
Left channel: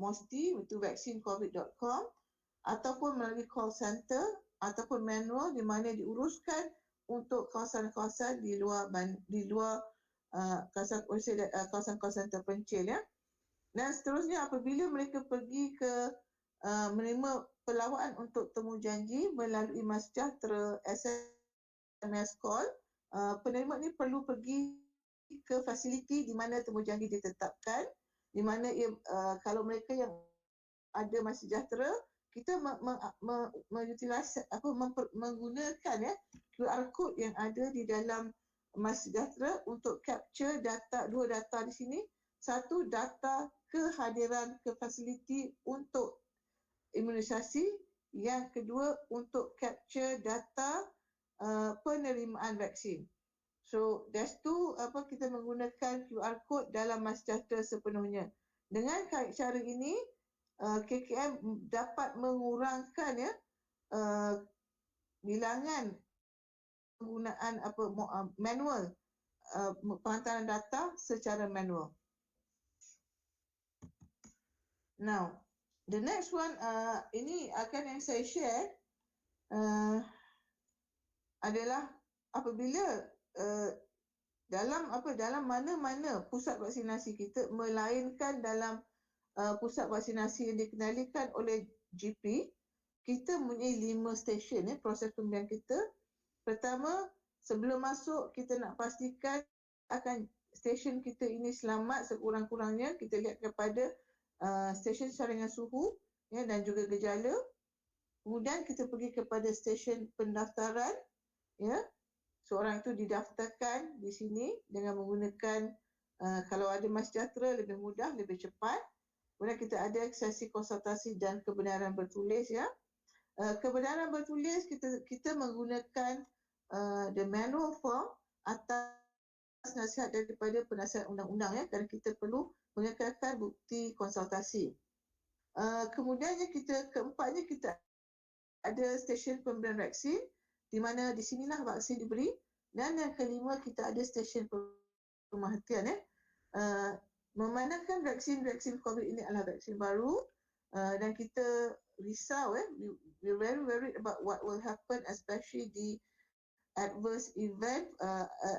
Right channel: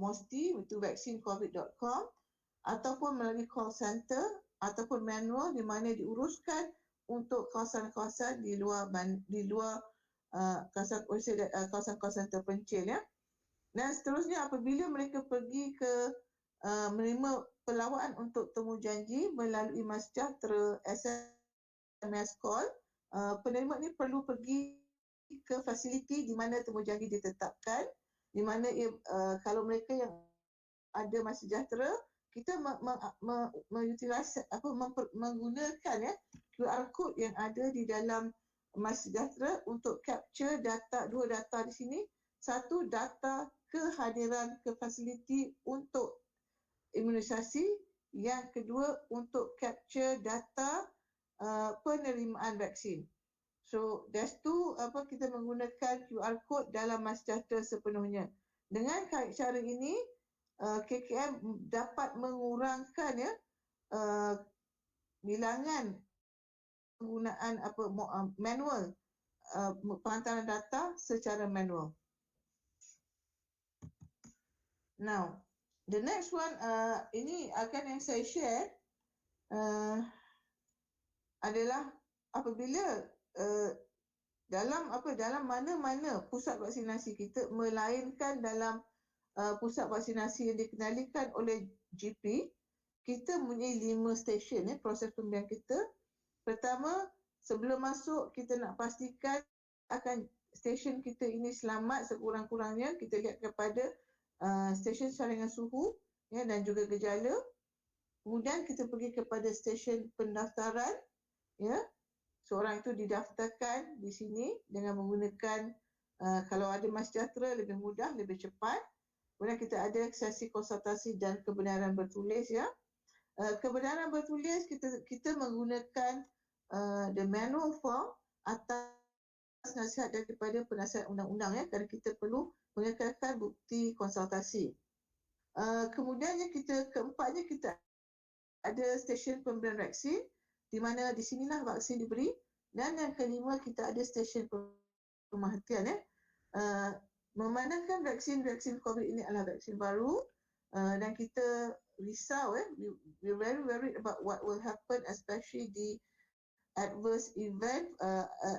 MOSTI iaitu vaksincovid.com ataupun melalui call center ataupun manual di mana diuruskan untuk kawasan-kawasan di luar kawasan-kawasan terpencil Dan seterusnya apabila mereka pergi ke menerima pelawaan untuk temu janji melalui MySejahtera SMS call, penerima ni perlu pergi ke fasiliti di mana temu janji ditetapkan, di mana kalau mereka yang ada MySejahtera, kita menggunakan QR code yang ada di dalam MySejahtera untuk capture data, dua data di sini. Satu, data kehadiran ke fasiliti untuk imunisasi. Yang kedua, untuk capture data penerimaan vaksin. So, that's two, kita menggunakan QR code dalam MySejahtera sepenuhnya. Dengan cara ini, KKM dapat mengurangkan bilangan penggunaan manual, penghantaran data secara manual. Now, the next one, ini akan yang saya share adalah apabila dalam mana-mana pusat vaksinasi kita, melainkan dalam pusat vaksinasi yang dikenalikan oleh GP, kita mempunyai 5 stesen proses pemberian kita. Pertama, sebelum masuk kita nak pastikan akan stesen kita ini selamat sekurang-kurangnya kita lihat kepada stesen saringan suhu ya, dan juga gejala. Kemudian kita pergi kepada stesen pendaftaran ya. Seorang itu didaftarkan di sini dengan menggunakan kalau ada MySejahtera lebih mudah, lebih cepat. Kemudian kita ada sesi konsultasi dan kebenaran bertulis ya. Kebenaran bertulis kita menggunakan the manual form atas nasihat daripada penasihat undang-undang ya, kerana kita perlu mengekalkan bukti konsultasi. Kemudiannya keempatnya kita ada stesen pemberian vaksin di mana di sinilah vaksin diberi, dan yang kelima kita ada stesen pemerhatian ya. Memandangkan vaksin COVID ini adalah vaksin baru dan kita risau we're very worried about what will happen, especially the adverse event,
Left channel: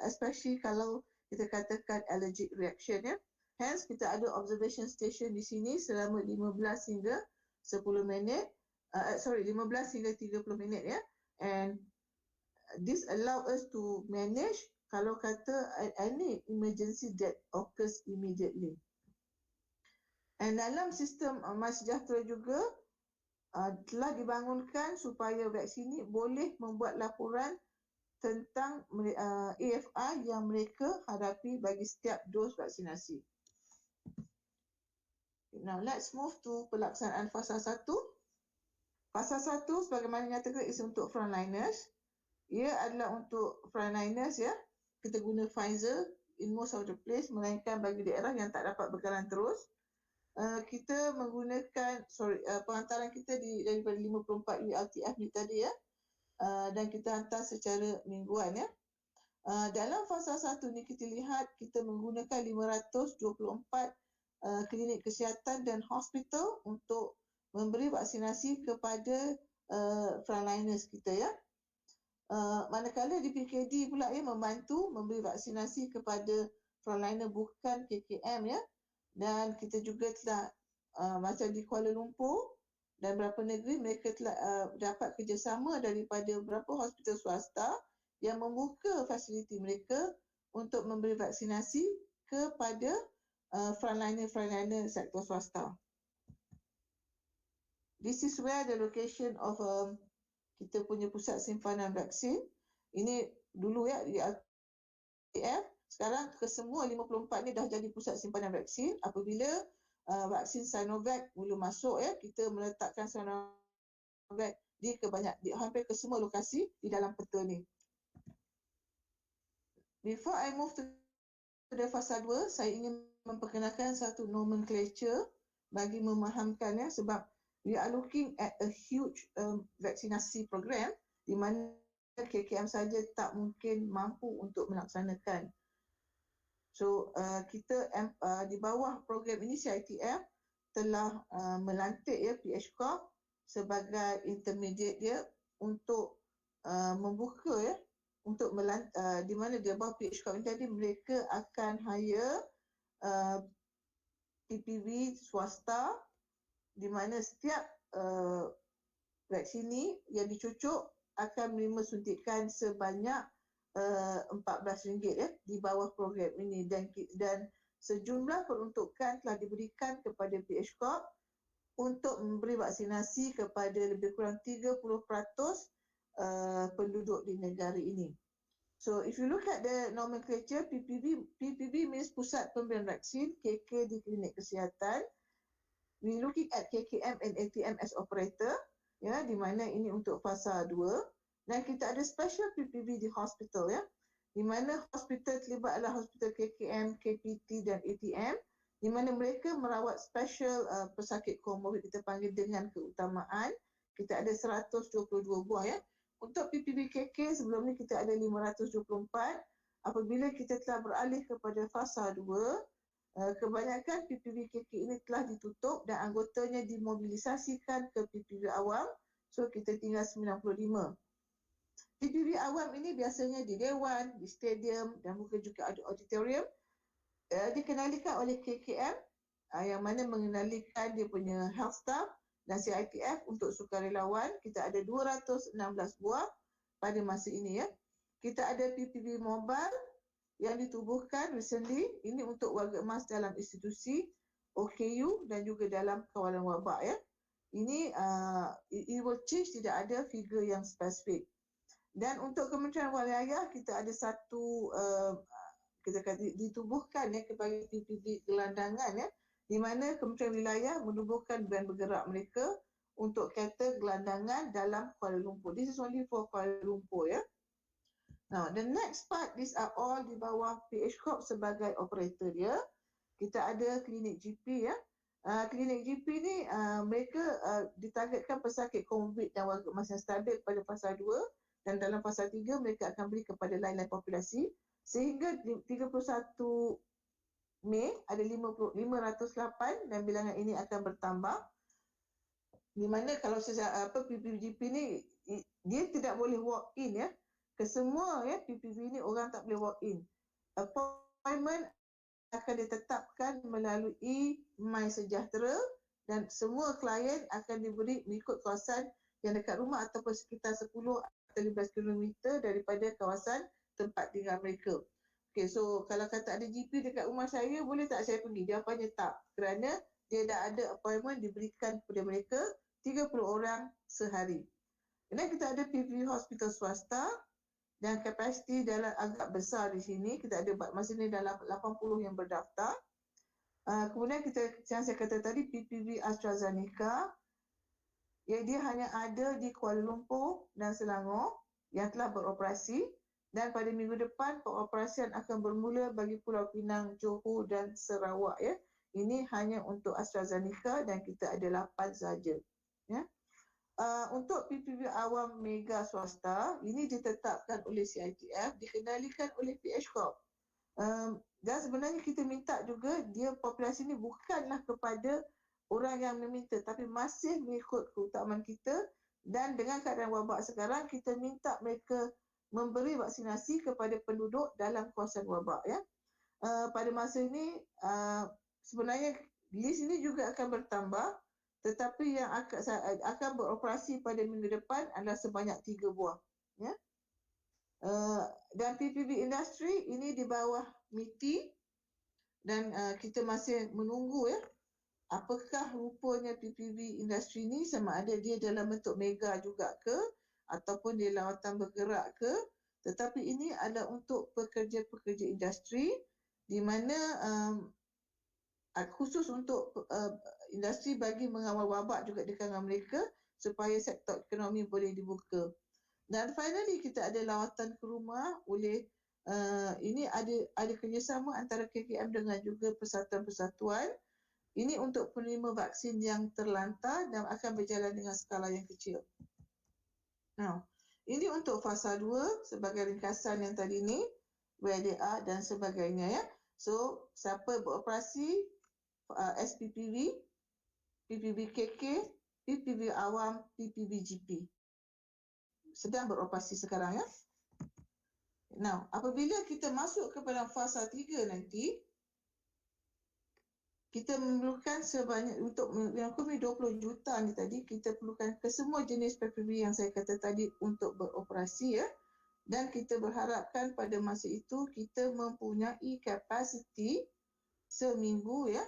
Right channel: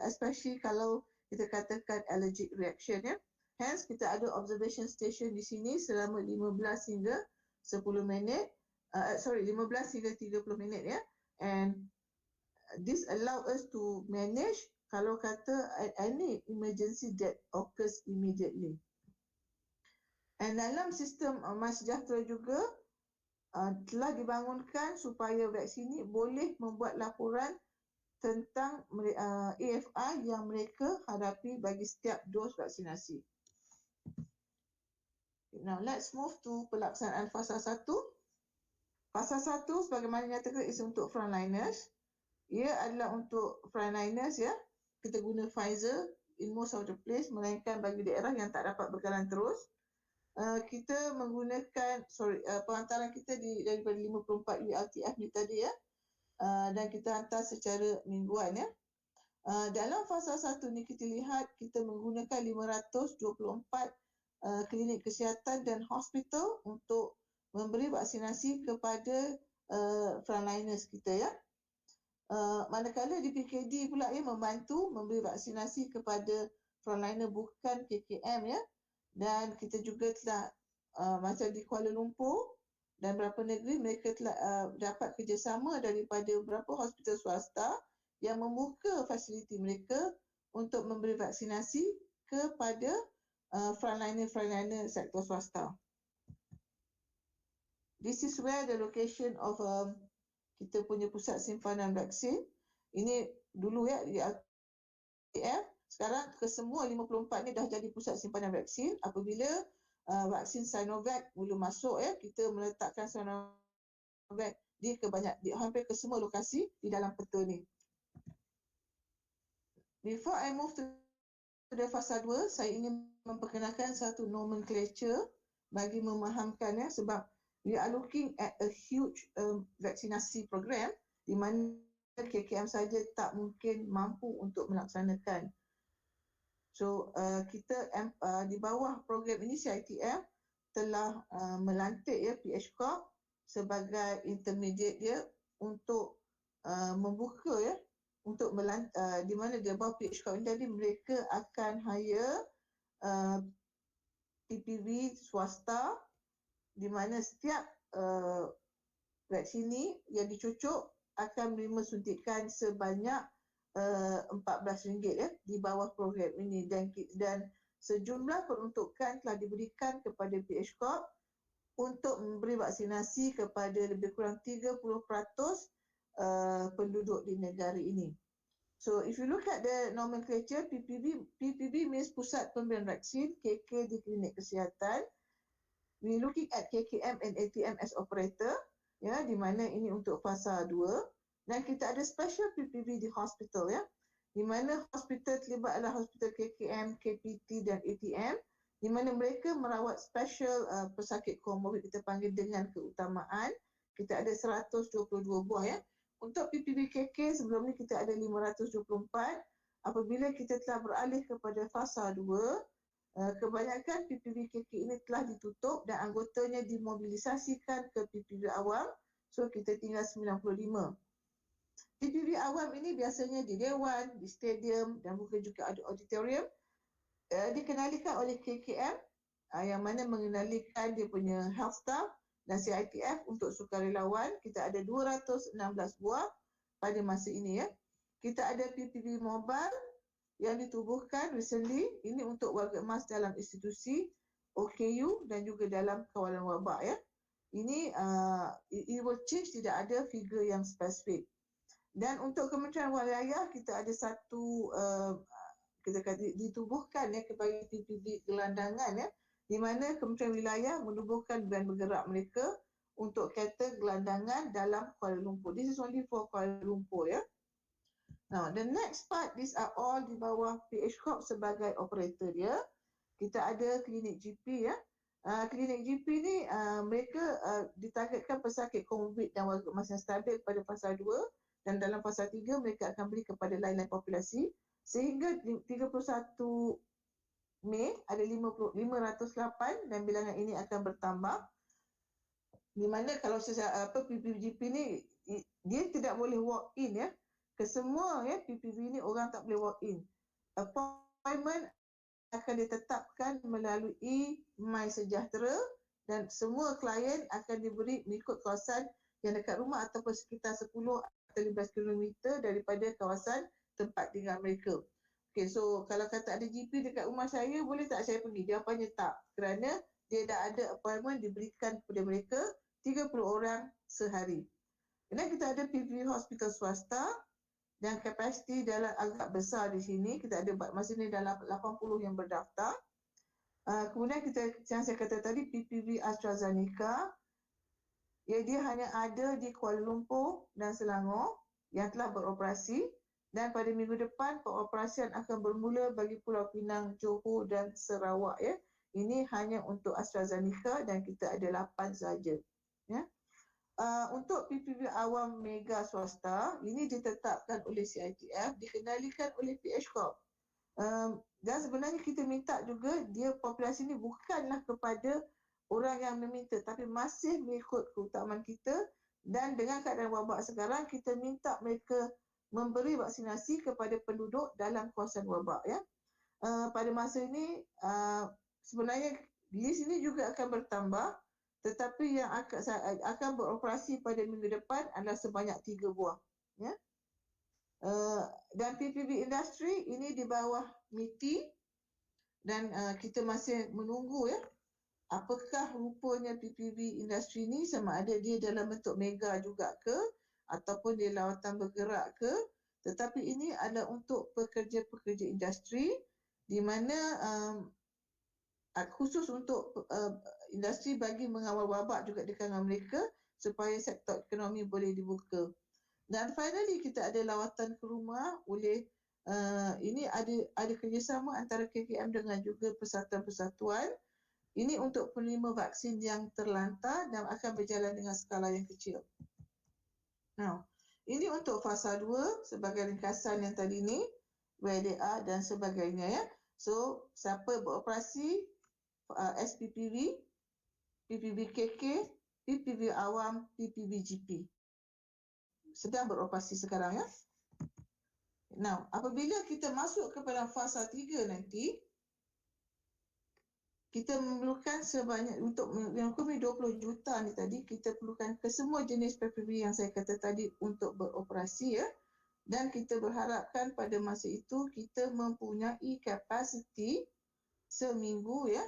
especially kalau kita katakan allergic reaction ya. Hence kita ada observation station di sini selama 15 hingga 10 minit. 15 hingga 30 minit ya. And this allow us to manage kalau kata any emergency that occurs immediately. And dalam sistem MySejahtera juga telah dibangunkan supaya vaksin ini boleh membuat laporan tentang AFI yang mereka hadapi bagi setiap dos vaksinasi. Now let's move to pelaksanaan fasa 1. Fasa 1 sebagaimana nyatakan is untuk frontliners. Ia adalah untuk frontliners ya. Kita guna Pfizer in most of the place, melainkan bagi daerah yang tak dapat berjalan terus. Kita menggunakan penghantaran kita daripada 54 ULTF ni tadi ya. Dan kita hantar secara mingguan ya. Dalam fasa 1 ni kita lihat kita menggunakan 524 klinik kesihatan dan hospital untuk memberi vaksinasi kepada frontliners kita ya. Manakala di PKD pula ya membantu memberi vaksinasi kepada frontliner bukan KKM ya. Dan kita juga telah macam di Kuala Lumpur dan beberapa negeri mereka telah dapat kerjasama daripada beberapa hospital swasta yang membuka fasiliti mereka untuk memberi vaksinasi kepada frontliner sektor swasta. This is where the location of kita punya pusat simpanan vaksin. Ini dulu ya di LTF. Sekarang kesemua 54 ni dah jadi pusat simpanan vaksin. Apabila vaksin Sinovac mula masuk ya, kita meletakkan Sinovac di hampir ke semua lokasi di dalam peta ni. Before I move to the fasa 2, saya ingin memperkenalkan satu nomenclature bagi memahamkan ya, sebab we are looking at a huge vaksinasi program di mana KKM saja tak mungkin mampu untuk melaksanakan. So kita di bawah program ini CITF telah melantik ya PH Corp sebagai intermediate dia untuk membuka ya untuk di mana di bawah PH Corp ini tadi mereka akan hire PPV swasta di mana setiap vaksin ini yang dicucuk akan menerima suntikan sebanyak RM14 ya di bawah program ini, dan sejumlah peruntukan telah diberikan kepada PH Corp untuk memberi vaksinasi kepada lebih kurang 30% penduduk di negara ini. So if you look at the nomenclature, PPV means pusat pemberian vaksin, KK di klinik kesihatan. We looking at KKM and ATM as operator ya, di mana ini untuk fasa 2. Dan kita ada special PPV di hospital ya, di mana hospital terlibat adalah hospital KKM, KPT dan ATM, di mana mereka merawat special pesakit komorbid kita panggil dengan keutamaan. Kita ada 122 buah ya. Untuk PPV KK sebelum ni kita ada 524. Apabila kita telah beralih kepada fasa 2, kebanyakan PPV KK ini telah ditutup dan anggotanya dimobilisasikan ke PPV awam. So kita tinggal 95. PPV awam ini biasanya di dewan, di stadium dan mungkin juga ada auditorium. Dikenalikan oleh KKM yang mana mengenalikan dia punya health staff dan CITF untuk sukarelawan. Kita ada 216 buah pada masa ini ya. Kita ada PPV mobile yang ditubuhkan recently, ini untuk warga emas dalam institusi, OKU dan juga dalam kawalan wabak ya. Ini it will change, tidak ada figure yang spesifik. Dan untuk Kementerian Wilayah kita ada satu kita kata ditubuhkan ya kepada PPB gelandangan ya, di mana Kementerian Wilayah menubuhkan band bergerak mereka untuk kata gelandangan dalam Kuala Lumpur. This is only for Kuala Lumpur ya. Now the next part, these are all di bawah PH Corp sebagai operator dia. Kita ada klinik GP ya. Klinik GP ni mereka ditargetkan pesakit COVID dan warga emas yang stabil pada fasa 2 dan dalam fasa 3 mereka akan beri kepada lain-lain populasi sehingga 31 Mei ada 508 dan bilangan ini akan bertambah, di mana kalau PPGP ni dia tidak boleh walk in ya. Kesemua ya PPV ni orang tak boleh walk in. Appointment akan ditetapkan melalui My Sejahtera dan semua klien akan diberi mengikut kawasan yang dekat rumah ataupun sekitar 10 atau 15 km daripada kawasan tempat tinggal mereka. Okay, so kalau kata ada GP dekat rumah saya, boleh tak saya pergi? Jawapannya tak, kerana dia dah ada appointment diberikan kepada mereka 30 orang sehari. Kemudian kita ada PPV hospital swasta dan kapasiti dalam agak besar di sini. Kita ada masa ni dalam 80 yang berdaftar. Kemudian kita, yang saya kata tadi, PPV AstraZeneca, ya, dia hanya ada di Kuala Lumpur dan Selangor yang telah beroperasi, dan pada minggu depan pengoperasian akan bermula bagi Pulau Pinang, Johor dan Sarawak ya. Ini hanya untuk AstraZeneca dan kita ada 8 saja ya. Untuk PPV awam mega swasta, ini ditetapkan oleh CITF, dikendalikan oleh PH Corp. Dan sebenarnya kita minta juga dia populasi ini bukanlah kepada orang yang meminta, tapi masih mengikut keutamaan kita, dan dengan keadaan wabak sekarang kita minta mereka memberi vaksinasi kepada penduduk dalam kawasan wabak ya. Pada masa ini sebenarnya list ini juga akan bertambah, tetapi yang akan beroperasi pada minggu depan adalah sebanyak 3 buah ya. Dan PPV industri ini di bawah MITI dan kita masih menunggu ya apakah rupanya PPV industri ni, sama ada dia dalam bentuk mega juga ke ataupun dia lawatan bergerak ke. Tetapi ini adalah untuk pekerja-pekerja industri di mana khusus untuk industri bagi mengawal wabak juga di kalangan mereka supaya sektor ekonomi boleh dibuka. Dan finally kita ada lawatan ke rumah oleh ini ada kerjasama antara KKM dengan juga persatuan-persatuan. Ini untuk penerima vaksin yang terlantar dan akan berjalan dengan skala yang kecil. Now, ini untuk fasa 2 sebagai ringkasan yang tadi ni, where they are dan sebagainya ya. So, siapa beroperasi SPPV, PPV KK, PPV awam, PPV GP sedang beroperasi sekarang ya. Now, apabila kita masuk kepada fasa 3 nanti, kita memerlukan sebanyak, untuk yang 20 juta ni tadi, kita perlukan ke semua jenis PPV yang saya kata tadi untuk beroperasi ya. Dan kita berharapkan pada masa itu kita mempunyai kapasiti seminggu ya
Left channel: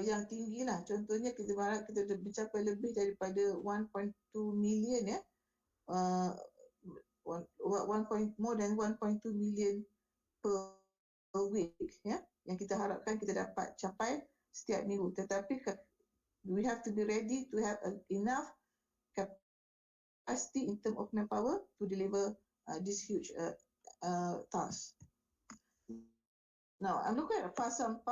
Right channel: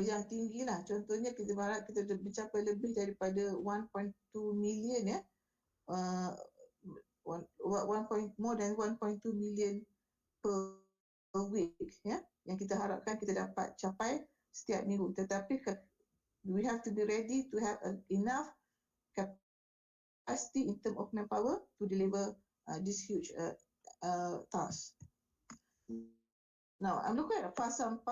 yang tinggi lah. Contohnya kita berharap kita mencapai lebih daripada 1.2 million ya. More than 1.2 million per week ya, yang kita harapkan kita dapat capai setiap minggu. Tetapi we have to be ready to have enough capacity in terms of manpower to deliver this huge task. Now, I'm looking at fasa 4.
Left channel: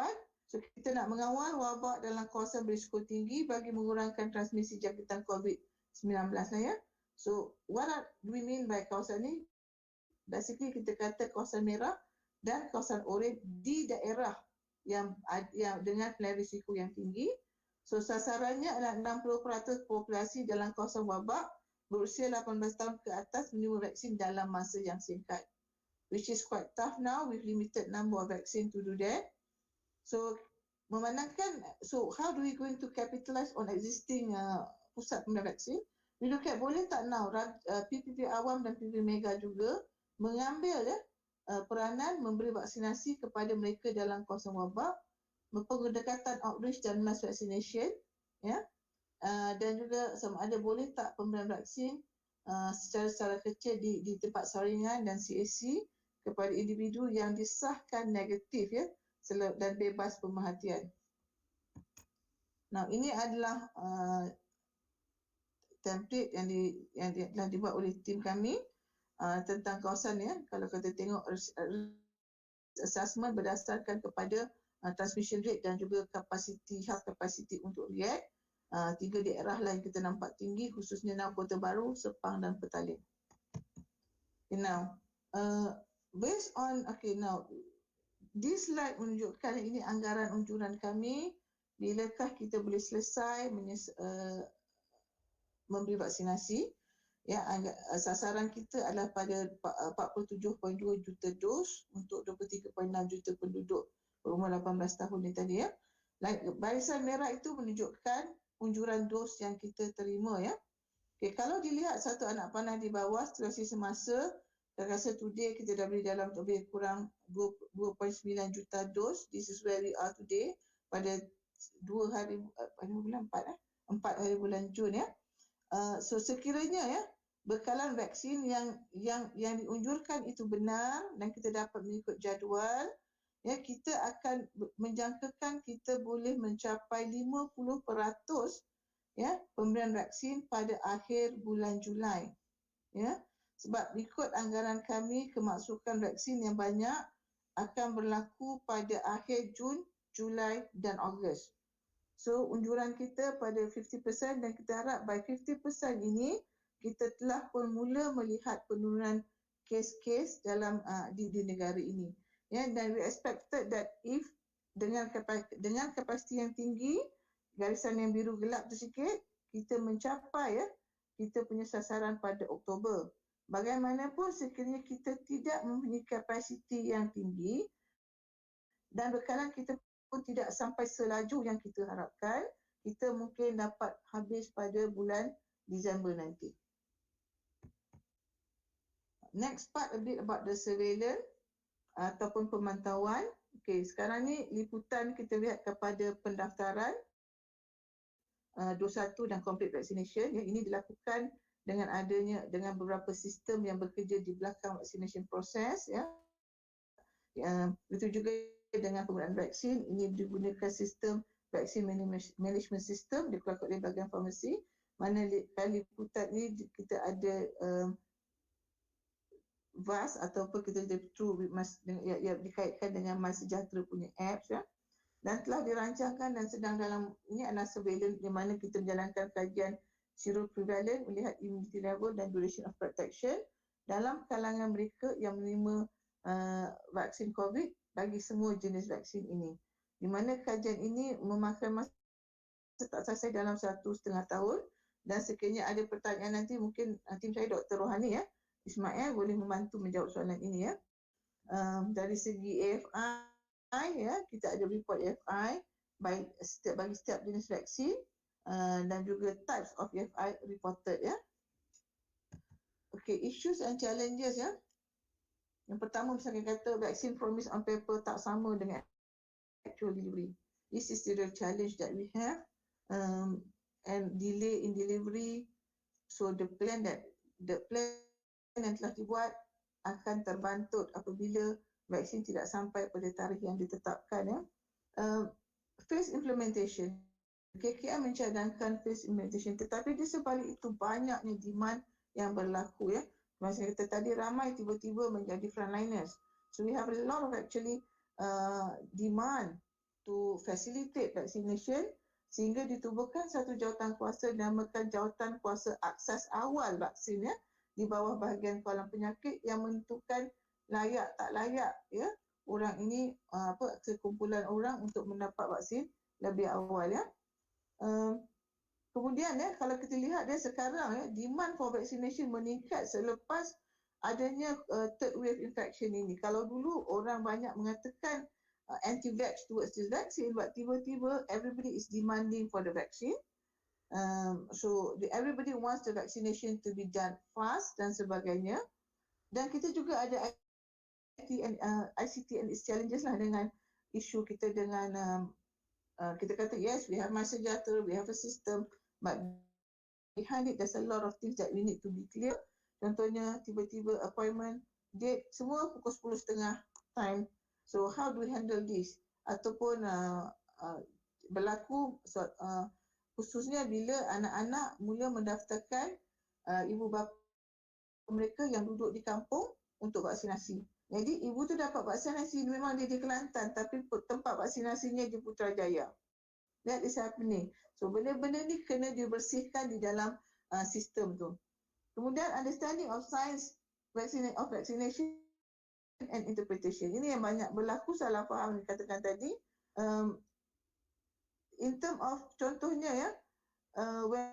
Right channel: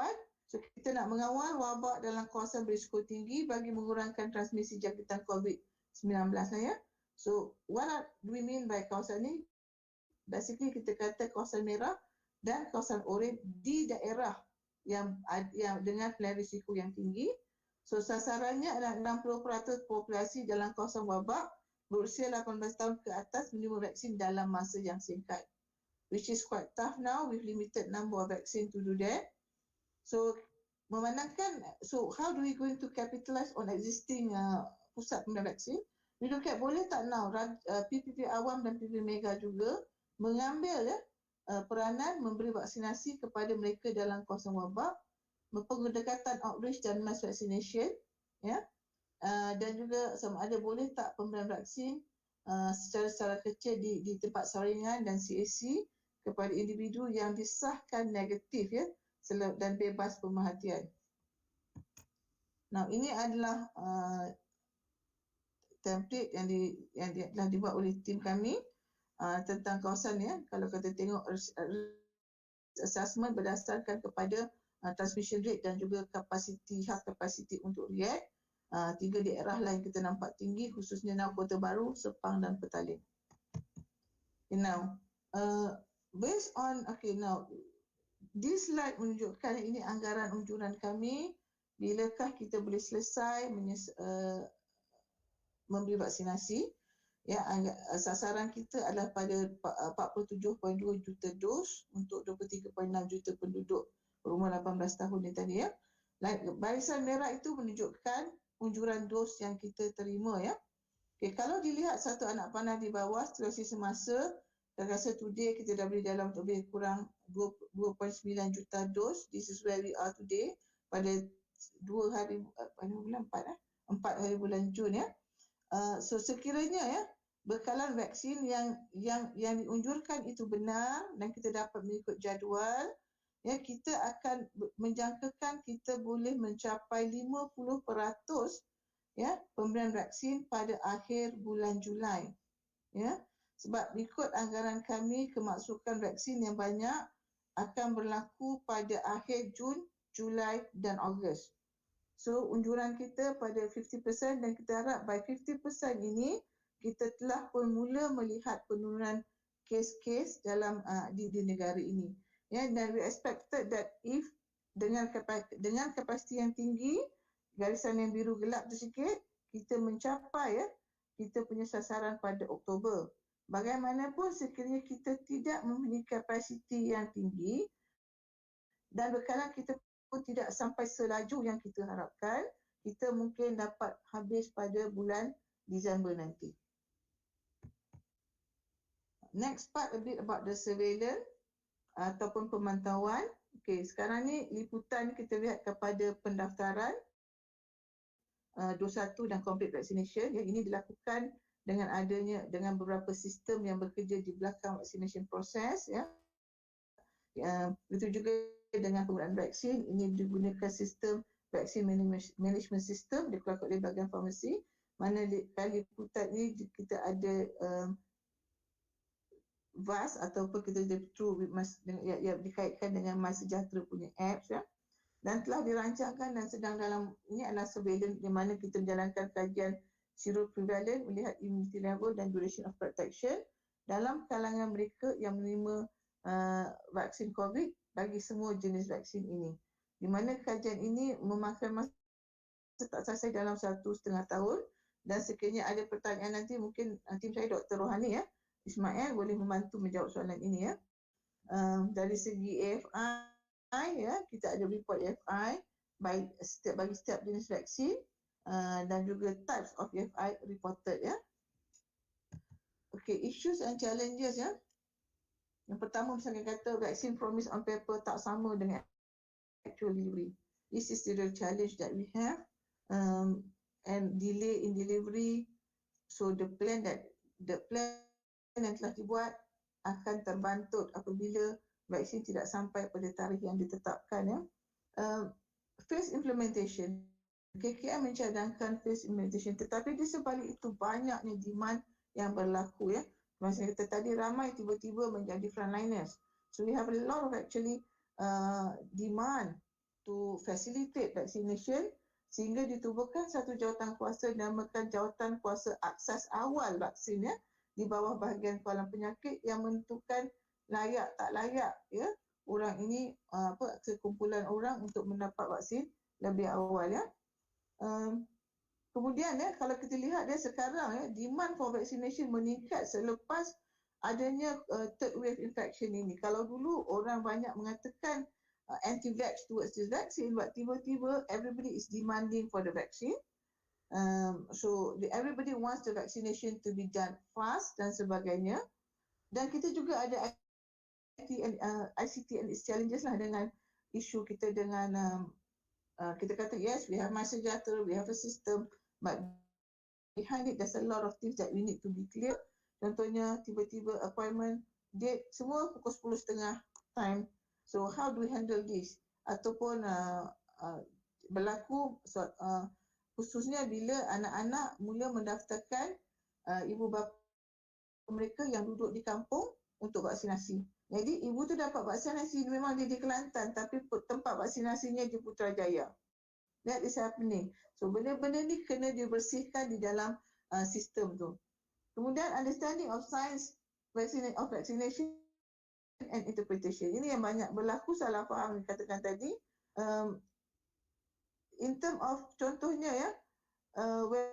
So, kita nak mengawal wabak dalam kawasan berisiko tinggi bagi mengurangkan transmisi jangkitan COVID-19 lah ya. So, what do we mean by kawasan ni? Basically, kita kata kawasan merah dan kawasan oranye di daerah yang dengan pilihan risiko yang tinggi. So, sasarannya adalah 60% populasi dalam kawasan wabak berusia 18 tahun ke atas menerima vaksin dalam masa yang singkat. Which is quite tough now with limited number of vaccine to do that. So, memandangkan, so how do we going to capitalize on existing pusat pemberian vaksin? We look at boleh tak now PPV awam dan PPV mega juga mengambil peranan memberi vaksinasi kepada mereka dalam kawasan wabak, pendekatan outreach dan mass vaccination, ya, dan juga sama ada boleh tak pemberian vaksin secara kecil di tempat saringan dan CAC kepada individu yang disahkan negatif, ya, dan bebas pemerhatian. Nah, ini adalah template yang telah dibuat oleh tim kami tentang kawasan, ya. Kalau kita tengok assessment berdasarkan kepada transmission rate dan juga health capacity untuk react. 3 daerah lain kita nampak tinggi, khususnya Kota Baru, Sepang dan Petaling. Okay, now, based on, now, this slide menunjukkan ini anggaran unjuran kami, bilakah kita boleh selesai memberi vaksinasi. Ya, sasaran kita adalah pada 47.2 juta dos untuk 23.6 juta penduduk berumur 18 tahun ni tadi, ya. Barisan merah itu menunjukkan unjuran dos yang kita terima, ya. Okay, kalau dilihat satu anak panah di bawah situasi semasa, saya rasa today kita dah beri dalam lebih kurang 2.9 juta dos. This is where we are today pada 4 hari bulan Jun, ya. So sekiranya, ya, bekalan vaksin yang diunjurkan itu benar dan kita dapat mengikut jadual, ya, kita akan menjangkakan kita boleh mencapai 50%, ya, pemberian vaksin pada akhir bulan Julai, ya. Sebab ikut anggaran kami, kemasukan vaksin yang banyak akan berlaku pada akhir Jun, Julai dan Ogos. So unjuran kita pada 50% dan kita harap by 50% ini kita telah pun mula melihat penurunan kes-kes dalam di negara ini. Ya, dan we expected that if dengan kapasiti yang tinggi, garisan yang biru gelap tu sikit, kita mencapai, ya, kita punya sasaran pada Oktober. Bagaimanapun sekiranya kita tidak mempunyai kapasiti yang tinggi dan bekalan kita pun tidak sampai selaju yang kita harapkan, kita mungkin dapat habis pada bulan Disember nanti. Next part a bit about the surveillance ataupun pemantauan. Okey, sekarang ni liputan kita lihat kepada pendaftaran dos 1 dan complete vaccination. Yang ini dilakukan dengan beberapa sistem yang bekerja di belakang vaccination process, ya. Begitu juga dengan penggunaan vaksin, ini digunakan sistem vaksin management system dikeluarkan oleh bahagian farmasi. Mana liputan ini kita ada VAS ataupun kita yang dikaitkan dengan MySejahtera punya apps, ya. Dan telah dirancangkan dan sedang dalam, ini adalah surveillance di mana kita menjalankan kajian seroprevalent, melihat immunity level dan duration of protection dalam kalangan mereka yang menerima vaksin COVID bagi semua jenis vaksin ini. Di mana kajian ini memakan masa tak selesai dalam 1.5 tahun, dan sekiranya ada pertanyaan nanti, mungkin tim saya Dr. Rohani, ya, Ismail boleh membantu menjawab soalan ini, ya. Dari segi AFI, ya, kita ada report AFI bagi setiap jenis vaksin dan juga types of AFI reported, ya. Okay, issues and challenges, ya. Yang pertama, misalnya kata vaksin promise on paper tak sama dengan actual delivery. This is the real challenge that we have, and delay in delivery. So the plan yang telah dibuat akan terbantut apabila vaksin tidak sampai pada tarikh yang ditetapkan, ya. Phase implementation. KKM mencadangkan phase implementation, tetapi di sebalik itu banyaknya demand yang berlaku, ya. Macam kita tadi, ramai tiba-tiba menjadi frontliners. So we have a lot of actually demand to facilitate vaccination, sehingga ditubuhkan satu jawatan kuasa dinamakan Jawatan Kuasa Akses Awal Vaksin, ya, di bawah bahagian kawalan penyakit yang menentukan layak tak layak, ya, orang ini sekumpulan orang untuk mendapat vaksin lebih awal, ya. Kemudian, ya, kalau kita lihat, ya, sekarang, ya, demand for vaccination meningkat selepas adanya third wave infection ini. Kalau dulu orang banyak mengatakan anti-vax towards this vaccine, but tiba-tiba everybody is demanding for the vaccine. So everybody wants the vaccination to be done fast dan sebagainya. Dan kita juga ada ICT and its challenges lah dengan isu kita dengan kita kata yes, we have MySejahtera, we have a system, but behind it there's a lot of things that we need to be clear. Contohnya tiba-tiba appointment date semua pukul 10.30 time. So how do we handle this? Ataupun berlaku khususnya bila anak-anak mula mendaftarkan ibu bapa mereka yang duduk di kampung untuk vaksinasi. Jadi ibu tu dapat vaksinasi memang dia di Kelantan tapi tempat vaksinasinya di Putrajaya. That is happening. So benda-benda ni kena dibersihkan di dalam sistem tu. Kemudian understanding of science of vaccination and interpretation. Ini yang banyak berlaku salah faham yang katakan tadi. In term of contohnya ya, when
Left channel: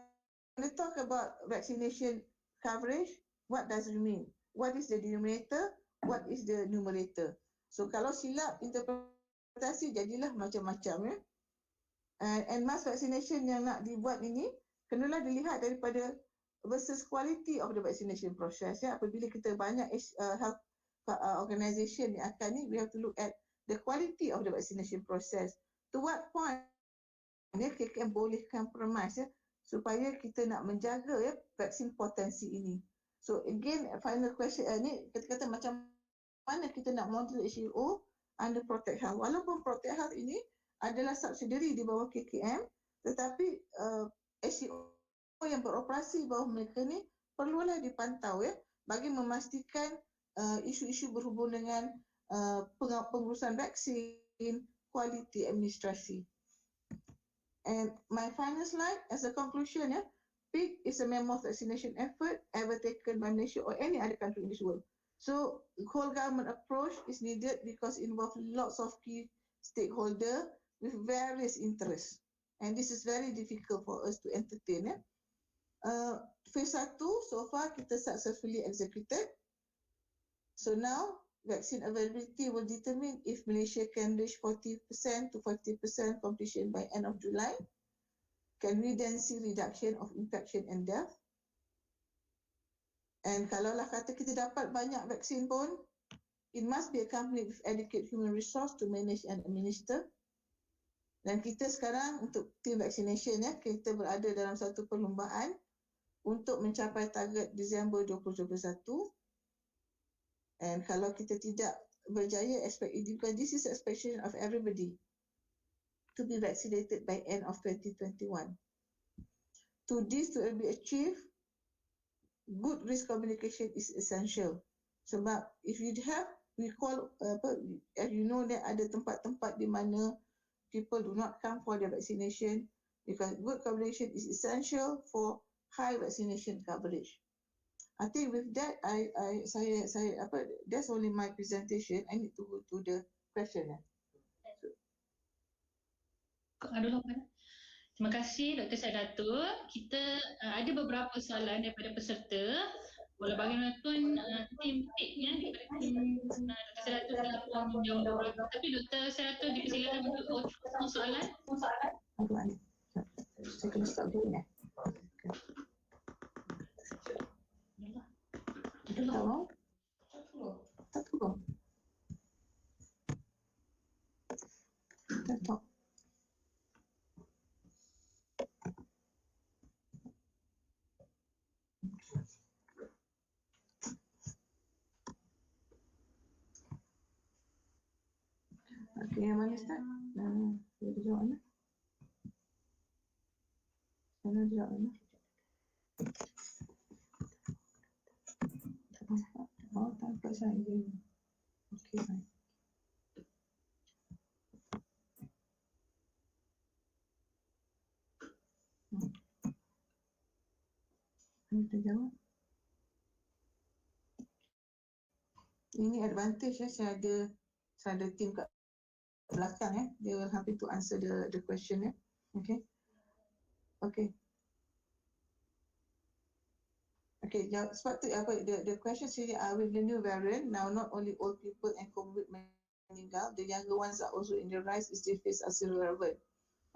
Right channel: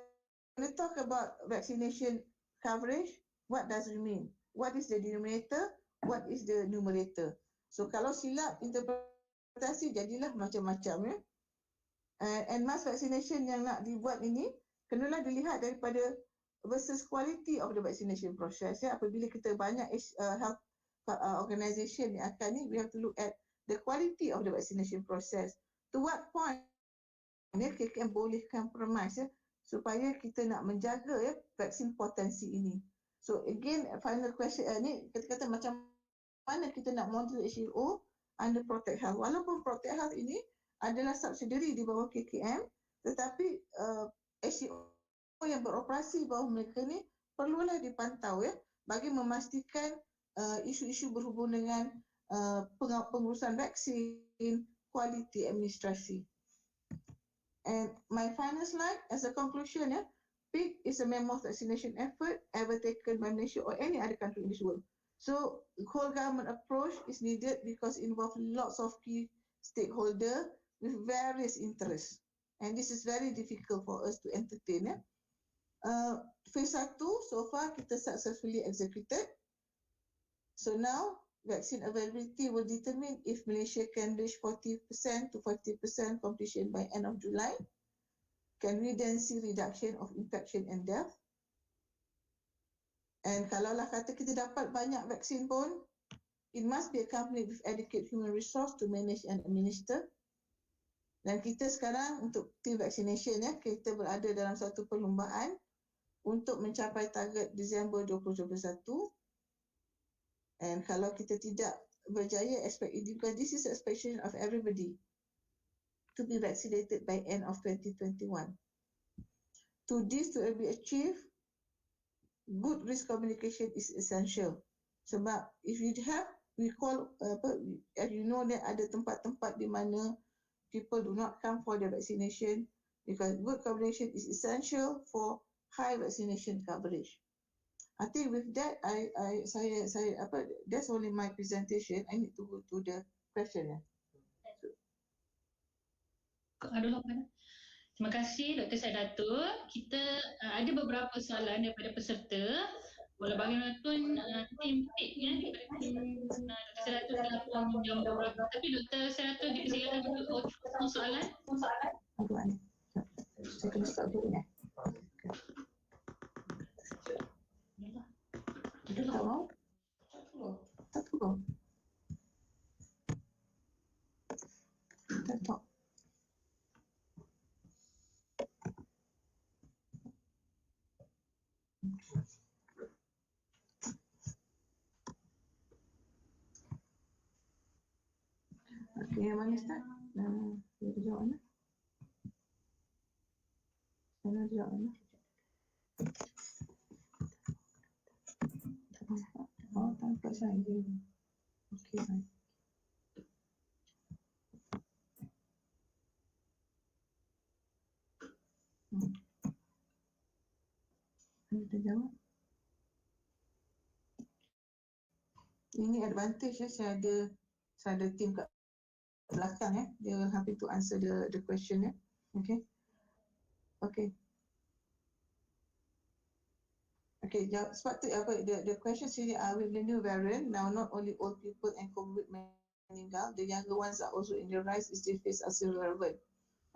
we talk about vaccination coverage, what does it mean? What is the denominator? What is the numerator? So kalau silap interpretasi jadilah macam-macam ya. And mass vaccination yang nak dibuat ini kenalah dilihat daripada versus quality of the vaccination process ya. Apabila kita banyak health organisation yang akan ni, we have to look at the quality of the vaccination process. To what point ya KKM boleh compromise ya supaya kita nak menjaga ya vaksin potensi ini. So again final question ni kita kata macam mana kita nak model HEO under Protect Health. Walaupun Protect Health ini adalah subsidiary di bawah KKM, tetapi HEO yang beroperasi bawah mereka ni perlulah dipantau ya bagi memastikan isu-isu berhubung dengan pengurusan vaksin, kualiti administrasi. And my final slide as a conclusion ya, PIC is a mammoth vaccination effort ever taken by Malaysia or any other country in this world. So whole government approach is needed because it involves lots of key stakeholders with various interests. And this is very difficult for us to entertain ya. Phase 1 so far kita successfully executed. So now vaccine availability will determine if Malaysia can reach 40% to 50% completion by end of July. Can we then see reduction of infection and death? And kalaulah kata kita dapat banyak vaksin pun, it must be accompanied with adequate human resource to manage and administer. Dan kita sekarang untuk team vaccination ya, kita berada dalam satu perlombaan untuk mencapai target Disember 2021. And kalau kita tidak berjaya expect it, because this is expectation of everybody to be vaccinated by end of 2021. To this to be achieved, good risk communication is essential. Sebab if you have, we call as you know that ada tempat-tempat di mana people do not come for the vaccination because good communication is essential for high vaccination coverage. I think with that, that's only my presentation. I need to go to the question. Terima kasih Dr. Sadatul. Kita ada beberapa soalan daripada peserta. Walau bagaimanapun tim PIC daripada tim Dr. Sadatul telah pun menjawab beberapa. Tapi Dr. Sadatul dipersilakan untuk semua soalan. Saya kena stop dulu ya. Tak tahu. Okey, yang mana start? Dia jawab mana? Mana jawab mana? Oh, tanpa saya. Okey, baik. Kita jawab. Ini advantage ya, saya ada tim kat belakang ya. They will happy to answer the question ya. Okay. Okay, sebab tu the question sini with the new variant, now not only old people and COVID meninggal, the younger ones are also in the rise, is this phase as relevant.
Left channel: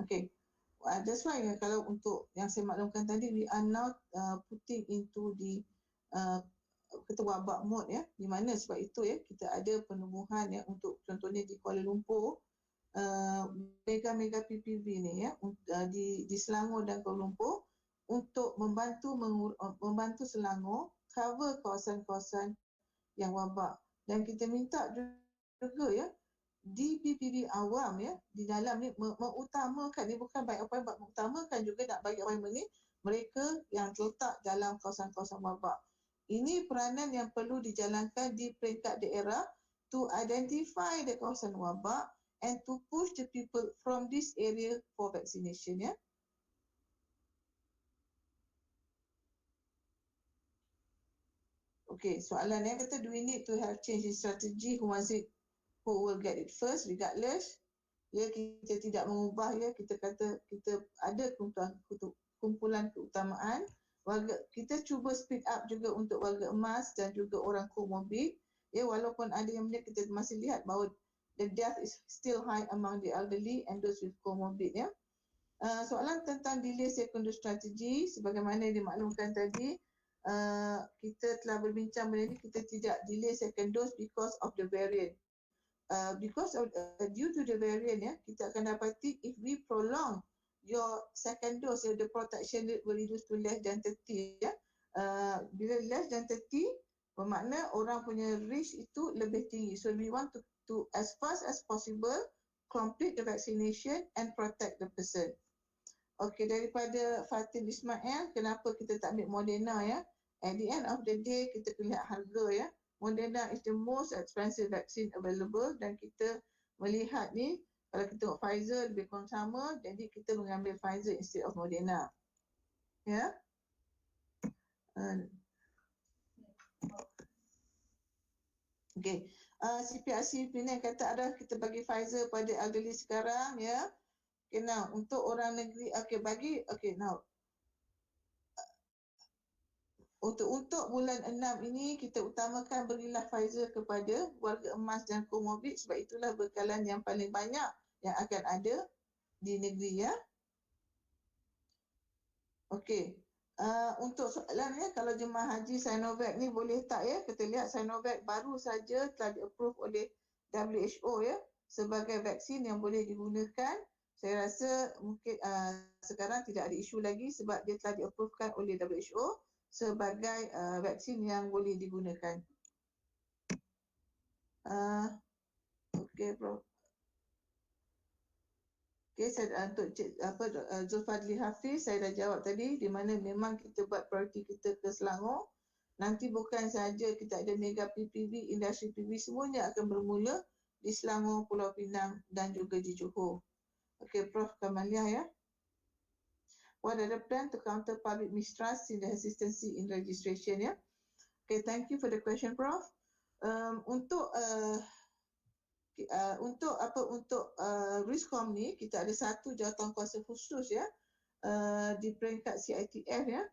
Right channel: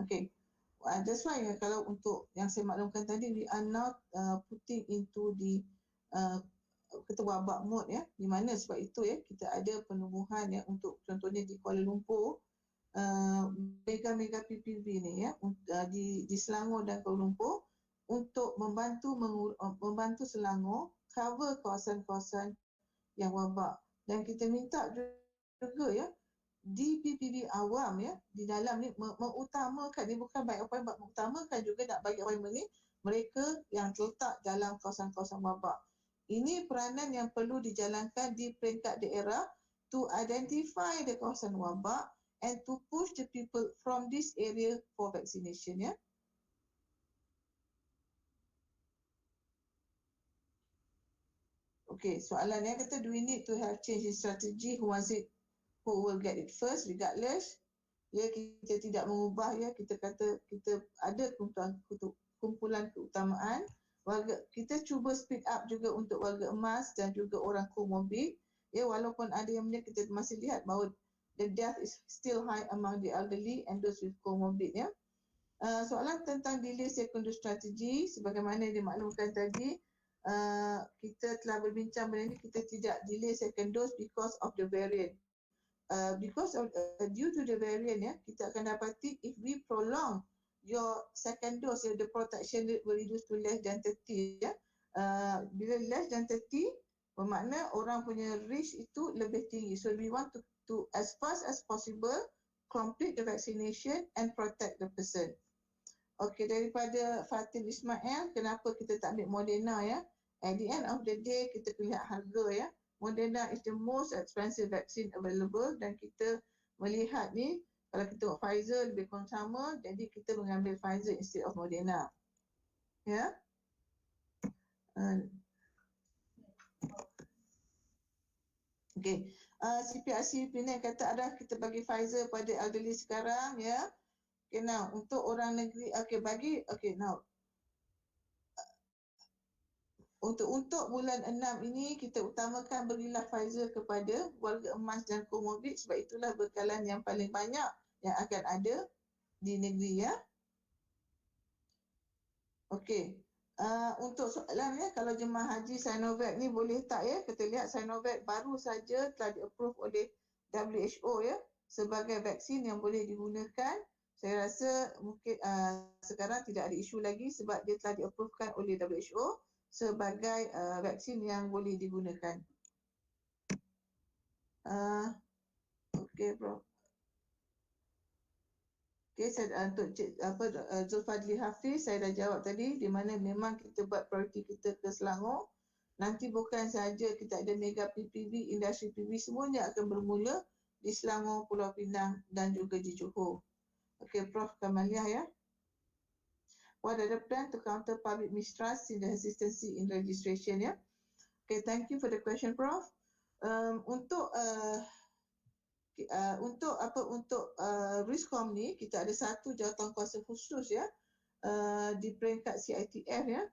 Okay, that's why kalau untuk yang saya maklumkan tadi, we are not putting into the kata wabak mood ya, di mana sebab itu ya kita ada penumbuhan ya untuk contohnya di Kuala Lumpur, mega-mega PPV ni ya di Selangor dan Kuala Lumpur untuk membantu Selangor cover kawasan-kawasan yang wabak. Dan kita minta juga ya di PPV awam ya di dalam ni mengutamakan, ni bukan bagi appointment, mengutamakan juga nak bagi appointment ni mereka yang terletak dalam kawasan-kawasan wabak. Ini peranan yang perlu dijalankan di peringkat daerah to identify the kawasan wabak and to push the people from this area for vaccination ya. Okay, soalan yang kata do we need to have change in strategy, who will get it first regardless. Ya, kita tidak mengubah ya, kita kata kita ada kumpulan keutamaan. Kita cuba speed up juga untuk warga emas dan juga orang komorbid. Ya, walaupun ada yang kita masih lihat bahawa the death is still high among the elderly and those with comorbid ya. Soalan tentang delay secondary strategy, sebagaimana dimaklumkan tadi, kita telah berbincang benda ini, kita tidak delay second dose because of the variant. Because of due to the variant ya, kita akan dapati if we prolong your second dose, the protection rate will reduce to less than 30 ya. Bila less than 30 bermakna orang punya risk itu lebih tinggi. So we want to as fast as possible complete the vaccination and protect the person. Okey, daripada Fatin Ismail, kenapa kita tak ambil Moderna ya? At the end of the day kita lihat harga ya. Moderna is the most expensive vaccine available dan kita melihat ni kalau kita tengok Pfizer lebih kurang sama, jadi kita mengambil Pfizer instead of Moderna. Ya. Okey. CPRC Penang kata ada kita bagi Pfizer pada elderly sekarang ya. Okay, now untuk orang negeri now untuk bulan 6 ini kita utamakan berilah Pfizer kepada warga emas dan komorbid sebab itulah bekalan yang paling banyak yang akan ada di negeri ya. Okey. Untuk soalannya kalau jemaah haji Sinovac ni boleh tak ya? Kita lihat Sinovac baru saja telah di-approve oleh WHO ya sebagai vaksin yang boleh digunakan. Saya rasa mungkin sekarang tidak ada isu lagi sebab dia telah di-approvekan oleh WHO sebagai vaksin yang boleh digunakan. Okey, Prof. Okey, saya untuk Zulfadli Hafiz saya dah jawab tadi di mana memang kita buat prioriti kita ke Selangor. Nanti bukan saja kita ada mega PPV, industri PPV semuanya akan bermula di Selangor, Pulau Pinang dan juga di Johor. Okey, Prof Kamaliah ya. What are the plan to counter public mistrust in the hesitancy in registration ya? Okay, thank you for the question, Prof. Untuk Riskom ni kita ada satu jawatankuasa khusus ya di peringkat CITF ya,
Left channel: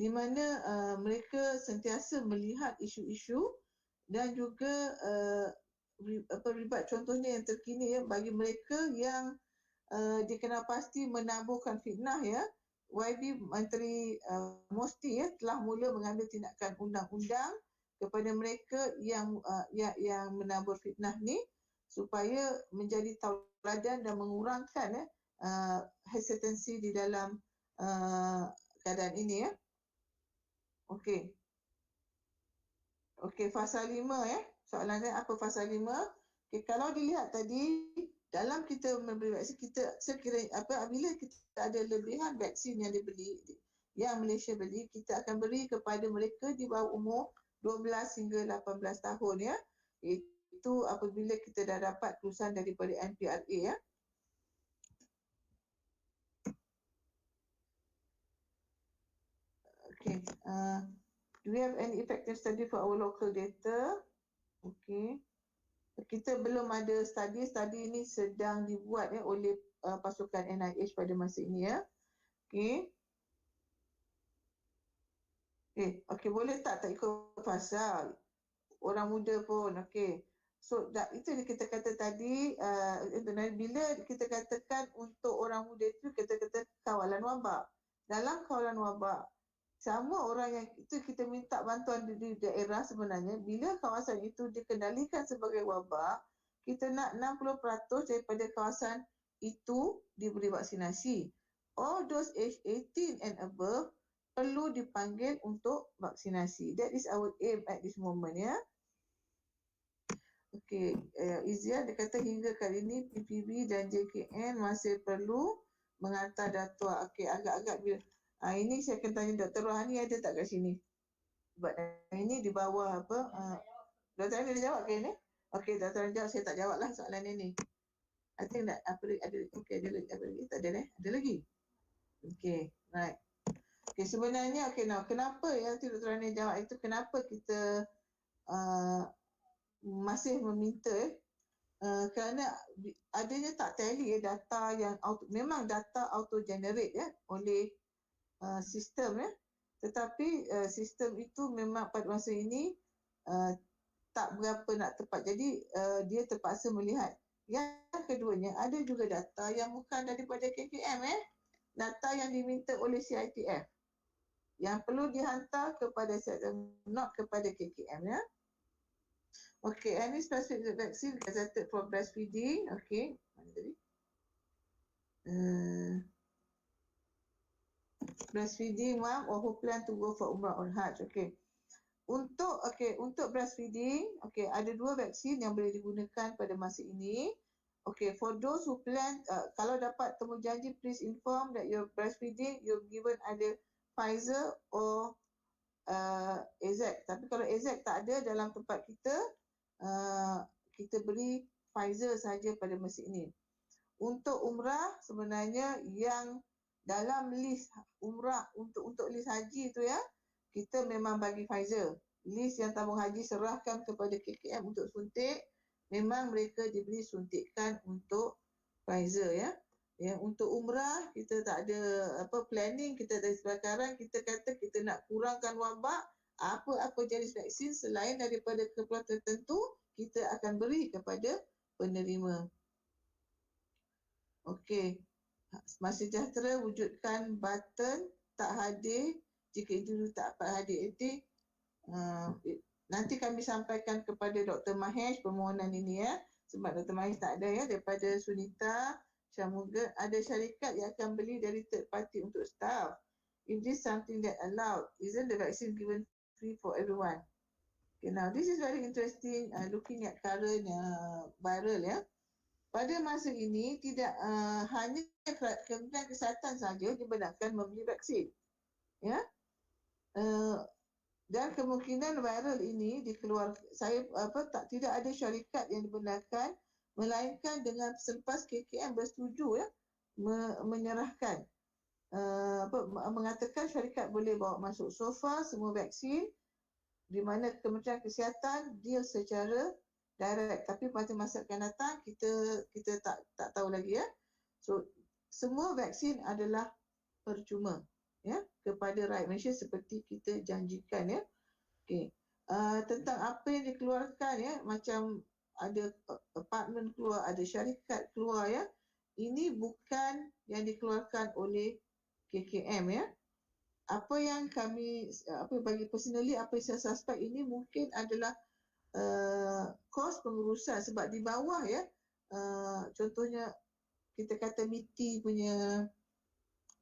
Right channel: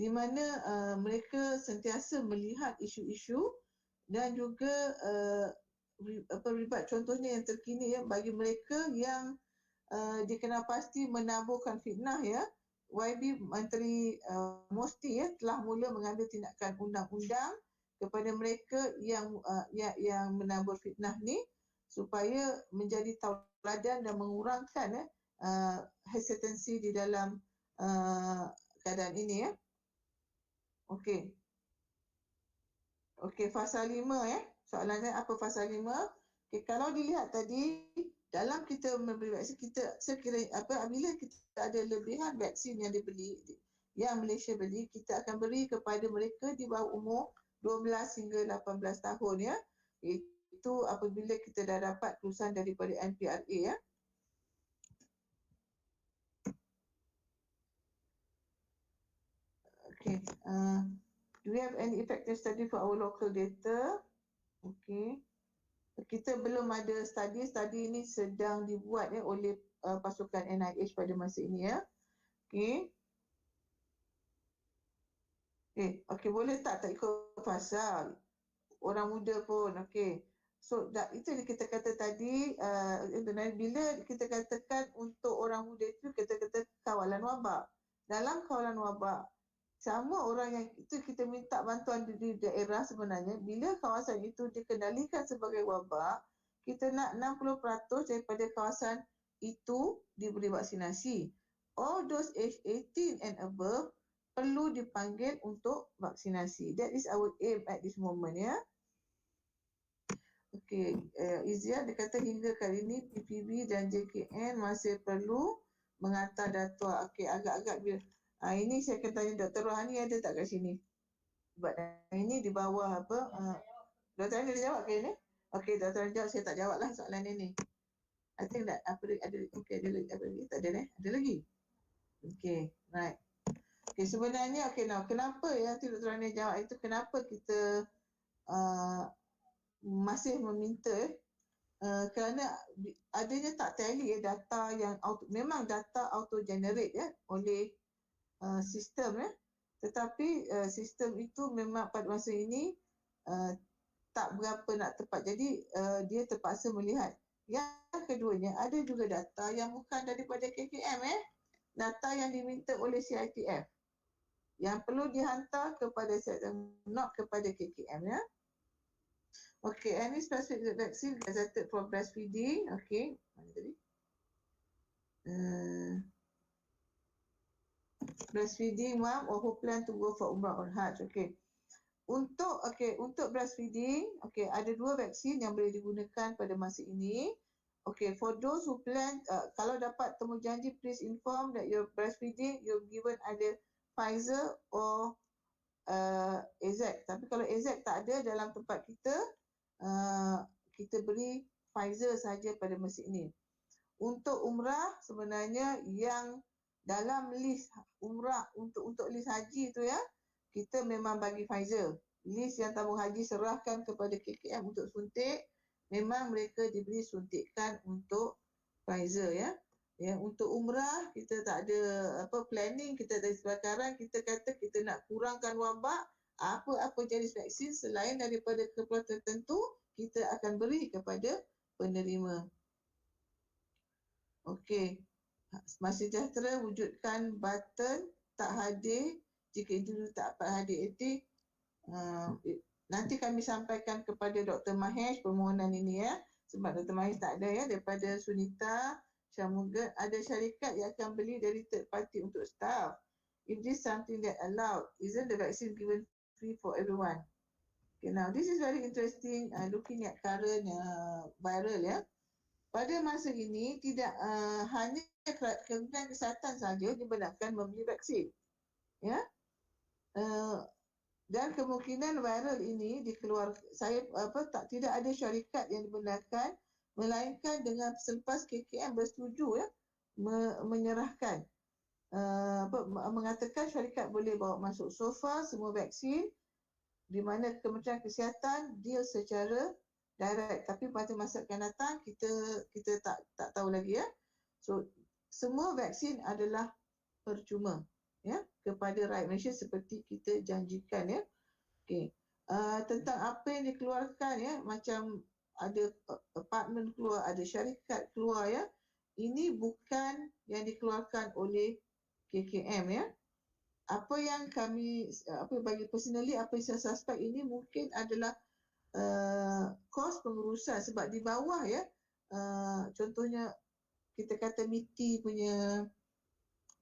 di mana mereka sentiasa melihat isu-isu dan juga ribat contohnya yang terkini ya bagi mereka yang dikenal pasti menaburkan fitnah ya. YB Menteri Mosti ya telah mula mengambil tindakan undang-undang kepada mereka yang menabur fitnah ni supaya menjadi tauladan dan mengurangkan hesitancy di dalam keadaan ini ya. Okey. Okey, fasa 5 ya. Soalannya apa fasa 5? Okey, kalau dilihat tadi dalam kita memberi vaksin kita sekiranya apabila kita ada lebihan vaksin yang dibeli yang Malaysia beli, kita akan beri kepada mereka di bawah umur 12 hingga 18 tahun ya. Itu apabila kita dah dapat keputusan daripada NPRA ya. Okay. Do we have any effective study for our local data? Okay. Kita belum ada study ini sedang dibuat ya oleh pasukan NIH pada masa ini ya. Okay. Okay, boleh tak ikut fasa orang muda pun. Okay. So itu yang kita kata tadi bila kita katakan untuk orang muda itu kita kata kawalan wabak. Dalam kawalan wabak Sama orang yang itu kita minta bantuan di daerah sebenarnya, bila kawasan itu dikendalikan sebagai wabak, kita nak 60% daripada kawasan itu diberi vaksinasi. All those age 18 and above perlu dipanggil untuk vaksinasi. That is our aim at this moment, ya. Okey, Izia dia kata hingga kali ini PPB dan JKN masih perlu menghantar data. Okey, agak-agak bila ini saya akan tanya Dr. Rohani ada tak kat sini? Sebab ini di bawah apa? Dr. Rohani ada jawab ke ini? Okey, Dr. Rohani jawab, saya tak jawab lah soalan ini. I think that apa ada okey ada lagi apa lagi? Tak ada Ada lagi? Okey, right. Okey, sebenarnya kenapa ya Dr. Rohani jawab itu kenapa kita masih meminta kerana adanya tak tally data yang memang data auto generate oleh sistem tetapi sistem itu memang pada masa ini tak berapa nak tepat, jadi dia terpaksa melihat. Yang keduanya ada juga data yang bukan daripada KKM data yang diminta oleh CITF yang perlu dihantar kepada not kepada KKM Okay, any specific vaccine gazetted for breastfeeding? Okay, mana tadi? Breastfeeding mom or who plan to go for Umrah or Hajj. Okay. Untuk breastfeeding, ada 2 vaksin yang boleh digunakan pada masa ini. Okay, for those who plan, kalau dapat temu janji, please inform that your breastfeeding you're given either Pfizer or AZ. Tapi kalau AZ tak ada dalam tempat kita, kita beri Pfizer saja pada masa ini. Untuk umrah sebenarnya yang dalam list umrah untuk list haji tu kita memang bagi Pfizer. List yang tabung haji serahkan kepada KKM untuk suntik, memang mereka diberi suntikan untuk Pfizer untuk umrah kita tak ada planning, kita dari sekarang kita kata kita nak kurangkan wabak, apa jenis vaksin selain daripada keperluan tertentu kita akan beri kepada penerima. Okey. Semasa sejahtera wujudkan button tak hadir jika individu tak dapat hadir etik. Nanti kami sampaikan kepada Dr. Mahesh permohonan ini sebab Dr. Mahesh tak ada daripada Sunita Syamuga ada syarikat yang akan beli dari third party untuk staff. If this something that allowed, isn't the vaccine given free for everyone? Okay, now this is very interesting looking at current viral Pada masa ini tidak hanya Kementerian Kesihatan saja dibenarkan membeli vaksin. Dan kemungkinan viral ini tidak ada syarikat yang dibenarkan melainkan dengan selepas KKM bersetuju menyerahkan mengatakan syarikat boleh bawa masuk. So far semua vaksin di mana Kementerian Kesihatan deal secara direct, tapi pada masa akan datang kita tak tahu lagi So semua vaksin adalah percuma kepada rakyat Malaysia seperti kita janjikan Okey. Tentang apa yang dikeluarkan macam ada apartmen keluar, ada syarikat keluar ini bukan yang dikeluarkan oleh KKM Apa yang kami bagi personally apa yang saya suspect ini mungkin adalah kos pengurusan sebab di bawah contohnya kita kata MITI punya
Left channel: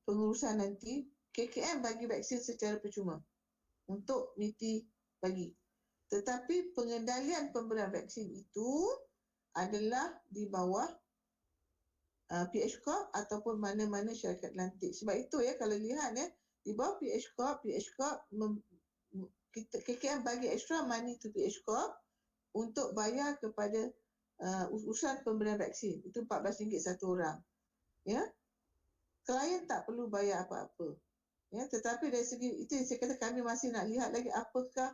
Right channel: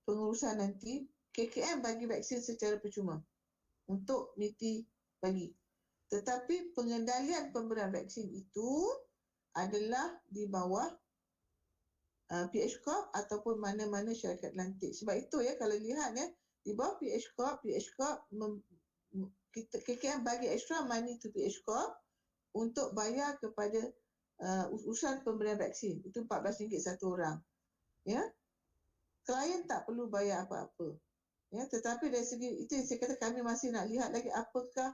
pengurusan nanti KKM bagi vaksin secara percuma untuk MITI bagi, tetapi pengendalian pemberian vaksin itu adalah di bawah PH Corp ataupun mana-mana syarikat lantik. Sebab itu kalau lihat di bawah PH Corp KKM bagi extra money to PH Corp untuk bayar kepada urusan pemberian vaksin. Itu RM14 satu orang. Klien tak perlu bayar apa-apa. Tetapi dari segi itu yang saya kata kami masih nak lihat lagi apakah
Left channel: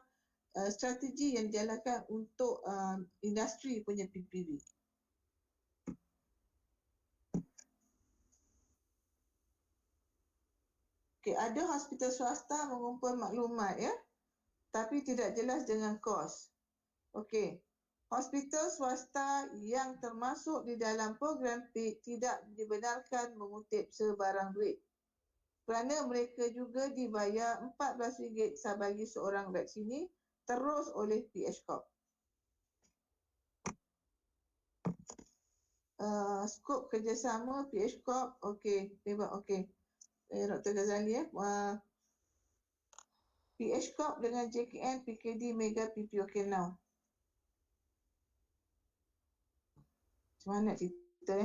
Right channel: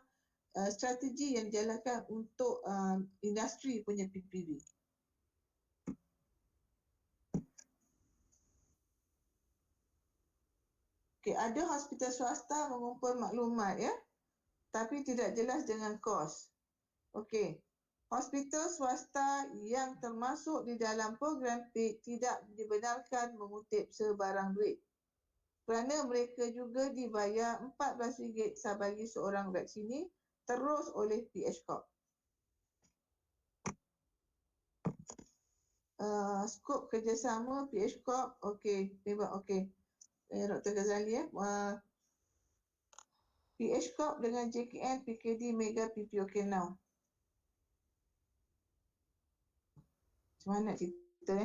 strategi yang dijalankan untuk industri punya PPV. Okay, ada hospital swasta mengumpul maklumat tapi tidak jelas dengan kos. Okey. Hospital swasta yang termasuk di dalam program PIK tidak dibenarkan mengutip sebarang duit. kerana mereka juga dibayar RM14 bagi seorang vaksini terus oleh PH Corp. Skop kerjasama PH Corp, okey, memang okey. Dr. Ghazali PH Corp dengan JKN, PKD, Mega, PP, okey now. Macam mana cerita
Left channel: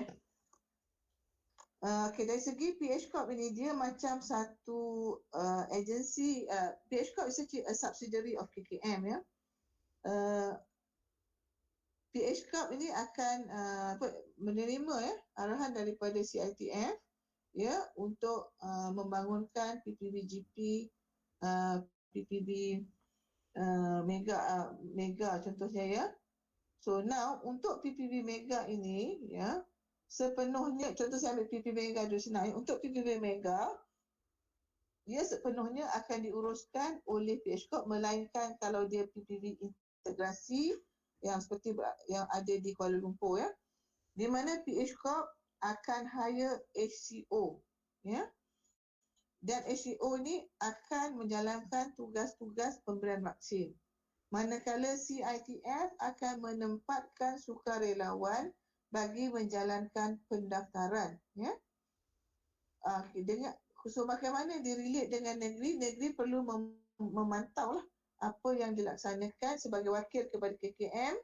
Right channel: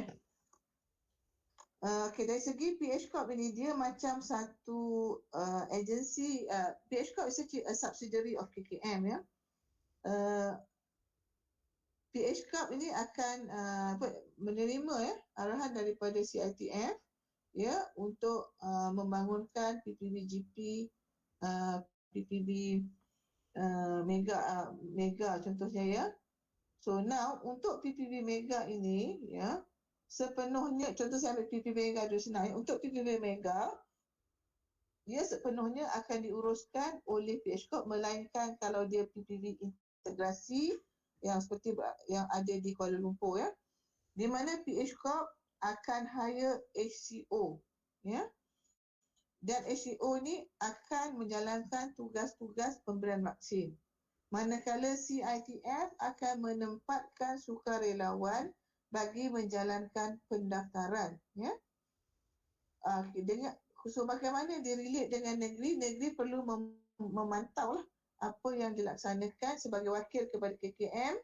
okey, dari segi PH Corp ini dia macam satu agensi. PH Corp is a subsidiary of KKM ya. PH Corp ini akan menerima arahan daripada CITF ya untuk membangunkan PPB-GP, PPB Mega contohnya ya. So now untuk PPB Mega ini ya sepenuhnya, contoh saya ambil PPB Mega dulu senang. Untuk PPB Mega dia sepenuhnya akan diuruskan oleh PH Corp, melainkan kalau dia PPB integrasi yang seperti yang ada di Kuala Lumpur ya, di mana PH Corp akan hire HCO ya, dan HCO ni akan menjalankan tugas-tugas pemberian vaksin, manakala CITF akan menempatkan sukarelawan bagi menjalankan pendaftaran ya. So bagaimana dia relate dengan negeri? Negeri perlu memantau lah apa yang dilaksanakan. Sebagai wakil kepada KKM,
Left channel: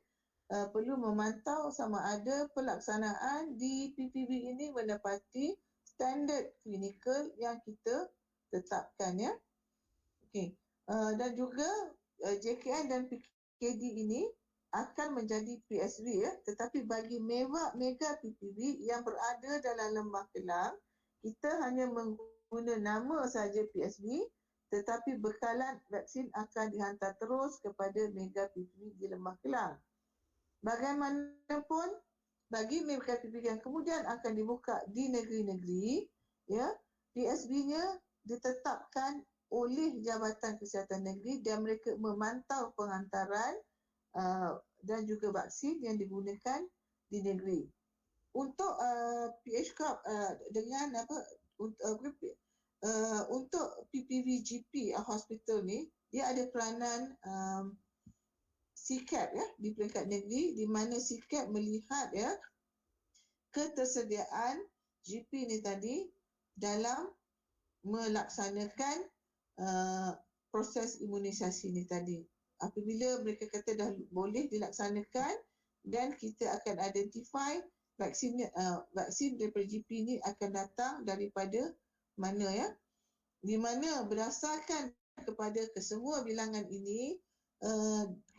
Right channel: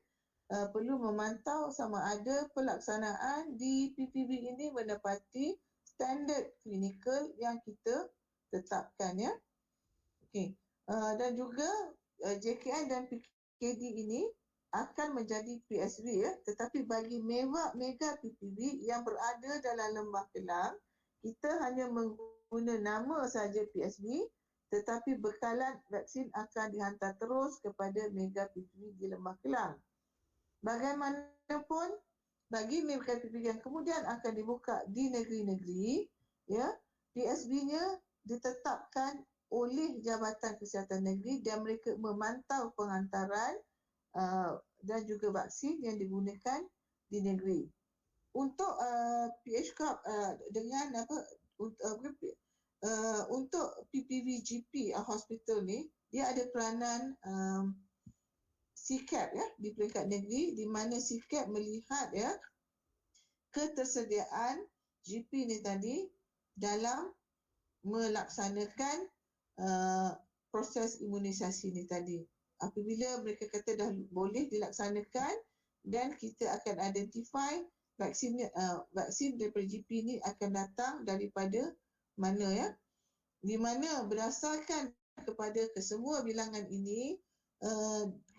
perlu memantau sama ada pelaksanaan di PPB ini menepati standard klinikal yang kita tetapkan ya. Okey. Dan juga JKN dan PKD ini akan menjadi PSV ya, tetapi bagi mega PPB yang berada dalam Lembah Kelang, kita hanya mengguna nama saja PSV, tetapi bekalan vaksin akan dihantar terus kepada mega PPB di Lembah Kelang. Bagaimanapun bagi mega PPB yang kemudian akan dibuka di negeri-negeri ya, PSB-nya ditetapkan oleh Jabatan Kesihatan Negeri dan mereka memantau penghantaran dan juga vaksin yang digunakan di negeri. Untuk PH Corp dengan untuk PPV-GP hospital ni, dia ada peranan CCAP ya di peringkat negeri, di mana CCAP melihat ya ketersediaan GP ni tadi dalam melaksanakan proses imunisasi ni tadi. Apabila mereka kata dah boleh dilaksanakan dan kita akan identify vaksin daripada GP ni akan datang daripada mana ya, di mana berdasarkan kepada kesemua bilangan ini,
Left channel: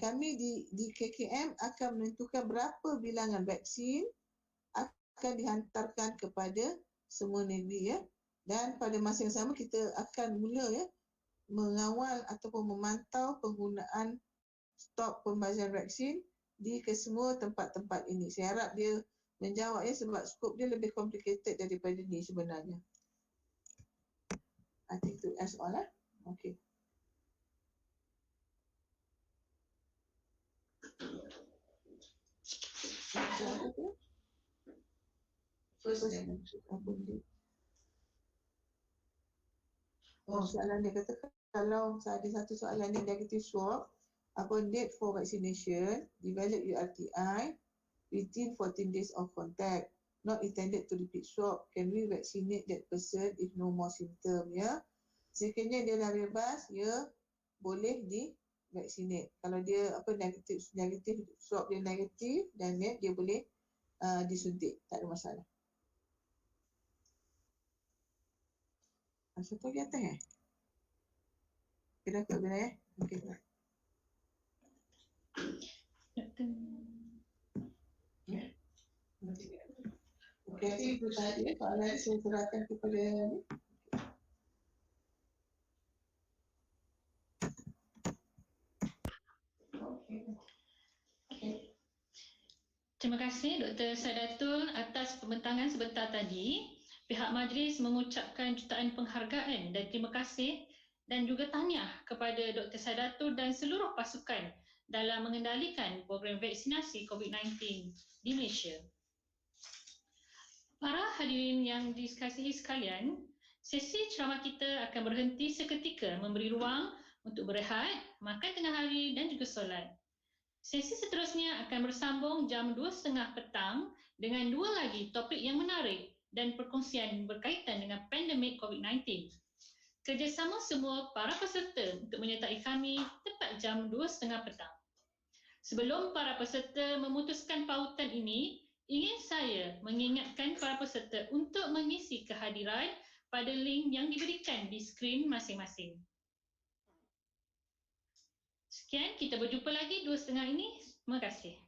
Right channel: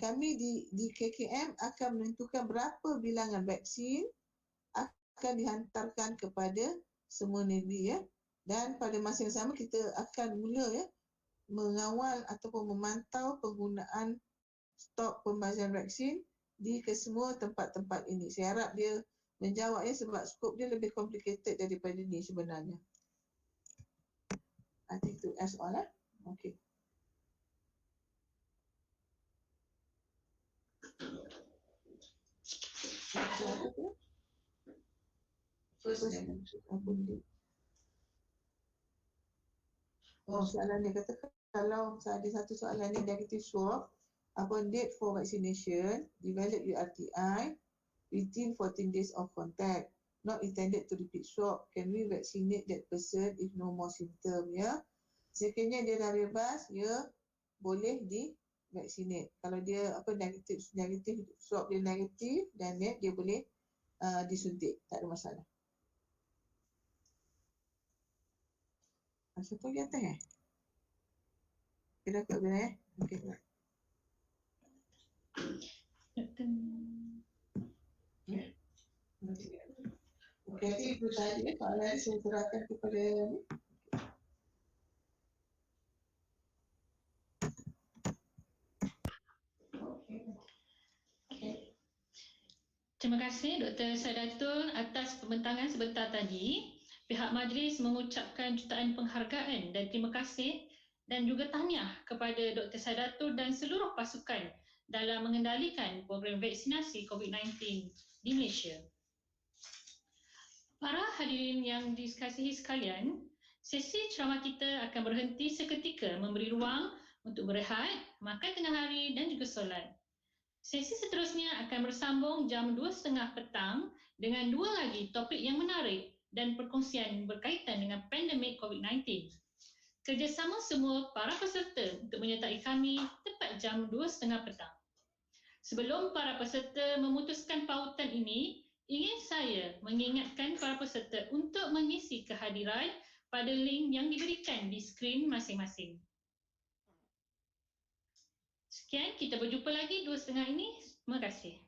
kami di KKM akan menentukan berapa bilangan vaksin akan dihantarkan kepada semua negeri ya. Dan pada masa yang sama kita akan mula ya mengawal ataupun memantau penggunaan stok pembazian vaksin di kesemua tempat-tempat ini. Saya harap dia menjawab ya, sebab skop dia lebih complicated daripada ni sebenarnya. I think to ask all Okay. Soalan dia kata kalau ada satu soalan ni negative swab upon date for vaccination, develop URTI within 14 days of contact, not intended to repeat swab, can we vaccinate that person if no more symptom ya? Sekiranya dia dah bebas, ya boleh di vaccinate. Kalau dia negatif swab dia negatif dan dia boleh disuntik, tak ada masalah. Satu lagi atas Kita dapat bila Okey. Okey, itu tadi soalan saya serahkan kepada ni. Terima kasih Dr. Sadatul atas pembentangan sebentar tadi. Pihak majlis mengucapkan jutaan penghargaan dan terima kasih dan juga tahniah kepada Dr. Sadatul dan seluruh pasukan dalam mengendalikan program vaksinasi COVID-19 di Malaysia. Para hadirin yang dikasihi sekalian, Sesi ceramah kita akan berhenti seketika memberi ruang untuk berehat, makan tengah hari dan juga solat. Sesi seterusnya akan bersambung jam 2.30 petang dengan 2 lagi topik yang menarik dan perkongsian berkaitan dengan pandemik COVID-19. Kerjasama semua para peserta untuk menyertai kami tepat jam 2.30 petang. Sebelum para peserta memutuskan pautan ini, ingin saya mengingatkan para peserta untuk mengisi kehadiran pada link yang diberikan di skrin masing-masing. Sekian, kita berjumpa lagi 2.30 ini. Terima kasih.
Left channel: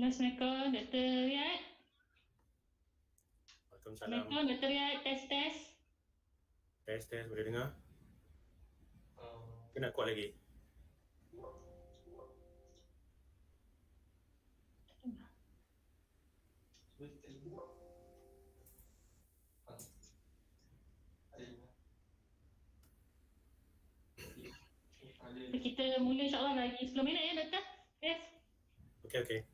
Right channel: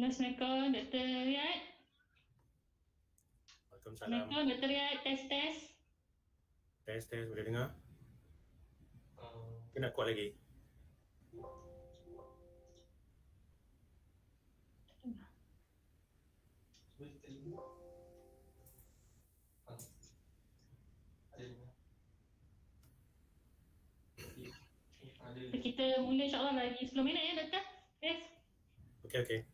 Assalamualaikum, Dr. Riyad. Waalaikumsalam. Assalamualaikum, Dr. Riyad. Tes. Tes, boleh dengar? Kena kuat lagi. Kita mula insyaAllah lagi 10 minit ya, Doktor. Tes. Okey.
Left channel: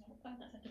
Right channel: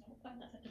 Nampak tak satu?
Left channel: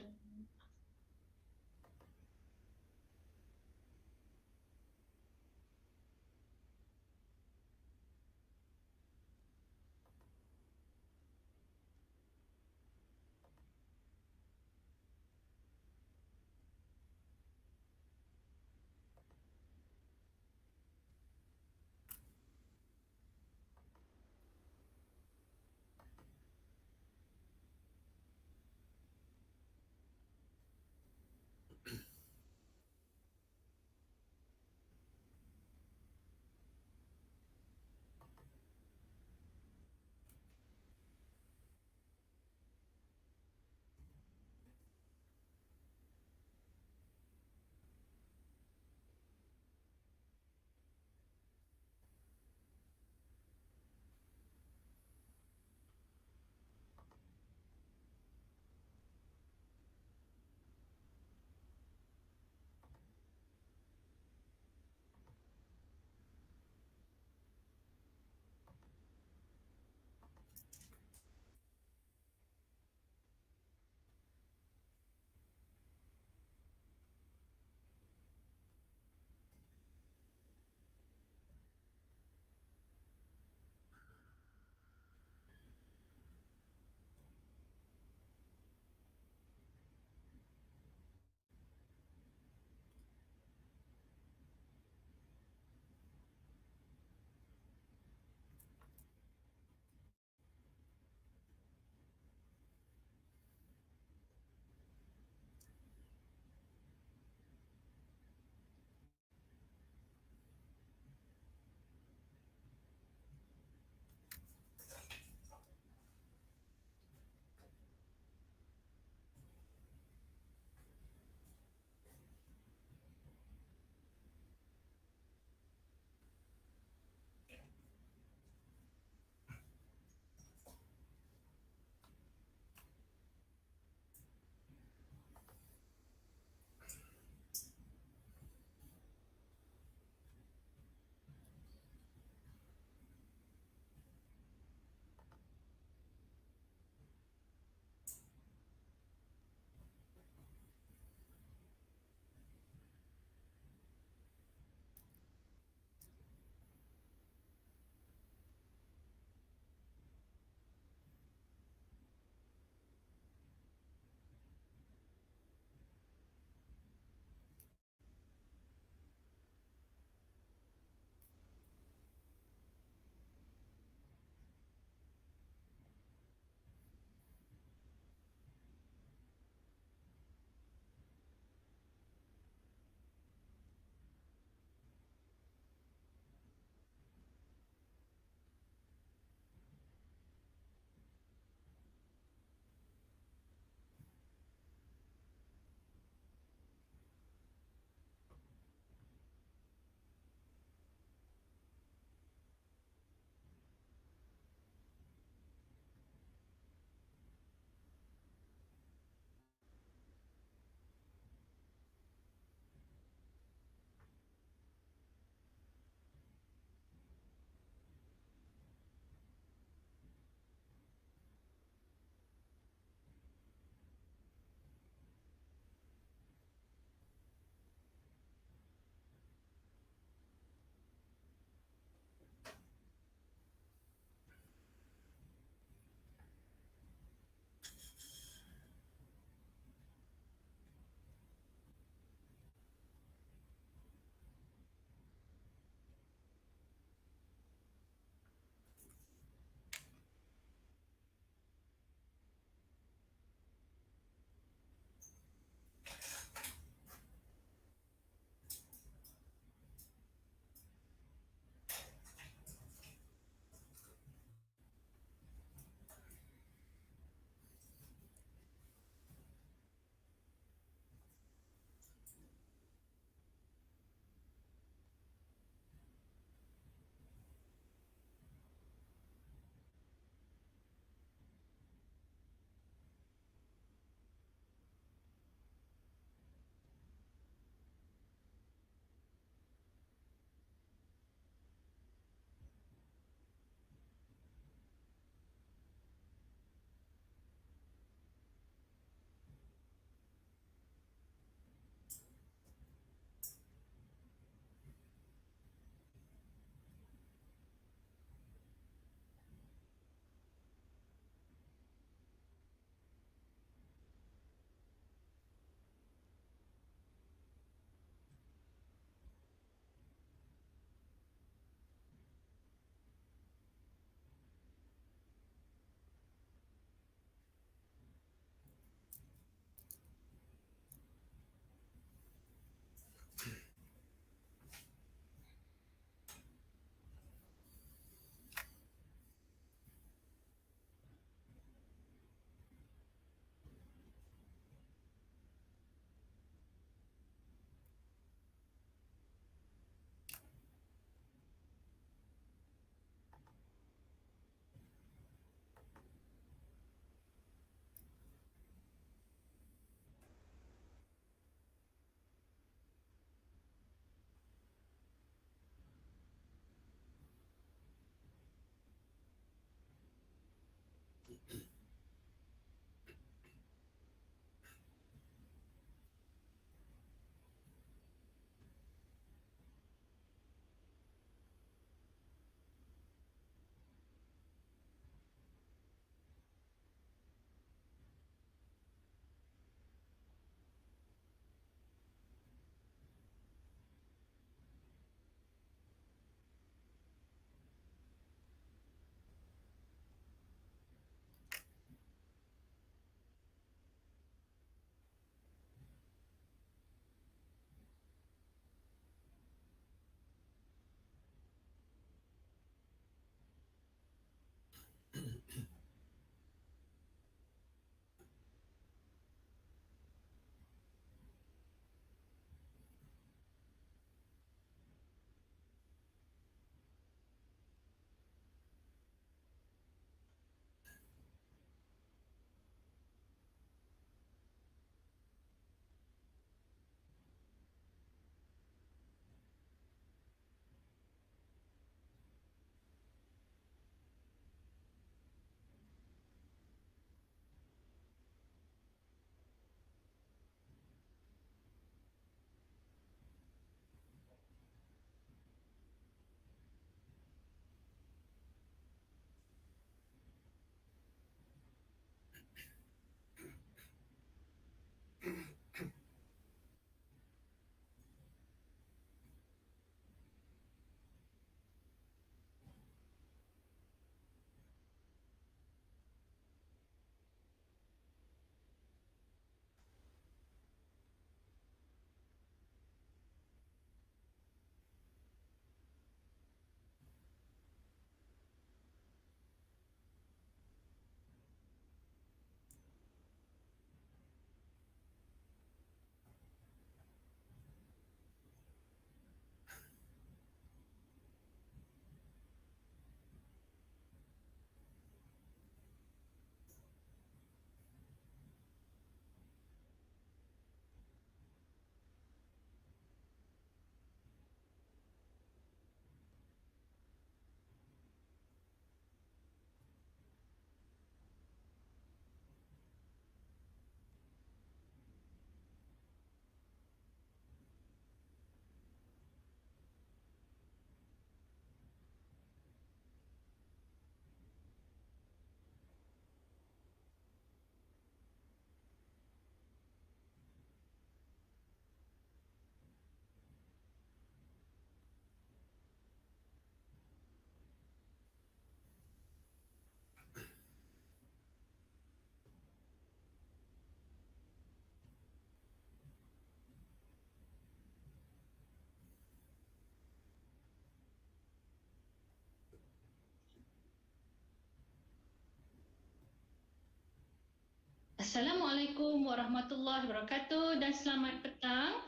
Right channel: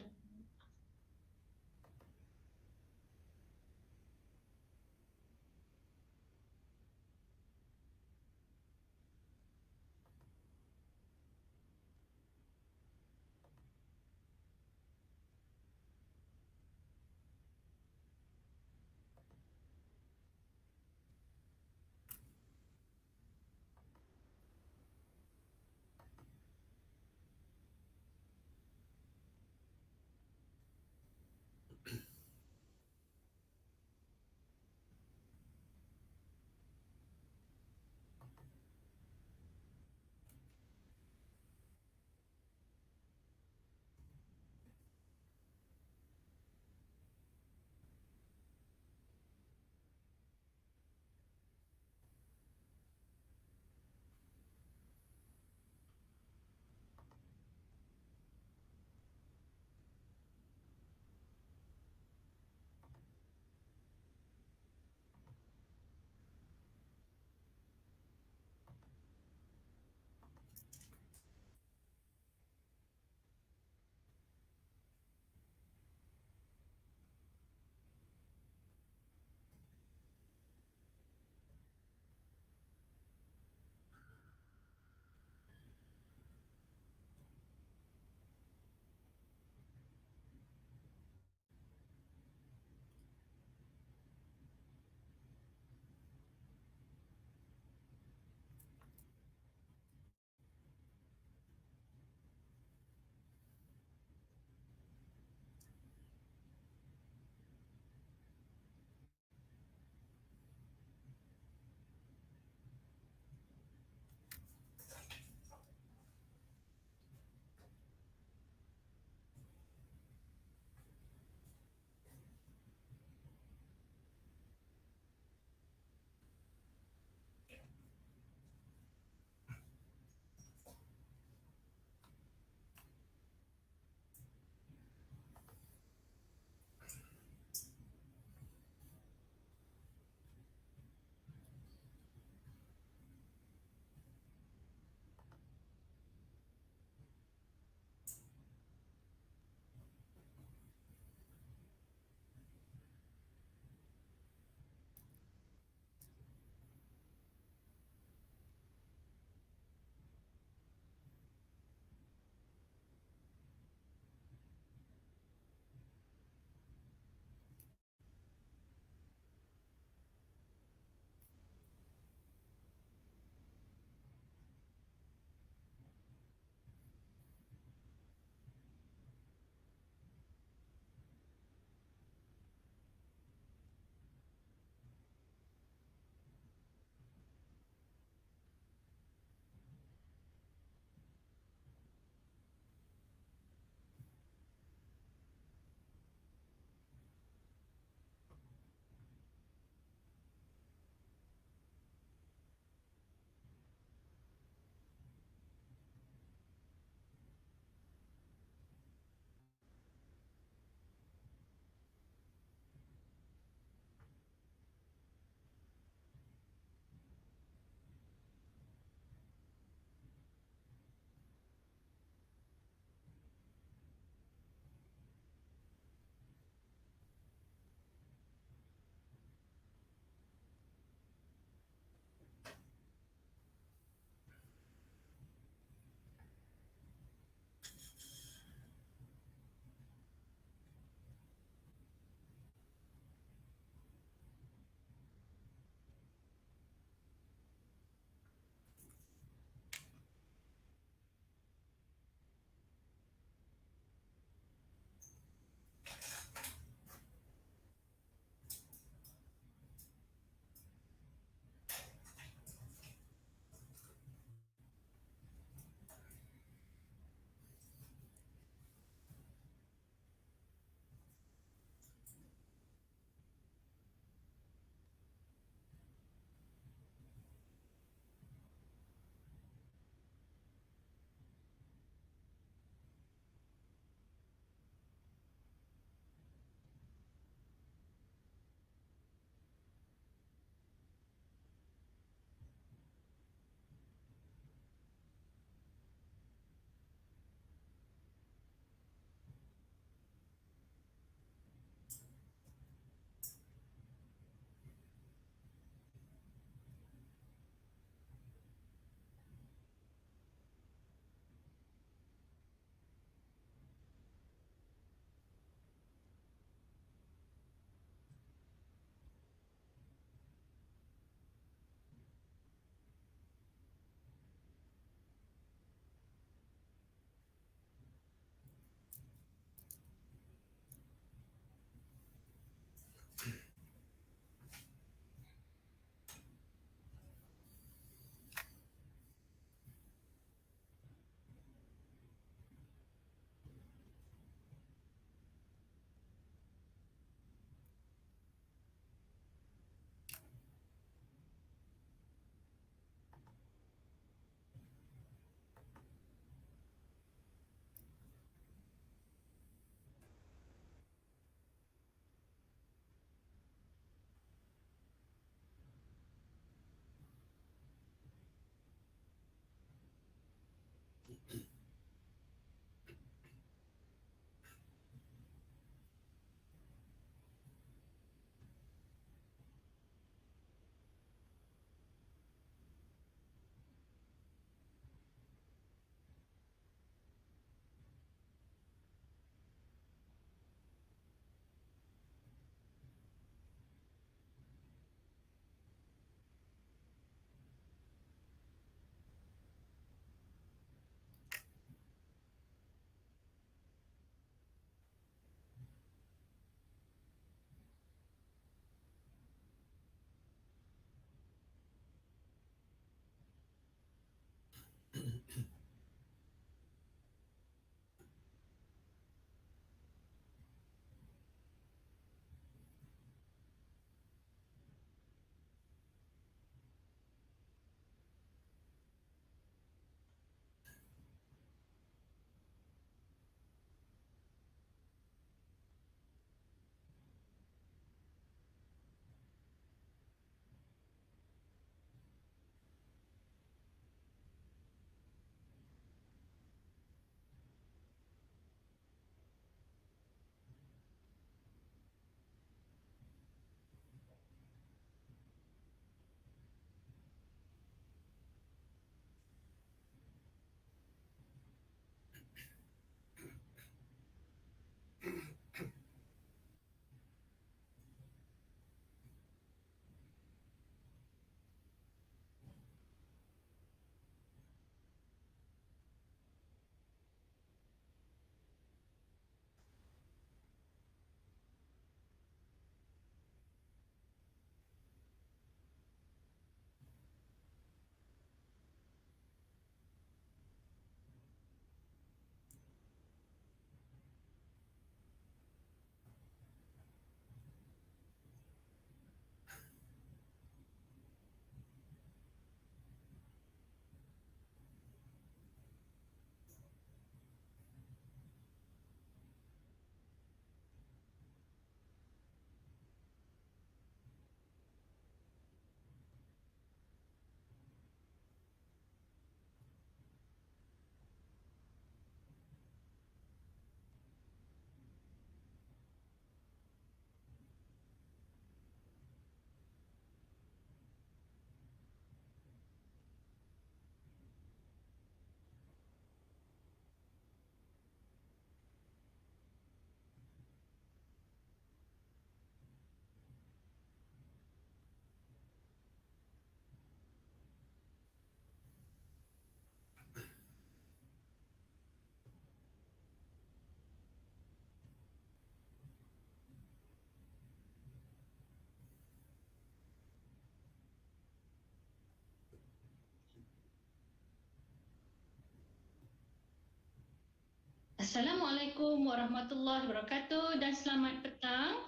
Assalamualaikum warahmatullahi wabarakatuh dan selamat petang.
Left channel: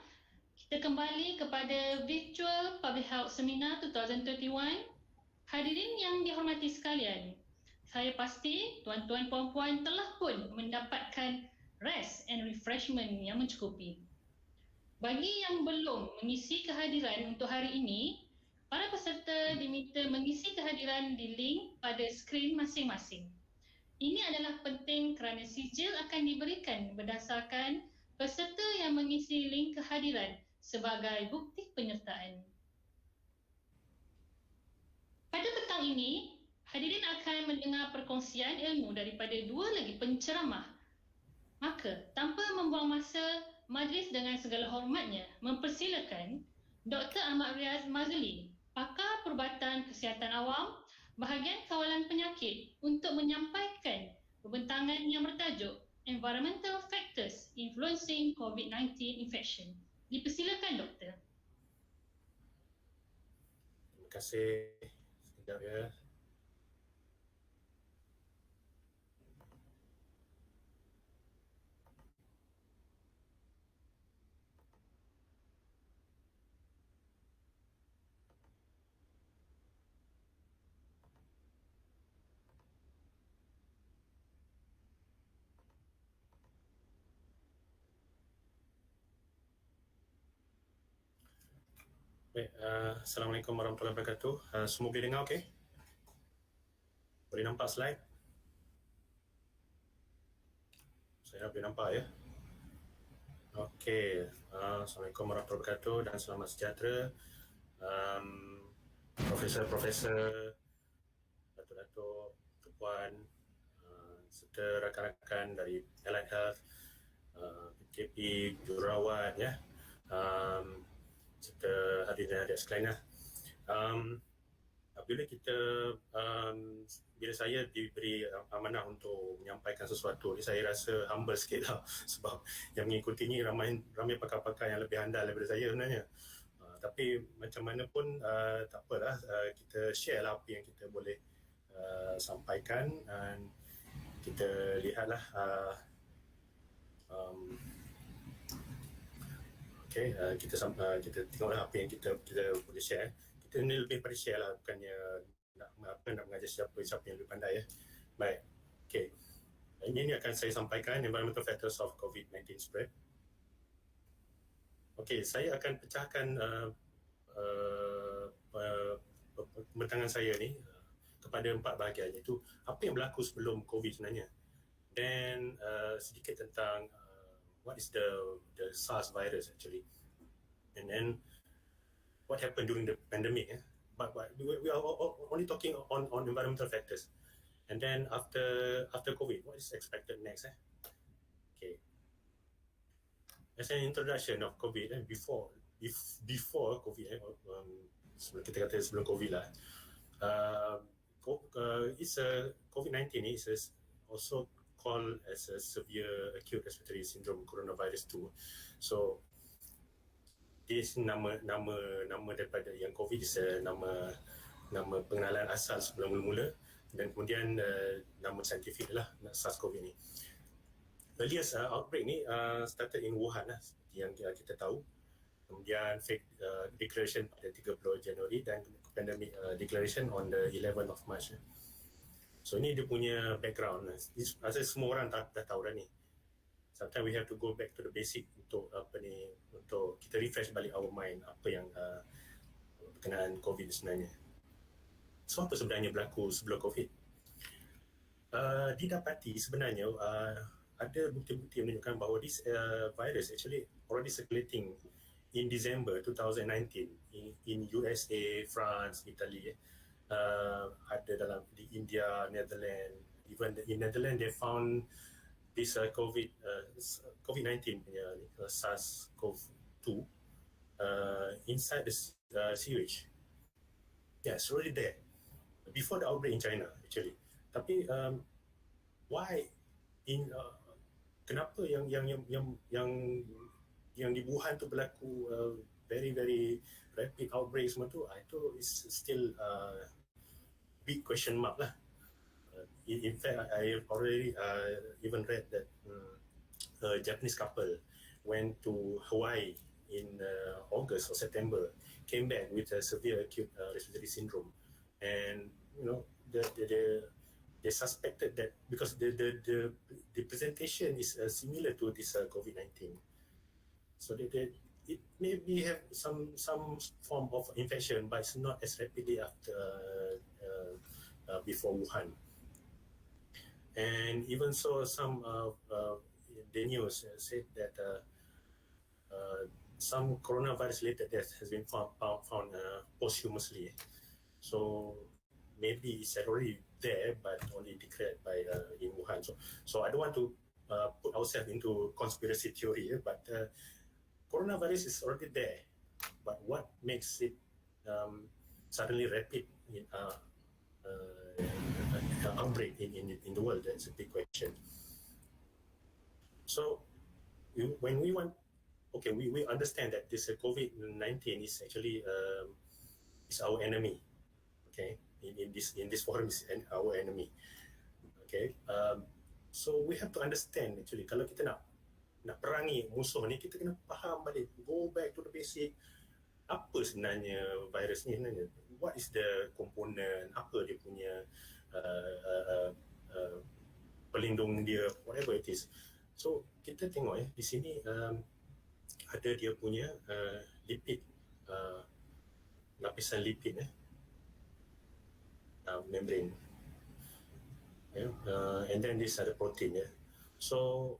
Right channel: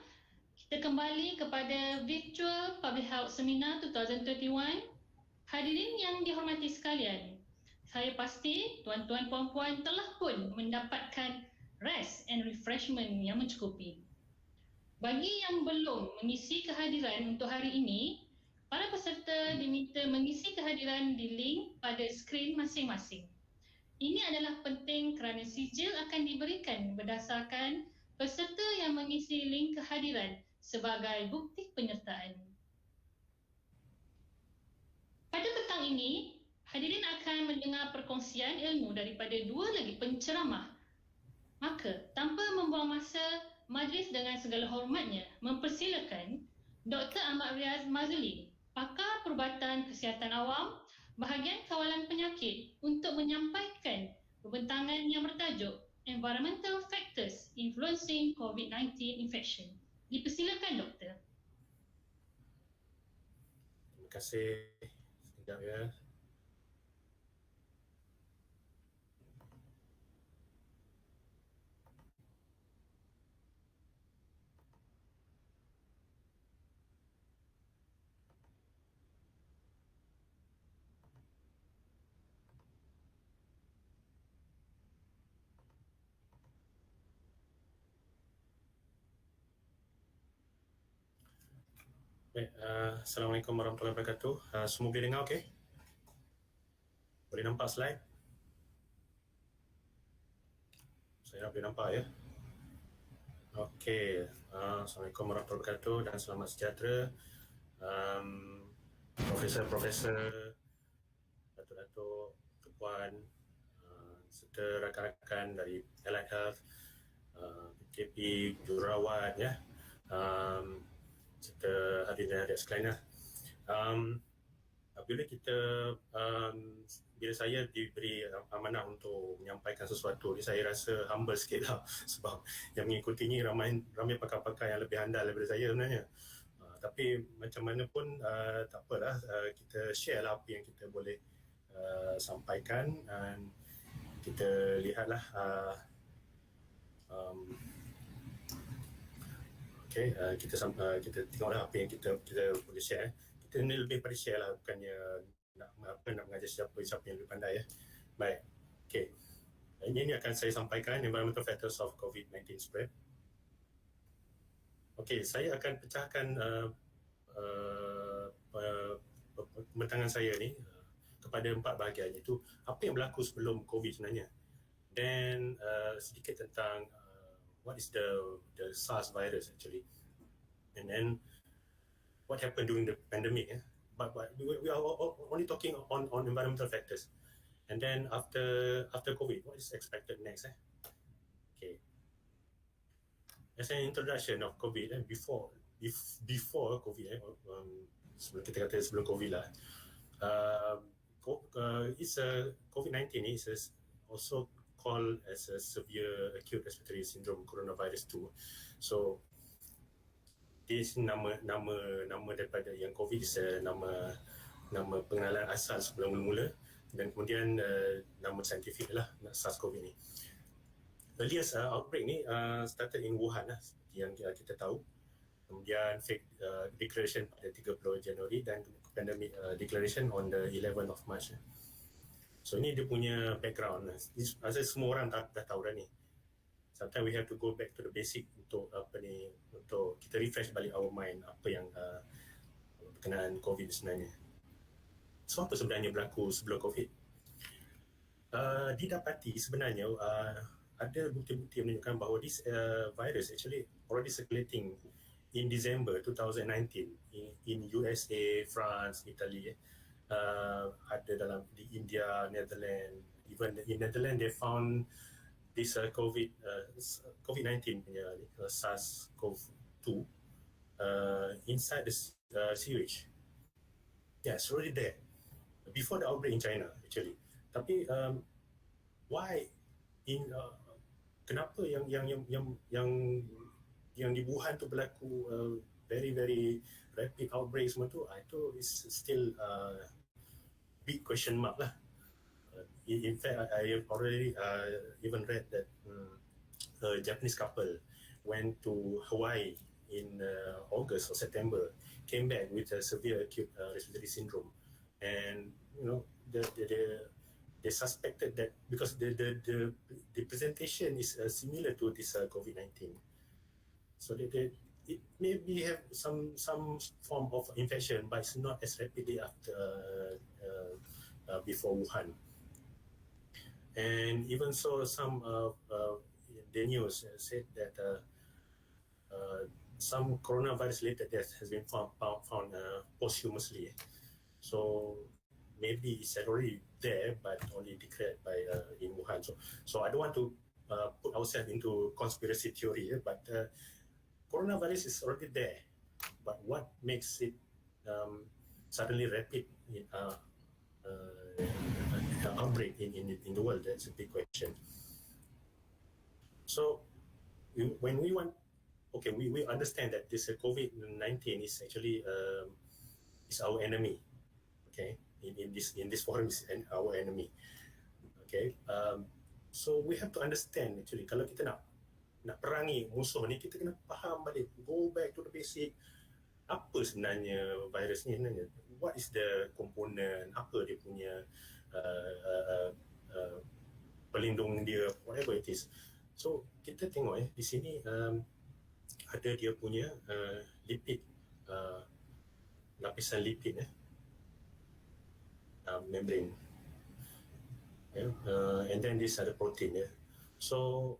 Kita kembali kepada Virtual Public Health Seminar 2021. Hadirin yang dihormati sekalian, saya pasti tuan-tuan puan-puan telah pun mendapatkan rest and refreshment yang mencukupi. Bagi yang belum mengisi kehadiran untuk hari ini, para peserta diminta mengisi kehadiran di link pada skrin masing-masing. Ini adalah penting kerana sijil akan diberikan berdasarkan peserta yang mengisi link kehadiran sebagai bukti penyertaan. Pada petang ini, hadirin akan mendengar perkongsian ilmu daripada dua lagi penceramah. Maka, tanpa membuang masa, majlis dengan segala hormatnya mempersilakan Dr. Ahmad Riaz Mazuli, pakar perubatan kesihatan awam, bahagian kawalan penyakit untuk menyampaikan pembentangan yang bertajuk Environmental Factors Influencing COVID-19 Infection. Dipersilakan, Doktor. Terima kasih. Sekejap ya. Baik, Assalamualaikum warahmatullahi wabarakatuh. Semua boleh dengar okey? Boleh nampak slide? Saya boleh nampak ya? Okey, Assalamualaikum warahmatullahi wabarakatuh dan selamat sejahtera. Profesor-profesor, datuk-datuk, tuan, serta rakan-rakan dari Allied Health, PKP, jururawat ya, serta hadirin adik sekalian. Bila kita bila saya diberi amanah untuk menyampaikan sesuatu ni, saya rasa humble sikit lah sebab yang mengikuti ni ramai pakar-pakar yang lebih handal daripada saya sebenarnya. Tapi macam mana pun tak apalah, kita share lah apa yang kita boleh sampaikan dan kita lihatlah okay, kita tengoklah apa yang kita boleh share. Kita ni lebih pada share lah, bukannya nak mengajar siapa yang lebih pandai ya. Baik, okay. Ini akan saya sampaikan environmental factors of COVID-19 spread. Okay, saya akan pecahkan pembentangan saya ni kepada 4 bahagian, iaitu apa yang berlaku sebelum COVID sebenarnya, dan sedikit tentang what is the SARS virus actually, and then what happened during the pandemic. But we are only talking on environmental factors, and then after COVID, what is expected next? Okay. As an introduction of COVID, before COVID, sebelum kita kata sebelum COVID lah, COVID-19 is also called as a severe acute respiratory syndrome coronavirus 2. So this nama daripada yang COVID is nama pengenalan asal sebelum mula-mula, dan kemudian nama saintifik lah SARS-CoV ni. Earliest outbreak ni started in Wuhan lah, seperti yang kita tahu. Kemudian declaration pada 30 Januari dan pandemic declaration on the 11th of March. So ini dia punya background. Asal semua orang dah tahu dah ni. Sometimes we have to go back to the basic untuk untuk kita refresh balik our mind apa yang berkenaan COVID sebenarnya. So apa sebenarnya berlaku sebelum COVID? Didapati sebenarnya ada bukti-bukti menunjukkan bahawa this virus actually already circulating in December 2019 in USA, France, Italy. Ada dalam di India, Netherlands. Even in Netherlands they found this COVID-19 punya SARS-CoV-2 inside the sewage. Yeah, it's already there before the outbreak in China actually. Tapi why in kenapa yang di Wuhan tu berlaku very rapid outbreak semua tu, itu is still big question mark lah. in fact, I already even read that a Japanese couple went to Hawaii in August or September, came back with a severe acute respiratory syndrome, and they suspected that because the presentation is similar to this COVID-19, so it maybe have some form of infection, but it's not as rapidly after before Wuhan. And even so, some the news said that some coronavirus-related deaths has been found posthumously. So maybe it's already there, but only declared by in Wuhan. So I don't want to put ourselves into conspiracy theory, but coronavirus is already there. But what makes it suddenly rapid outbreak in the world? That's a big question. So when we want, okay, we understand that this COVID-19 is actually is our enemy. Okay, in this forum is our enemy. Okay, so we have to understand actually kalau kita nak perangi musuh ni, kita kena faham balik, go back to the basic. Apa sebenarnya virus ni sebenarnya? What is the component? Apa dia punya pelindung dia, whatever it is. So kita tengok di sini ada dia punya lipid, lapisan lipid membrane, and then this ada protein. So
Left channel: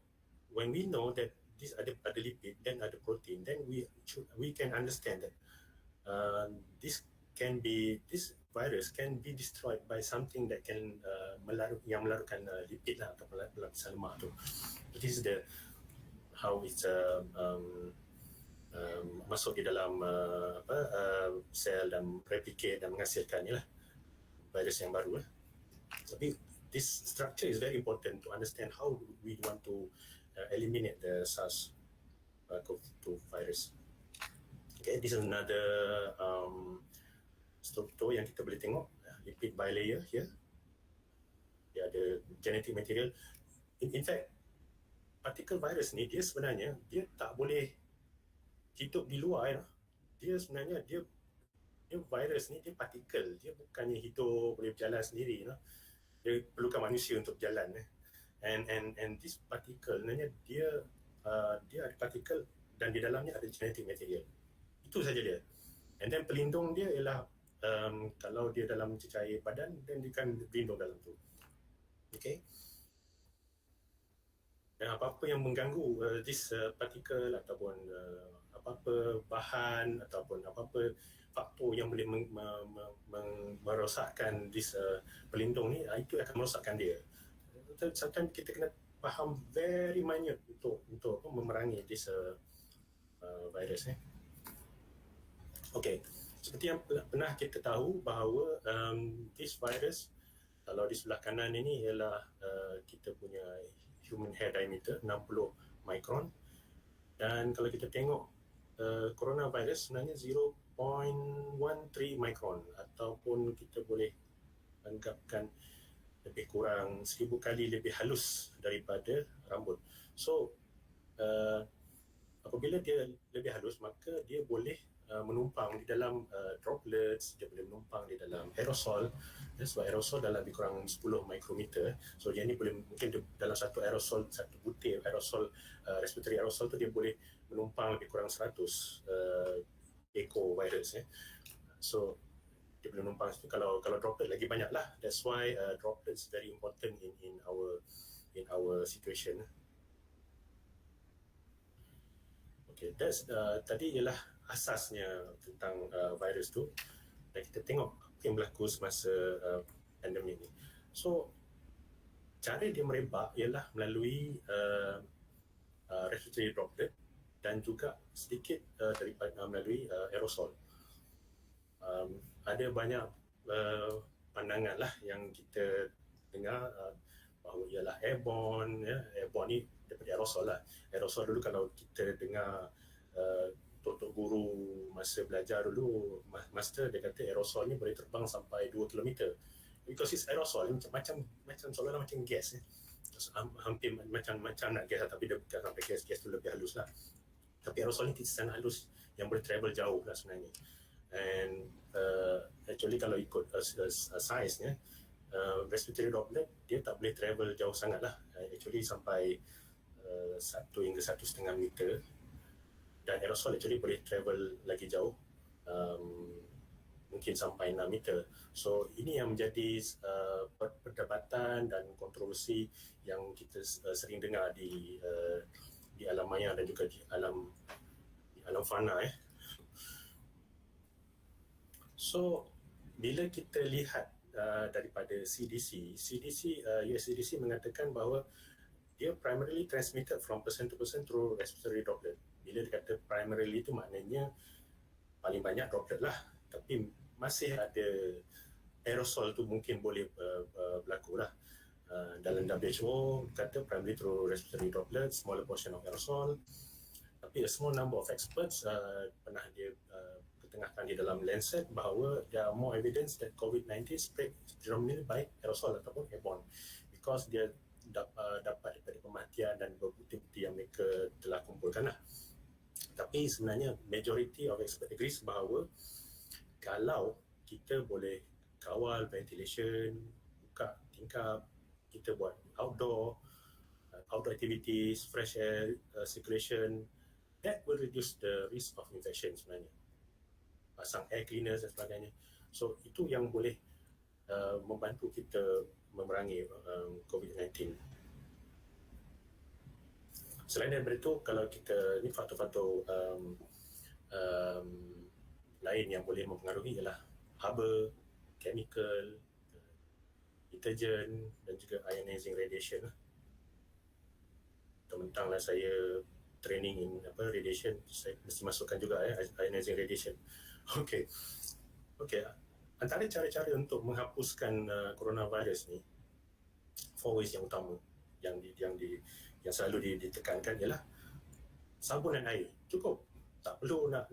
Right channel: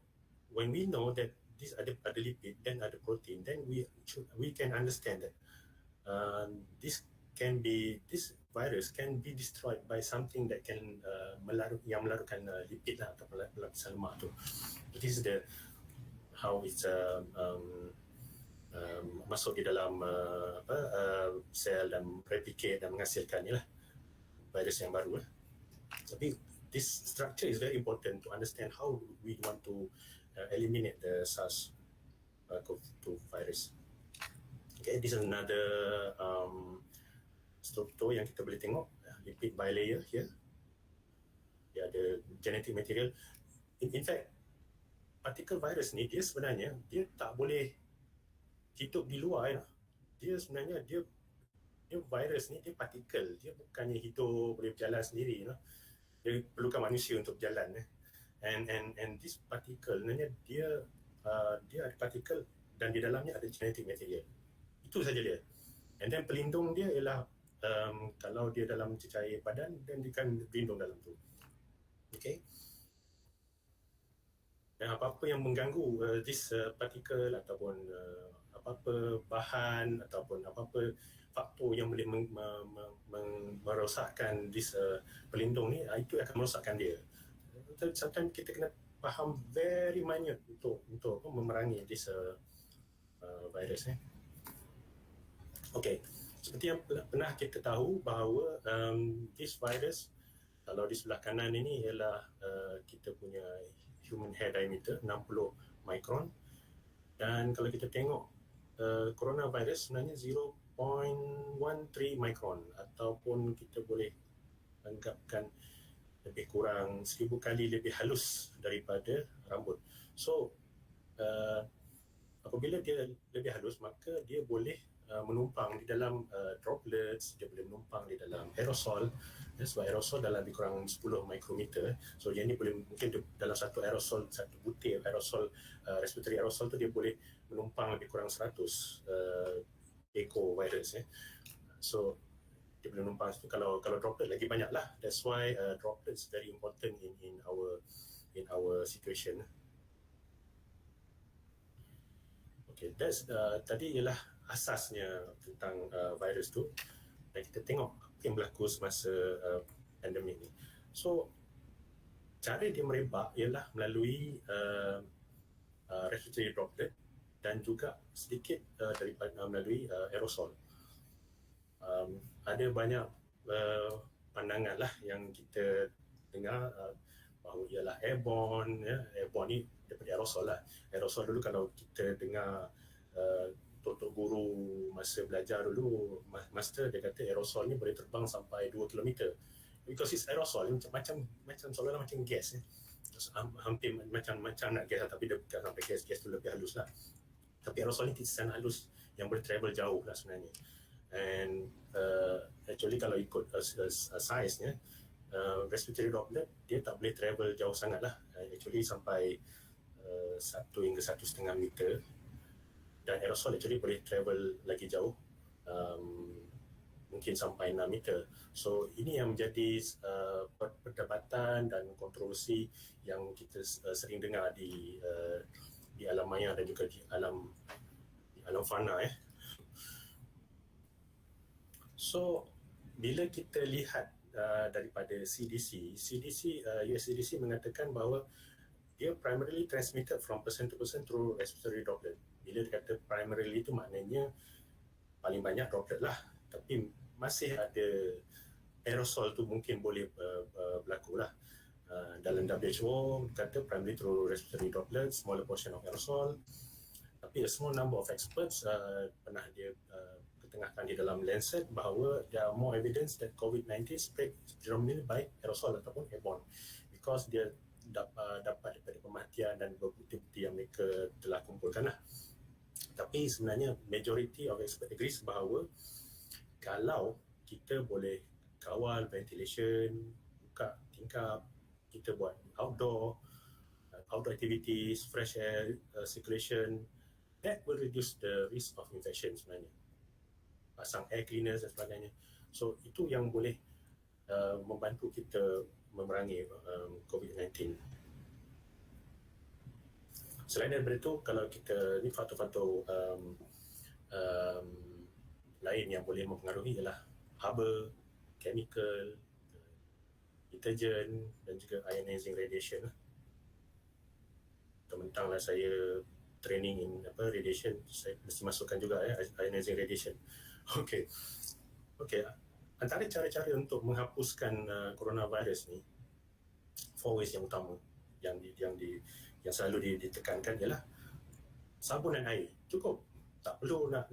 when we know that this ada lipid, then ada protein, then we can understand that this virus can be destroyed by something that can melarutkan lipid lah, atau lapisan lemak tu. This is how it's masuk di dalam sel dan replicate dan menghasilkan ni lah virus yang baru. Tapi this structure is very important to understand how we want to eliminate the SARS-CoV-2 virus. Okay, this is another struktur yang kita boleh tengok, lipid bilayer here. Dia ada genetic material. In fact, particle virus ni dia sebenarnya dia tak boleh hidup di luar. Dia sebenarnya dia virus ni dia partikel, dia bukannya hidup boleh berjalan sendiri. Dia perlukan manusia untuk berjalan. And this particle sebenarnya dia ada partikel dan di dalamnya ada genetic material. Itu saja dia. And then pelindung dia ialah kalau dia dalam cecair badan, dan dia akan berlindung dalam tu. Okay. Dan apa-apa yang mengganggu this particle ataupun apa-apa bahan ataupun apa-apa faktor yang boleh merosakkan this pelindung ni, itu akan merosakkan dia. Sometimes kita kena faham very minute untuk memerangi this virus ni. Okay, seperti yang pernah kita tahu bahawa this virus, kalau di sebelah kanan ini ialah kita punya human hair diameter 60 micron, dan kalau kita tengok coronavirus sebenarnya 0.13 micron, ataupun kita boleh anggapkan lebih kurang 1000 kali lebih halus daripada rambut. So apabila dia lebih halus, maka dia boleh menumpang di dalam droplets, dia boleh menumpang di dalam aerosol. Sebab aerosol dalam lebih kurang 10 mikrometer. So dia ni boleh, mungkin dalam satu aerosol, satu butir aerosol, respiratory aerosol tu dia boleh menumpang lebih kurang 100 eco virus. So dia boleh menumpang situ. Kalau droplet lagi banyak lah. That's why droplets very important in our situation. Okay, that's tadi ialah asasnya tentang virus tu. Dan kita tengok apa yang berlaku semasa pandemik ni. So cara dia merebak ialah melalui respiratory droplet dan juga sedikit daripada melalui aerosol. Ada banyak pandangan lah yang kita dengar bahawa ialah airborne. Airborne ni daripada aerosol lah. Aerosol dulu kalau kita dengar tok guru masa belajar dulu, master dia kata aerosol ni boleh terbang sampai 2 km. because it's aerosol, macam seolah-olah macam gas hampir macam nak gas tapi dia bukan sampai gas tu lebih halus lah. Tapi aerosol ni sangat halus yang boleh travel jauh lah sebenarnya. And actually kalau ikut size-nya, respiratory droplet dia tak boleh travel jauh sangat lah. Actually sampai 1 hingga 1,5 meter. Dan aerosol actually boleh travel lagi jauh, mungkin sampai 6 meter. So ini yang menjadi perdebatan dan kontroversi yang kita sering dengar di alam maya dan juga di alam fana. So bila kita lihat daripada CDC, US CDC mengatakan bahawa dia primarily transmitted from person to person through respiratory droplet. Bila dia kata primarily itu maknanya paling banyak droplet lah, tapi masih ada aerosol tu mungkin boleh berlaku lah. Dalam WHO kata primarily through respiratory droplet, smaller portion of aerosol. Tapi a small number of experts pernah dia ketengahkan di dalam Lancet bahawa there are more evidence that COVID-19 spread predominantly by aerosol ataupun airborne, because dia dapat daripada pematian dan bukti-bukti yang mereka telah kumpulkan lah. Tapi sebenarnya majority of expert agrees bahawa kalau kita boleh kawal ventilation, buka tingkap, kita buat outdoor activities, fresh air circulation, that will reduce the risk of infection sebenarnya. Pasang air cleaners dan sebagainya. So itu yang boleh membantu kita memerangi COVID-19. Selain daripada itu, kalau kita ni faktor-faktor lain yang boleh mempengaruhi ialah haba, chemical, deterjen dan juga ionizing radiation. Mentang-mentanglah saya training in radiation, saya mesti masukkan juga ionizing radiation. Okey. Antara cara-cara untuk menghapuskan coronavirus ni, 4 ways yang utama yang selalu ditekankan ialah sabun dan air. Cukup. Tak perlu nak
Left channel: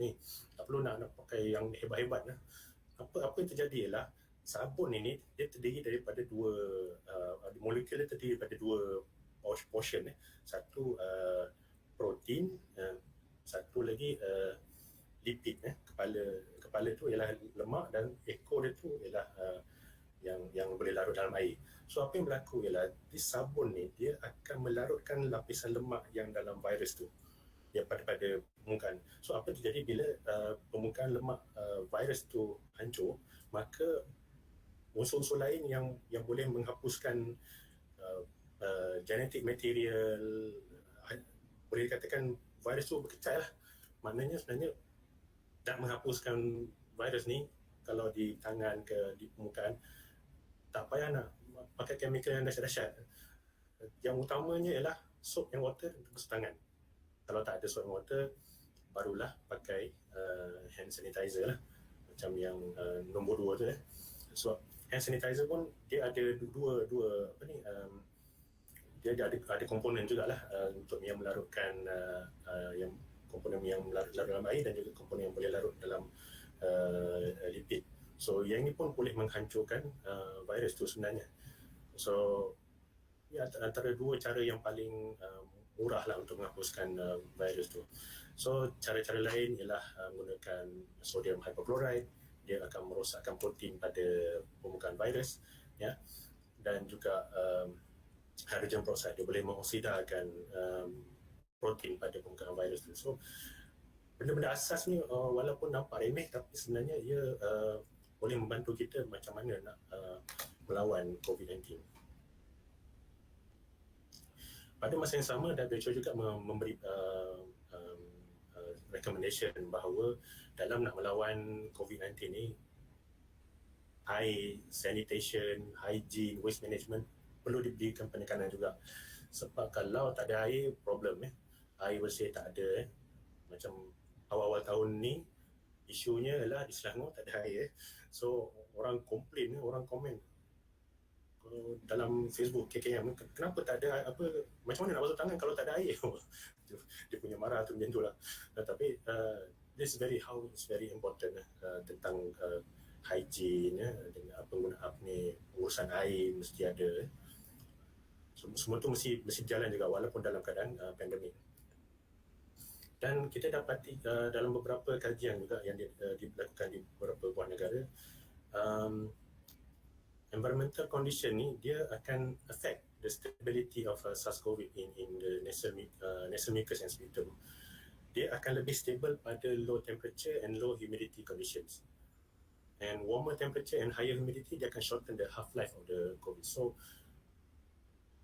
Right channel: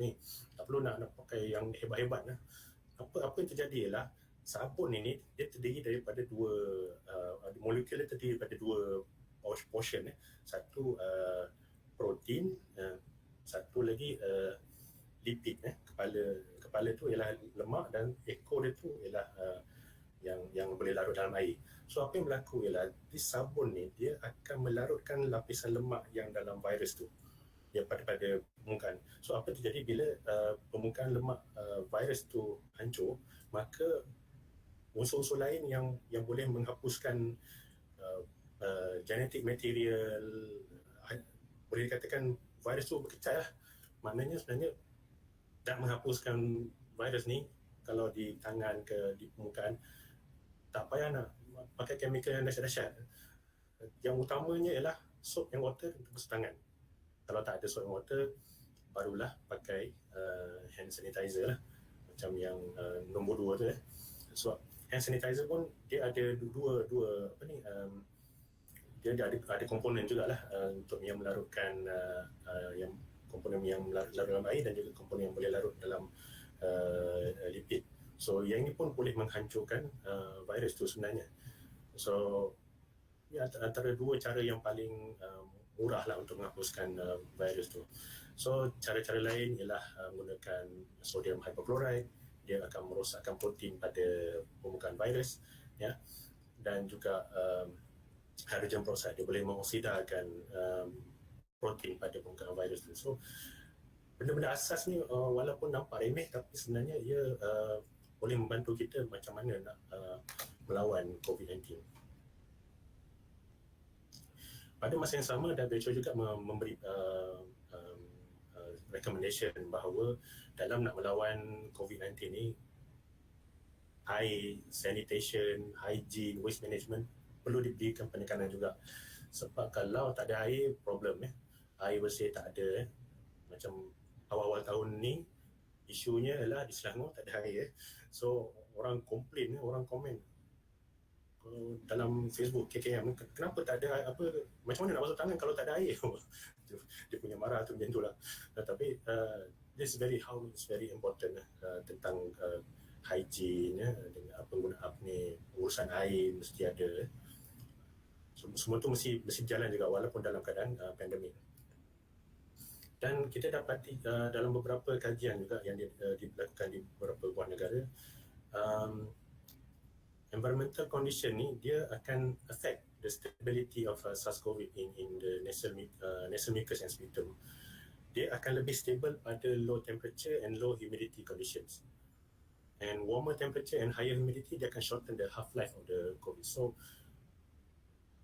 pakai yang hebat-hebat lah. Apa yang terjadi ialah sabun ini dia terdiri daripada molekul dia terdiri daripada 2 portion. Satu protein, satu lagi lipid. Kepala tu ialah lemak dan ekor dia tu ialah yang boleh larut dalam air. So apa yang berlaku ialah di sabun ni dia akan melarutkan lapisan lemak yang dalam virus tu pada permukaan. So apa terjadi bila permukaan lemak virus tu hancur, maka unsur-unsur lain yang boleh menghapuskan genetic material, boleh dikatakan virus tu berkecai lah. Maknanya sebenarnya nak menghapuskan virus ni kalau di tangan ke di permukaan, tak payah nak pakai chemical yang dahsyat-dahsyat. Yang utamanya ialah soap and water untuk basuh tangan. Kalau tak ada soap and water, barulah pakai hand sanitizer lah, macam yang nombor 2 tu. So hand sanitizer pun dia ada dua dia ada komponen jugalah untuk yang melarutkan yang komponen yang larut dalam air dan juga komponen yang boleh larut dalam lipid. So yang ini pun boleh menghancurkan virus tu sebenarnya. So antara 2 cara yang paling murah lah untuk menghapuskan virus tu. So cara-cara lain ialah menggunakan sodium hypochlorite, dia akan merosakkan protein pada permukaan virus, ya, dan juga hydrogen peroxide, dia boleh mengoksidakan protein pada permukaan virus tu. So benda-benda asas ni walaupun nampak remeh, tapi sebenarnya ia boleh membantu kita macam mana nak melawan COVID-19. Pada masa yang sama, WHO juga memberi recommendation bahawa dalam nak melawan COVID-19 ni, air, sanitation, hygiene, waste management perlu diberikan penekanan juga. Sebab kalau tak ada air, problem. Air bersih tak ada. Macam awal-awal tahun ni, isunya adalah di Selangor tak ada air. So orang komplain, orang komen dalam Facebook KKM, kenapa tak ada macam mana nak basuh tangan kalau tak ada air? Dia punya marah tu macam tu lah. Tapi this very important tentang hygiene, dengan penggunaan urusan air mesti ada. Semua tu mesti berjalan juga walaupun dalam keadaan pandemik. Dan kita dapati dalam beberapa kajian juga yang dilakukan di beberapa buah negara, environmental condition ni dia akan affect the stability of SARS-CoV in the nasal mucus and sputum. Dia akan lebih stable pada low temperature and low humidity conditions. And warmer temperature and higher humidity, dia akan shorten the half-life of the COVID. So,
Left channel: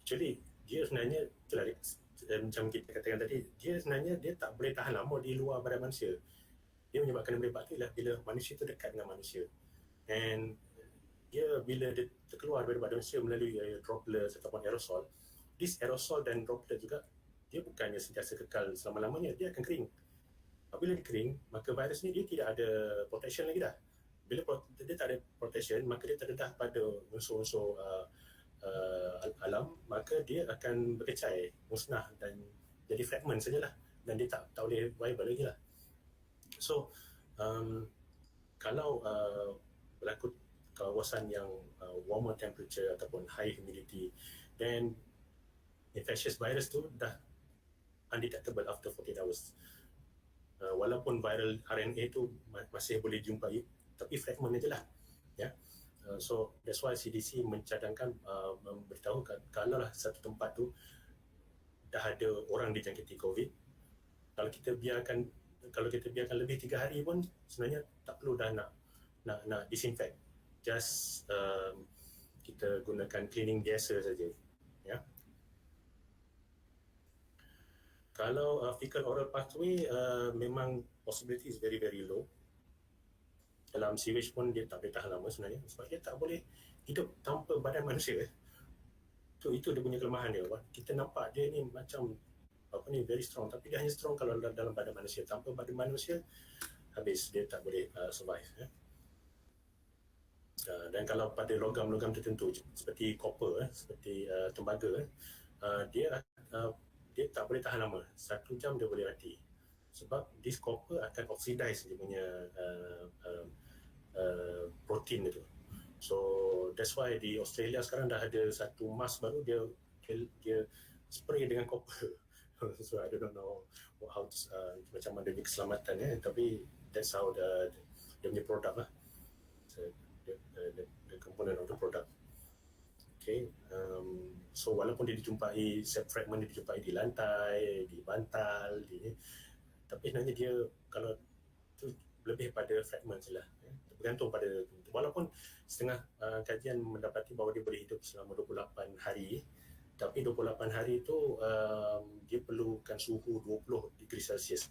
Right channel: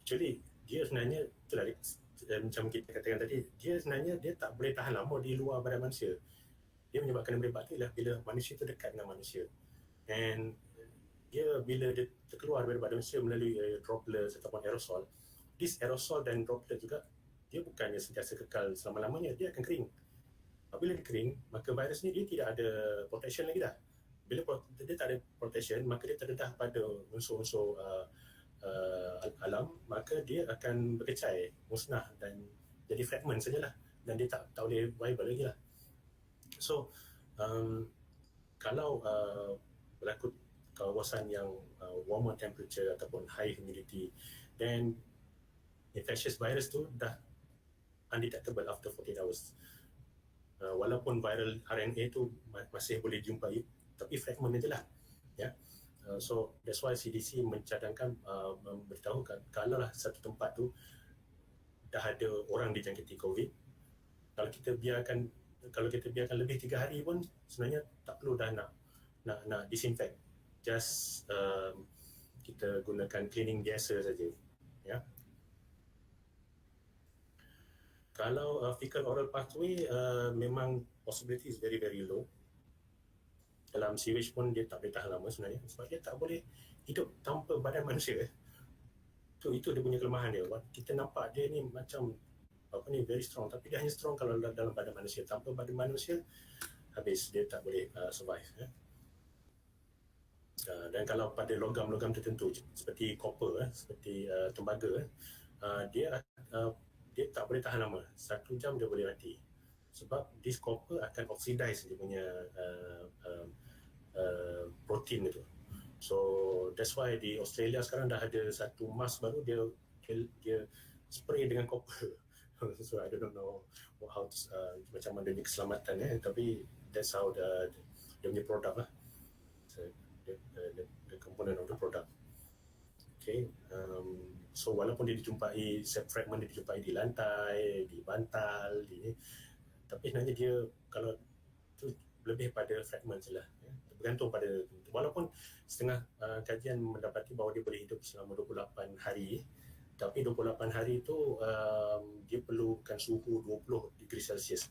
actually, dia sebenarnya, macam kita katakan tadi, dia sebenarnya dia tak boleh tahan lama di luar badan manusia. Dia menyebabkan merebak tu ialah bila manusia tu dekat dengan manusia. And dia bila dia terkeluar daripada badan manusia melalui droplets ataupun aerosol, this aerosol dan droplet juga dia bukannya sentiasa kekal selama-lamanya, dia akan kering. Apabila dia kering, maka virus ni dia tidak ada protection lagi dah. Bila dia tak ada protection, maka dia terdedah pada unsur-unsur alam, maka dia akan berkecai, musnah dan jadi fragment sajalah, dan dia tak boleh viable lagi lah. So kalau berlaku kawasan yang warmer temperature ataupun high humidity, then infectious virus tu dah undetectable after 48 hours. Walaupun viral RNA tu masih boleh dijumpai, tapi fragment je lah, ya. So that's why CDC mencadangkan memberitahu kalau lah satu tempat tu dah ada orang dijangkiti COVID, kalau kita biarkan lebih 3 hari pun sebenarnya tak perlu dah nak disinfect, just kita gunakan cleaning biasa saja, ya. Kalau fecal oral pathway, memang possibility is very very low. Dalam sewage pun dia tak boleh tahan lama sebenarnya, sebab dia tak boleh hidup tanpa badan manusia. Itu dia punya kelemahan dia. Kita nampak dia ni macam very strong, tapi dia hanya strong kalau dalam badan manusia. Tanpa badan manusia, habis, dia tak boleh survive, ya. Dan kalau pada logam-logam tertentu seperti copper, seperti tembaga, dia tak boleh tahan lama. 1 jam dia boleh mati, sebab this copper akan oxidize dia punya protein itu. So that's why di Australia sekarang dah ada satu mask baru, dia spray dengan copper. So I don't know how to, macam mana dia keselamatan, tapi that's how dia punya produk lah. So, the component of the product. Okay, so walaupun dia dijumpai, fragment dia dijumpai di lantai, di bantal, tapi sebenarnya dia kalau tu lebih pada fragment je lah, ya. Bergantung pada, walaupun setengah kajian mendapati bahawa dia boleh hidup selama 28 hari, tapi 28 hari tu dia perlukan suhu 20 degree Celsius,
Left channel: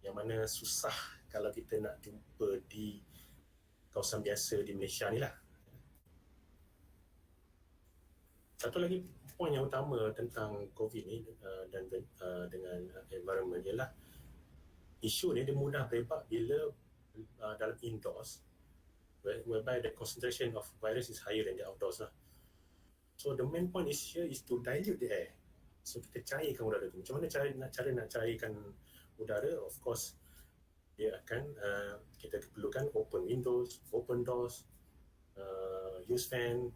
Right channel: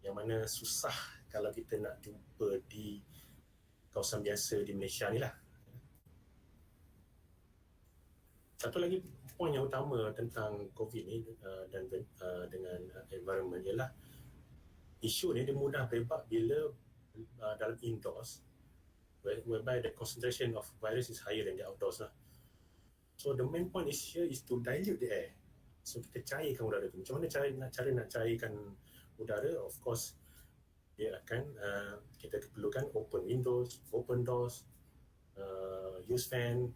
yang mana susah kalau kita nak jumpa di kawasan biasa di Malaysia ni lah. Satu lagi poin yang utama tentang COVID ni dan dengan environment ialah isu ni dia mudah merebak bila dalam indoors, whereby the concentration of virus is higher than the outdoors lah. So the main point is here is to dilute the air. So kita cairkan udara tu. Macam mana cara nak cairkan udara? Of course, dia akan kita perlukan open windows, open doors, use fan,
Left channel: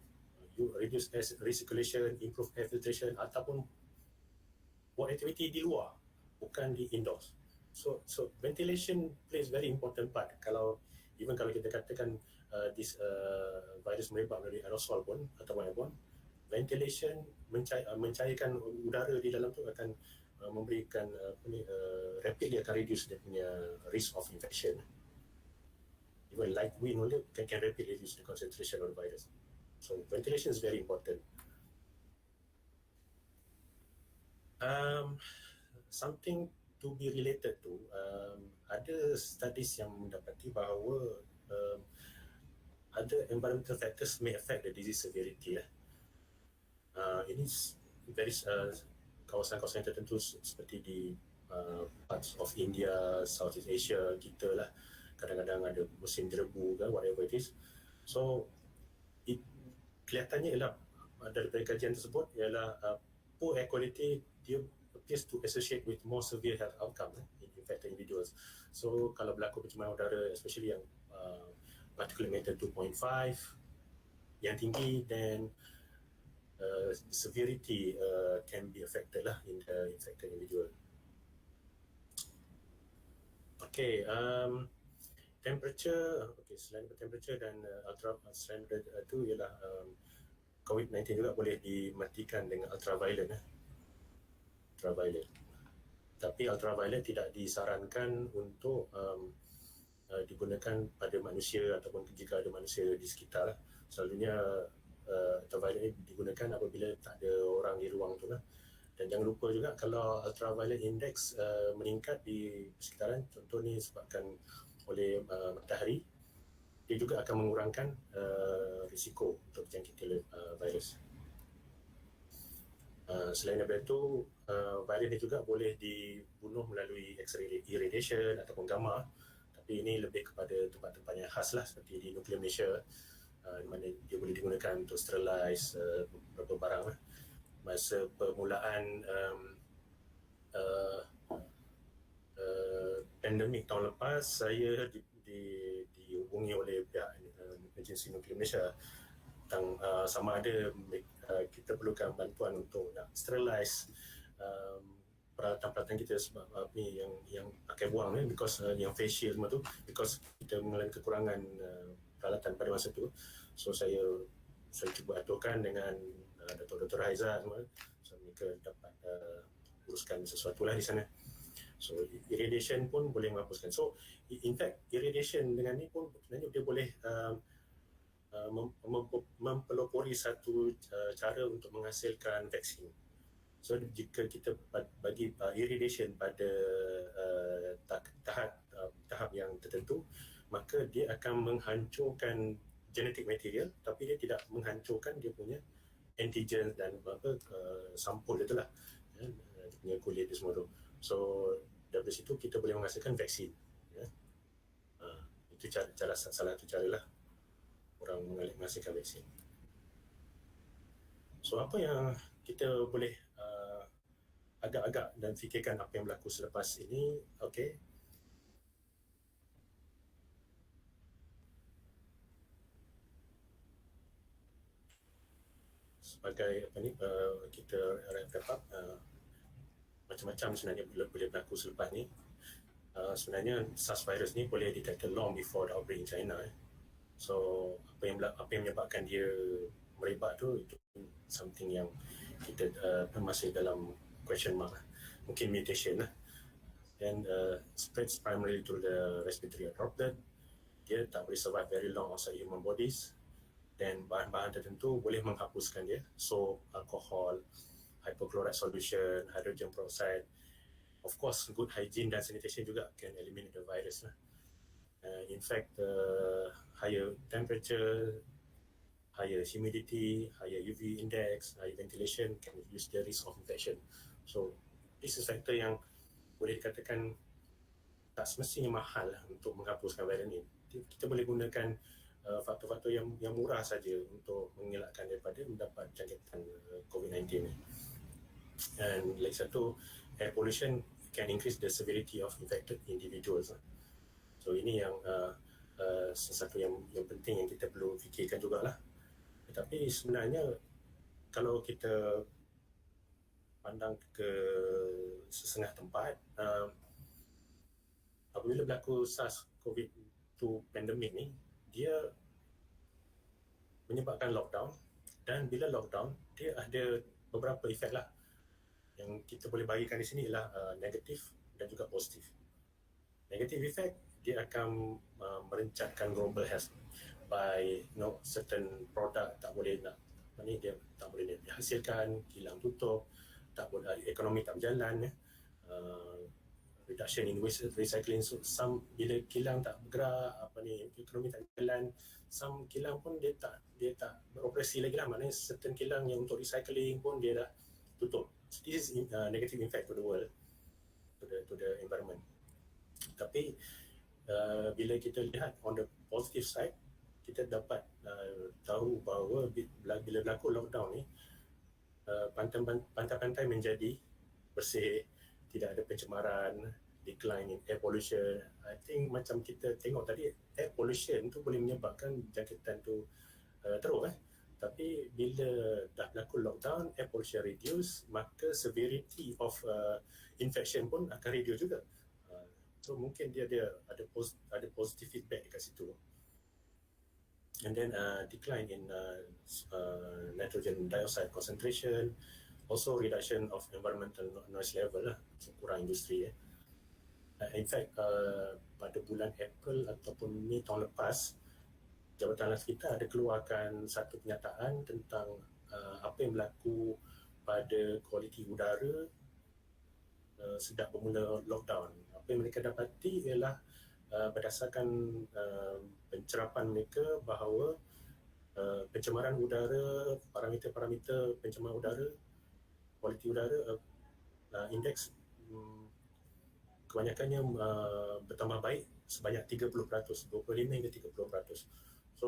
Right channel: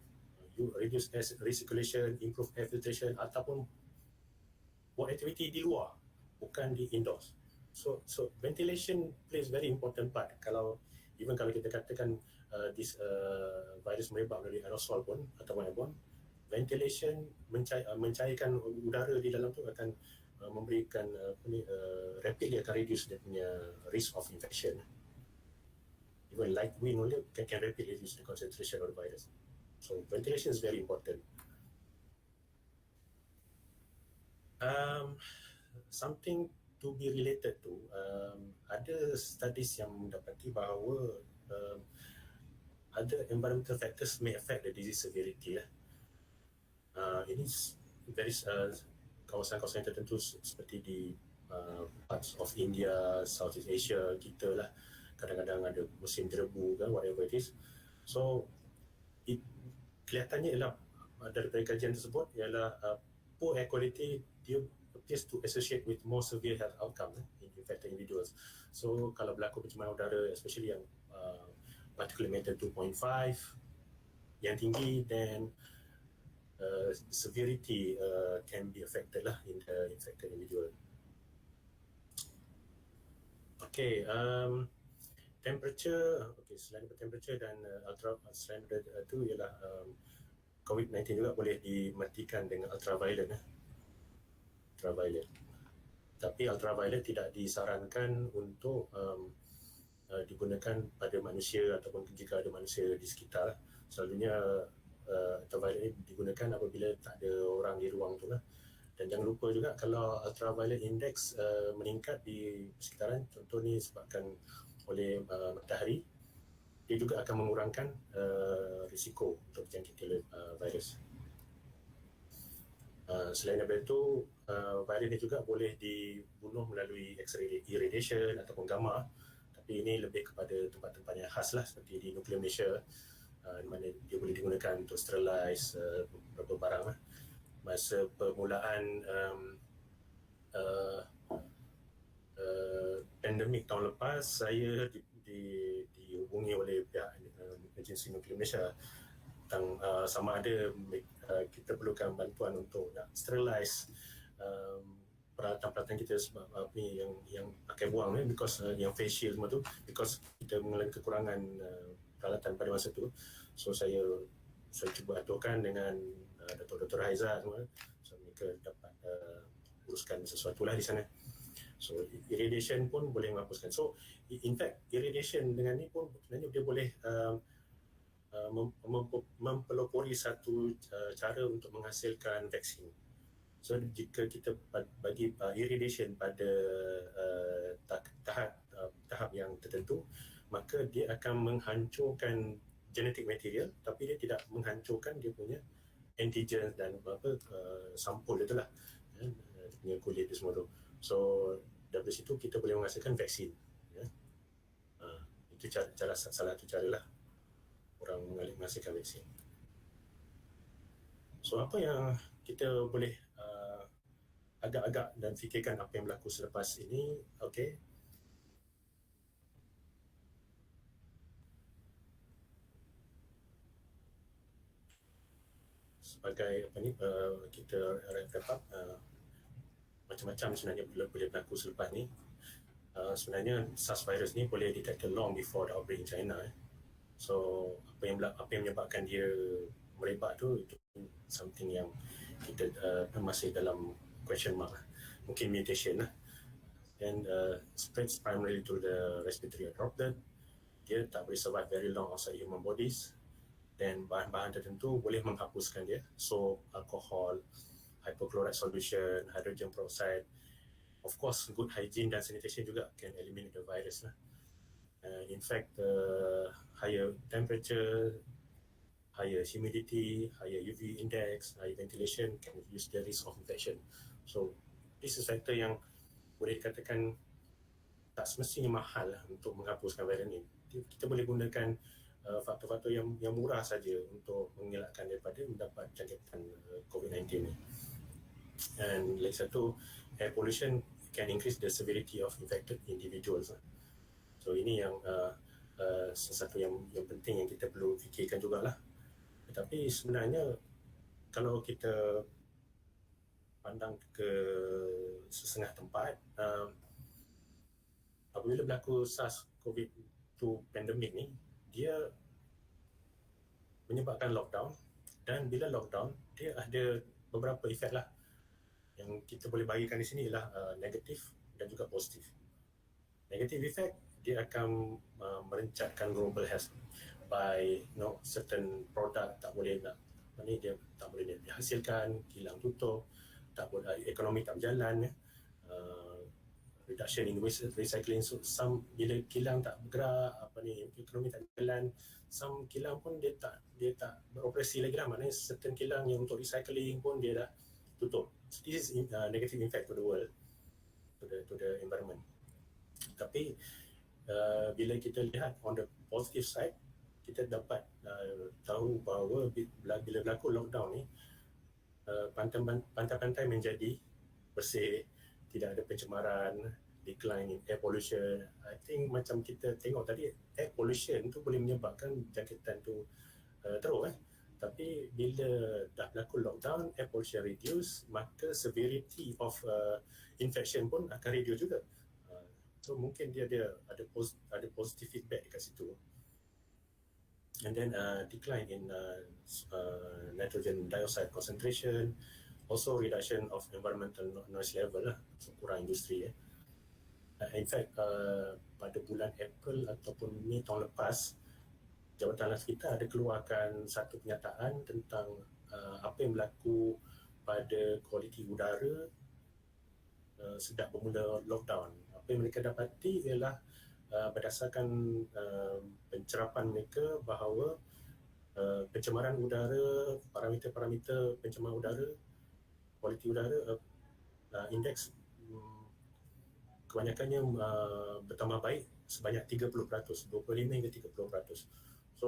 reduce air recirculation, improve air filtration, ataupun buat aktiviti di luar, bukan di indoors. So ventilation plays very important part. Even kalau kita katakan this virus merebak dari aerosol pun ataupun airborne, ventilation mencairkan udara di dalam tu akan memberikan rapidly akan reduce dia punya risk of infection. Even light wind only can rapidly reduce the concentration of the virus. So ventilation is very important. Something to be related to, ada studies yang mendapati bahawa other environmental factors may affect the disease severity lah. Ini very kawasan-kawasan tertentu seperti di parts of India, Southeast Asia kita lah, kadang-kadang ada musim debu kan, whatever it is. So kelihatannya ialah daripada kajian tersebut ialah poor air quality dia appears to associate with more severe health outcome in infected individuals. So kalau berlaku pencemaran udara, especially yang particulate matter 2.5 yang tinggi, then severity can be affected lah in the infected individual. Okay, temperature, okay, selain temperature dan selain itu ialah COVID-19 juga boleh dimatikan dengan ultraviolet. Ultraviolet. Tapi ultraviolet tidak disarankan untuk digunakan pada manusia ataupun jika ada manusia di sekitar. Selalunya ultraviolet digunakan apabila tak ada orang di ruang tu lah. Dan jangan lupa juga kalau ultraviolet index meningkat di sekitaran, contoh ni sebabkan oleh matahari, dia juga akan mengurangkan risiko untuk dijangkiti oleh virus. Selain daripada itu, virus ini juga boleh dibunuh melalui X-ray irradiation ataupun gamma, tapi ini lebih kepada tempat-tempat yang khas lah, seperti di nuklear Malaysia, di mana dia boleh digunakan untuk sterilize beberapa barang lah. Masa permulaan pandemik tahun lepas, saya dihubungi oleh pihak agensi nuklear Malaysia tentang sama ada kita perlukan bantuan untuk nak sterilize peralatan-peralatan kita, sebab ni yang pakai buang ni, because yang face shield semua tu, because kita mengalami kekurangan peralatan pada masa tu. So saya cuba aturkan dengan Dr. Haiza semua, so mereka dapat uruskan sesuatu lah di sana. So irradiation pun boleh menghapuskan. So in fact irradiation dengan ni pun sebenarnya dia boleh mempelopori satu cara untuk menghasilkan vaksin. So jika kita bagi irradiation pada tahap yang tertentu, maka dia akan menghancurkan genetic material, tapi dia tidak menghancurkan dia punya antigen dan sampul itulah, dia punya kulit dia semua tu. So dari situ kita boleh menghasilkan vaksin. Itu salah satu cara lah orang menghasilkan vaksin. So apa yang kita boleh agak-agak dan fikirkan apa yang berlaku selepas ini, okay. Sebagai apa ni, kita wrap up, macam-macam sebenarnya boleh berlaku selepas ni. Sebenarnya SARS virus ni boleh detected long before the outbreak in China. So apa yang menyebabkan dia merebak tu, itu something yang kita masih dalam question mark. Mungkin mutation lah. And spreads primarily through the respiratory droplet. Dia tak boleh survive very long outside human bodies. Dan bahan-bahan tertentu boleh menghapuskan dia. So alcohol, hypochlorite solution, hydrogen peroxide. Of course, good hygiene dan sanitation juga can eliminate the virus lah. In fact, higher temperature, higher humidity, higher UV index, higher ventilation can reduce the risk of infection. So this is factor yang boleh dikatakan tak semestinya mahal lah untuk menghapuskan virus ni. Kita boleh gunakan faktor-faktor yang murah saja untuk mengelakkan daripada mendapat jangkitan COVID-19 ni. And lagi satu, air pollution can increase the severity of infected individuals. So ini yang sesuatu yang penting yang kita perlu fikirkan jugalah. Tetapi sebenarnya kalau kita pandang ke sesengah tempat, apabila berlaku SARS-CoV-2 pandemik ni, dia menyebabkan lockdown, dan bila lockdown dia ada beberapa efek lah yang kita boleh bagikan di sini lah, negatif dan juga positif. Negative effect, dia akan merencatkan global health by certain product tak boleh dia tak boleh dihasilkan, kilang tutup, tak boleh, ekonomi tak berjalan, reduction in waste recycling. So some bila kilang tak bergerak, ekonomi tak berjalan, some kilang pun dia tak beroperasi lagi lah, maknanya certain kilang yang untuk recycling pun dia dah tutup. So this is negative impact to the world, to the environment. Tapi bila kita lihat on the positive side, kita dapat tahu bahawa bila berlaku lockdown ni, pantai-pantai menjadi bersih, tidak ada pencemaran, decline in air pollution. I think macam kita tengok tadi, air pollution tu boleh menyebabkan jangkitan tu teruk Tapi bila dah berlaku lockdown, air pollution reduce, maka severity of infection pun akan reduce juga. So mungkin dia ada positive feedback dekat situ. And then decline in nitrogen dioxide concentration, also reduction of environmental noise level so kurang industri in fact pada bulan April ataupun Mei tahun lepas, Jabatan Laut kita ada keluarkan satu penyataan tentang apa yang berlaku pada kualiti udara sejak bermula lockdown. Apa yang mereka dapati ialah berdasarkan pencerapan mereka bahawa pencemaran udara, parameter-parameter pencemaran udara, kualiti udara, indeks kebanyakannya bertambah baik sebanyak 30%, 25 hingga 30%. So,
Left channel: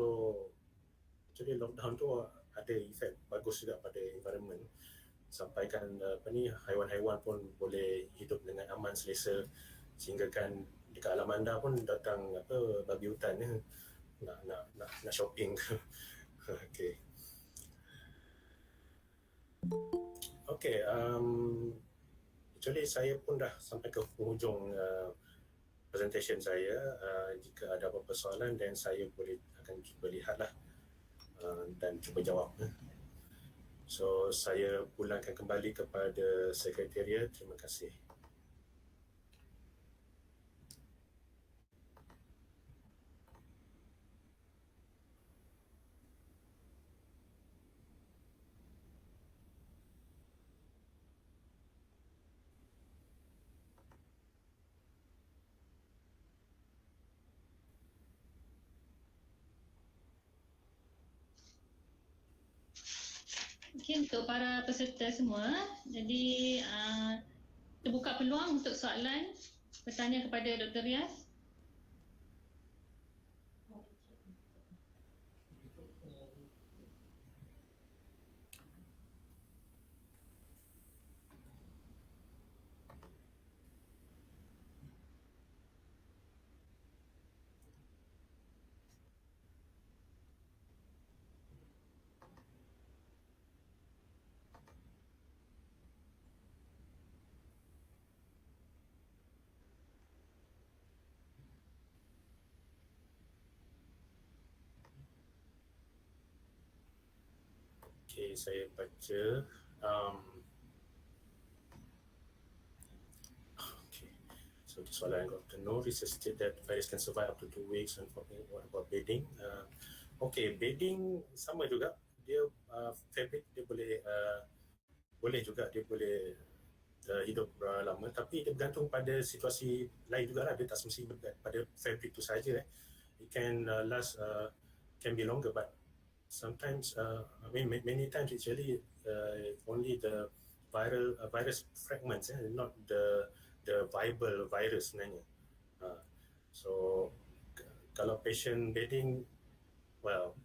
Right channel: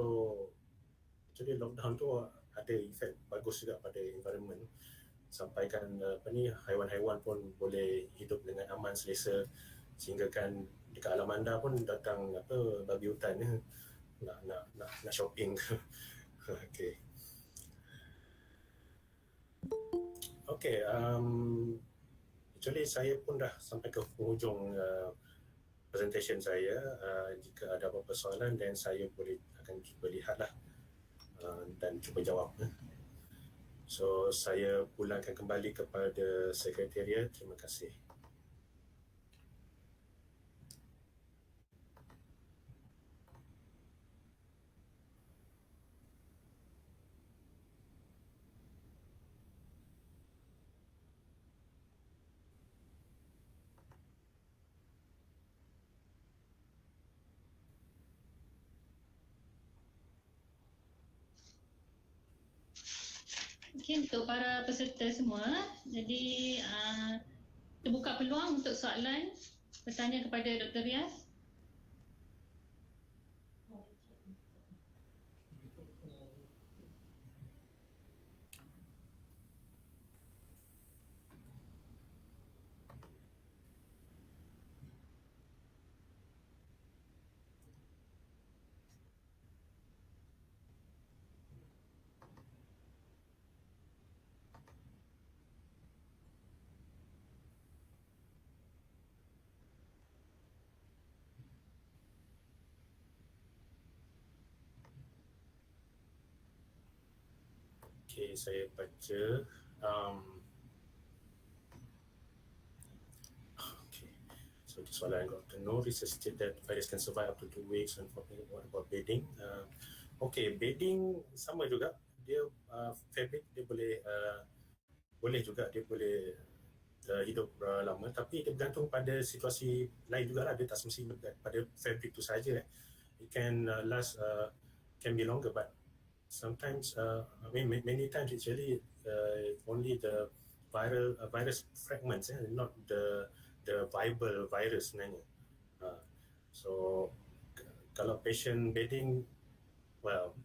actually lockdown tu ada efek bagus juga pada environment. Sampaikan haiwan-haiwan pun boleh hidup dengan aman selesa, sehingga kan dekat alam anda pun datang babi hutan nak shopping. Okay. Okay, actually saya pun dah sampai ke penghujung presentation saya. Jika ada apa-apa soalan, dan saya akan cuba lihatlah dan cuba jawab. So, saya pulangkan kembali kepada Sekretariat. Terima kasih. Okey, untuk para peserta semua, jadi terbuka peluang untuk soalan, bertanya kepada Dr. Riaz. Okay, saya baca. Okay, so the soalan got to know, research state that virus can survive up to 2 weeks. And what about bedding? Okay, bedding sama juga. Dia fabric dia boleh juga dia boleh hidup lama, tapi dia bergantung pada situasi lain jugalah. Dia tak semestinya pada fabric tu saja. It can last, can be longer, but sometimes, many times it's really only the virus fragments, not the viable virus sebenarnya. So, kalau patient bedding, well,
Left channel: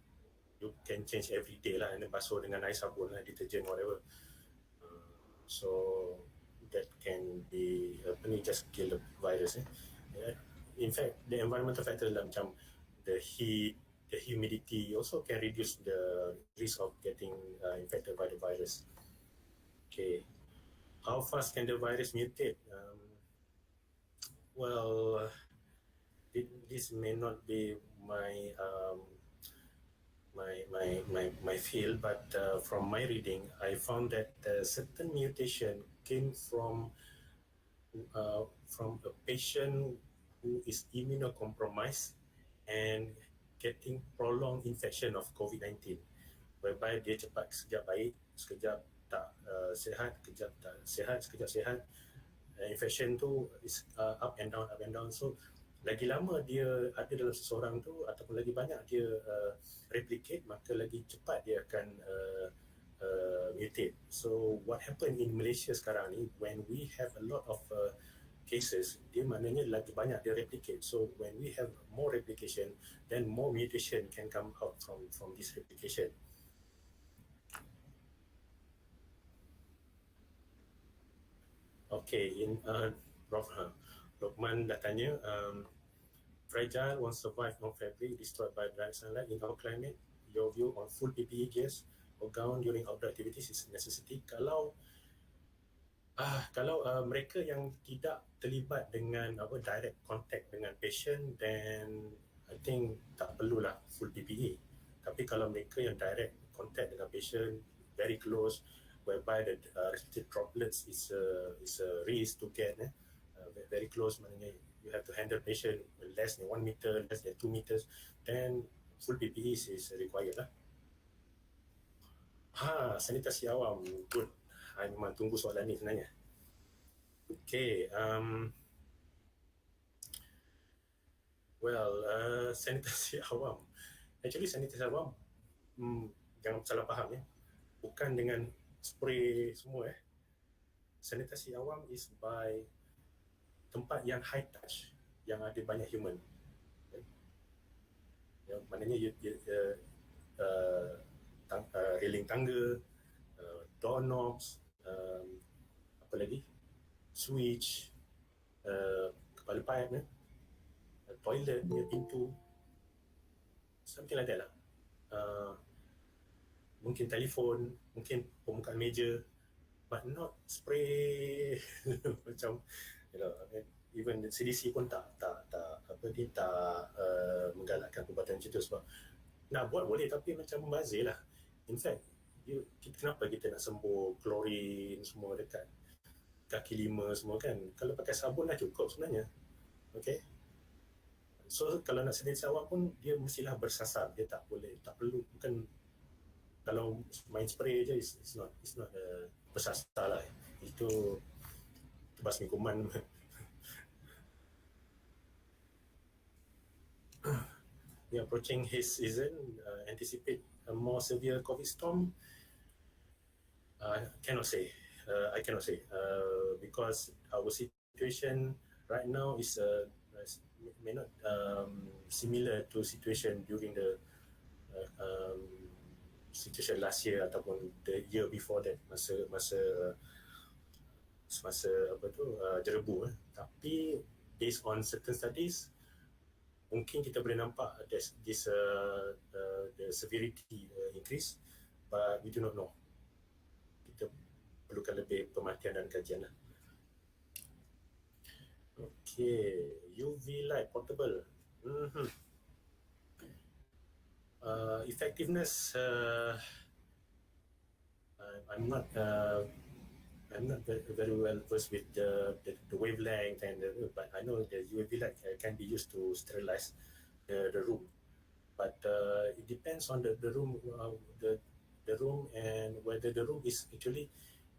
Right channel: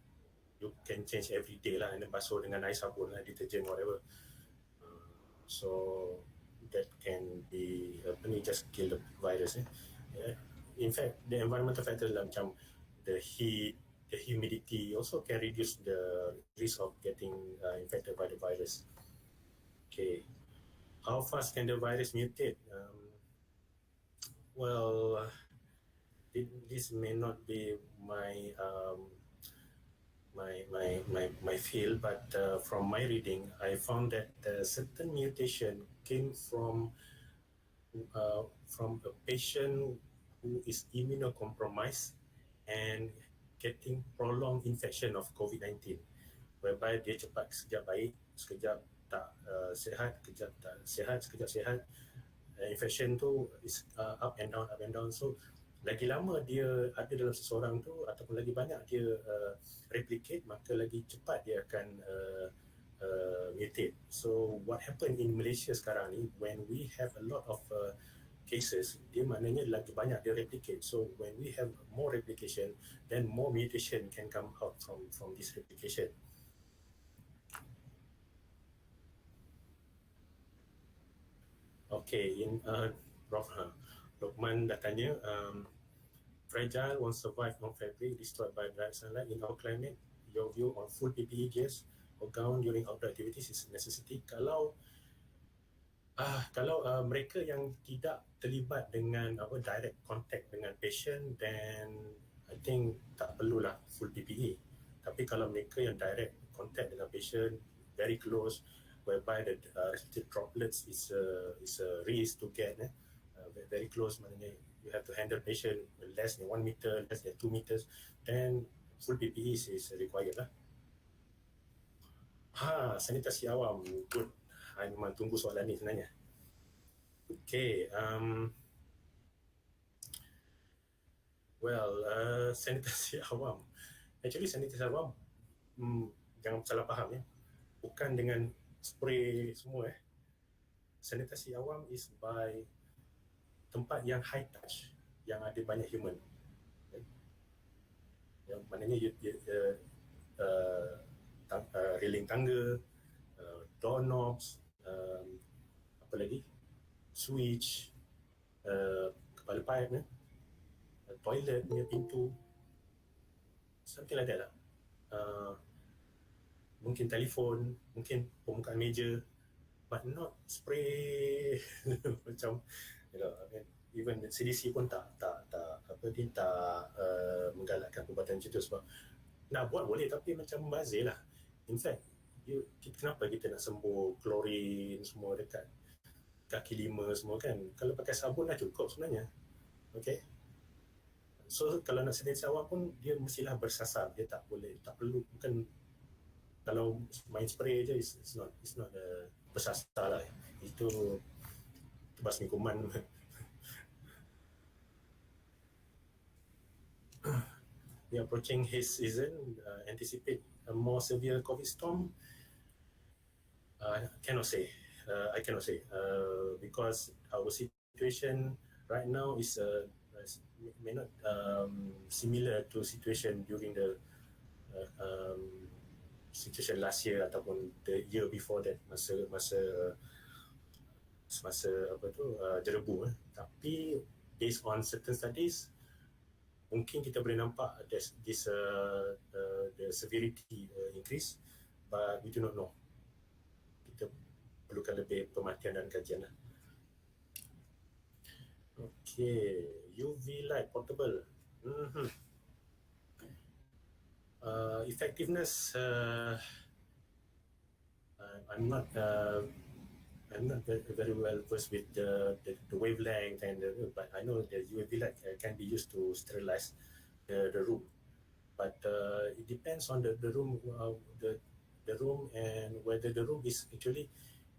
you can change every day lah, and basuh dengan air sabun lah, detergent, whatever. So, that can be just kill the virus. In fact, the environmental factor lah, macam the heat, the humidity also can reduce the risk of getting infected by the virus. Okay, how fast can the virus mutate? Well, this may not be my my field, but from my reading, I found that certain mutation came from a patient who is immunocompromised and getting prolonged infection of COVID-19, whereby dia cepat sekejap baik, sekejap tak sihat, sekejap tak sihat, sekejap sihat. Infection tu is up and down. So lagi lama dia ada dalam seseorang tu, ataupun lagi banyak dia replicate, maka lagi cepat dia akan mutate. So what happened in Malaysia sekarang ni, when we have a lot of cases, dia maknanya lagi banyak dia replicate. So when we have more replication, then more mutation can come out from this replication. Okay, in Prof, Lokman dah tanya, fragile won't survive on fabric destroyed by direct sunlight in our climate. Your view on full PPE gears or gown during outdoor activities is a necessity. Kalau mereka yang tidak terlibat dengan direct contact dengan patient, then I think tak perlulah full PPE. Tapi kalau mereka yang direct contact dengan patient, very close, whereby the respiratory droplets is a risk to get very close, maknanya you have to handle patient less than 1 meter, less than 2 meters, then full PPE is required lah. Sanitasi awam, good. I memang tunggu soalan ni sebenarnya. Okay, sanitasi awam. Actually, sanitasi awam, jangan salah faham ya. Bukan dengan spray semua Sanitasi awam is by tempat yang high touch, yang ada banyak human. Yang maknanya railing tangga, doorknobs, apa lagi? Switch, kepala pipe, toilet punya pintu, something like that lah. Mungkin telefon, mungkin permukaan meja, but not spray macam even CDC pun tak menggalakkan perbuatan macam tu, sebab nak buat boleh tapi macam membazir lah. In fact, kenapa kita nak sembuh klorin semua dekat kaki lima semua kan? Kalau pakai sabun dah cukup sebenarnya. Okay, so kalau nak sanitasi awam pun dia mestilah bersasar, dia tak perlu, bukan kalau main spray je, it's not bersasar lah, itu basmi kuman. We are approaching haze season, anticipate a more severe COVID storm. I cannot say because our situation right now is may not similar to situation during the situation last year ataupun the year before that, masa jerebu. Tapi based on certain studies, mungkin kita boleh nampak the severity increase, but we do not know. Kita perlukan lebih pemerhatian dan kajian lah. Okay, UV light portable. Effectiveness, I'm not very well versed with the wavelength but I know the UV light can be used to sterilize the room. But it depends on the room, the room, and whether the room is actually,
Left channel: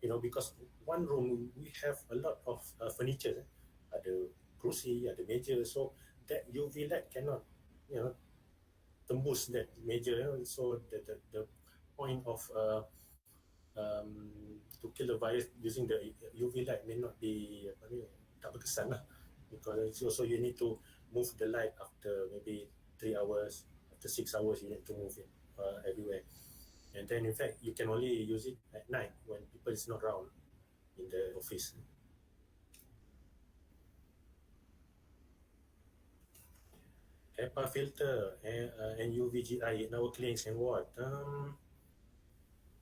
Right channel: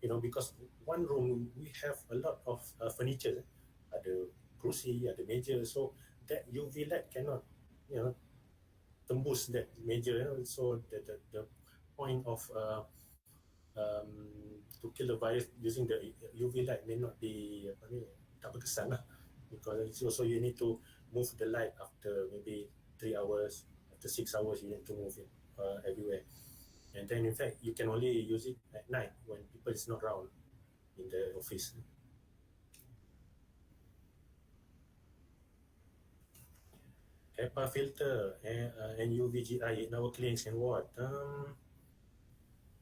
because one room we have a lot of furniture, ada kerusi, ada meja, so that UV light cannot, tembus that meja, so the point of to kill the virus using the UV light may not be tak berkesan lah, because also you need to move the light after maybe 3 hours, after 6 hours you need to move it everywhere, and then in fact you can only use it at night when people is not around in the office. HEPA filter and UVGI in our clinics and ward.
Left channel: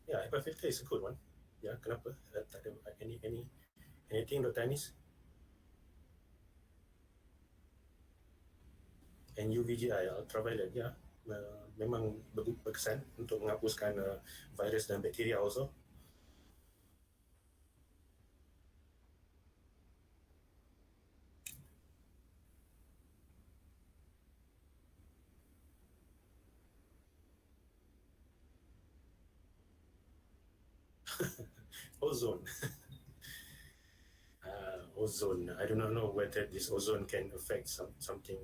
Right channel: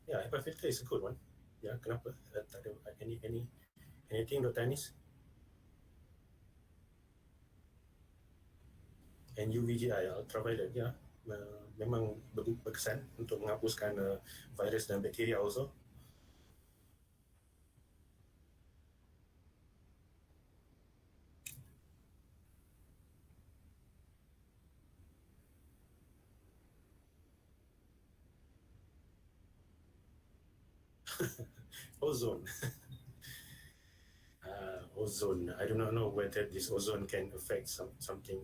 Yeah, HEPA filter is a good one. Yeah, kenapa? Tak ada anything, Dr. Anis? And UVGI, ultraviolet, ya, memang berkesan untuk menghapuskan virus dan bakteria also. Ozone. Ozone. I do not know whether this ozone can affect something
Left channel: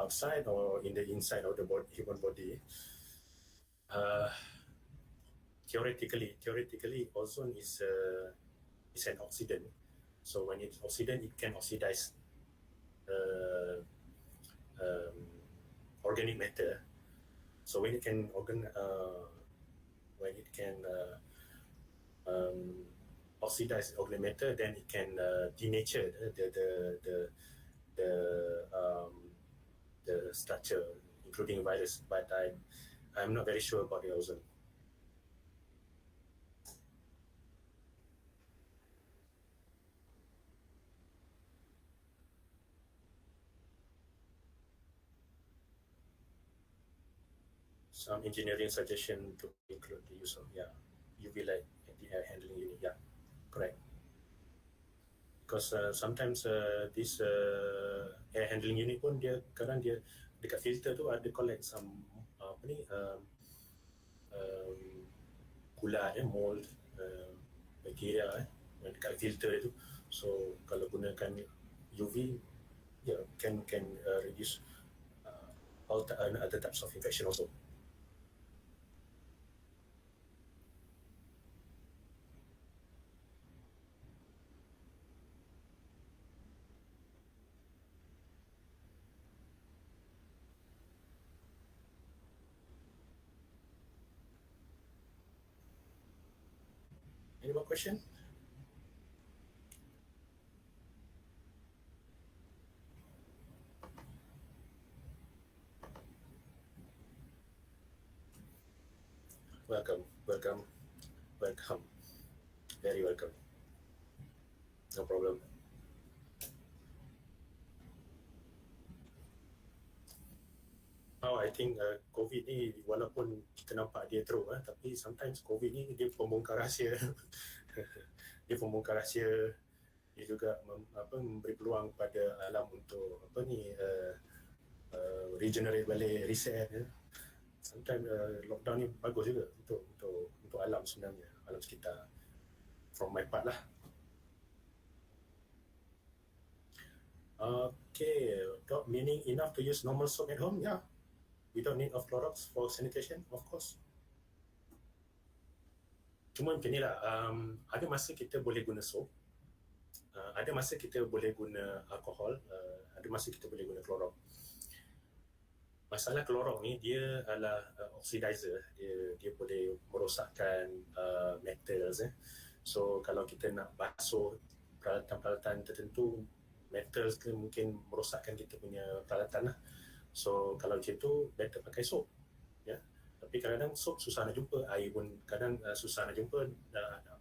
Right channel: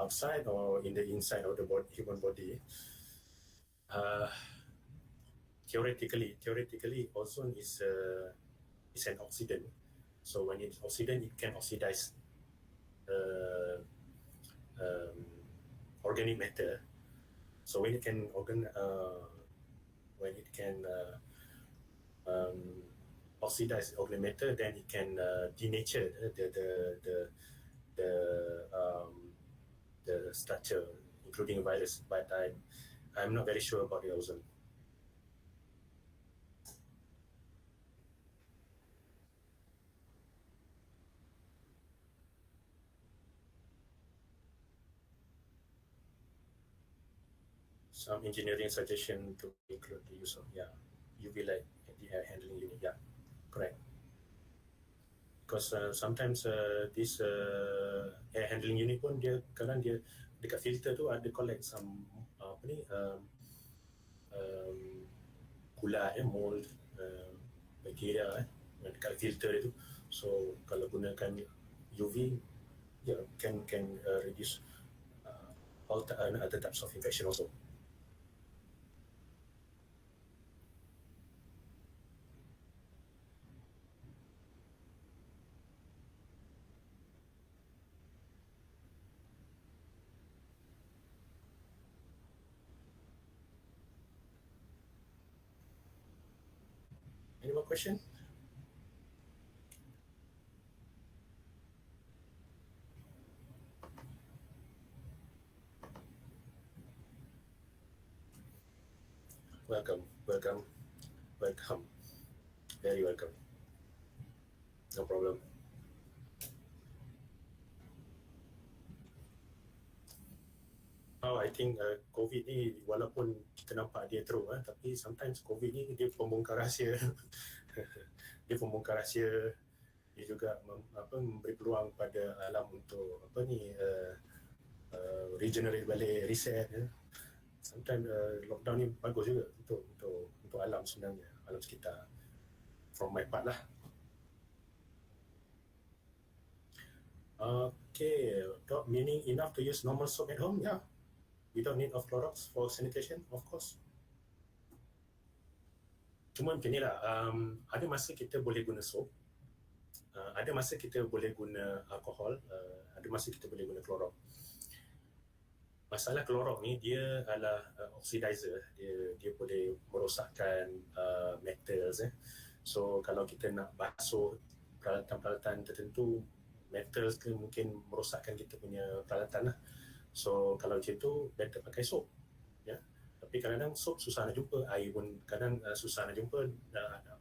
outside or in the inside of the human body. Theoretically, ozone is an oxidant. So when it's oxidant, it can oxidize organic matter. So when it can oxidized organic matter, then it can denature the structure, including virus. But I'm not very sure about the ozone. Some engineering suggestion to include the use of UV light at the air handling unit. Yeah, correct. Because sometimes this air handling unit pun dia kadang dia dekat filter tu ada collect some apa ni kulat mold bacteria dekat filter itu. So kalau gunakan UV can reduce all other types of infection also. Any more question? Welcome. Very welcome. No problem. I think COVID ni walaupun kita nampak dia teruk tapi sometimes COVID ni dia pembongkar rahsia. Dia pembongkar rahsia. Dia juga memberi peluang pada alam untuk regenerate balik, reset. Sometimes lockdown ni bagus juga untuk alam sebenarnya, alam sekitar. From my part lah. Okay, meaning enough to use normal soap at home? Yeah. We don't need of Clorox for sanitation, of course. Cuma macam ni lah, ada masa kita boleh guna soap, ada masa kita boleh guna alkohol, ada masa kita boleh guna Clorox. Masalah Clorox ni dia adalah oxidizer, dia boleh merosakkan metals. So kalau kita nak basuh peralatan-peralatan tertentu, metals ke mungkin merosakkan kita punya peralatan lah. So kalau macam tu better pakai soap. Ya. Tapi kadang-kadang soap susah nak jumpa, air pun kadang susah nak jumpa,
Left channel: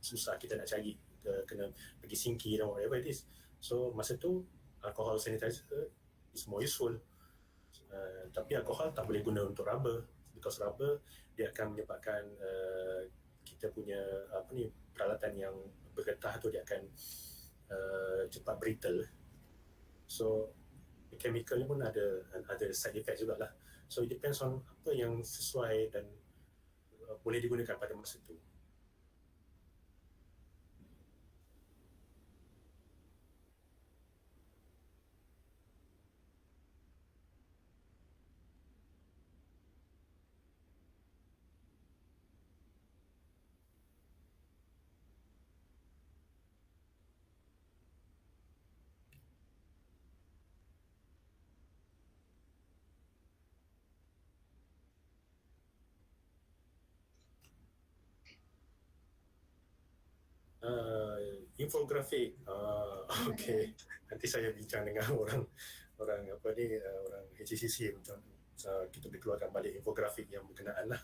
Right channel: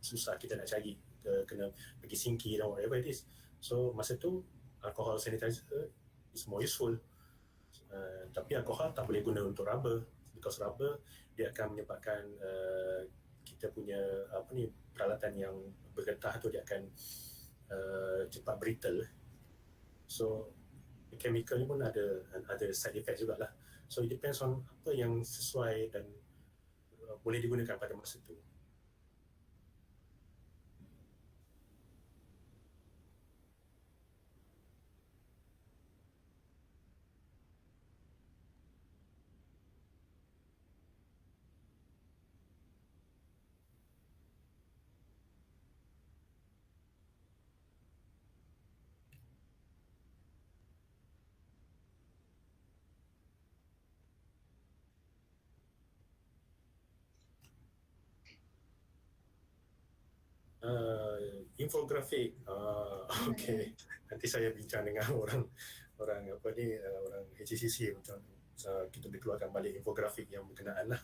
susah kita nak cari, kena pergi sinki dan whatever it is. So masa tu alcohol sanitizer is more useful. Tapi alkohol tak boleh guna untuk rubber, because rubber dia akan menyebabkan kita punya peralatan yang bergetah tu dia akan cepat brittle. So chemical ni pun ada side effect jugalah. So it depends on apa yang sesuai dan boleh digunakan pada masa tu. Infografik, okay. Nanti saya bincang dengan orang HCCC macam kita boleh keluarkan balik infografik yang berkenaan lah.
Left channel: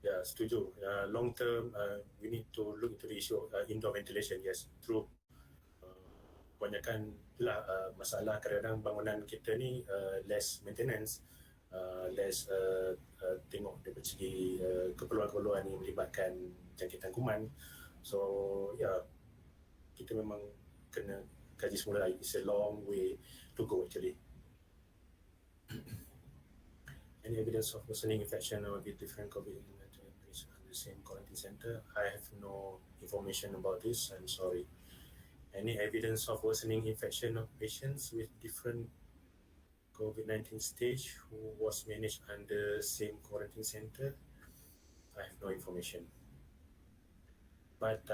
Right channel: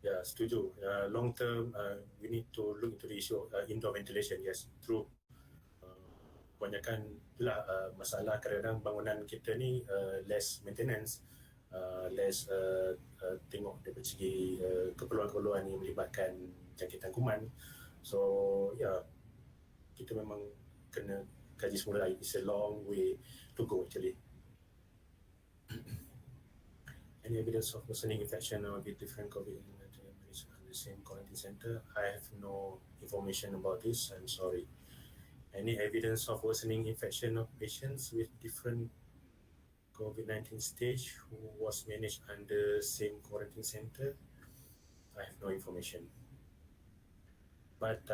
Ya, setuju. Long term, we need to look into the issue of indoor ventilation. Yes, true. Kebanyakan itulah masalah kadang-kadang bangunan kita ni less maintenance, less tengok dari segi keperluan-keperluan yang melibatkan jangkitan kuman. So kita memang kena kaji semula. It's a long way to go actually. Any evidence of worsening infection or a bit different COVID in the same quarantine center? I have no information about this. I'm sorry. Any evidence of worsening infection of patients with different COVID-19 stage who was managed under same quarantine center? I have no information. But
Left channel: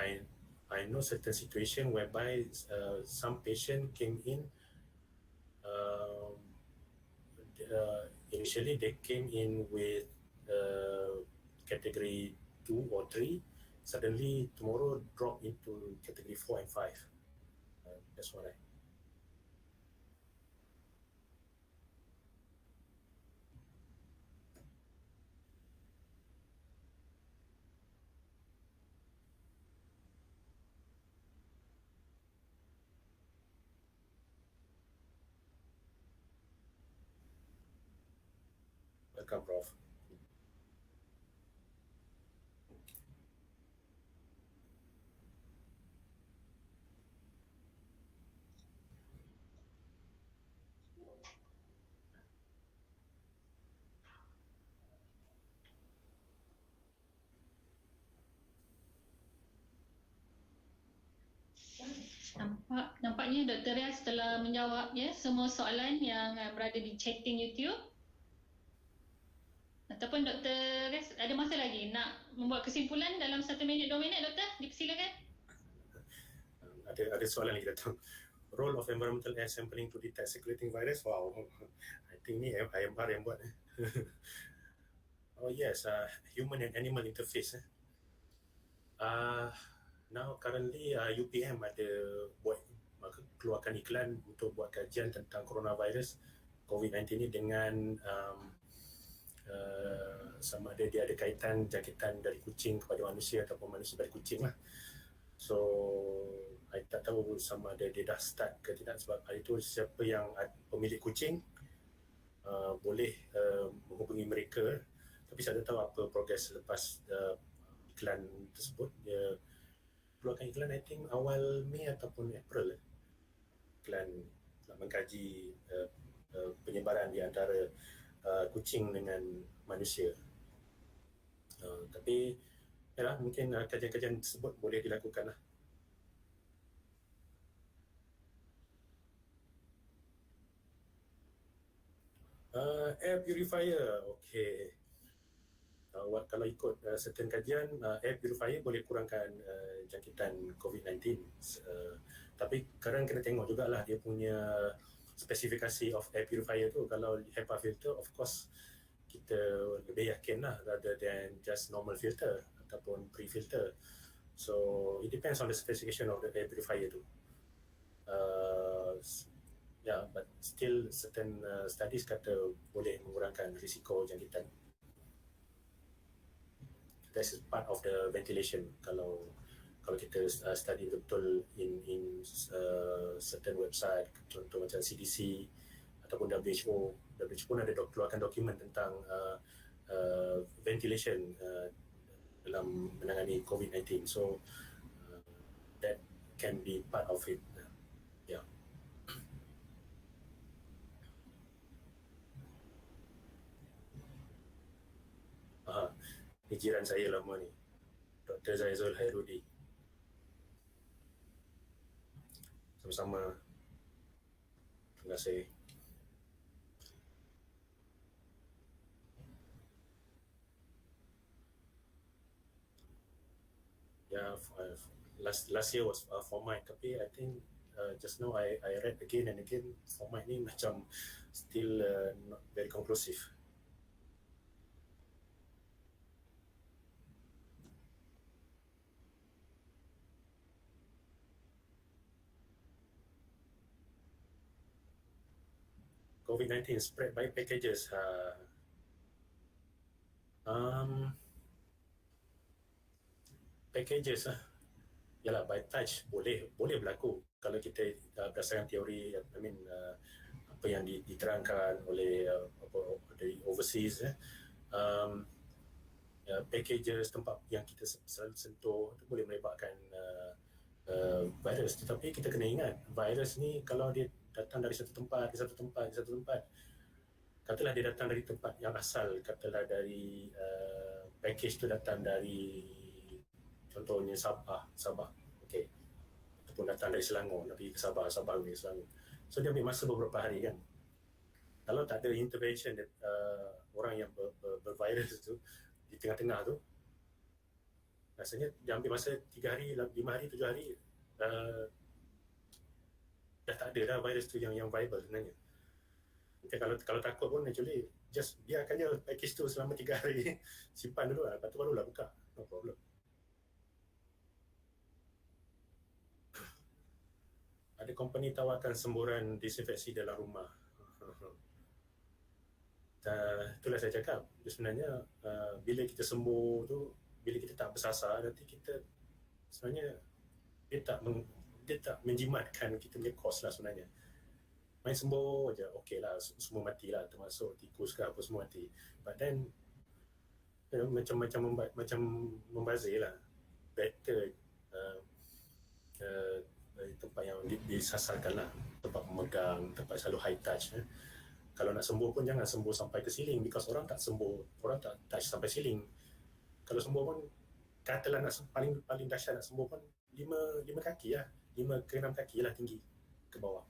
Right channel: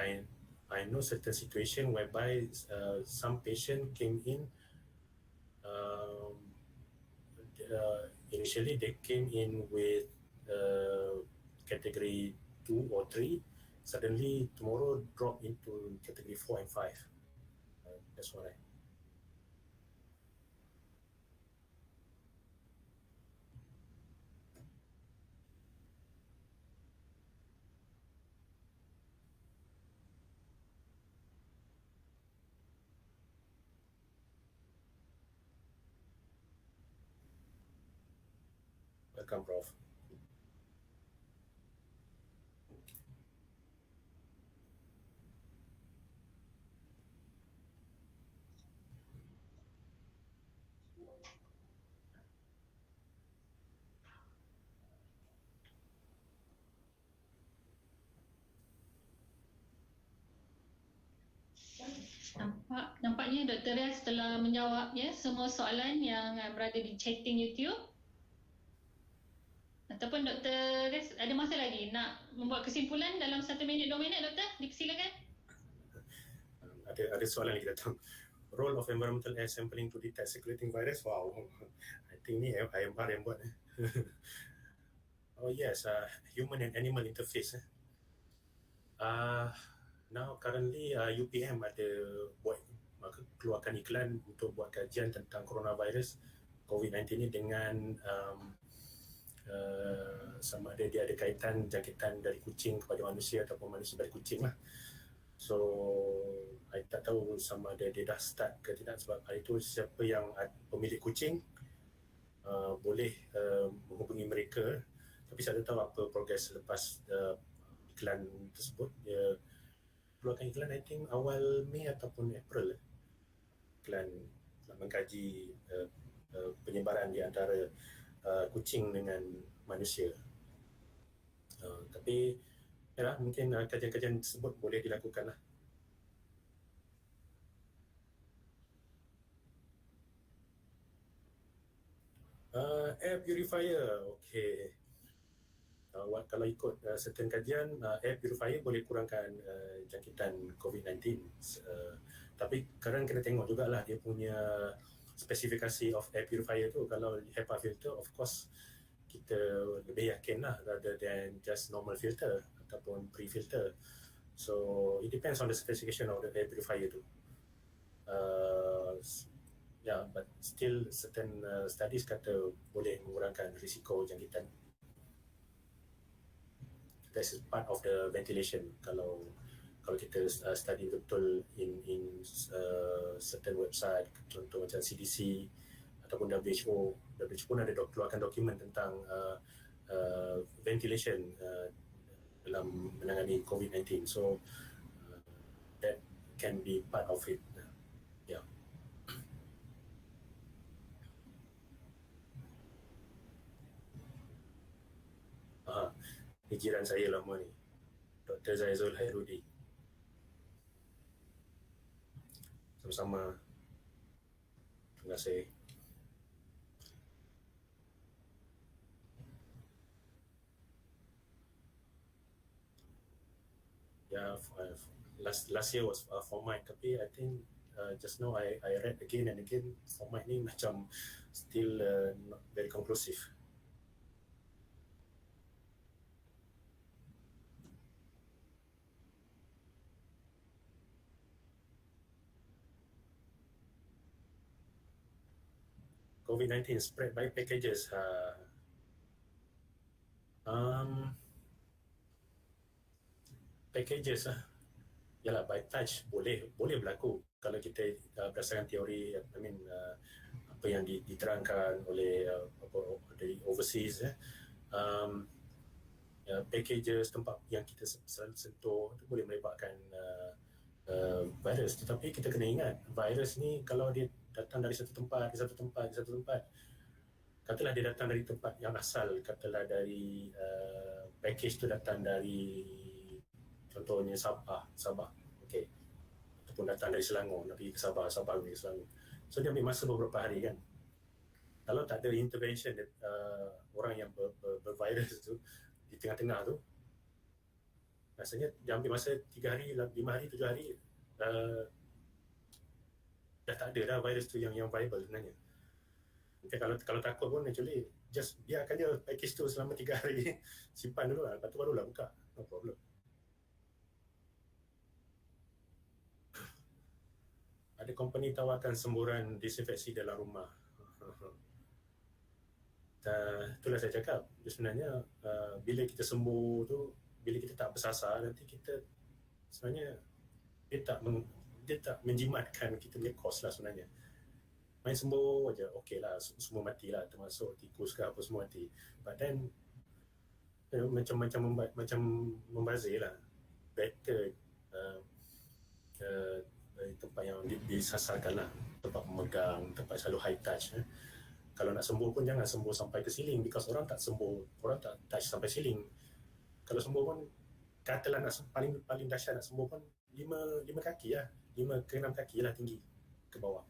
I know certain situation whereby some patient came in. Initially, they came in with category 2 or 3. Suddenly, tomorrow drop into category 4 and 5. That's what I. Welcome, Prof. Nampaknya Dr. Riaz telah menjawab semua soalan yang berada di chatting YouTube. Ataupun Dr. Riaz ada masa lagi nak membuat kesimpulan dalam 1 minit 2 minit, Doktor? Dipersilakan. Ada soalan lagi datang. Role of environmental air sampling to detect circulating virus. Wow, I think ni IMR yang buat. Oh yes, human and animal interface. Now currently UPM ada keluarkan iklan untuk buat kajian tentang coronavirus COVID-19 ni dengan sama ada dia ada kaitan jangkitan dari kucing kepada manusia ataupun manusia dari kucing lah. So I tak tahu sama ada dia dah start ke tidak, sebab hari itu siapa yang pemilik kucing boleh menghubungi mereka, tapi saya tak tahu apa progres lepas iklan tersebut. Dia keluarkan iklan I think awal Mei ataupun April. Iklan nak mengkaji penyebaran di antara kucing dengan manusia. Tapi yalah, mungkin kajian-kajian tersebut boleh dilakukan lah. Air purifier, okay. Kalau ikut certain kajian, air purifier boleh kurangkan jangkitan COVID-19. Tapi kadang kena tengok jugalah dia punya spesifikasi of air purifier tu. Kalau HEPA filter, of course kita lebih yakin lah rather than just normal filter ataupun pre-filter. So it depends on the specification of the air purifier tu. Yeah, but still certain studies kata boleh mengurangkan risiko jangkitan. That's part of the ventilation. Kalau kita study betul in certain website, contoh macam CDC ataupun WHO pun ada keluarkan dokumen tentang ventilation dalam menangani COVID-19. So that can be part of it. Yeah. Ni jiran saya lama ni, Dr. Zaizul Hairudi. Sama-sama. Terima kasih. Yeah, last year was format, tapi I think just now I read again and again, format ni macam still not very conclusive. COVID-19 spread by packages. Packages yalah, by touch boleh berlaku kalau kita berdasarkan teori, apa yang diterangkan oleh dari overseas. Packages, tempat yang kita selalu sentuh itu boleh menyebabkan virus. Tetapi kita kena ingat, virus ni kalau dia datang dari satu tempat, katalah dia datang dari tempat yang asal, katalah dari package tu datang dari contohnya Sabah, okey, ataupun datang dari Selangor, nak pergi ke Sabah pergi ke Selangor. So dia ambil masa beberapa hari kan. Kalau tak ada intervention orang yang bervirus tu di tengah-tengah tu, Rasanya dia ambil masa 3 hari, 5 hari, 7 hari, dah tak ada dah virus tu yang viable sebenarnya. Okay, kalau takut pun actually just biarkan je package tu selama 3 hari, simpan dulu lah, lepas tu barulah buka, no problem. Ada company tawarkan semburan disinfeksi dalam rumah. Itulah saya cakap, sebenarnya bila kita sembuh tu, bila kita tak bersasar, nanti kita sebenarnya dia tak menjimatkan kita punya kos lah sebenarnya. Main sembuh aja, okey lah, semua mati lah, termasuk tikus ke apa semua mati. But then macam membazir lah. Better tempat yang disasarkan lah, tempat memegang, tempat selalu high touch. Kalau nak sembuh pun jangan sembuh sampai ke ceiling, because orang tak touch sampai ceiling. Kalau sembuh pun katalah nak paling dahsyat nak sembuh pun 5 kaki lah, 5 ke 6 kaki lah tinggi ke bawah.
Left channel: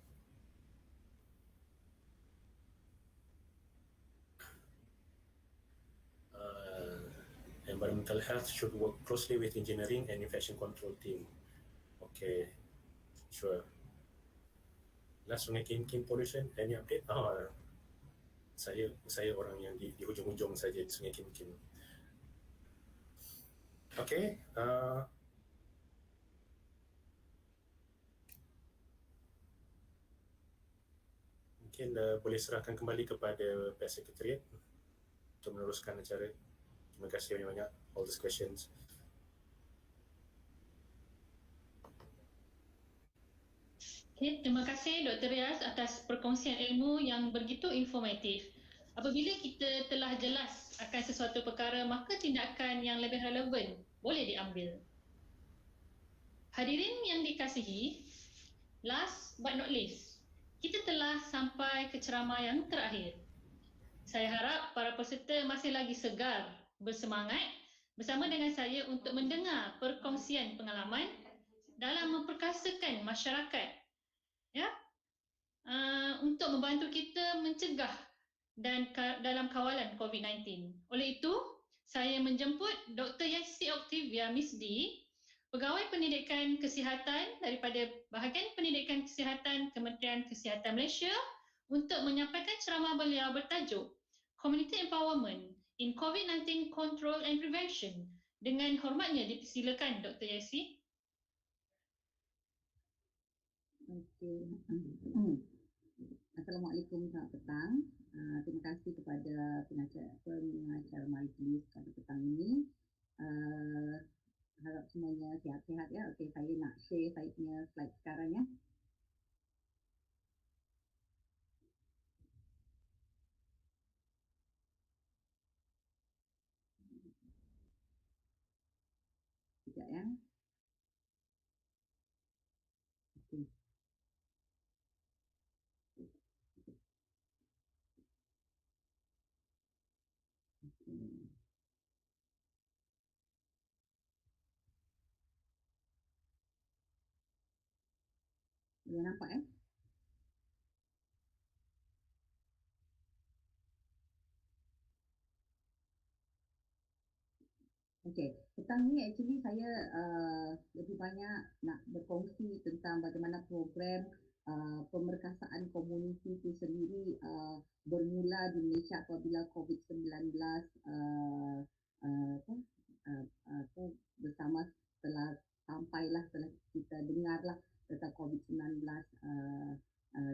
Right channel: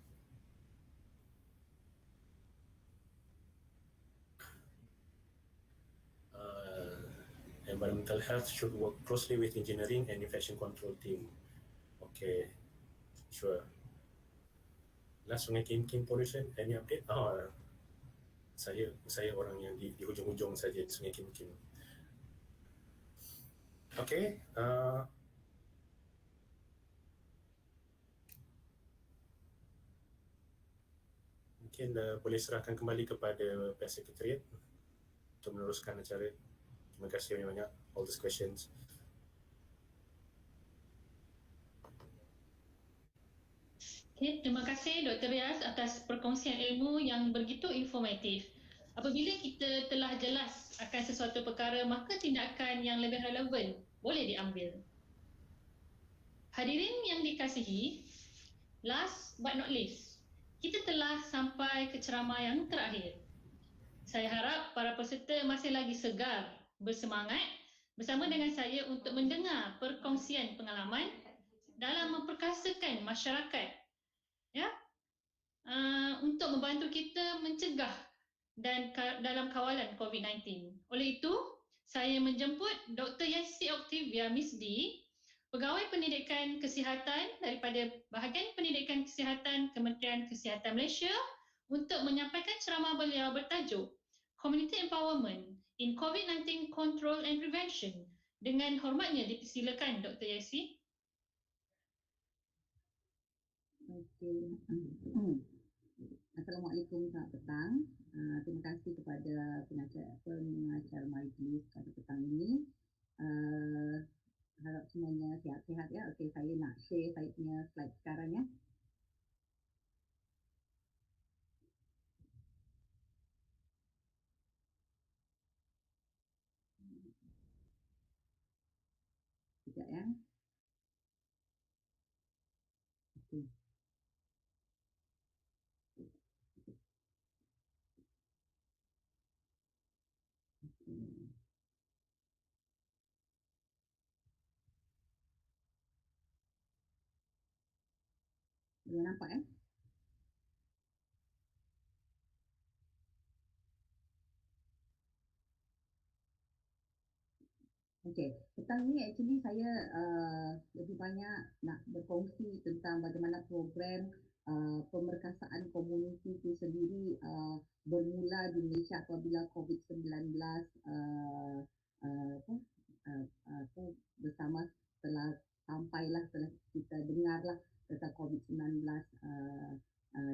Environmental health should work closely with engineering and infection control team. Okay, sure. Last Sungai Kim pollution, any update? Saya orang yang di hujung-hujung saja Sungai Kim. Okay, mungkin boleh serahkan kembali kepada pihak sekretariat untuk meneruskan acara. Terima kasih banyak all these questions. Okay, terima kasih Dr. Riaz atas perkongsian ilmu yang begitu informatif. Apabila kita telah jelas akan sesuatu perkara, maka tindakan yang lebih relevan boleh diambil. Hadirin yang dikasihi, last but not least, kita telah sampai ke ceramah yang terakhir. Saya harap para peserta masih lagi segar, bersemangat bersama dengan saya untuk mendengar perkongsian pengalaman dalam memperkasakan masyarakat, ya, untuk membantu kita mencegah dan dalam kawalan COVID-19. Oleh itu, saya menjemput Dr. Yassi Octavia Miss D, Pegawai Pendidikan Kesihatan daripada Bahagian Pendidikan Kesihatan Kementerian Kesihatan Malaysia, untuk menyampaikan ceramah beliau bertajuk Community Empowerment in COVID-19 Control and Prevention. Dengan hormatnya dipersilakan Dr. Yassi. Okey. Assalamualaikum, selamat petang. Terima kasih kepada pengacara majlis pada petang ini. Harap semuanya sihat-sihat ya. Okey, saya nak share saya punya slide sekarang ya. Sekejap ya. Okey. Boleh nampak ya? Okey, petang ni actually saya lebih banyak nak berkongsi tentang bagaimana program pemerkasaan komuniti itu sendiri bermula di Malaysia apabila COVID-19 bersama setelah kita dengarlah tentang COVID-19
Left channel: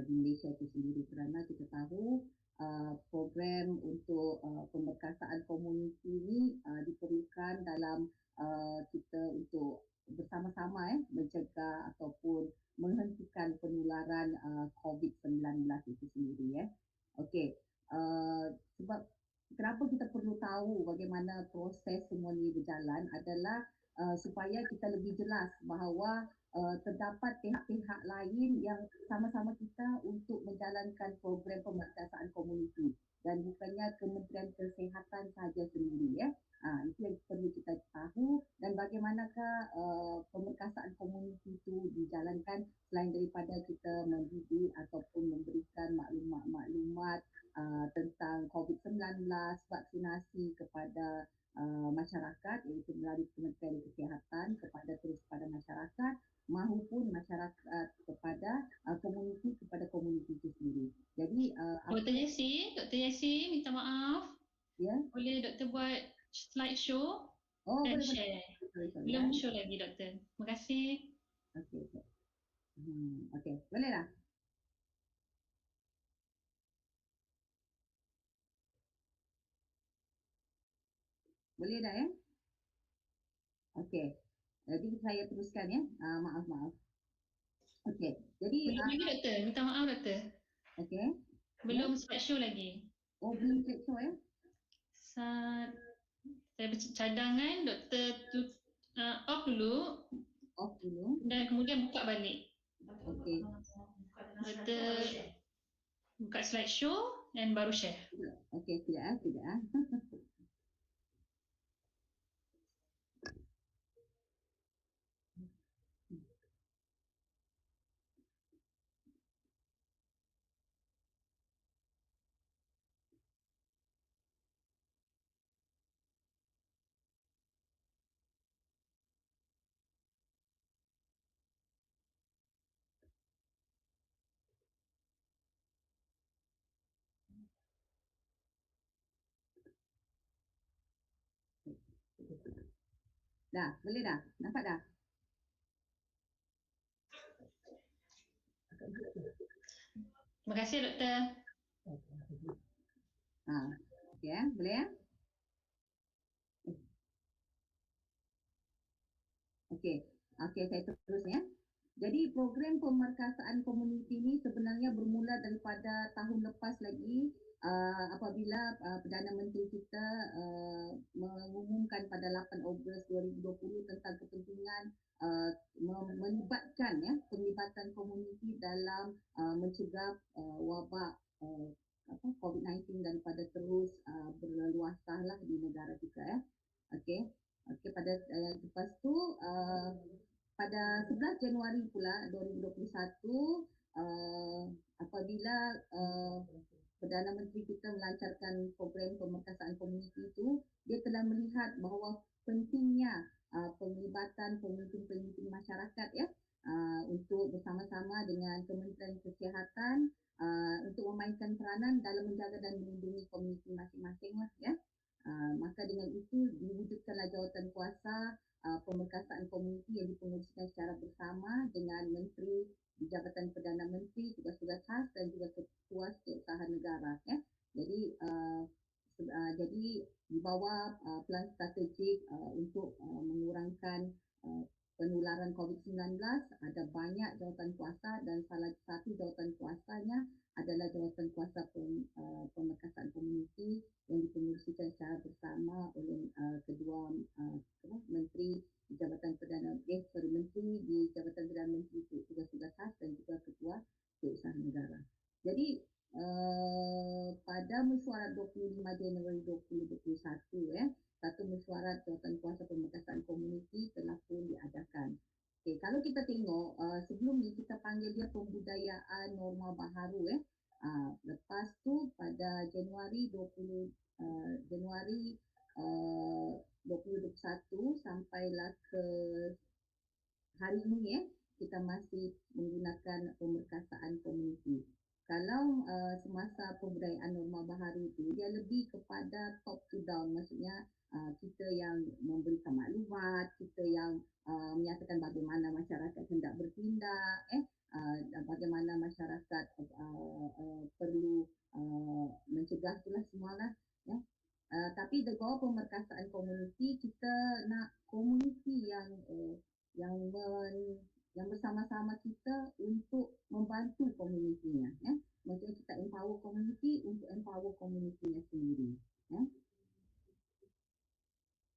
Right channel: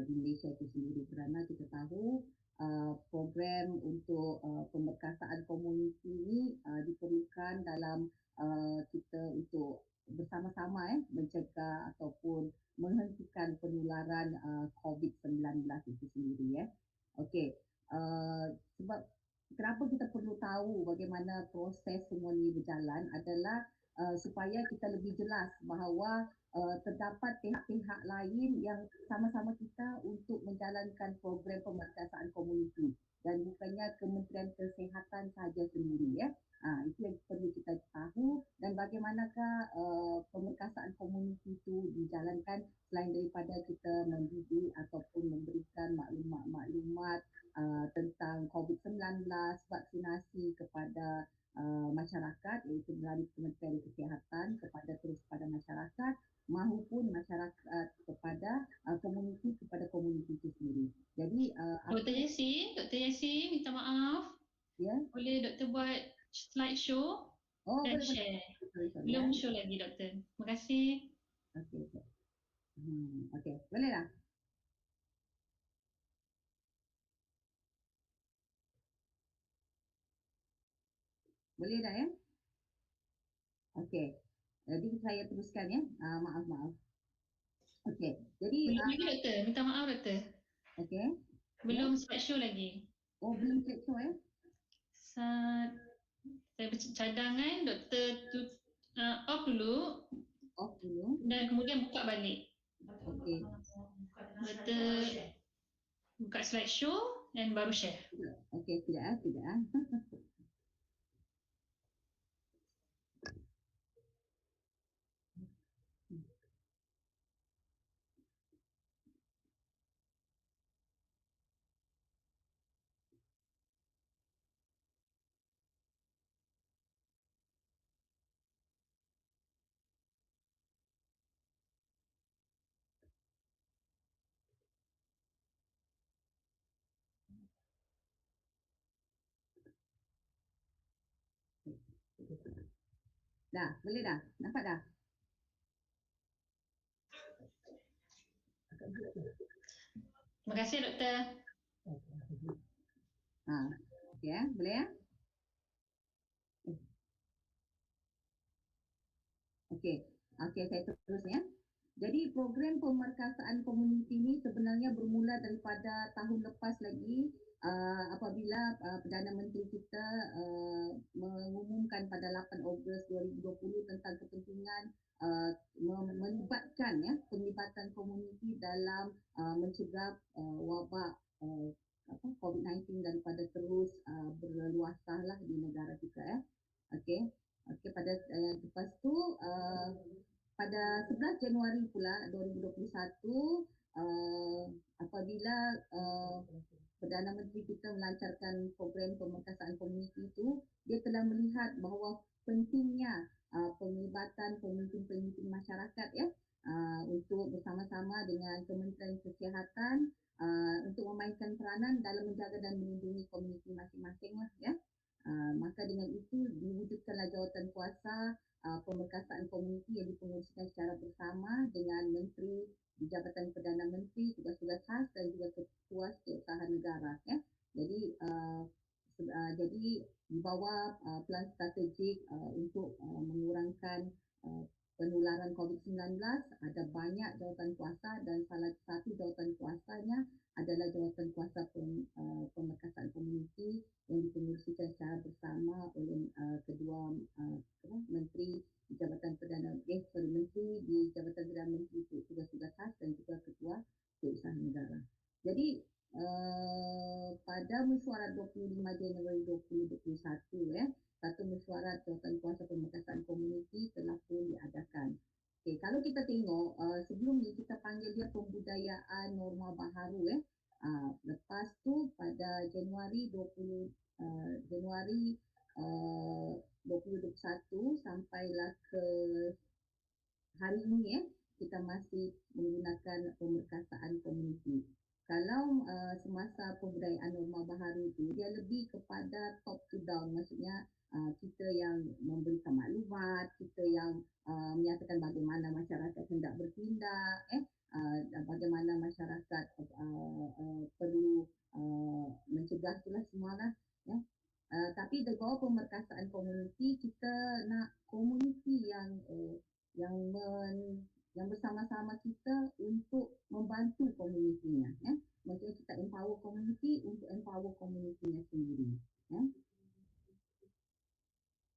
di Malaysia itu sendiri, kerana kita tahu program untuk pemerkasaan komuniti ini diperlukan dalam kita untuk bersama-sama mencegah ataupun menghentikan penularan COVID-19 itu sendiri ya. Okey, sebab kenapa kita perlu tahu bagaimana proses semua ini berjalan adalah supaya kita lebih jelas bahawa terdapat pihak-pihak lain yang sama-sama kita untuk menjalankan program pemerkasaan komuniti dan bukannya Kementerian Kesihatan sahaja sendiri ya. Itu yang perlu kita tahu, dan bagaimanakah pemerkasaan komuniti itu dijalankan selain daripada kita mendidik ataupun memberikan maklumat-maklumat tentang COVID-19, vaksinasi kepada masyarakat, iaitu melalui Kementerian Kesihatan kepada masyarakat maupun masyarakat kepada komuniti itu sendiri. Jadi Dr. Yesi minta maaf. Ya. Boleh Doktor buat slide show dan boleh. share. Sorry, Belum show lagi Doktor. Terima kasih. Okey, boleh dah. Boleh dah ya? Okey. Jadi saya teruskan ya. Maaf. Okey. Jadi Belum lagi Doktor. Minta maaf Doktor. Okey. Belum slide show lagi. Belum slide show ya? Saya cadangan Doktor off dulu. Dan kemudian buka balik. Okey. Doktor buka slide show dan baru share. Okey, tidak. Dah, boleh dah? Nampak dah? Terima kasih Doktor. Okey ya, boleh ya? Okey, saya terus ya. Jadi program pemerkasaan komuniti ini sebenarnya bermula daripada tahun lepas lagi apabila Perdana Menteri kita mengumumkan pada 8 Ogos 2020 tentang kepentingan melibatkan penglibatan komuniti dalam mencegah wabak COVID-19 daripada terus berluaslah di negara kita ya. Okey, pada lepas tu pada 11 Januari pula 2021 apabila Perdana Menteri kita melancarkan program pemerkasaan komuniti itu, dia telah melihat bahawa pentingnya penglibatan pemimpin-pemimpin masyarakat ya untuk bersama-sama dengan Kementerian Kesihatan untuk memainkan peranan dalam menjaga dan melindungi komuniti masing-masing lah ya. Maka dengan itu diwujudkanlah jawatan kuasa pemerkasaan komuniti yang dipenguruskan secara bersama dengan Menteri di Jabatan Perdana Menteri, tugas-tugas khas dan juga ketua setiausaha negara ya. Jadi di bawah plan strategik untuk mengurangkan penularan COVID-19 ada banyak jawatan kuasa dan salah satu jawatan kuasanya adalah jawatan kuasa pemerkasaan komuniti yang dipengerusikan secara bersama oleh kedua menteri di Jabatan Menteri di Jabatan Perdana Menteri tugas-tugas khas dan juga ketua setiausaha negara. Jadi pada mesyuarat 25 Januari 2021 satu mesyuarat jawatan kuasa pemerkasaan komuniti telah pun diadakan. Okay, kalau kita tengok sebelum ni kita panggil dia pembudayaan norma baharu lepas tu pada Januari 2021 sampailah ke hari ini kita masih menggunakan pemerkasaan komuniti. Kalau semasa pembudayaan norma baharu itu dia lebih kepada top to down, maksudnya kita yang memberikan maklumat, kita yang menyatakan bagaimana masyarakat hendak bertindak, bagaimana masyarakat perlu mencegah itulah semualah ya. Tapi di bawah pemerkasaan komuniti kita nak komuniti yang bersama-sama kita untuk membantu komunitinya ya. Maksudnya kita empower komuniti untuk empower komunitinya sendiri ya.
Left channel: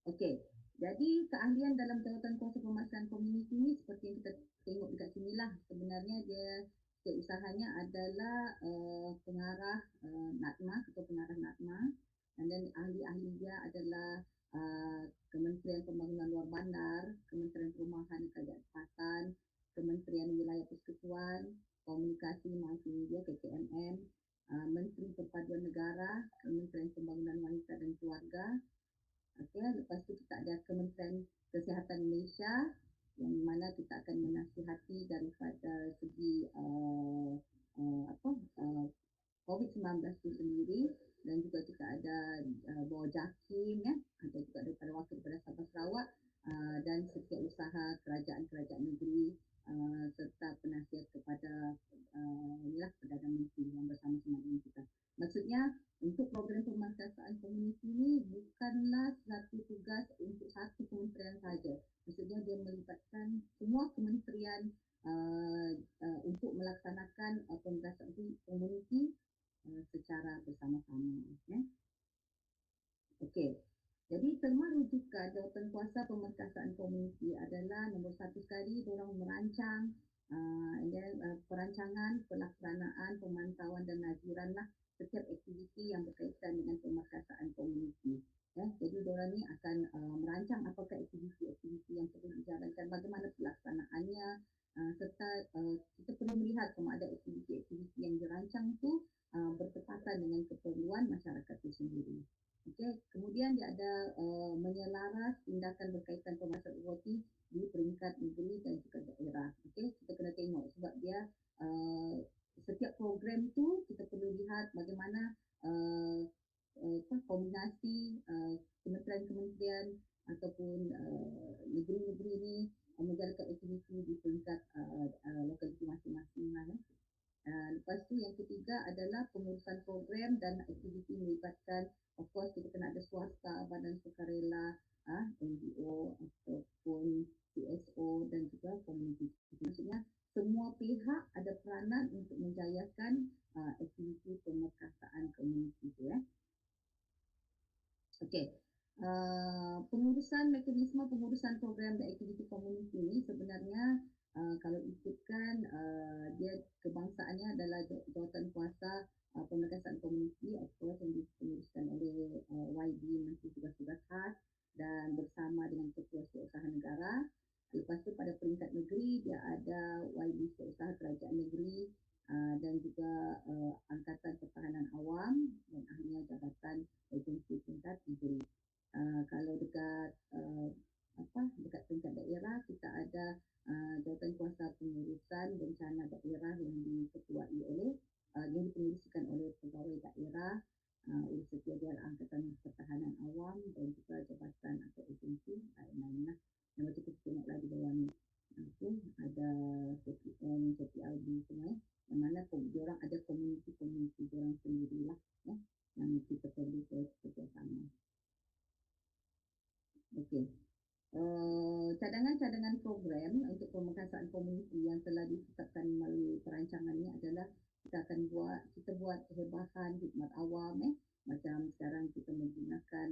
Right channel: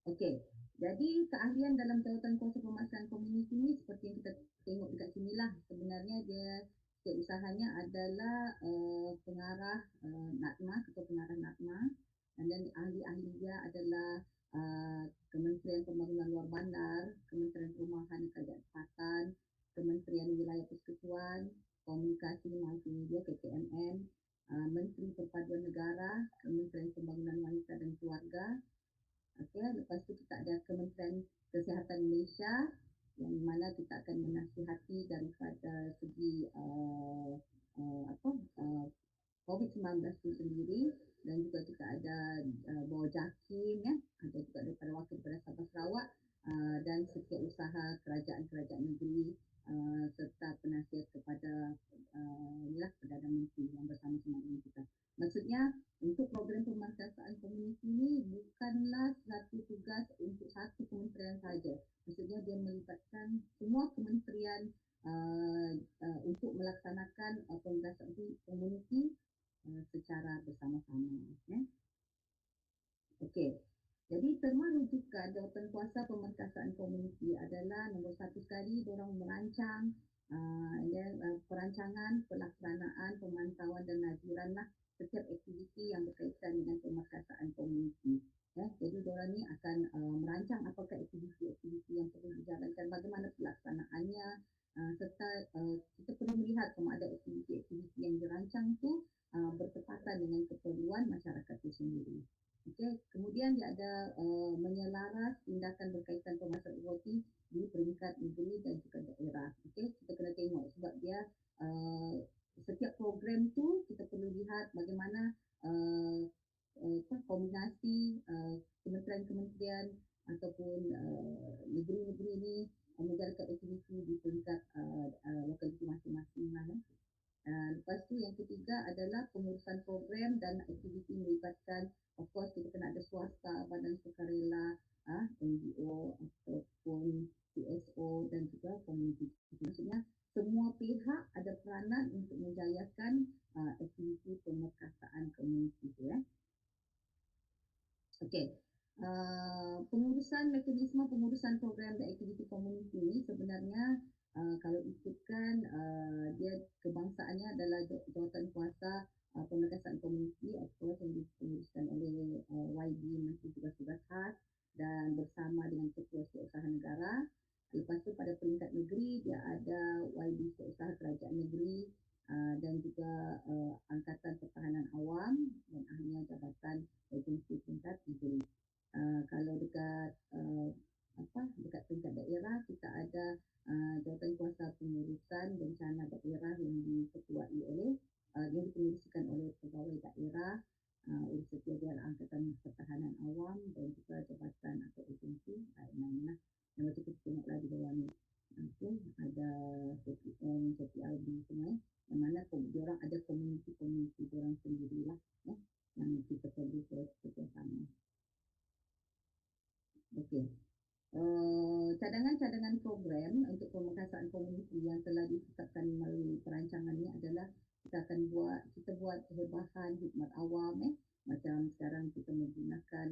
Okey, jadi keahlian dalam jawatan kuasa pemerkasaan komuniti ni seperti yang kita tengok dekat sinilah, sebenarnya dia usahanya adalah pengarah NATMA atau pengarah NATMA, dan ahli-ahli dia adalah Kementerian Pembangunan Luar Bandar, Kementerian Perumahan dan Kerajaan, Kementerian Wilayah Persekutuan, Komunikasi Multimedia KKMM, Menteri Perpaduan Negara, Kementerian Pembangunan Wanita dan Keluarga. Okey, lepas tu kita ada Kementerian Kesihatan Malaysia yang mana kita akan menasihati daripada segi COVID-19 itu sendiri, dan juga kita ada bawah JAKIM, ada juga daripada wakil daripada Sabah Sarawak, dan setiausaha kerajaan-kerajaan negeri, serta penasihat kepada Perdana Menteri yang bersama-sama dengan kita. Maksudnya untuk program pemerkasaan komuniti ini bukanlah satu tugas untuk satu kementerian saja. Maksudnya dia melibatkan semua kementerian untuk melaksanakan pemerkasaan komuniti secara bersama-sama. Okey. Jadi terma rujukan jawatankuasa pemerkasaan komuniti adalah nombor satu sekali diorang merancang perancangan, pelaksanaan, pemantauan dan naziran lah setiap aktiviti yang berkaitan dengan pemerkasaan komuniti. Jadi diorang ni akan merancang apakah aktiviti-aktiviti yang perlu dijalankan, bagaimana pelaksanaannya, serta kita perlu melihat sama ada aktiviti-aktiviti yang dirancang tu bertepatan dengan keperluan masyarakat itu sendiri. Okay. Kemudian dia ada menyelaras tindakan berkaitan pemerkasaan komuniti di peringkat negeri dan juga daerah. Okay. Kita kena tengok sebab dia setiap program tu kita perlu lihat bagaimana kombinasi kementerian-kementerian ataupun negeri-negeri ni menjalankan aktiviti di peringkat lokaliti masing-masing lah. Lepas tu yang ketiga adalah pengurusan program dan aktiviti melibatkan, of course kita kena ada swasta, badan sukarela, NGO ataupun CSO dan juga komuniti. Maksudnya semua pihak ada peranan untuk menjayakan aktiviti pemerkasaan komuniti itu. Okey. Pengurusan mekanisme pengurusan program dan aktiviti komuniti ini sebenarnya kalau ikutkan dia kebangsaannya adalah jawatankuasa pemerkasaan komuniti atau yang dipenguruskan oleh YB Menteri Tugas-Tugas Khas dan bersama dengan Ketua Setiausaha Negara. Lepas tu pada peringkat negeri dia ada YB Setiausaha Kerajaan Negeri dan juga Angkatan Pertahanan Awam dan akhirnya Jabatan Agensi Tingkat Negeri. Kalau dekat dekat peringkat daerah kita ada jawatankuasa pengurusan bencana daerah yang diketuai oleh yang dipengerusikan oleh pegawai daerah, urus setiausaha Angkatan Pertahanan Awam dan juga jabatan atau agensi lain-lain lah. Yang macam kita tengoklah di bawah ni. Ada CPN, CPLB semua yang mana diorang ada komuniti-komuniti diorang sendirilah yang kita perlu bekerjasama. Okey. Cadangan-cadangan program untuk pemerkasaan komuniti yang telah ditetapkan melalui perancangan ini adalah kita buat perhebahan khidmat awam macam sekarang kita menggunakan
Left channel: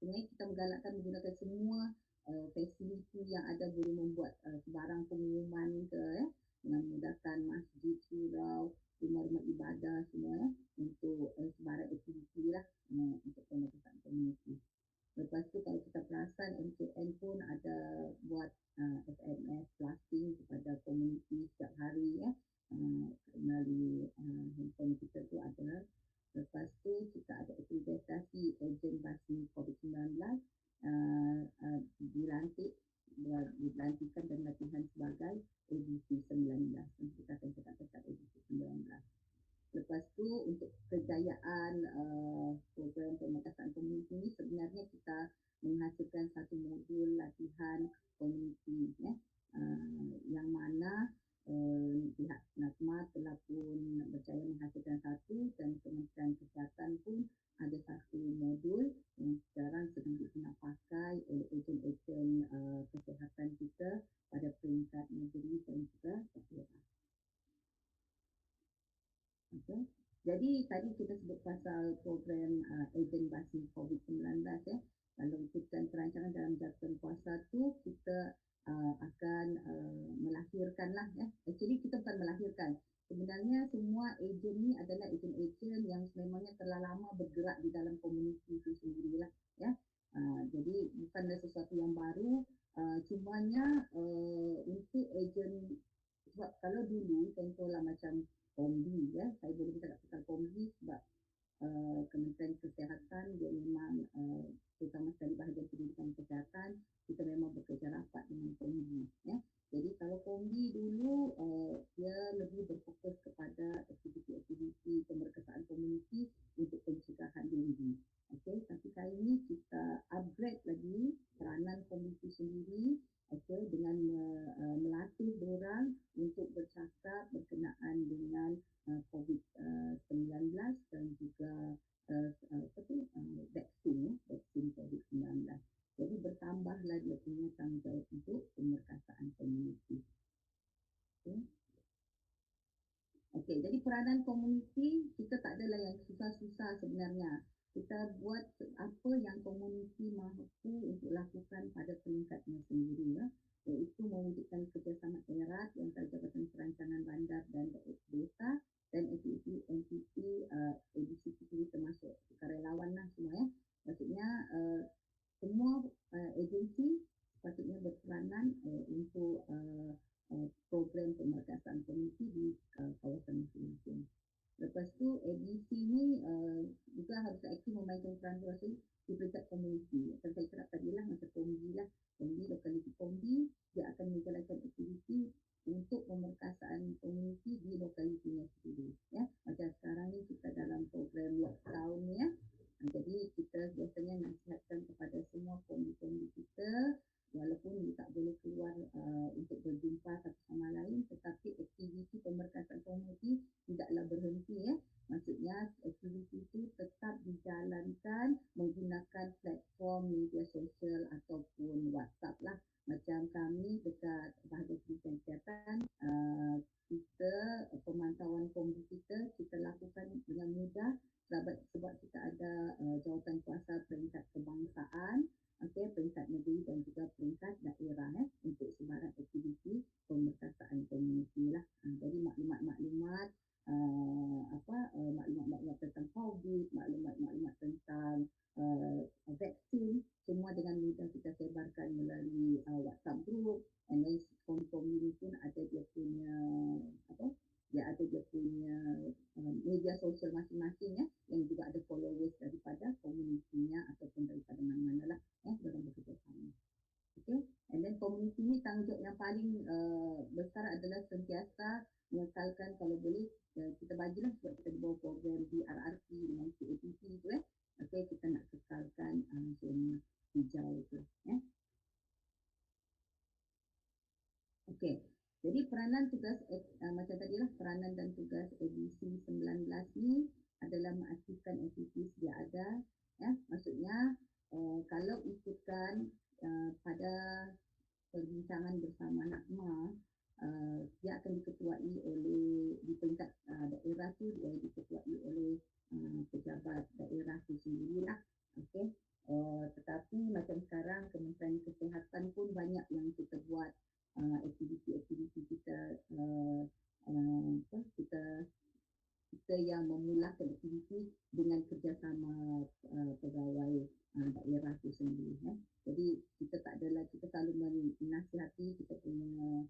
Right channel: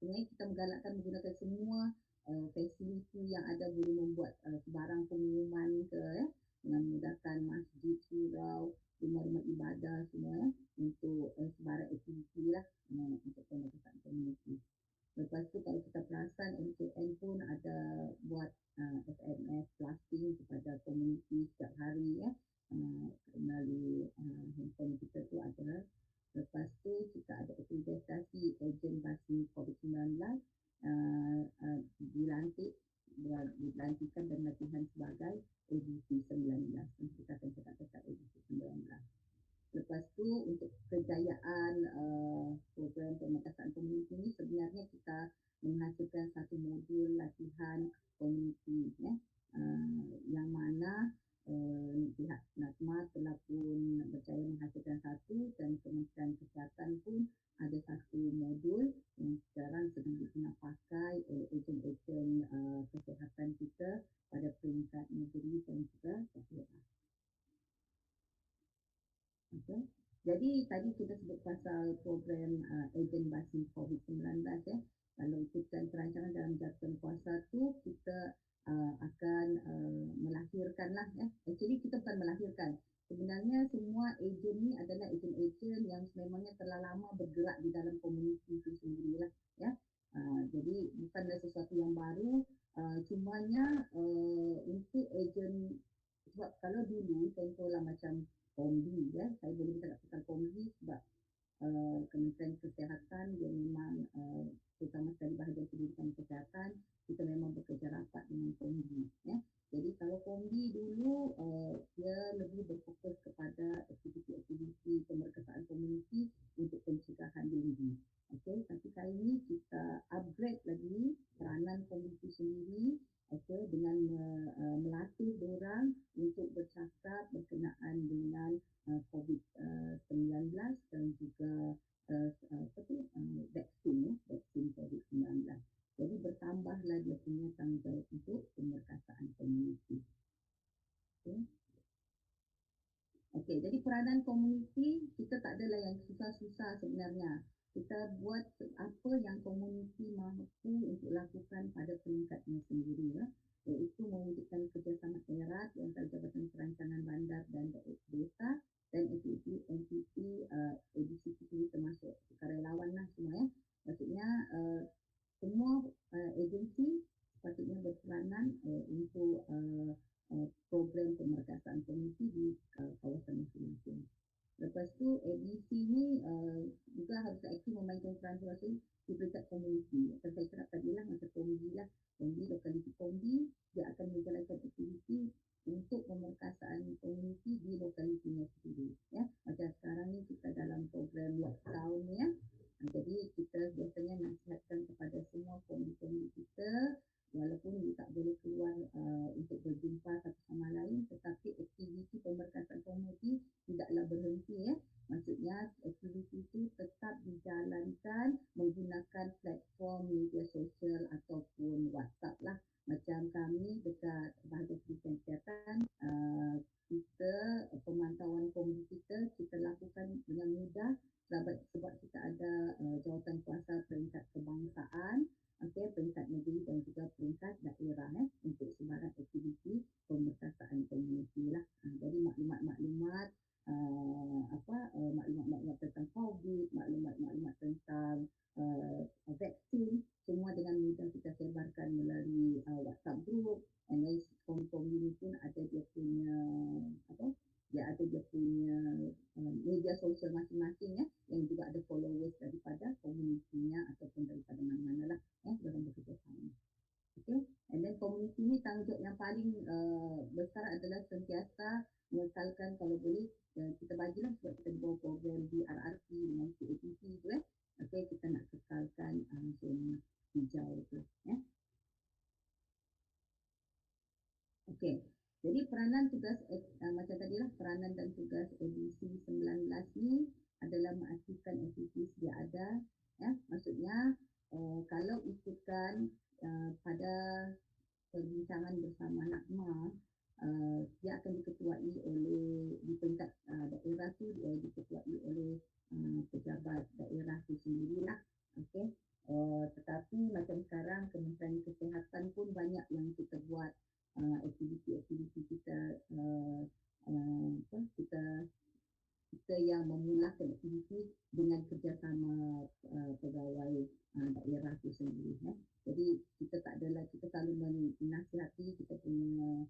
sebenarnya kita menggalakkan menggunakan semua fasiliti yang ada, boleh membuat sebarang pengumuman dengan memudahkan masjid, surau, rumah-rumah ibadah semua untuk sebarang aktiviti lah untuk pemerkasaan komuniti. Lepas tu kalau kita perasan MKN pun ada buat SMS blasting kepada komuniti setiap hari melalui handphone kita tu ada. Lepas tu kita ada akreditasi ejen basi COVID-19 dilantikan dan latihan sebagai edisi 19. Kita akan cakap tentang edisi 19. Lepas tu untuk kejayaan program pemerkasaan komuniti ini sebenarnya kita menghasilkan satu modul latihan komuniti yang mana pihak NATMA telah pun berjaya menghasilkan satu dan Kementerian Kesihatan pun ada satu modul yang sekarang sedang digunakan pakai oleh ejen-ejen kesihatan kita pada peringkat negeri dan juga daerah. Okay. Jadi tadi kita sebut pasal program ejen basi COVID-19 Kalau ikutkan perancangan dalam jawatankuasa tu kita akan melahirkanlah Actually kita bukan melahirkan. Sebenarnya semua ejen ni adalah ejen-ejen yang sememangnya telah lama bergerak di dalam komuniti itu sendirilah jadi bukanlah sesuatu yang baru, cumanya untuk ejen sebab kalau dulu contohlah macam kombi saya boleh katakan komisi sebab Kementerian Kesihatan dia memang terutama sekali bahagian pendidikan kesihatan kita memang bekerja rapat dengan komisi. Jadi kalau komisi dulu dia lebih berfokus kepada aktiviti-aktiviti pemerkasaan komuniti untuk pencegahan denggi. Tapi kali ini kita upgrade lagi peranan komuniti sendiri dengan melatih diorang untuk bercakap berkenaan dengan COVID-19 dan juga vaksin COVID-19. Jadi bertambahlah dia punya tanggungjawab untuk pemerkasaan komuniti. Jadi peranan komuniti kita tak adalah yang susah-susah sebenarnya. Kita buat apa yang komuniti mampu untuk lakukan pada peringkatnya sendiri, iaitu mewujudkan kerjasama erat antara Jabatan Perancangan Bandar dan Desa dan entiti ABCT termasuk sukarelawan lah semua. Maksudnya semua agensi sepatutnya berperanan untuk program pemerkasaan komuniti di kawasan masing-masing. Lepas tu ABC ni juga harus aktif memainkan peran terasa di peringkat komuniti. Macam saya cakap tadi lah, macam kombi lah. Kombi, lokaliti kombi, dia akan menjalankan aktiviti untuk pemerkasaan komuniti di lokalitinya sendiri. Macam sekarang ni kita dalam program lockdown ni jadi kita biasanya nasihatkan kepada semua kombi-kombi kita walaupun dia tak boleh keluar untuk berjumpa satu sama lain, tetapi aktiviti pemerkasaan komuniti tidaklah berhenti. Maksudnya aktiviti itu tetap dijalankan menggunakan platform media sosial ataupun WhatsApp lah. Macam kami dekat bahagian pendidikan kesihatan, kita pemantauan komuniti kita lakukan dengan mudah sebab kita ada jawatan kuasa peringkat kebangsaan, peringkat negeri dan juga peringkat daerah untuk sebarang aktiviti pemerkasaan komuniti lah. Jadi maklumat-maklumat maklumat-maklumat tentang COVID, maklumat-maklumat tentang vaksin, semua dengan mudah kita sebarkan melalui WhatsApp group. And then komuni pun ada dia punya media sosial masing-masing yang juga ada followers daripada komunitinya ataupun daripada mana-mana lah dalam bekerjasama. And then komuniti ni tanggungjawab yang paling besar adalah sentiasa mengekalkan kalau boleh kita bagilah sebab kita di bawah program BRRP dengan CAPP tu kita nak kekalkan zona hijau tu. Jadi peranan tugas macam tadilah peranan dan tugas edisi 19 ni adalah mengaktifkan aktiviti sedia ada. Maksudnya kalau ikutkan pada perbincangan bersama NAKMA, dia akan diketuai oleh di peringkat daerah tu dia diketuai oleh pejabat daerah tu sendirilah. Tetapi macam sekarang Kementerian Kesihatan pun banyak yang kita buat aktiviti-aktiviti kita yang memulakan aktiviti dengan kerjasama pegawai daerah itu sendiri. Jadi kita tak adalah kita selalu menasihati kita punya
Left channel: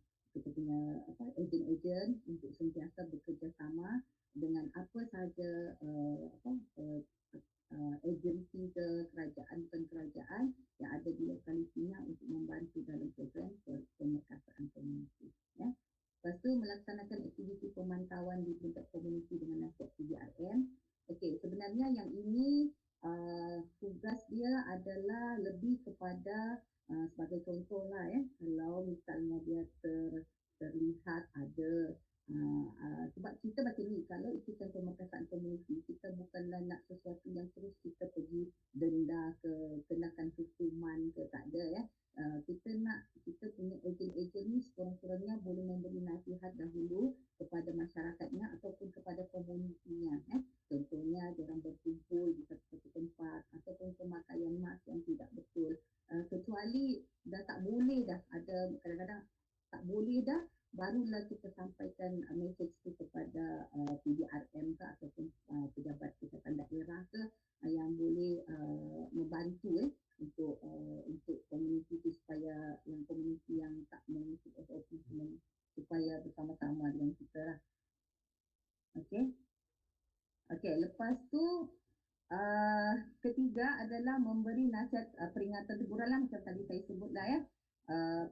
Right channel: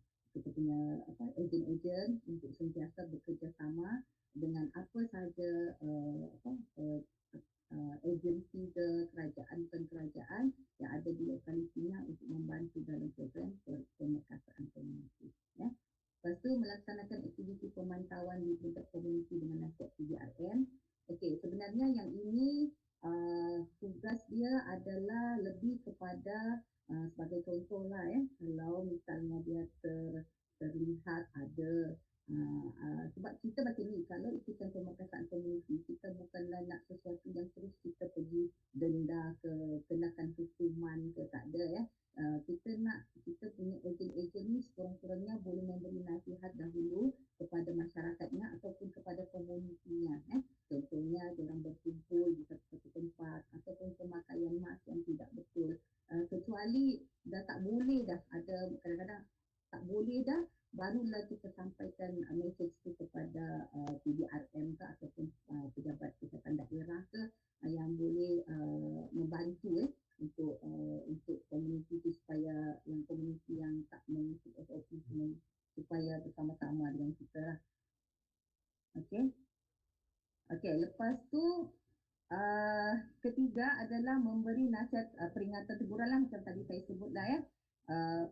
ejen-ejen untuk sentiasa bekerjasama dengan apa sahaja agensi kerajaan bukan kerajaan yang ada di lokalitinya untuk membantu dalam program pemerkasaan komuniti. Lepas tu melaksanakan aktiviti pemantauan di tingkat komuniti dengan nasihat PDRM. Sebenarnya yang ini tugas dia adalah lebih kepada sebagai contoh lah kalau misalnya dia terlihat ada sebab kita macam ni, kalau ikutan pemerkasaan komuniti kita bukanlah nak sesuatu yang terus kita pergi denda ke kenakan hukuman ke, tak ada kita punya ejen-ejen ni sekurang-kurangnya boleh memberi nasihat dahulu kepada masyarakatnya ataupun kepada komunitinya. Contohnya diorang berkumpul di satu tempat ataupun pemakaian mask yang tidak betul, kecuali dah tak boleh dah, ada kadang-kadang tak boleh dah, barulah kita sampaikan mesej itu kepada PDRM ke ataupun pejabat kesihatan daerah ke yang boleh membantu untuk komuniti itu supaya yang komuniti yang tak mengikut SOP supaya bersama-sama dengan kita lah. Okey, lepas tu ketiga adalah memberi nasihat peringatan teguran lah macam tadi saya sebut dah ya.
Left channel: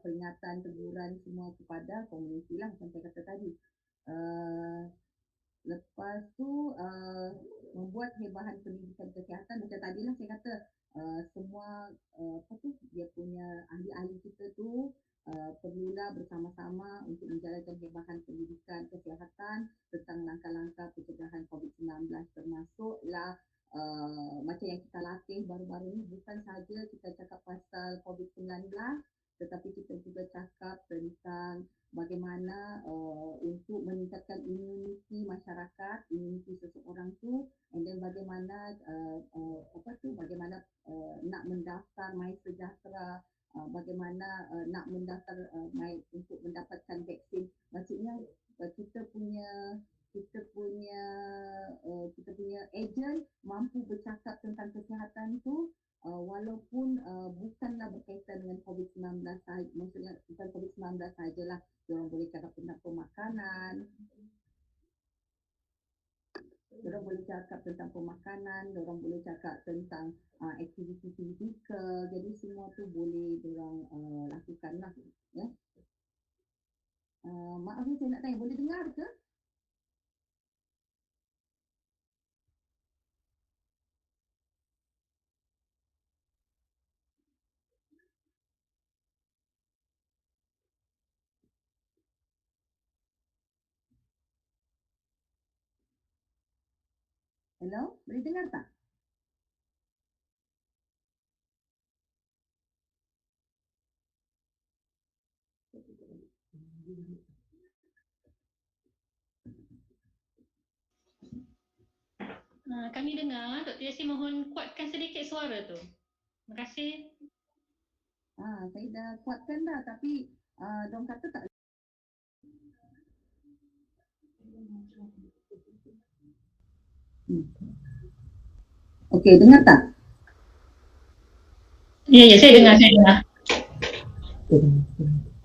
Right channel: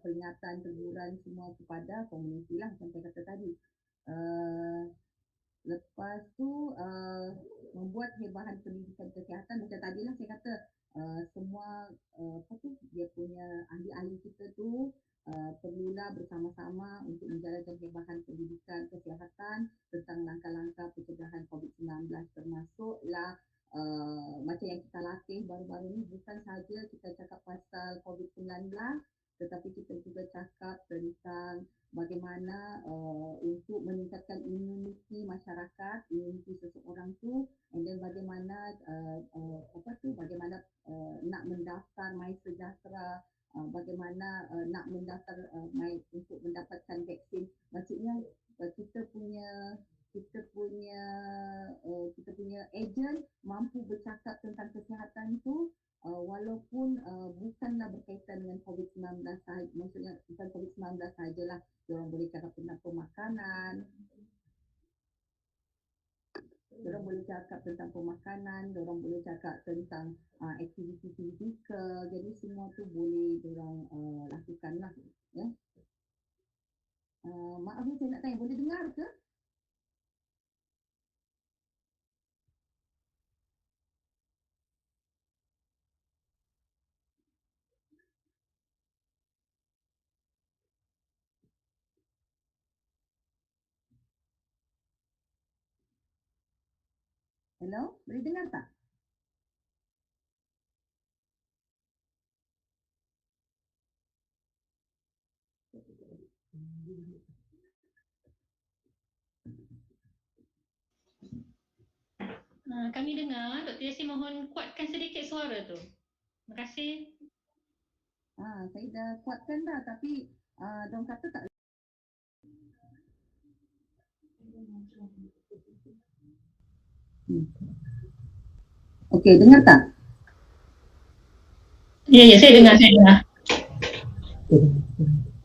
Peringatan teguran semua kepada komuniti lah macam saya kata tadi. Lepas tu membuat hebahan pendidikan kesihatan macam tadi lah saya kata semua dia punya ahli-ahli kita tu perlulah bersama-sama untuk menjalankan hebahan pendidikan kesihatan tentang langkah-langkah pencegahan COVID-19 termasuklah macam yang kita latih baru-baru ni bukan sahaja kita cakap pasal COVID-19 tetapi kita juga cakap tentang bagaimana untuk meningkatkan imuniti masyarakat, imuniti seseorang tu, and then bagaimana bagaimana nak mendaftar My Sejahtera, bagaimana nak mendaftar untuk mendapatkan vaksin. Maksudnya kita punya ejen mampu bercakap tentang kesihatan tu walaupun bukanlah berkaitan dengan COVID-19 sahaja, maksudnya bukan COVID-19 sahajalah, diorang boleh cakap tentang pemakanan, diorang boleh cakap tentang aktiviti fizikal, jadi semua tu boleh diorang lakukan lah ya. Maaf ni saya nak tanya, boleh dengar ke? Hello, boleh dengar tak? Kami dengar, Dr. Yassin mohon kuatkan sedikit suara tu. Terima kasih. Saya dah kuatkan dah tapi diorang kata tak. Okey, dengar tak? Ya, saya dengar.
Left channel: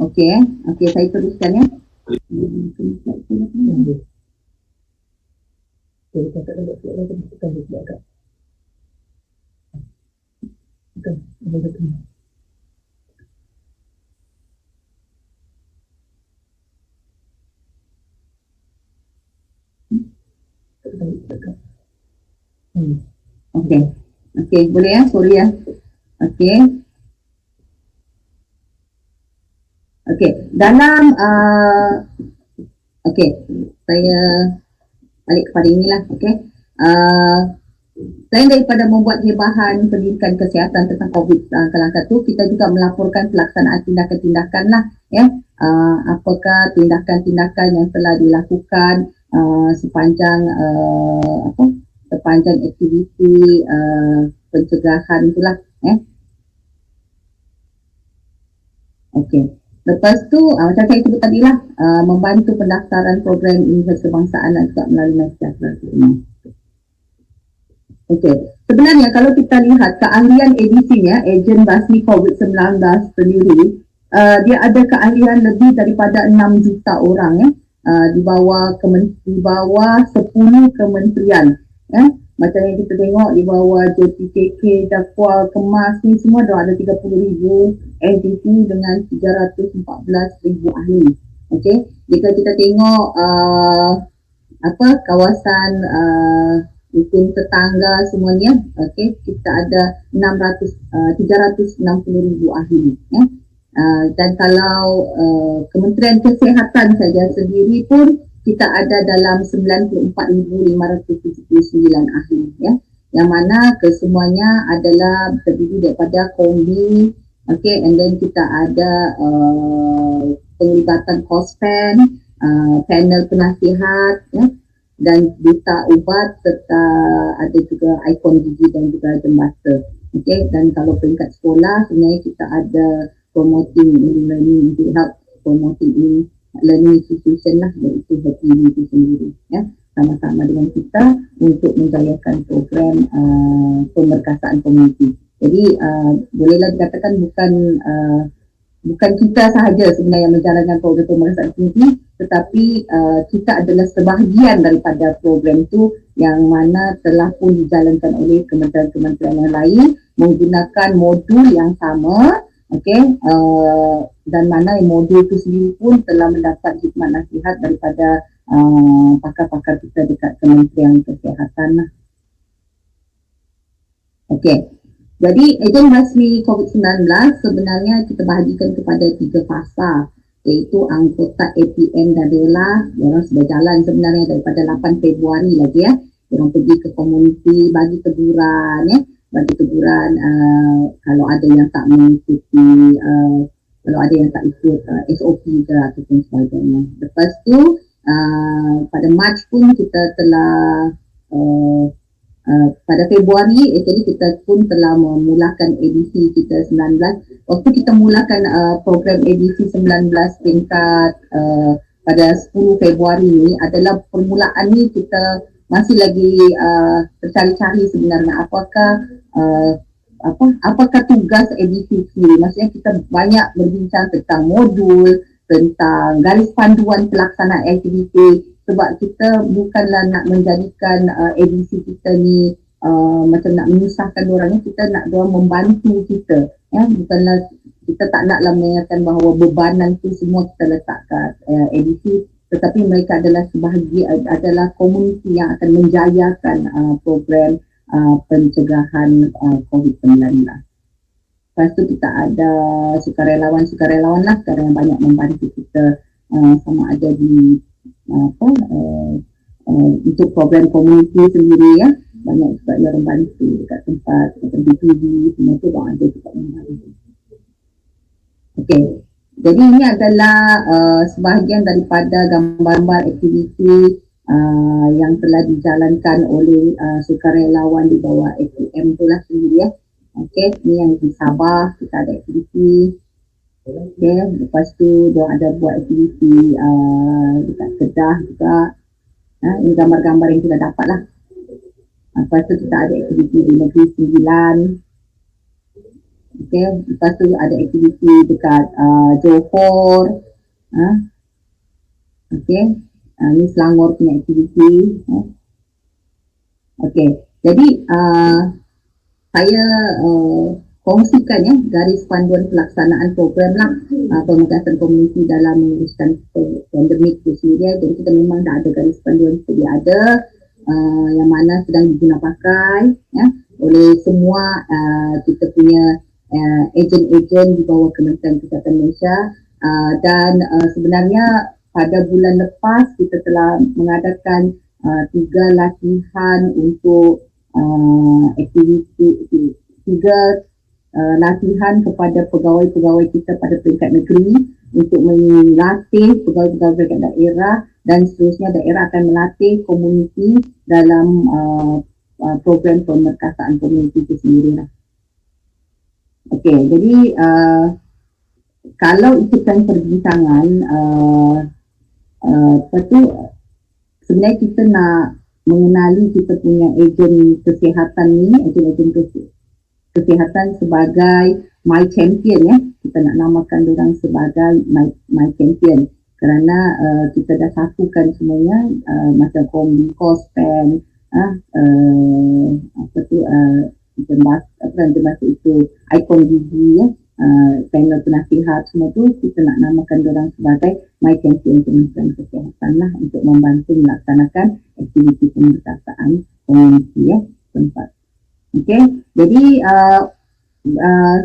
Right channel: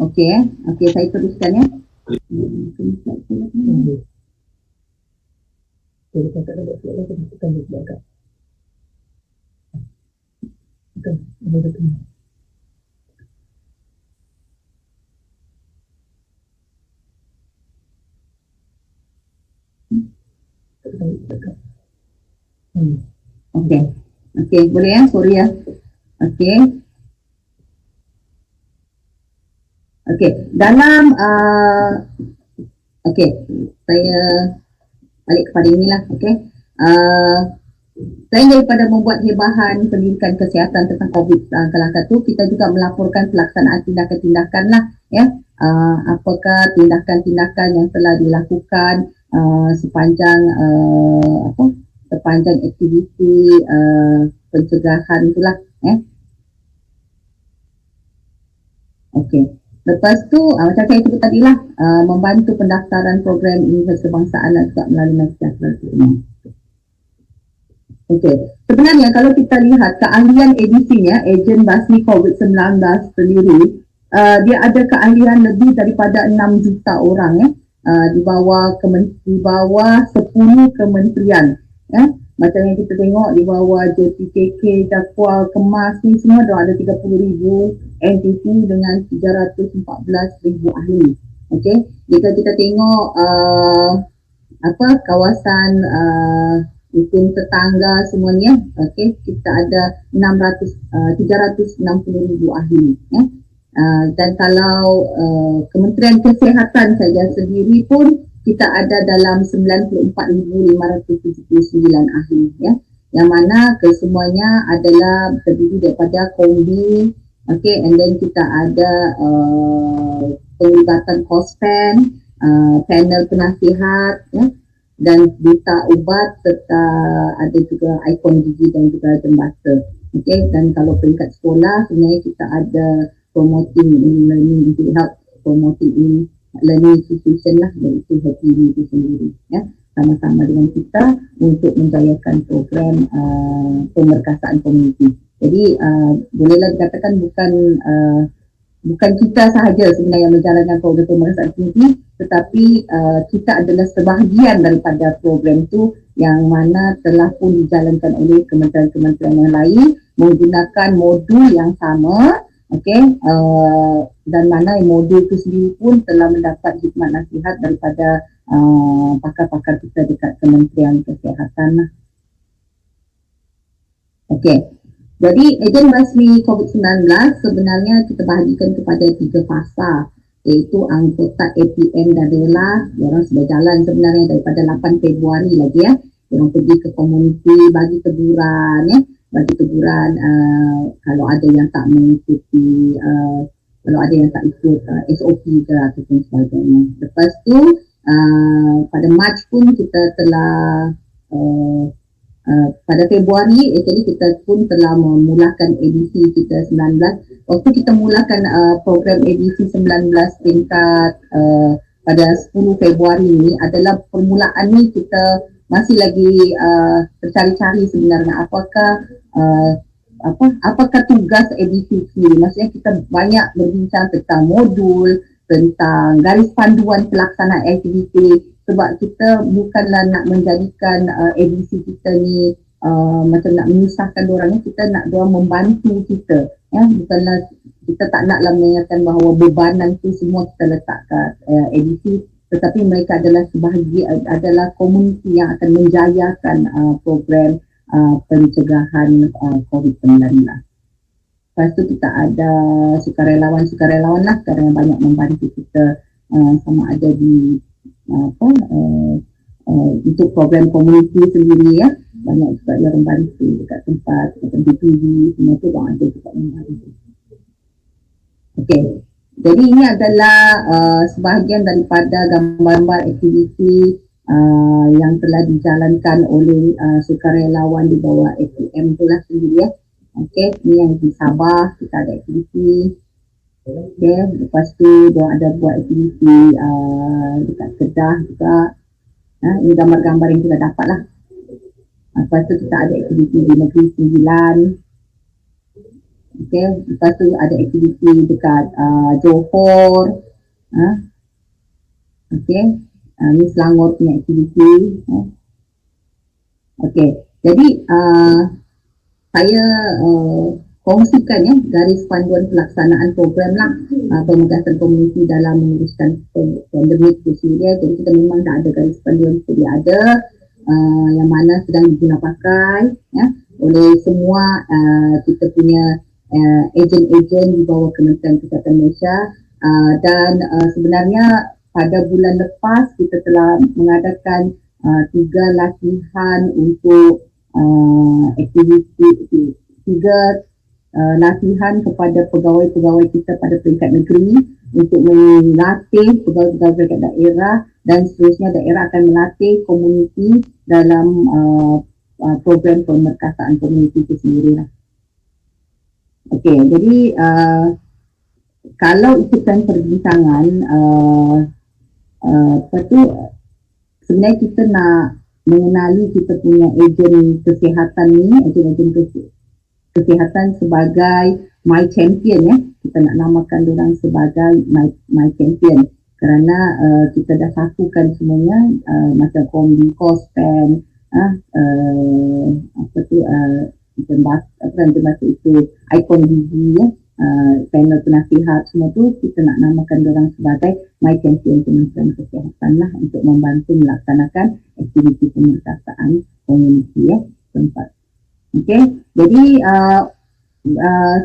Okey, saya teruskan ya. Okey, boleh ya, sorry ya. Okey, dalam saya balik kepada inilah. Selain daripada membuat hebahan pendidikan kesihatan tentang COVID langkah-langkah tu, kita juga melaporkan pelaksanaan tindakan-tindakan lah ya. Apakah tindakan-tindakan yang telah dilakukan sepanjang aktiviti pencegahan itulah ya. Okey. Lepas tu macam saya sebut tadi lah, membantu pendaftaran program universiti kebangsaan dan juga melalui My Sejahtera ini. Okey, sebenarnya kalau kita lihat keahlian edisinya, ejen basmi COVID-19 sendiri, dia ada keahlian lebih daripada 6 juta orang ya, di bawah 10 kementerian ya. Macam yang kita tengok di bawah JPKK, Jakwal, Kemas ni semua dah ada 30,000 entiti dengan 314,000 ahli. Okey, jika kita tengok kawasan hukum tetangga semuanya, kita ada 360,000 ahli ya. Dan kalau Kementerian Kesihatan saja sendiri pun kita ada dalam 94,579 ahli ya, yang mana kesemuanya adalah terdiri daripada kombi, and then kita ada penglibatan kospen, panel penasihat ya, dan duta ubat serta ada juga ikon gigi dan juga jembata. Dan kalau peringkat sekolah sebenarnya kita ada promoting learning untuk help promoting learning institution lah, iaitu HPI itu sendiri ya, sama-sama dengan kita untuk menjayakan program pemerkasaan komuniti. Jadi bolehlah dikatakan bukan bukan kita sahaja sebenarnya yang menjalankan program pemeriksaan tinggi, tetapi kita adalah sebahagian daripada program itu yang mana telah pun dijalankan oleh kementerian-kementerian yang lain menggunakan modul yang sama, dan mana modul itu sendiri pun telah mendapat khidmat nasihat daripada pakar-pakar kita dekat Kementerian Kesihatan. Jadi ejen rasmi COVID-19 sebenarnya kita bahagikan kepada 3 fasa, iaitu anggota APM dan rela. Diorang sudah jalan sebenarnya daripada 8 Februari lagi ya. Diorang pergi ke komuniti, bagi teguran kalau ada yang tak mengikuti, kalau ada yang tak ikut SOP ke ataupun sebagainya. Lepas tu pada Mac pun kita telah pada Februari jadi kita pun telah memulakan edisi kita 19. Waktu kita mulakan program edisi 19 tingkat pada 10 Februari ni adalah permulaan ni kita masih lagi tercari-cari sebenarnya apakah tugas edisi ni. Maksudnya kita banyak berbincang tentang modul, tentang garis panduan pelaksanaan aktiviti, sebab kita bukanlah nak menjadikan edisi kita ni macam nak menyusahkan diorang ni, kita nak diorang membantu kita ya, bukanlah kita tak naklah mengingatkan bahawa bebanan tu semua kita letak kat edisi, tetapi mereka adalah sebahagian, adalah komuniti yang akan menjayakan program pencegahan COVID-19. Lepas tu kita ada sukarelawan lah sekarang yang banyak membantu kita sama ada di untuk program komuniti sendiri ya, banyak juga yang membantu dekat tempat macam BPD semua tu orang ada juga membantu. Jadi ini adalah sebahagian daripada gambar-gambar aktiviti yang telah dijalankan oleh sukarelawan di bawah APM tu lah sendiri ya. Ini yang di Sabah kita ada aktiviti. Lepas tu dia ada buat aktiviti dekat Kedah juga. Ini gambar-gambar yang kita dapat lah. Lepas tu kita ada aktiviti di Negeri Sembilan. Lepas tu ada aktiviti dekat Johor. Ini Selangor punya aktiviti. Jadi saya kongsikan ya garis panduan pelaksanaan program lah pemegasan komuniti dalam menguruskan pandemik itu sendiri. Jadi kita memang dah ada garis panduan sedia ada yang mana sedang diguna pakai ya oleh semua kita punya ejen-ejen di bawah Kementerian Kesihatan Malaysia dan sebenarnya pada bulan lepas kita telah mengadakan 3 latihan untuk aktiviti 3 latihan kepada pegawai-pegawai kita pada peringkat negeri untuk melatih pegawai-pegawai peringkat daerah dan seterusnya daerah akan melatih komuniti dalam program pemerkasaan komuniti itu sendiri lah. Jadi kalau ikutkan perbincangan sebenarnya kita nak mengenali kita punya ejen kesihatan ni, ejen-ejen kesihatan sebagai my champion ya. Kita nak namakan diorang sebagai my champion kerana kita dah satukan semuanya macam kombi, kospen, bahasa itu ikon gigi ya, panel penasihat semua tu kita nak namakan diorang sebagai my champion Kementerian Kesihatan lah untuk membantu melaksanakan aktiviti pemerkasaan komuniti ya tempat. Jadi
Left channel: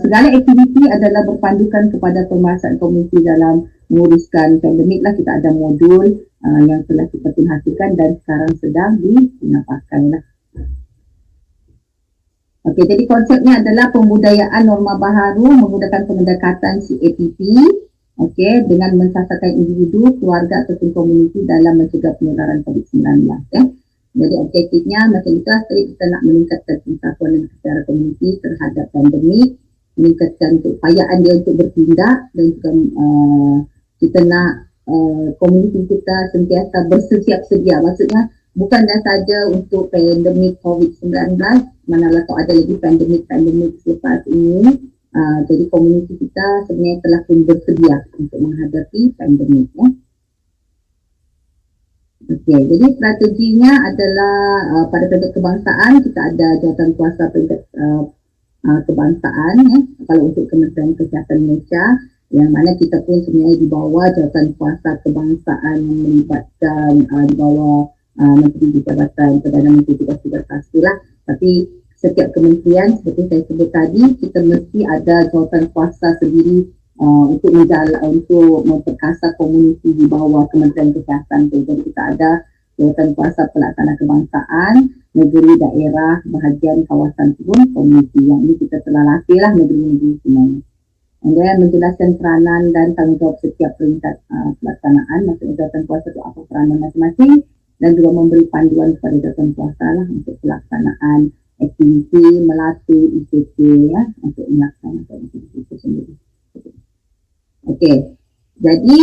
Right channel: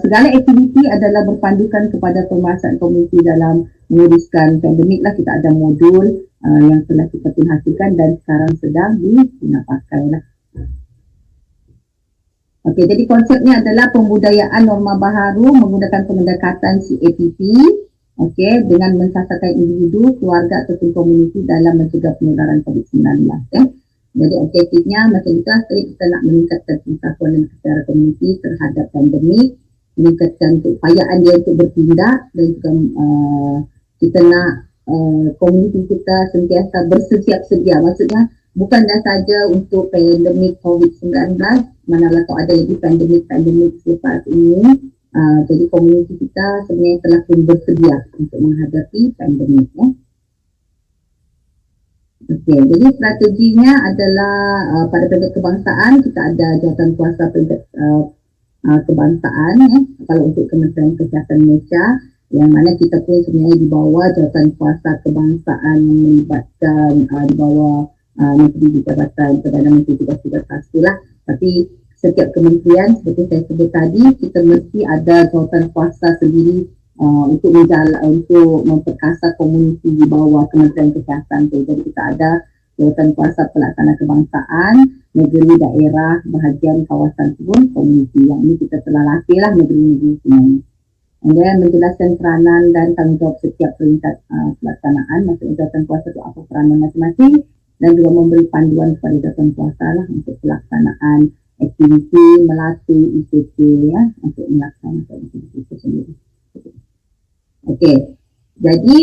segala aktiviti adalah berpandukan kepada pemeriksaan komuniti dalam menguruskan pandemik lah. Kita ada modul yang telah kita hasilkan dan sekarang sedang digunakan pakai lah. Jadi konsepnya adalah pembudayaan norma baharu menggunakan pendekatan CAPP dengan mensasarkan individu, keluarga ataupun komuniti dalam mencegah penyebaran COVID-19 ya. Jadi objektifnya macam itulah, kita nak meningkatkan pengetahuan dan kesedaran komuniti terhadap pandemik, meningkatkan keupayaan dia untuk bertindak dan juga kita nak komuniti kita sentiasa bersiap sedia. Maksudnya bukanlah saja untuk pandemik COVID-19, manalah kalau ada lagi pandemik selepas ini, Jadi komuniti kita sebenarnya telah pun bersedia untuk menghadapi pandemik. Okey, jadi strateginya adalah pada peringkat kebangsaan kita ada jawatankuasa peringkat kebangsaan kalau untuk Kementerian Kesihatan Malaysia, yang mana kita pun sebenarnya di bawah jawatankuasa kebangsaan yang melibatkan di bawah Menteri di Jabatan Perdana Menteri tugas-tugas khas lah. Tapi setiap kementerian seperti saya sebut tadi, kita mesti ada jawatankuasa sendiri untuk memperkasa komuniti di bawah Kementerian Kesihatan tu. Jadi kita ada jawatankuasa pelaksana kebangsaan, negeri, daerah, bahagian kawasan pun komuniti. Yang ini kita telah latihlah negeri-negeri semuanya. Dan menjelaskan peranan dan tanggungjawab setiap peringkat pelaksanaan, maksudnya jawatankuasa itu apa peranan masing-masing, dan juga memberi panduan kepada jawatankuasa lah untuk pelaksanaan aktiviti, melatih ICT untuk melaksanakan aktiviti itu sendiri. Okey, jadi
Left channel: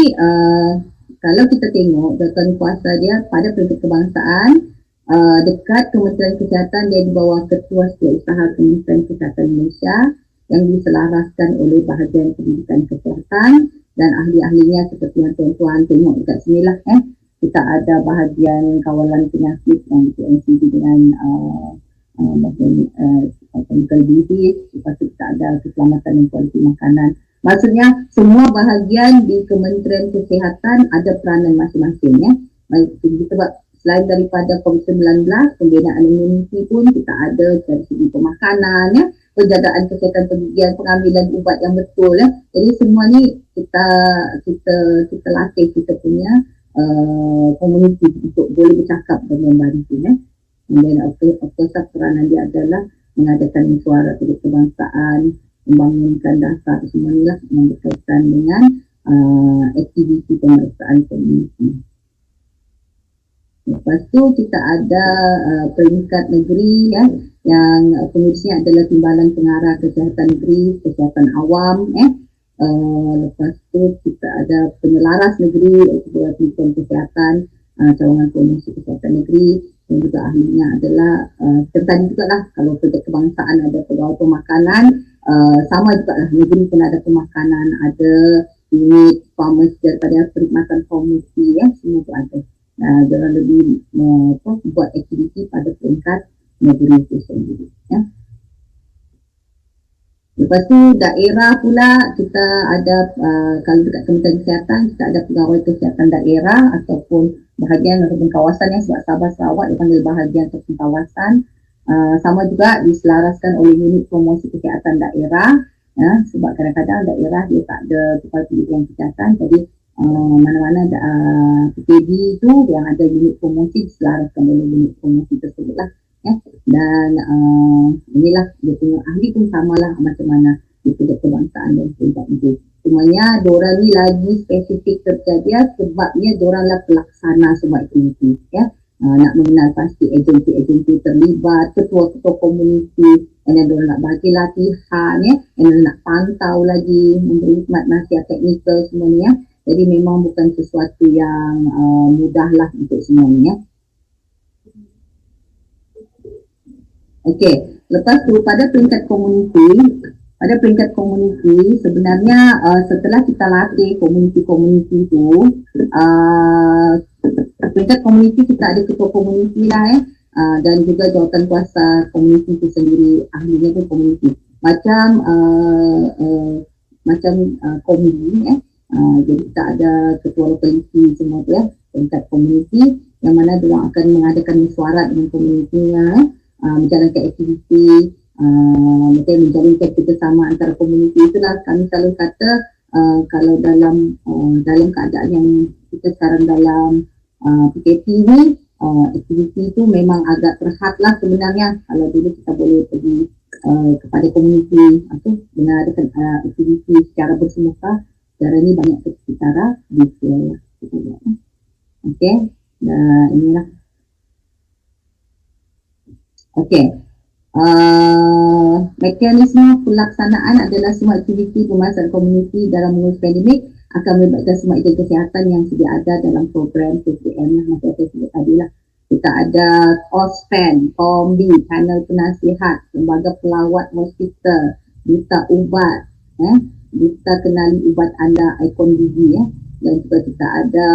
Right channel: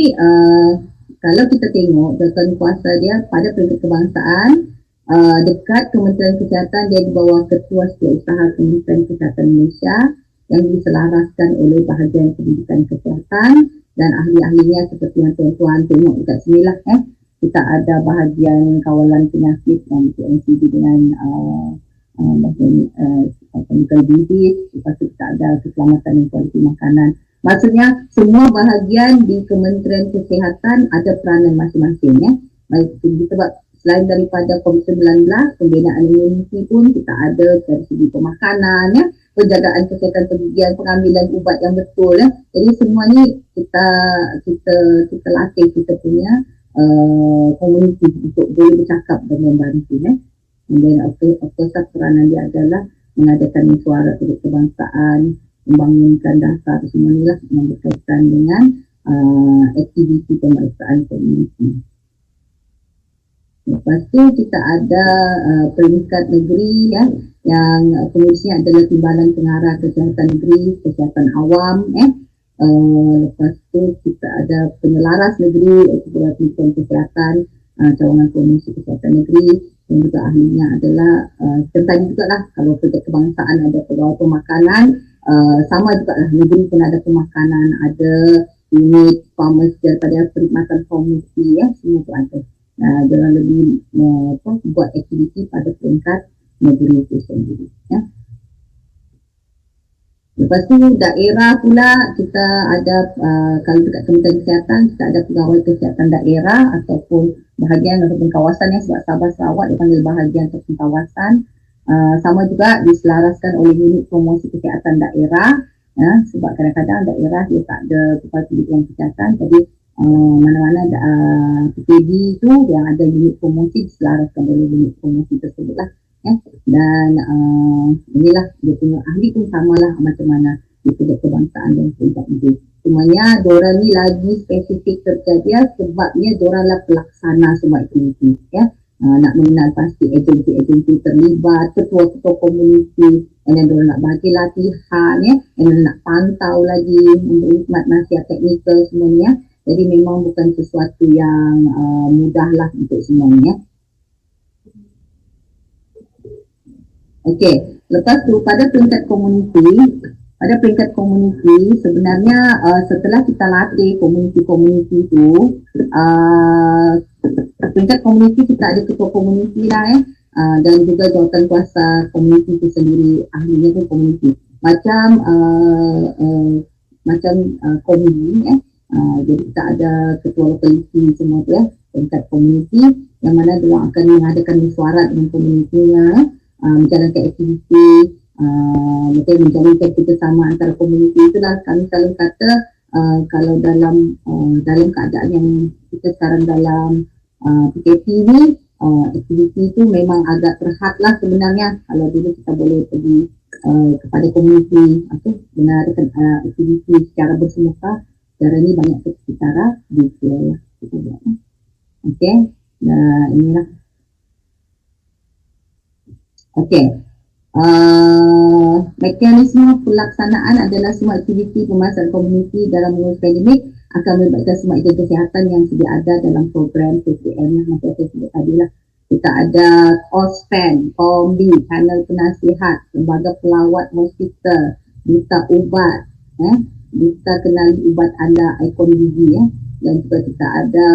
kalau kita tengok jawatankuasa dia pada peringkat kebangsaan, dekat Kementerian Kesihatan dia di bawah Ketua Setiausaha Kementerian Kesihatan Malaysia yang diselaraskan oleh bahagian pendidikan kesihatan dan ahli-ahlinya seperti yang tuan-tuan tengok dekat sini lah. Kita ada bahagian kawalan penyakit yang PNCD dengan chemical disease, lepas tu kita ada keselamatan dan kualiti makanan. Maksudnya semua bahagian di Kementerian Kesihatan ada peranan masing-masing. Baik, sebab selain daripada COVID-19, pembinaan imuniti pun kita ada dari segi pemakanan, penjagaan kesihatan pergigian, pengambilan ubat yang betul. Jadi semua ni kita latih kita punya komuniti untuk boleh bercakap dan membantu. Dan of course peranan dia adalah mengadakan suara kebangsaan, membangunkan dasar semua ni lah yang berkaitan dengan aktiviti pemeriksaan komuniti. Lepas tu kita ada peringkat negeri yang fungsinya adalah timbalan pengarah kesihatan negeri, kesihatan awam. Lepas tu kita ada penyelaras negeri, pendidikan kesihatan, cawangan promosi kesihatan negeri, dan juga ahlinya adalah tentang juga lah kalau peringkat kebangsaan ada pegawai pemakanan, sama juga lah negeri pun ada pemakanan, ada unit farmers daripada perkhidmatan farmasi, semua tu ada. Jangan lebih buat aktiviti pada peringkat negeri itu sendiri. Lepas tu daerah pula kita ada kalau dekat Kementerian Kesihatan kita ada pegawai kesihatan daerah ataupun bahagian ataupun kawasan sebab Sabah Sarawak dipanggil bahagian ataupun kawasan. Sama juga diselaraskan oleh unit promosi kesihatan daerah sebab kadang-kadang daerah dia tak ada tempat pendidikan kesihatan, jadi mana-mana PKD itu yang ada unit promosi diselaraskan oleh unit promosi tersebut lah. Dan inilah dia punya ahli pun samalah macam mana di peringkat kebangsaan dan peringkat negeri. Cumanya diorang ni lagi spesifik terjadi sebabnya diorang lah pelaksana semua aktiviti. Nak mengenal pasti agensi-agensi terlibat, ketua-ketua komuniti, dan diorang nak bagi latihan, dan nak pantau lagi, memberi nasihat teknikal semuanya. Jadi memang bukan sesuatu yang mudah lah untuk semuanya. Okey, lepas tu pada peringkat komuniti sebenarnya setelah kita latih komuniti tu, peringkat komuniti kita ada ketua komuniti lah dan juga jawatankuasa komuniti itu sendiri, ahlinya pun komuniti. Macam komuni jadi kita ada ketua lokaliti semua tu peringkat komuniti yang mana dia akan mengadakan mesyuarat dengan komunitinya, menjalankan aktiviti, menjalinkan kerjasama antara komuniti. Itulah kami selalu kata kalau dalam keadaan yang kita sekarang dalam PKP ni, aktiviti itu memang agak terhad lah sebenarnya. Kalau dulu kita boleh pergi kepada komuniti mengadakan aktiviti secara bersemuka, sekarang ni banyak secara virtual lah. Okey, inilah. Okey, mekanisme pelaksanaan adalah semua aktiviti pemasaran komuniti dalam mengurus pandemik akan melibatkan semua agen kesihatan yang sedia ada dalam program PPM macam saya sebut tadi lah. Kita ada OSPAN, Kombi, panel penasihat, lembaga pelawat hospital, minta ubat, kita kenali ubat anda, ikon gigi dan juga kita ada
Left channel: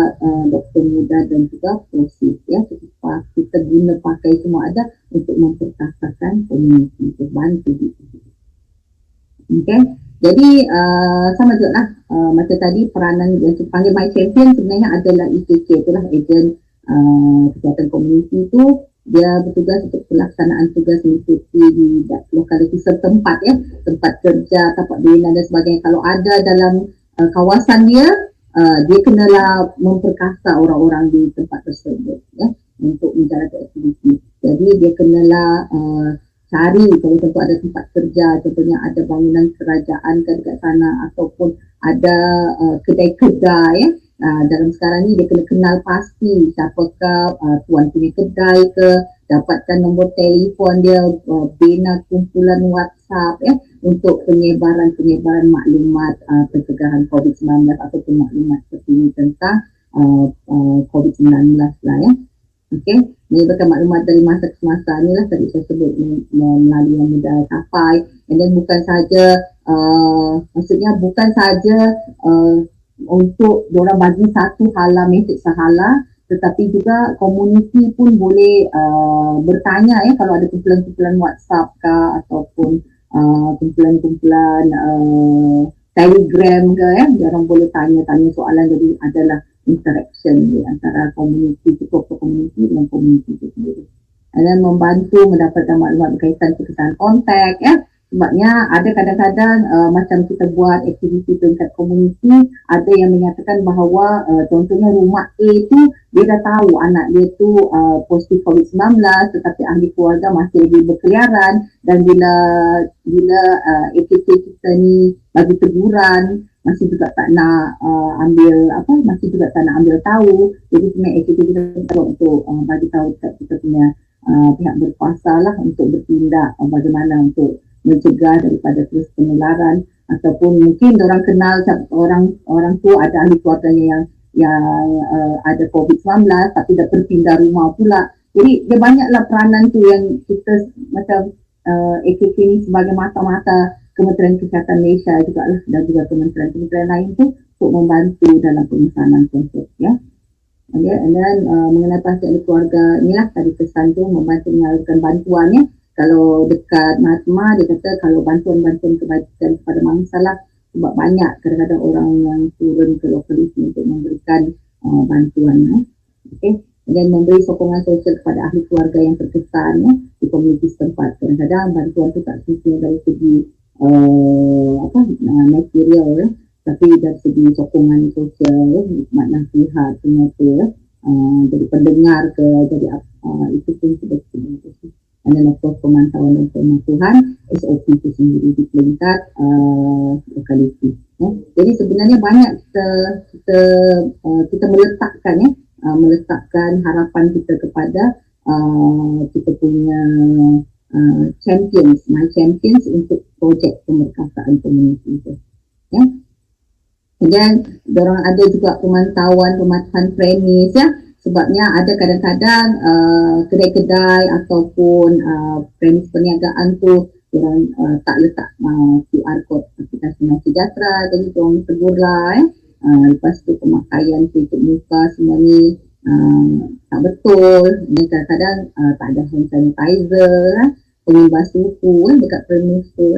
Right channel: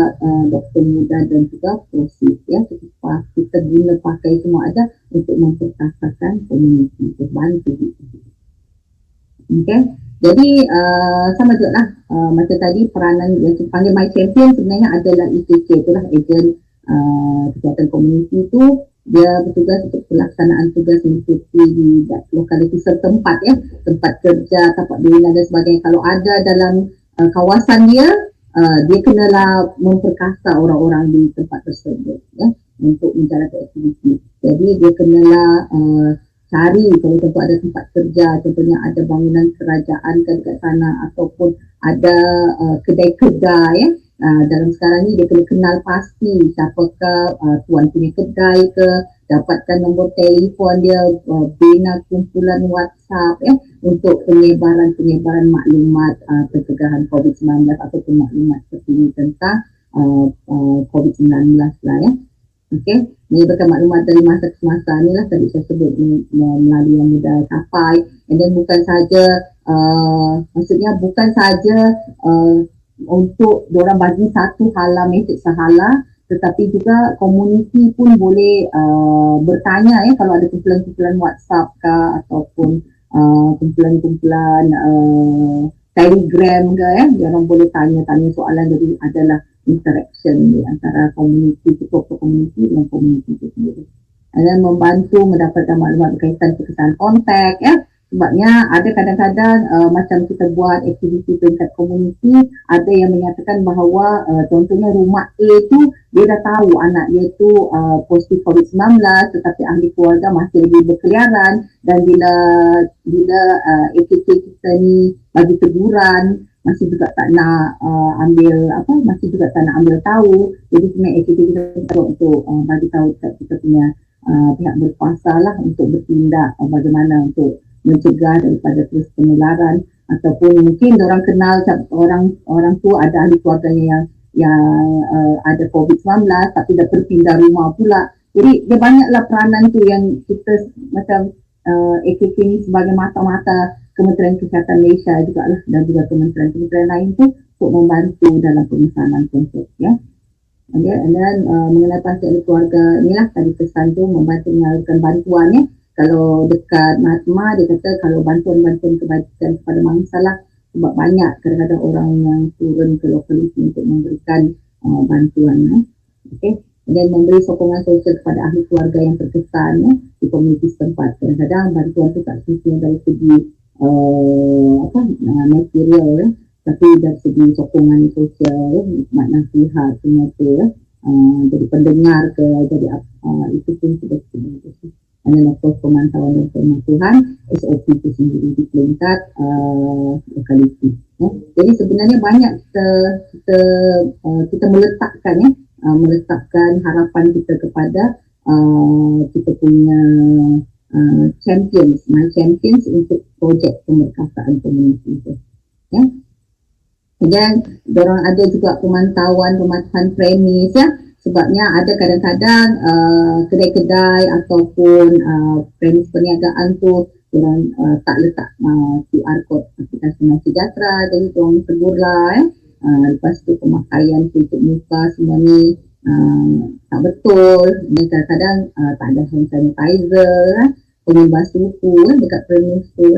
doktor muda dan juga proses kita guna pakai semua ada untuk memperkasakan komuniti, bantu gitu. Okay. Jadi sama juga lah macam tadi peranan yang dipanggil My Champion sebenarnya adalah EKK, itulah ejen kesihatan komuniti itu. Dia bertugas untuk pelaksanaan tugas mengikuti di lokaliti setempat tempat kerja, tempat bina dan sebagainya. Kalau ada dalam kawasan dia, dia kenalah memperkasa orang-orang di tempat tersebut untuk menjalankan aktiviti. Jadi dia kenalah cari kalau tentu ada tempat kerja, contohnya ada bangunan kerajaan dekat sana ataupun ada kedai-kedai dalam sekarang ni dia kena kenal pasti siapakah tuan punya kedai ke, dapatkan nombor telefon dia, bina kumpulan WhatsApp untuk penyebaran maklumat pencegahan COVID-19 ataupun maklumat terkini tentang COVID-19 lah Okey, menyebarkan maklumat dari masa ke masa ni lah tadi saya sebut melalui yang mudah capai. And then bukan saja maksudnya bukan saja untuk diorang bagi satu hala mesej sahala, tetapi juga komuniti pun boleh bertanya kalau ada kumpulan-kumpulan WhatsApp ke ataupun kumpulan-kumpulan Telegram ke diorang boleh tanya-tanya soalan. Jadi adalah interaction di antara komuniti, ketua komuniti dengan komuniti itu sendiri. Dan membantu mendapatkan maklumat berkaitan kesan kontak sebabnya ada kadang-kadang macam kita buat aktiviti tingkat komuniti, ada yang menyatakan bahawa contohnya rumah A tu dia dah tahu anak dia tu positif COVID-19 tetapi ahli keluarga masih lagi berkeliaran, dan bila AKK kita ni bagi teguran masih juga tak nak masih juga tak nak ambil tahu. Jadi sebenarnya AKK kita perlu untuk bagi tahu kita punya pihak berkuasa lah untuk bertindak bagaimana untuk mencegah daripada terus penularan, ataupun mungkin orang kenal orang tu ada ahli keluarganya yang ada COVID-19 tapi dah terpindah rumah pula. Jadi dia banyaklah peranan tu yang kita macam AKK ni sebagai mata-mata Kementerian Kesihatan Malaysia juga lah, dan juga kementerian-kementerian lain tu untuk membantu dalam pemesanan konsep And then mengenai pasal keluarga inilah tadi pesan tu membantu menyalurkan bantuan Kalau dekat Matma dia kata kalau bantuan-bantuan kebajikan kepada mangsa lah, sebab banyak kadang-kadang orang yang turun ke lokaliti untuk memberikan bantuan Okay. Dan memberi sokongan sosial kepada ahli keluarga yang terkesan di komuniti setempat. Kadang-kadang bantuan tu tak semestinya dari segi material tapi dari segi sokongan sosial, makna nasihat semua tu jadi pendengar ke, jadi itu pun sudah sebenarnya. Dan of course pemantauan dan pemantauan SOP itu sendiri di tingkat lokaliti. Jadi sebenarnya banyak kita meletakkan harapan kita kepada kita punya champions, my champions untuk projek pemerkasaan komuniti itu. Dan dorang ada juga pemantauan premis sebabnya ada kadang-kadang kedai-kedai ataupun premis perniagaan tu dorang tak letak QR code aplikasi Sejahtera, jadi dorang tegurlah lepas tu pemakaian tutup muka semua ni tak betul, dan kadang-kadang tak ada hand sanitizer, pengubah suhu dekat premis tu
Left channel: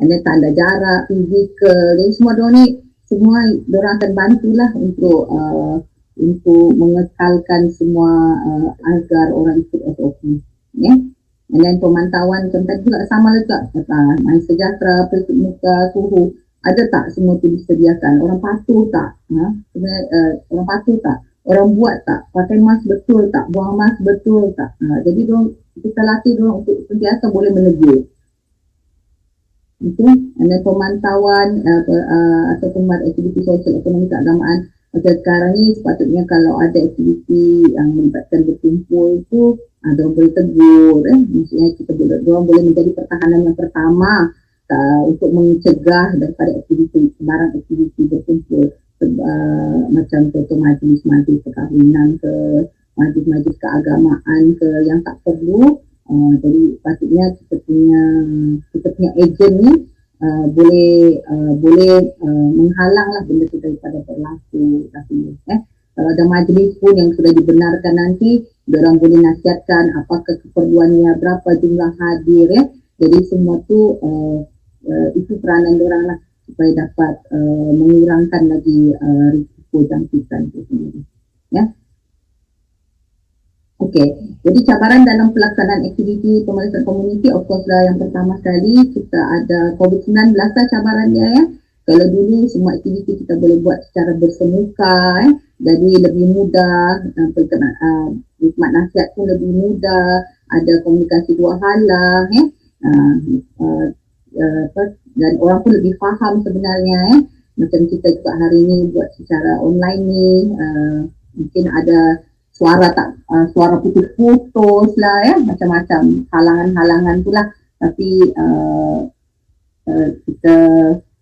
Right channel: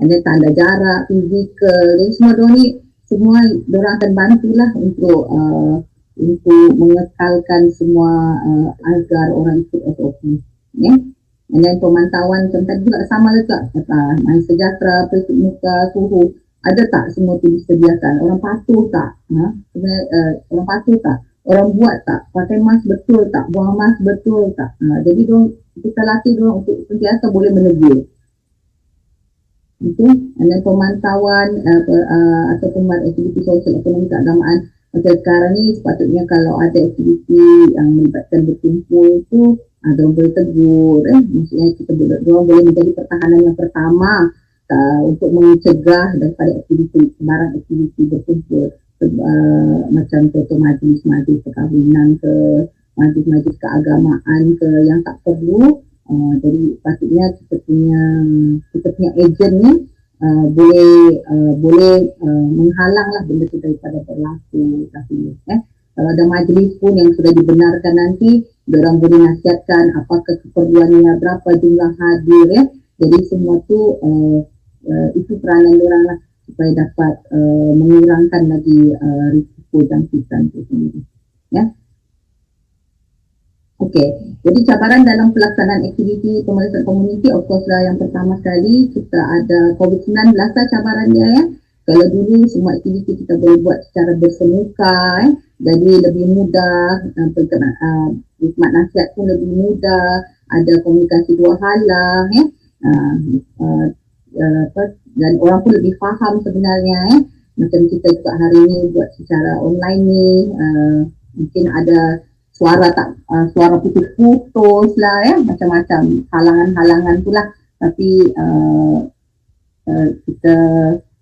ada tanda jarak fizikal, dan semua dorang akan bantulah untuk mengekalkan semua agar orang ikut SOP dan pemantauan contoh juga sama juga main sejahtera, tutup muka, suhu ada tak semua tu disediakan, orang patuh tak orang patuh tak, orang buat tak, pakai mask betul tak, buang mask betul tak. Jadi kita latih dorang untuk sentiasa boleh menegur. Dan pemantauan atau pembuat aktiviti sosial ekonomi keagamaan macam sekarang ni, sepatutnya kalau ada aktiviti yang melibatkan berkumpul tu dorang boleh tegur maksudnya dorang boleh menjadi pertahanan yang pertama untuk mencegah daripada barang aktiviti berkumpul macam contoh majlis-majlis perkahwinan ke, majlis-majlis keagamaan ke yang tak perlu. Jadi patutnya kita punya ejen ni menghalanglah benda itu daripada berlaku. Tapi kalau ada majlis pun yang sudah dibenarkan nanti, diorang boleh nasihatkan apakah keperluannya, berapa jumlah hadir Jadi semua tu itu peranan diorang lah supaya dapat mengurangkan lagi risiko jangkitan itu sendiri. Okey, jadi cabaran dalam pelaksanaan aktiviti pemeriksaan komuniti, of course lah yang pertama sekali kita ada COVID-19 lah cabarannya Kalau dulu semua aktiviti kita boleh buat secara bersemuka jadi lebih mudah, hikmat nasihat pun lebih mudah, ada komunikasi dua hala dan orang pun lebih faham sebenarnya macam kita juga hari ni buat secara online ni, mungkin ada suara putus-putus lah macam-macam halangan-halangan tu lah, tapi kita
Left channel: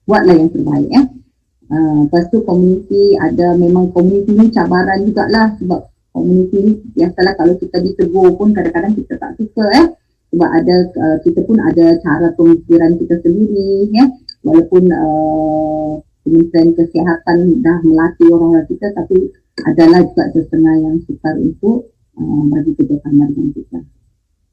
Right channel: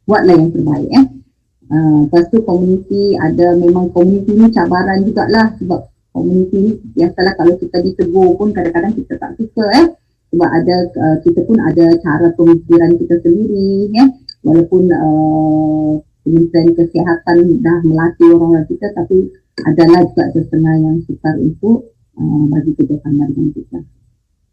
buatlah yang terbaik lepas tu komuniti ada, memang komuniti ni cabaran jugalah sebab komuniti ni biasalah kalau kita ditegur pun kadang-kadang kita tak suka sebab ada kita pun ada cara pemikiran kita sendiri walaupun Kementerian Kesihatan dah melatih orang-orang kita, tapi adalah juga setengah yang sukar untuk bagi kerjasama dengan kita.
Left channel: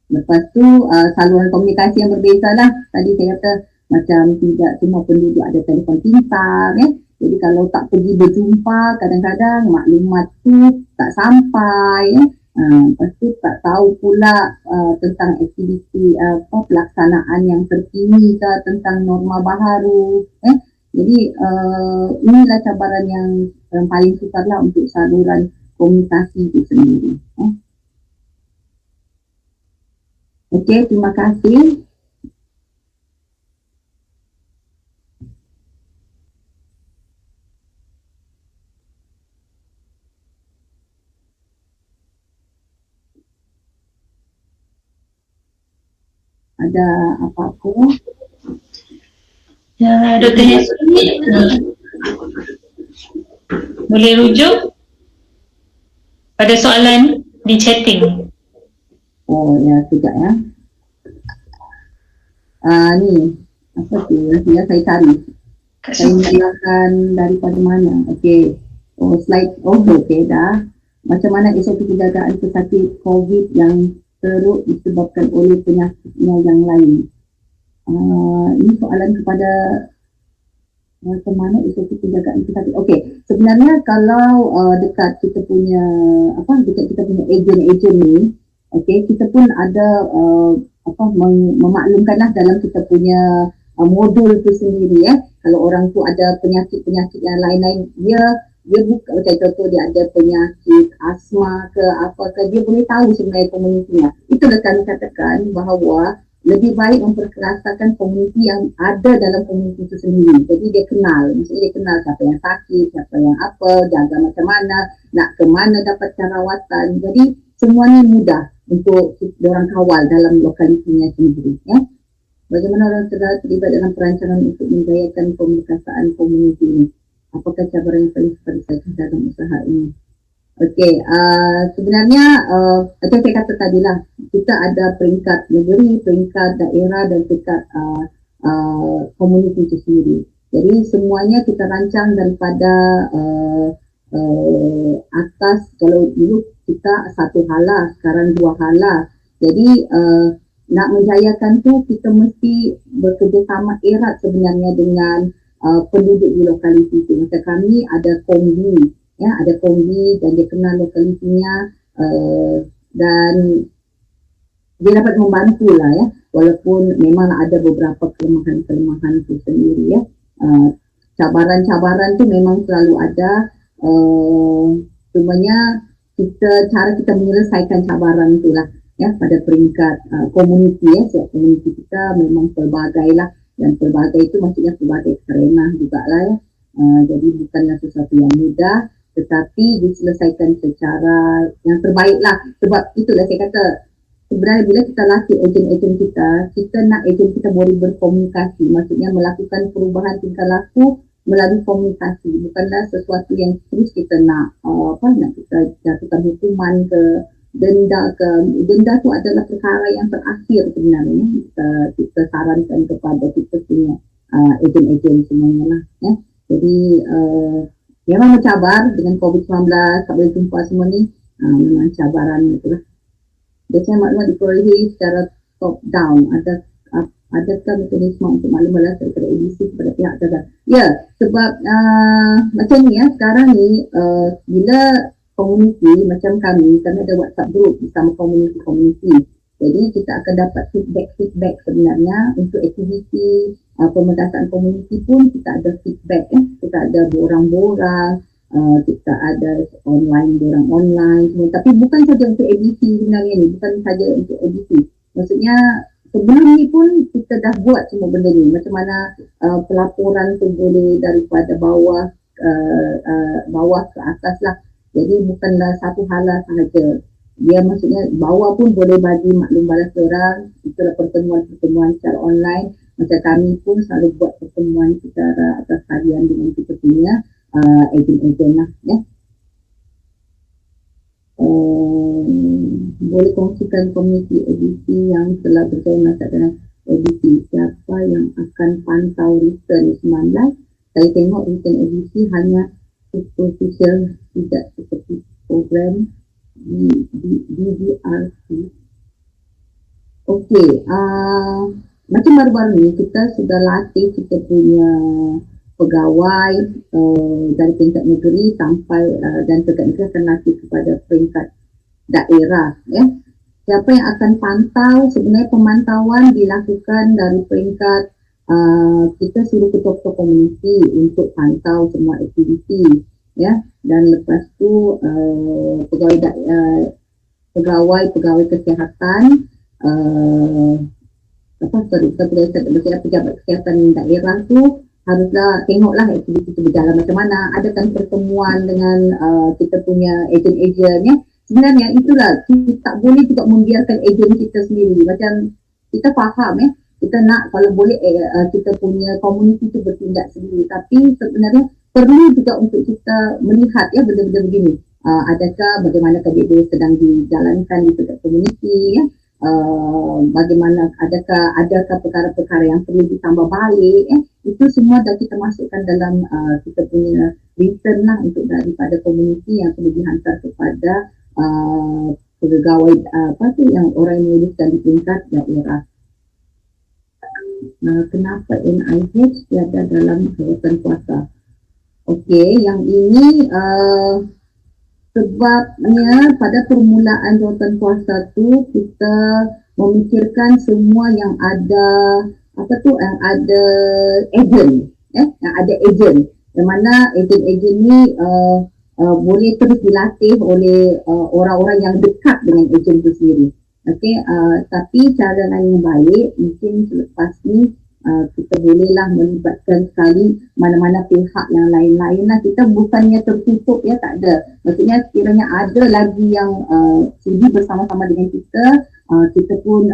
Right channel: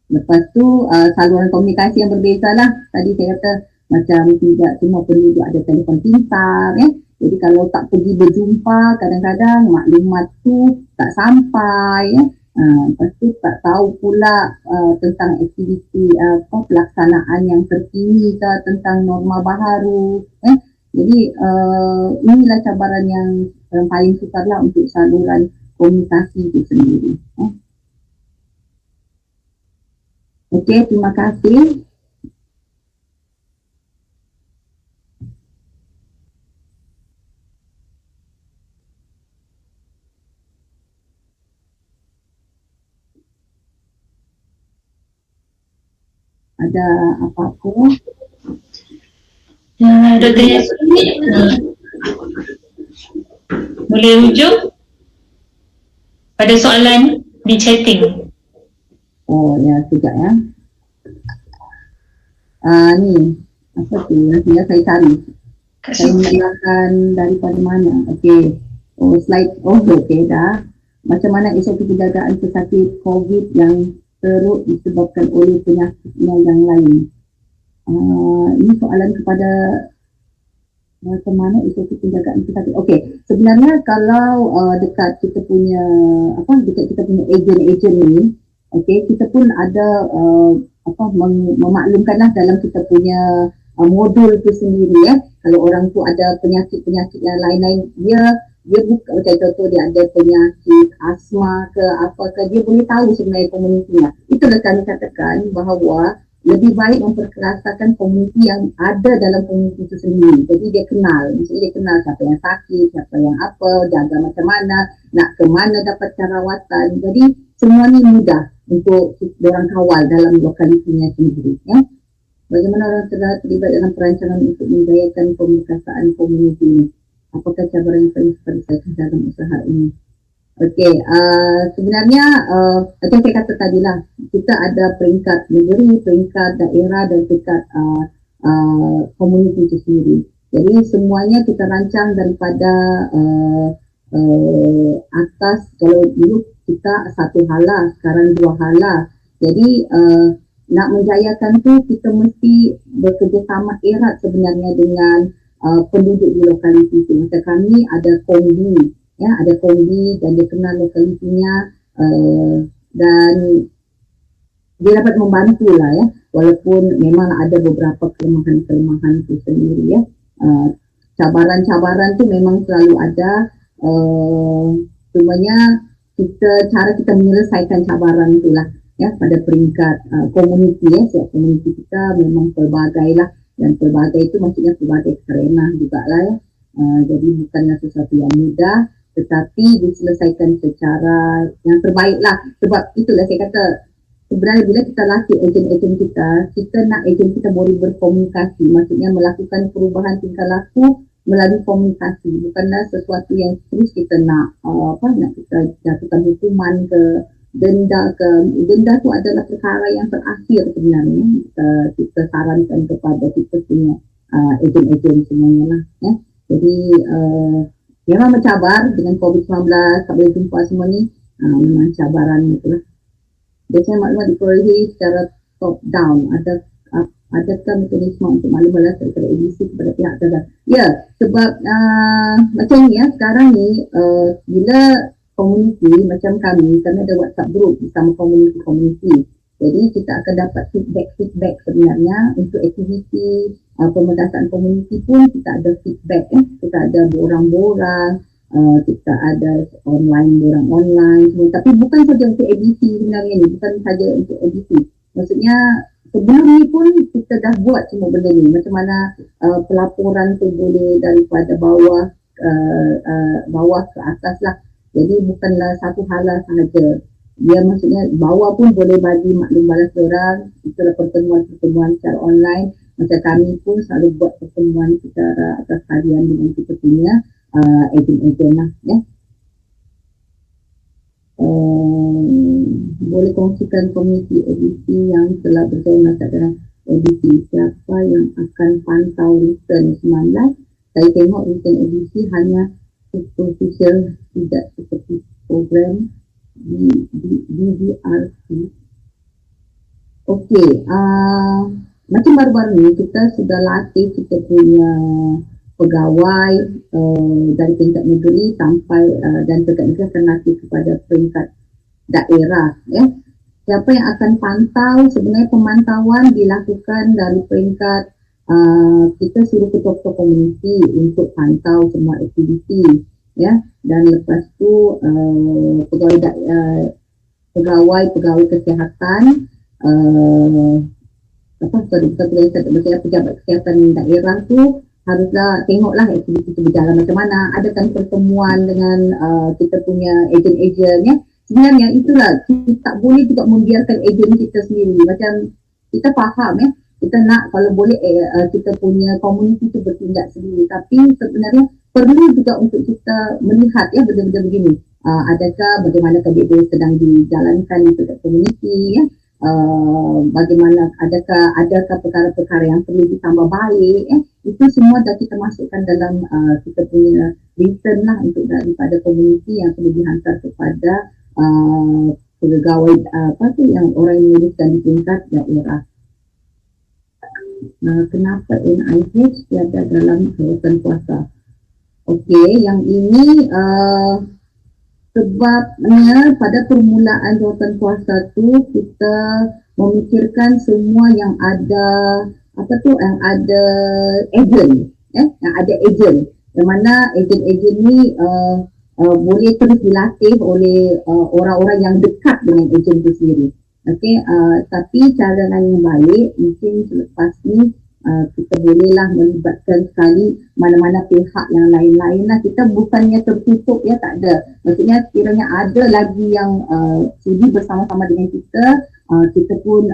Lepas tu saluran komunikasi yang berbeza lah. Tadi saya kata macam tidak semua penduduk ada telefon pintar jadi kalau tak pergi berjumpa kadang-kadang maklumat tu tak sampai lepas tu tak tahu pula tentang aktiviti pelaksanaan yang terkini ke, tentang norma baharu jadi inilah cabaran yang paling sukar lah untuk saluran komunikasi itu sendiri. Okey, terima kasih. Ada apa-apa? Dr. Yasmin, boleh rujuk pada soalan di chatting. Oh ya, sekejap ya. Ni, apa tu? Ya, saya cari. Saya mulakan daripada mana? Okey. Oh, slide. Oh, okey dah. Macam mana SOP penjagaan pesakit COVID yang teruk disebabkan oleh penyakitnya yang lain? Ini soalan kepada macam mana SOP penjagaan pesakit. Okey, sebenarnya kalau dekat kita punya ejen-ejen ni, okey, kita pun ada memaklumkanlah dalam kita punya modul tu sendiri Kalau orang tu ada penyakit-penyakit yang lain-lain, dia buka, macam contoh dia ada penyakit asma ke apa ke, dia boleh tahu sebenarnya komunitinya. Itulah kami katakan bahawa lebih baik memperkerasakan komuniti yang ada dalam komuniti itu sendiri. Jadi dia kenal, misalnya dia kenal siapa yang sakit, siapa yang apa, jaga macam mana, nak ke mana dapat rawatan. Jadi semuanya mudah untuk orang kawal dalam lokalitinya sendiri. Bagaimana orang terlibat dalam perancangan untuk menjayakan pemeriksaan komuniti ini? Apakah cabaran yang paling besar dalam usaha ini? Okey, sebenarnya macam saya kata tadi lah, kita ada peringkat negeri, peringkat daerah dan peringkat komuniti itu sendiri. Jadi semuanya kita rancang daripada atas. Kalau dulu kita satu hala, sekarang dua hala. Jadi nak menjayakan tu kita mesti bekerjasama erat sebenarnya dengan penduduk di lokaliti itu. Macam kami ada kombi, ada kombi dan dia kenal lokalitinya dan dia dapat membantu lah walaupun memang ada beberapa kelemahan-kelemahan itu sendiri cabaran-cabaran tu memang selalu ada, sebenarnya cara kita menyelesaikan cabaran itulah pada peringkat komuniti sebab komuniti kita memang pelbagai lah, dan pelbagai itu maksudnya pelbagai kerana juga lah jadi bukanlah sesuatu yang mudah tetapi diselesaikan secara yang terbaik lah. Sebab itulah saya kata sebenarnya bila kita latih ejen-ejen kita nak ejen kita boleh berkomunikasi, maksudnya melakukan perubahan tingkah laku melalui komunikasi, bukanlah sesuatu yang terus kita nak nak kita jatuhkan hukuman ke denda ke. Denda tu adalah perkara yang terakhir sebenarnya kita sarankan kepada kita punya ejen-ejen semuanya lah. Jadi memang mencabar dengan COVID-19, tak boleh jumpa semua ni, memang cabaran itulah. Biasanya maklumat diperolehi secara top down. Adakah mekanisme untuk maklumat daripada ABC kepada pihak terkait? Ya, sebab macam ni sekarang ni bila komuniti macam kami ada WhatsApp group bersama komuniti. Jadi kita akan dapat feedback sebenarnya untuk aktiviti pementasan komuniti pun kita ada feedback. Kita ada borang-borang, kita ada borang online semua. Tapi bukan saja untuk ABC sebenarnya ni, bukan saja untuk ABC. Maksudnya sebelum ni pun kita dah buat semua benda ni. Macam mana pelaporan tu boleh daripada bawah ke atas lah. Jadi bukanlah satu hala sahaja. Dia maksudnya bawah pun boleh bagi maklum balas orang. Itulah pertemuan-pertemuan secara online. Macam kami pun selalu buat pertemuan secara atas harian dengan kita punya ejen-ejen lah. Boleh kongsikan komuniti edisi yang telah berjaya melaksanakan edisi. Siapa yang akan pantau return 19? Saya tengok return edisi hanya superficial, tidak seperti program DDRC. Okey, macam baru-baru ni kita sudah latih kita punya pegawai dari peringkat negeri sampai dan peringkat negeri akan latih kepada peringkat daerah. Siapa yang akan pantau? Sebenarnya pemantauan dilakukan dari peringkat kita suruh ketua-ketua komuniti untuk pantau semua aktiviti, dan lepas tu pegawai kesihatan, pejabat kesihatan daerah tu haruslah tengoklah aktiviti itu berjalan macam mana. Adakan pertemuan dengan kita punya ejen-ejen. Sebenarnya itulah, kita tak boleh juga membiarkan ejen kita sendiri. Macam kita faham kita nak kalau boleh kita punya komuniti itu bertindak sendiri. Tapi sebenarnya perlu juga untuk kita melihat benda-benda begini. Adakah bagaimana KBB sedang dijalankan di dekat komuniti, bagaimana adakah perkara-perkara yang perlu ditambah balik, itu semua dah kita masukkan dalam kita punya return lah untuk daripada komuniti yang perlu dihantar kepada pegawai yang orang yang menuliskan di tingkat daerah. Kenapa NIH tiada dalam kawasan puasa? Okey, yang ini sebabnya pada permulaan kawasan puasa tu kita memikirkan semua yang ada yang ada ejen, yang ada ejen, yang mana ejen-ejen ni boleh terus dilatih oleh orang-orang yang dekat dengan ejen itu sendiri. Okey, tapi cara lain yang baik mungkin selepas ni kita bolehlah melibatkan sekali mana-mana pihak yang lain-lain lah. Kita bukannya tertutup tak ada. Maksudnya sekiranya ada lagi yang sudi bersama-sama dengan kita, kita pun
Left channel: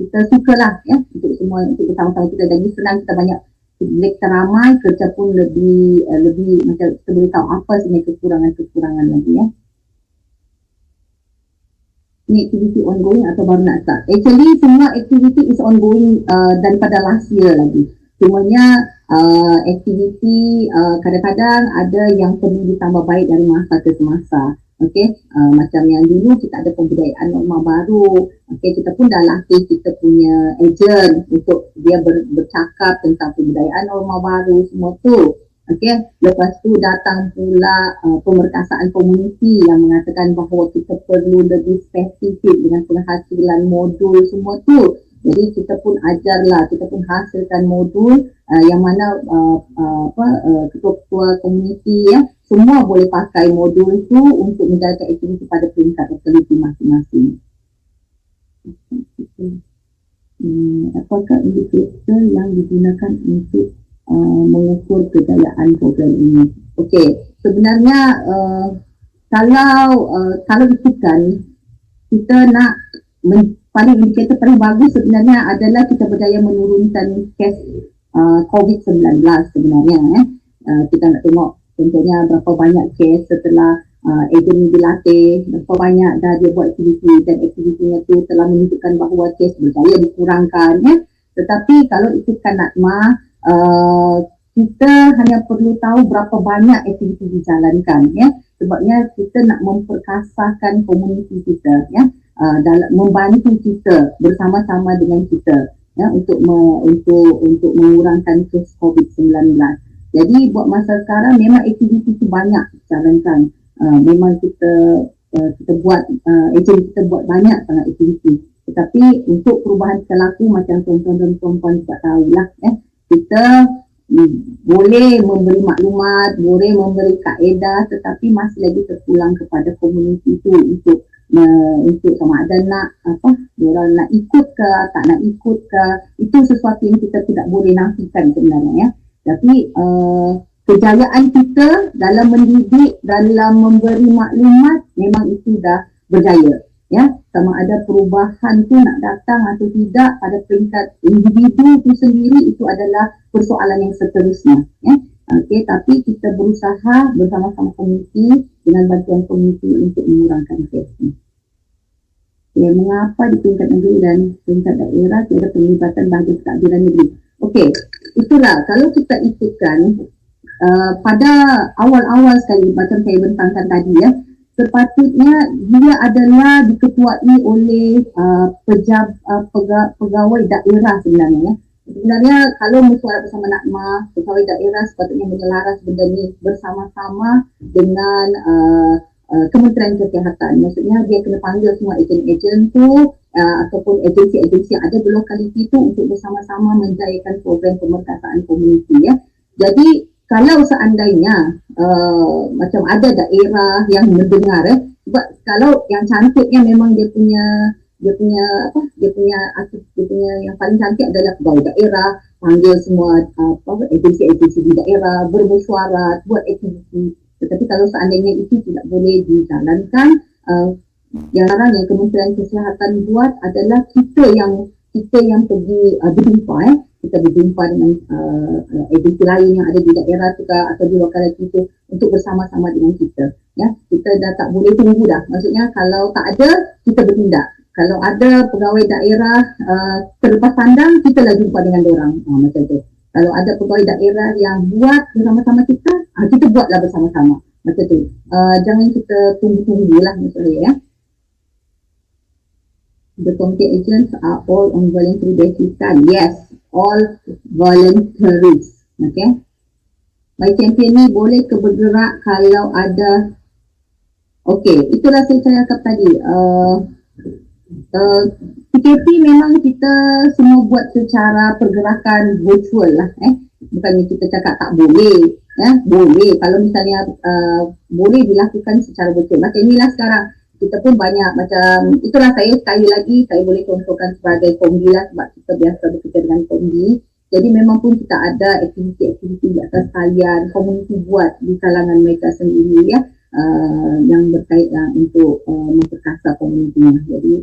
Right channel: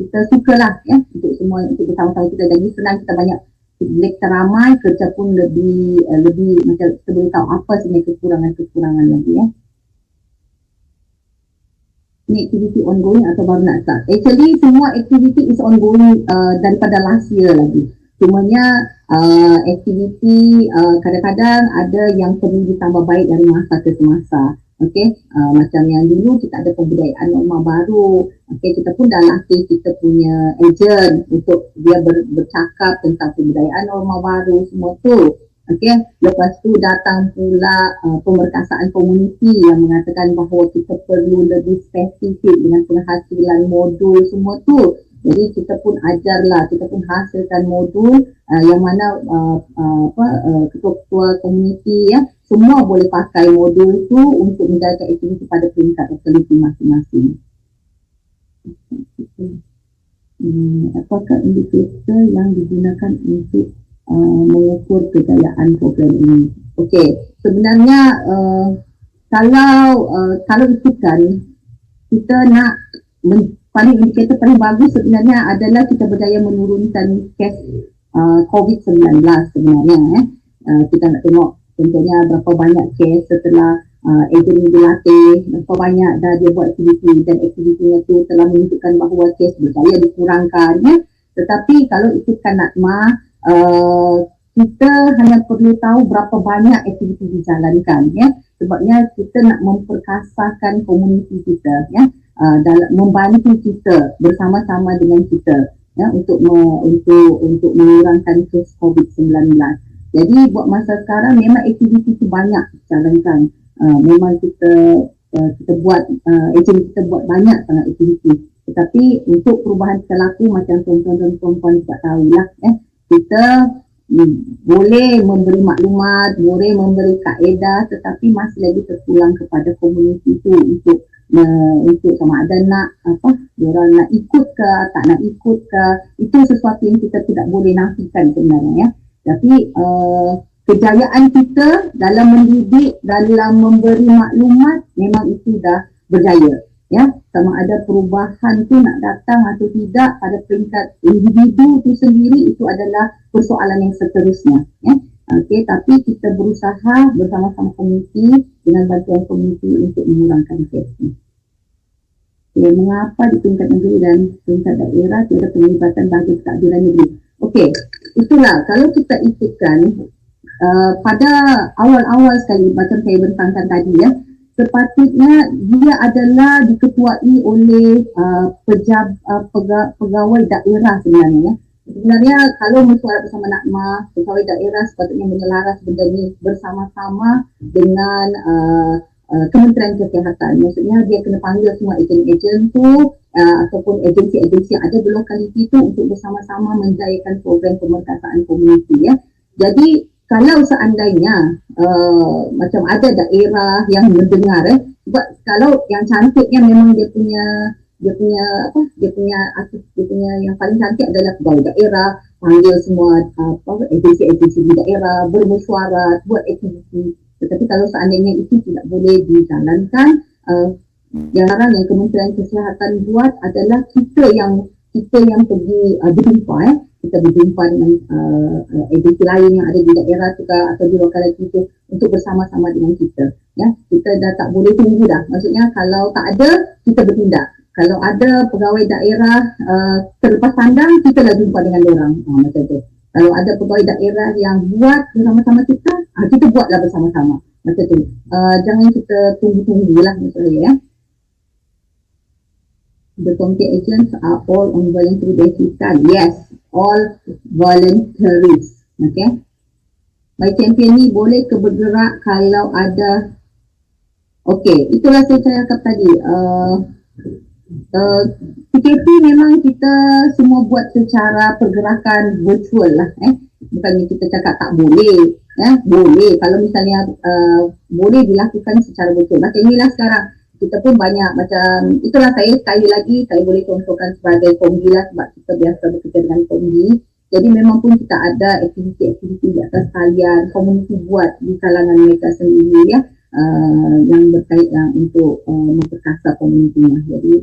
kita sukalah untuk semua untuk bersama-sama kita. Jadi senang, kita banyak kita ramai, kerja pun lebih macam kita boleh tahu apa sebenarnya kekurangan lagi. Ni aktiviti ongoing atau baru nak start? Actually semua aktiviti is ongoing daripada last year lagi. Cumanya aktiviti kadang-kadang ada yang perlu ditambah baik dari masa ke semasa. Okey, macam yang dulu kita ada pembudayaan norma baru. Okey, kita pun dah latih kita punya ejen untuk dia bercakap tentang pembudayaan norma baru semua tu. Okey, lepas tu datang pula pemerkasaan komuniti yang mengatakan bahawa kita perlu lebih spesifik dengan penghasilan modul semua tu. Jadi kita pun ajarlah, kita pun hasilkan modul yang mana ketua-ketua komuniti semua boleh pakai modul tu untuk menjaga aktiviti pada peringkat lokaliti masing-masing. Apakah indikator yang digunakan untuk mengukur kejayaan program ini? Okey, sebenarnya kalau ikutkan kita nak paling indikator paling bagus sebenarnya adalah kita berjaya menurunkan kes COVID-19 sebenarnya. Kita nak tengok contohnya berapa banyak kes setelah ejen dilatih, berapa banyak dah dia buat aktiviti dan aktivitinya tu telah menunjukkan bahawa kes berjaya dikurangkan. Tetapi kalau ikutkan Natma, kita hanya perlu tahu berapa banyak aktiviti dijalankan, ya. Sebabnya kita nak memperkasakan komuniti kita, ya, dalam membantu kita bersama-sama dengan kita, ya, untuk mengurangkan kes COVID-19. Jadi buat masa sekarang memang aktiviti itu banyak dijalankan. Memang kita buat agensi kita buat banyak sangat aktiviti. Tetapi untuk perubahan perilaku macam tuan-tuan dan perempuan tak tahulah, kita boleh memberi maklumat, boleh memberi kaedah, tetapi masih lagi terpulang kepada komuniti itu untuk sama ada nak diorang nak ikut ke tak nak ikut ke, itu sesuatu yang kita tidak boleh nafikan sebenarnya, ya. Tapi kejayaan kita dalam mendidik, dalam memberi maklumat memang itu dah berjaya, ya. Sama ada perubahan tu nak datang atau tidak pada peringkat individu itu sendiri, itu adalah persoalan yang seterusnya, ya. Okey, tapi kita berusaha bersama-sama komuniti dengan bantuan komuniti untuk mengurangkan kes ini. Okay, mengapa di tingkat negeri dan tingkat daerah tiada penglibatan bagi keadilan negeri? Okey, itulah kalau kita ikutkan pada awal-awal sekali macam saya bentangkan tadi, ya, sepatutnya dia adalah diketuai oleh pegawai daerah sebenarnya, ya. Sebenarnya kalau mesyuarat bersama Natma, pegawai daerah sepatutnya menyelaras benda ni bersama-sama dengan Kementerian Kesihatan. Maksudnya dia kena panggil semua ejen-ejen tu ataupun agensi-agensi yang ada di lokaliti tu untuk bersama-sama menjayakan program pemerkasaan komuniti, ya. Jadi kalau seandainya macam ada daerah yang mendengar, sebab kalau yang cantiknya memang dia punya yang paling cantik adalah pegawai daerah, panggil semua agensi-agensi di daerah, bermesyuarat, buat aktiviti. Tetapi kalau seandainya itu tidak boleh dijalankan, yang sekarang yang Kementerian Kesihatan buat adalah kita yang pergi berjumpa, kita berjumpa dengan agensi lain yang ada di daerah juga atau di lokaliti itu untuk bersama-sama dengan kita, ya. Kita dah tak boleh tunggu dah. Maksudnya kalau tak ada, kita bertindak. Kalau ada pegawai daerah terlepas pandang, kita lah jumpa dengan orang, macam tu. Kalau ada pegawai daerah yang buat bersama-sama kita buatlah bersama-sama, macam tu. Jangan kita tunggu-tunggulah misalnya, ya. The community agents are all on voluntary basis. Yes, all voluntaries. Okay. My champion ni boleh ke bergerak kalau ada. Okay, itulah saya cakap tadi. PKP memang kita semua buat secara pergerakan virtual lah. Bukannya kita cakap tak boleh. Boleh. Kalau misalnya boleh dilakukan secara virtual. Macam inilah sekarang. Kita pun banyak macam, itulah saya sekali lagi, saya boleh contohkan sebagai kombi lah sebab kita biasa bekerja dengan kombi. Jadi memang pun kita ada aktiviti-aktiviti di atas talian, komuniti buat di kalangan mereka sendiri, ya, yang berkaitan untuk memperkasa komunitinya. Jadi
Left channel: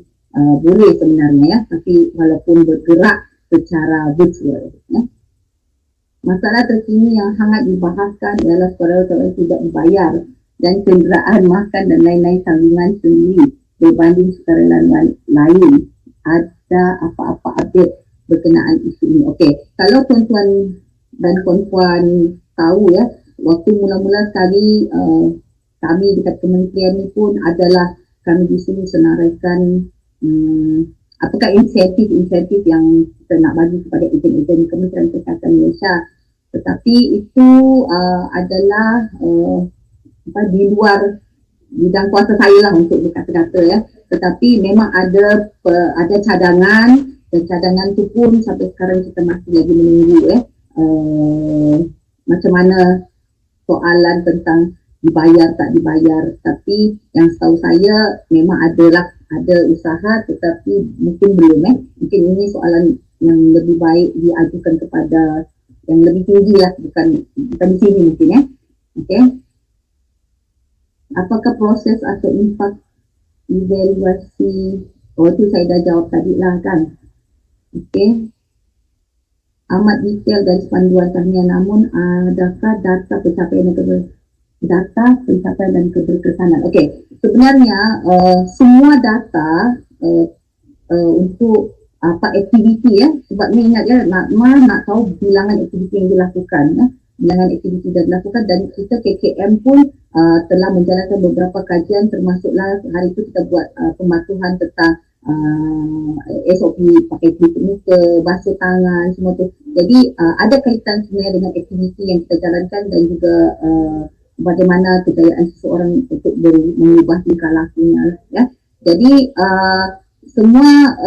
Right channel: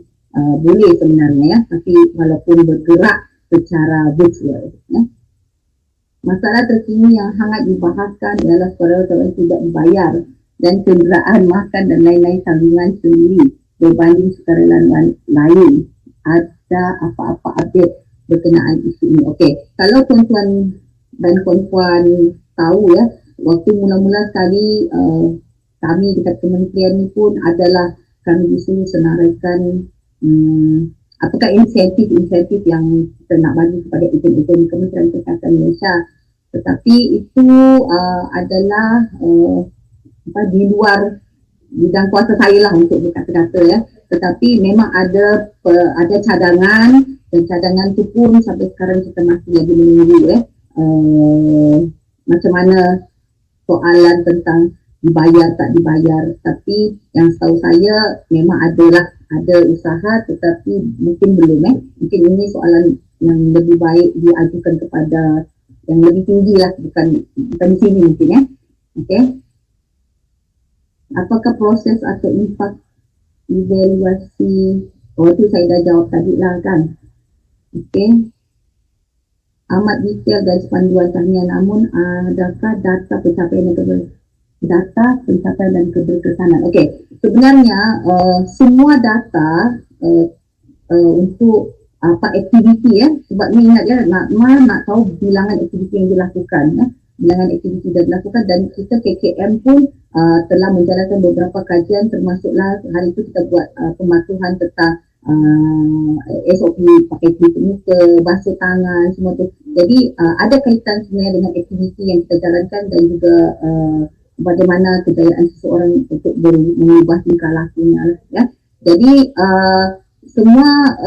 boleh sebenarnya, ya, tapi walaupun bergerak secara virtual, ya. Masalah terkini yang hangat dibahaskan ialah saudara-saudara yang tidak dibayar dan kenderaan makan dan lain-lain sambungan sendiri berbanding sukarelawan lain. Ada apa-apa update berkenaan isu ini? Okey, kalau tuan-tuan dan puan-puan tahu, ya, waktu mula-mula sekali kami dekat kementerian ni pun adalah kami disuruh senaraikan apakah insentif-insentif yang kita nak bagi kepada ejen-ejen Kementerian Kesihatan Malaysia. Tetapi itu adalah di luar bidang kuasa saya lah untuk berkata-kata, ya. Tetapi memang ada cadangan, dan cadangan tu pun sampai sekarang kita masih lagi menunggu, ya. Macam mana soalan tentang dibayar tak dibayar. Tapi yang setahu saya memang ada usaha, tetapi mungkin belum, mungkin ini soalan yang lebih baik diajukan kepada yang lebih tinggi lah, bukan di sini mungkin, ya. Okey. Apakah proses atau impak evaluasi? Itu saya dah jawab tadi lah, kan. Okey. Amat detail garis panduan tahniah, namun adakah data pencapaian dan keberkesanan? Okey. Sebenarnya semua data untuk apa aktiviti ya, sebab ni ingat ya, nak tahu bilangan aktiviti yang dilakukan ya, bilangan aktiviti yang dilakukan, dan kita KKM pun telah menjalankan beberapa kajian, termasuklah hari itu kita buat pematuhan tentang SOP pakai tutup muka, basuh tangan, semua tu. Jadi ada kaitan sebenarnya dengan aktiviti yang kita jalankan, dan juga bagaimana kejayaan seseorang untuk mengubah tingkah lakunya ya. Jadi semua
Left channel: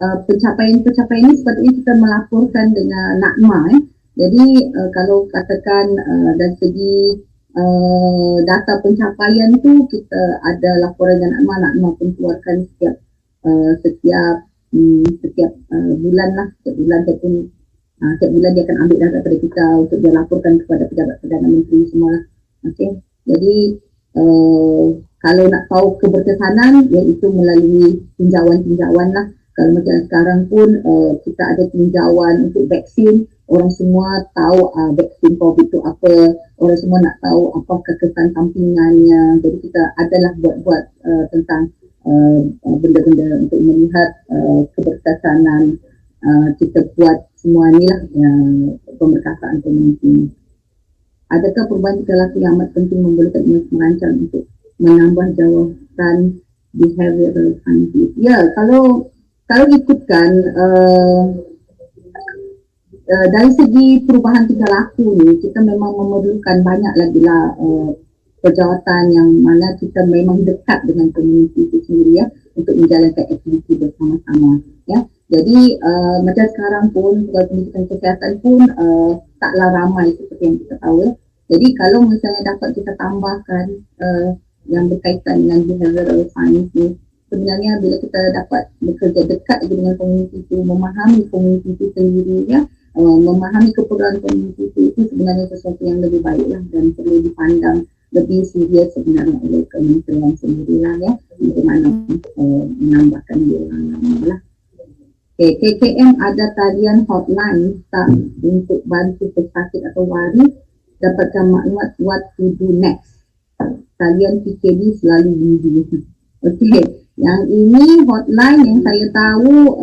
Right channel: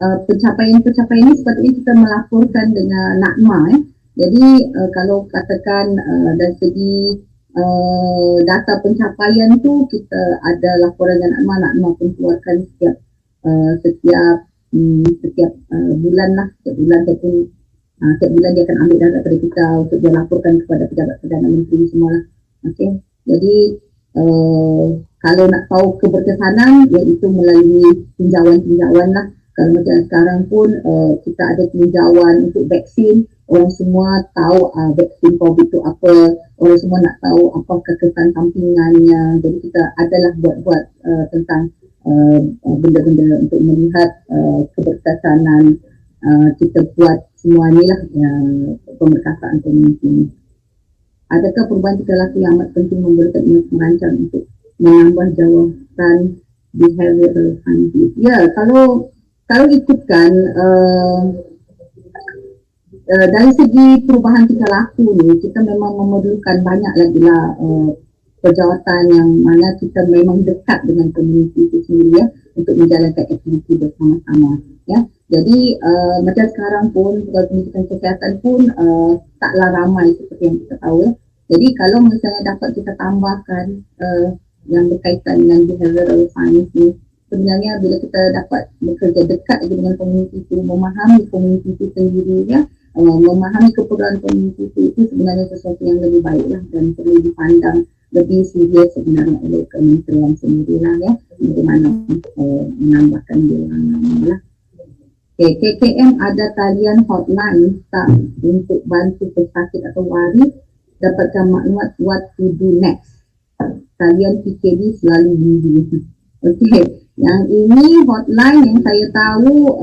pencapaian-pencapaian ini sepatutnya kita melaporkan dengan NACMA ya. Jadi kalau katakan dari segi data pencapaian tu, kita ada laporan dengan NACMA pun keluarkan setiap bulan lah, setiap bulan dia akan ambil data dari kita untuk dia laporkan kepada pejabat Perdana Menteri semua lah. Okay. Jadi kalau nak tahu keberkesanan, iaitu melalui tinjauan-tinjauan lah. Kalau macam sekarang pun kita ada tinjauan untuk vaksin, orang semua tahu vaksin COVID itu apa, orang semua nak tahu apakah kesan sampingannya. Jadi kita adalah buat tentang benda-benda untuk melihat keberkesanan. Kita buat semua ni lah pemberkasaan komuniti. Adakah perubahan tingkah laku yang amat penting memberikan merancang untuk menambah jawatan behavioral scientist? Ya, kalau ikutkan dari segi perubahan tingkah laku ni, kita memang memerlukan banyak lagi lah pejawatan yang mana kita memang dekat dengan komuniti itu sendiri ya, untuk menjalankan aktiviti bersama-sama ya. Jadi macam sekarang pun pendidikan kesihatan pun taklah ramai seperti yang kita tahu ya. Jadi kalau misalnya dapat kita tambahkan yang berkaitan dengan behavioral science ni, sebenarnya bila kita dapat bekerja dekat dengan komuniti itu, memahami komuniti itu sendiri ya, memahami keperluan komuniti itu sebenarnya sesuatu yang lebih baik lah, dan perlu dipandang lebih serius sebenarnya oleh kementerian sendiri lah ya, bagaimana menambahkan dia lah. Okay, KKM ada talian hotline tak untuk bantu pesakit atau waris dapatkan maklumat what to do next. Talian PKD selalu busy. Okey, yang ini hotline yang saya tahu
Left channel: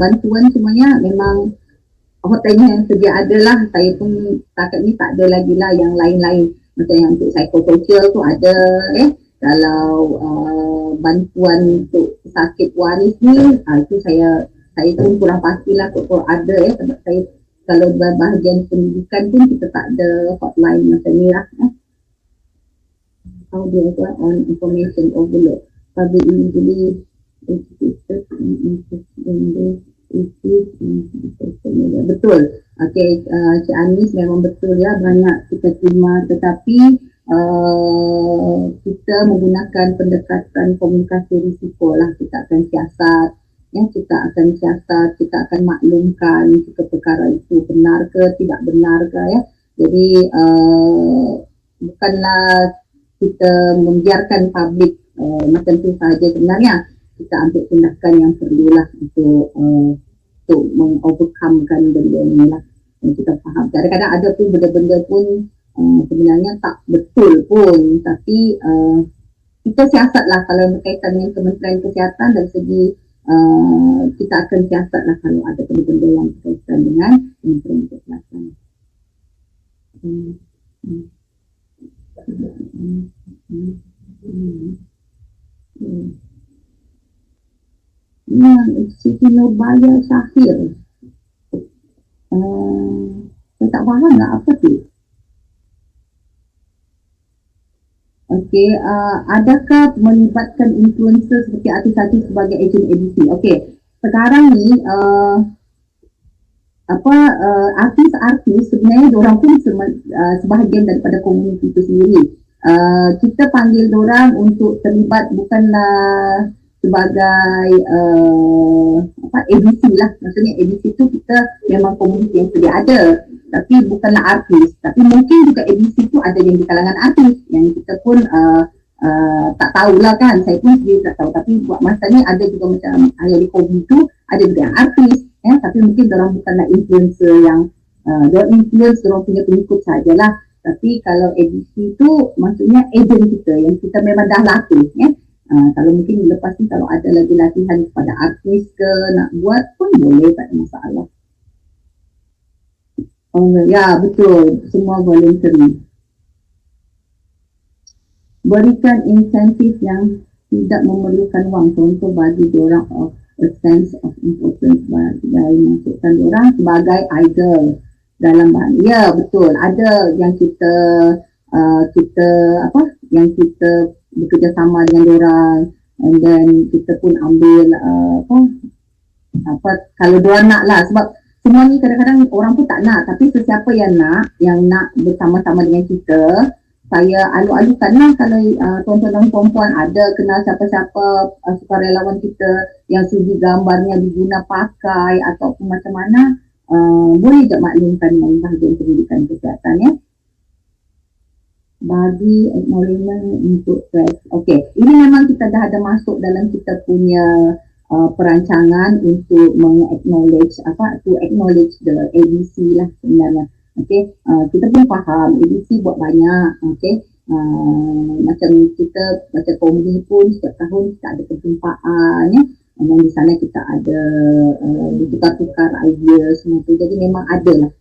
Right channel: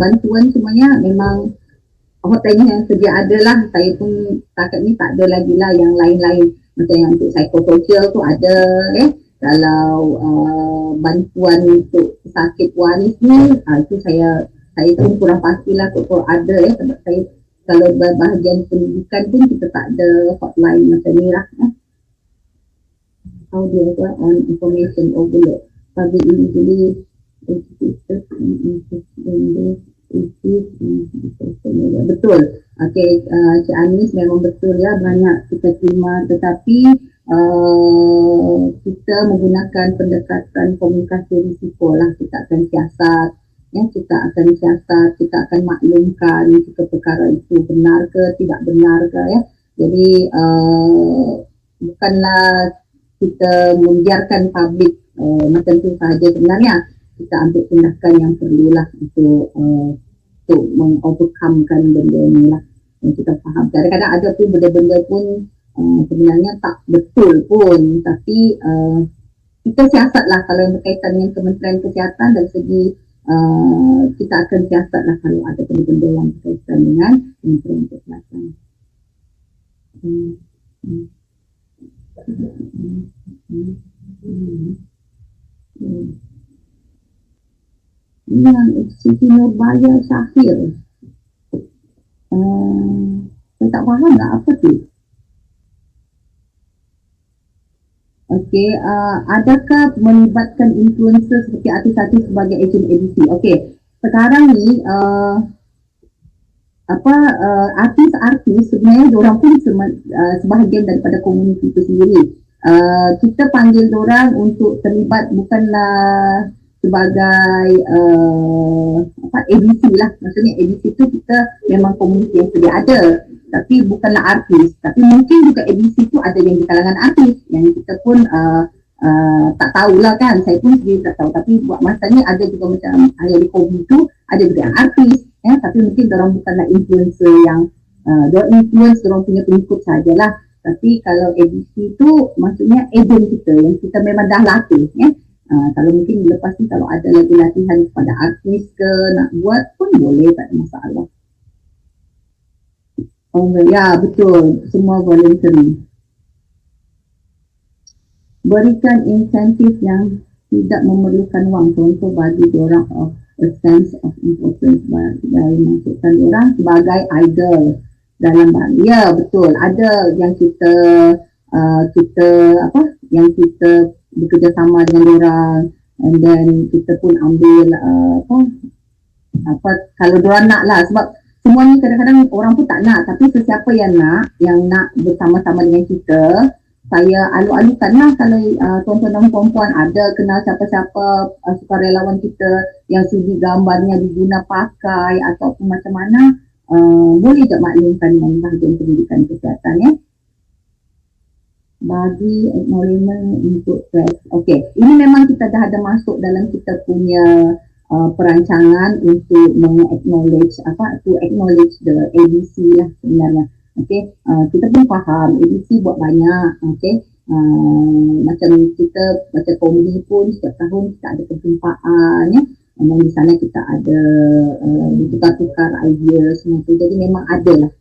bantuan semuanya memang hotline yang sedia ada lah. Saya pun setakat ni tak ada lagi lah yang lain-lain. Macam yang untuk psikososial tu ada Kalau bantuan untuk sakit waris ni, itu saya pun kurang pastilah kalau ada sebab saya kalau bahagian pendidikan pun kita tak ada hotline macam ni lah. How do you on information overload? Public usually betul. Okey, Cik Anis memang betul ya, banyak kita terima, tetapi kita menggunakan pendekatan komunikasi risiko lah. Kita akan siasat ya, kita akan maklumkan jika perkara itu benar ke tidak benar ke ya. Jadi bukanlah kita membiarkan publik macam tu sahaja. Sebenarnya kita ambil tindakan yang perlulah untuk mengovercomekan benda ni lah, yang kita faham. Kadang-kadang ada pun benda-benda pun sebenarnya tak betul pun, tapi kita siasat lah kalau berkaitan dengan Kementerian Kesihatan. Dari segi kita akan siasat lah kalau ada benda-benda yang berkaitan dengan Kementerian Kesihatan. Siti Nurbaya Syahir, saya tak faham lah apa tu. Okey, adakah melibatkan influencer seperti artis-artis sebagai ejen edisi? Okey, sekarang ni artis-artis sebenarnya diorang pun sebahagian daripada komuniti itu sendiri. Kita panggil diorang untuk terlibat bukanlah sebagai edisi lah. Maksudnya edisi tu kita memang komuniti yang sedia ada, tapi bukanlah artis. Tapi mungkin juga edisi tu ada yang di kalangan artis yang kita pun tak tahulah kan. Saya pun sendiri tak tahu. Tapi buat masa ni ada juga macam Ayah Kobi tu, ada juga yang artis ya, tapi mungkin diorang bukanlah influencer yang diorang influence, diorang punya pengikut sajalah. Tapi kalau edisi tu maksudnya ejen kita yang kita memang dah latih ya. Kalau mungkin lepas ni kalau ada lagi latihan kepada artis ke nak buat pun boleh, tak ada masalah. Ya, betul. Semua voluntary. Berikan insentif yang tidak memerlukan wang. Contoh bagi diorang a sense of importance, bagi masukkan diorang sebagai idol dalam bahan. Ya, betul. Ada yang kita yang kita bekerjasama dengan diorang, and then kita pun ambil kalau diorang nak lah, sebab semua ni kadang-kadang orang pun tak nak, tapi sesiapa yang nak bersama-sama dengan kita, saya alu-alukan lah. Kalau tuan-tuan dan perempuan ada kenal siapa-siapa sukarelawan kita yang sudi gambarnya diguna pakai ataupun macam mana, boleh je maklumkan dengan bahagian pendidikan kesihatan ya. Bagi acknowledgement untuk stress. Okey, ini memang kita dah ada masuk dalam kita punya perancangan untuk acknowledge the ABC lah sebenarnya. Okey, kita pun faham ABC buat banyak. Okey, macam kita macam komedi pun setiap tahun kita ada perjumpaan ya. Dan di sana kita ada bertukar-tukar idea semua tu. Jadi memang ada lah.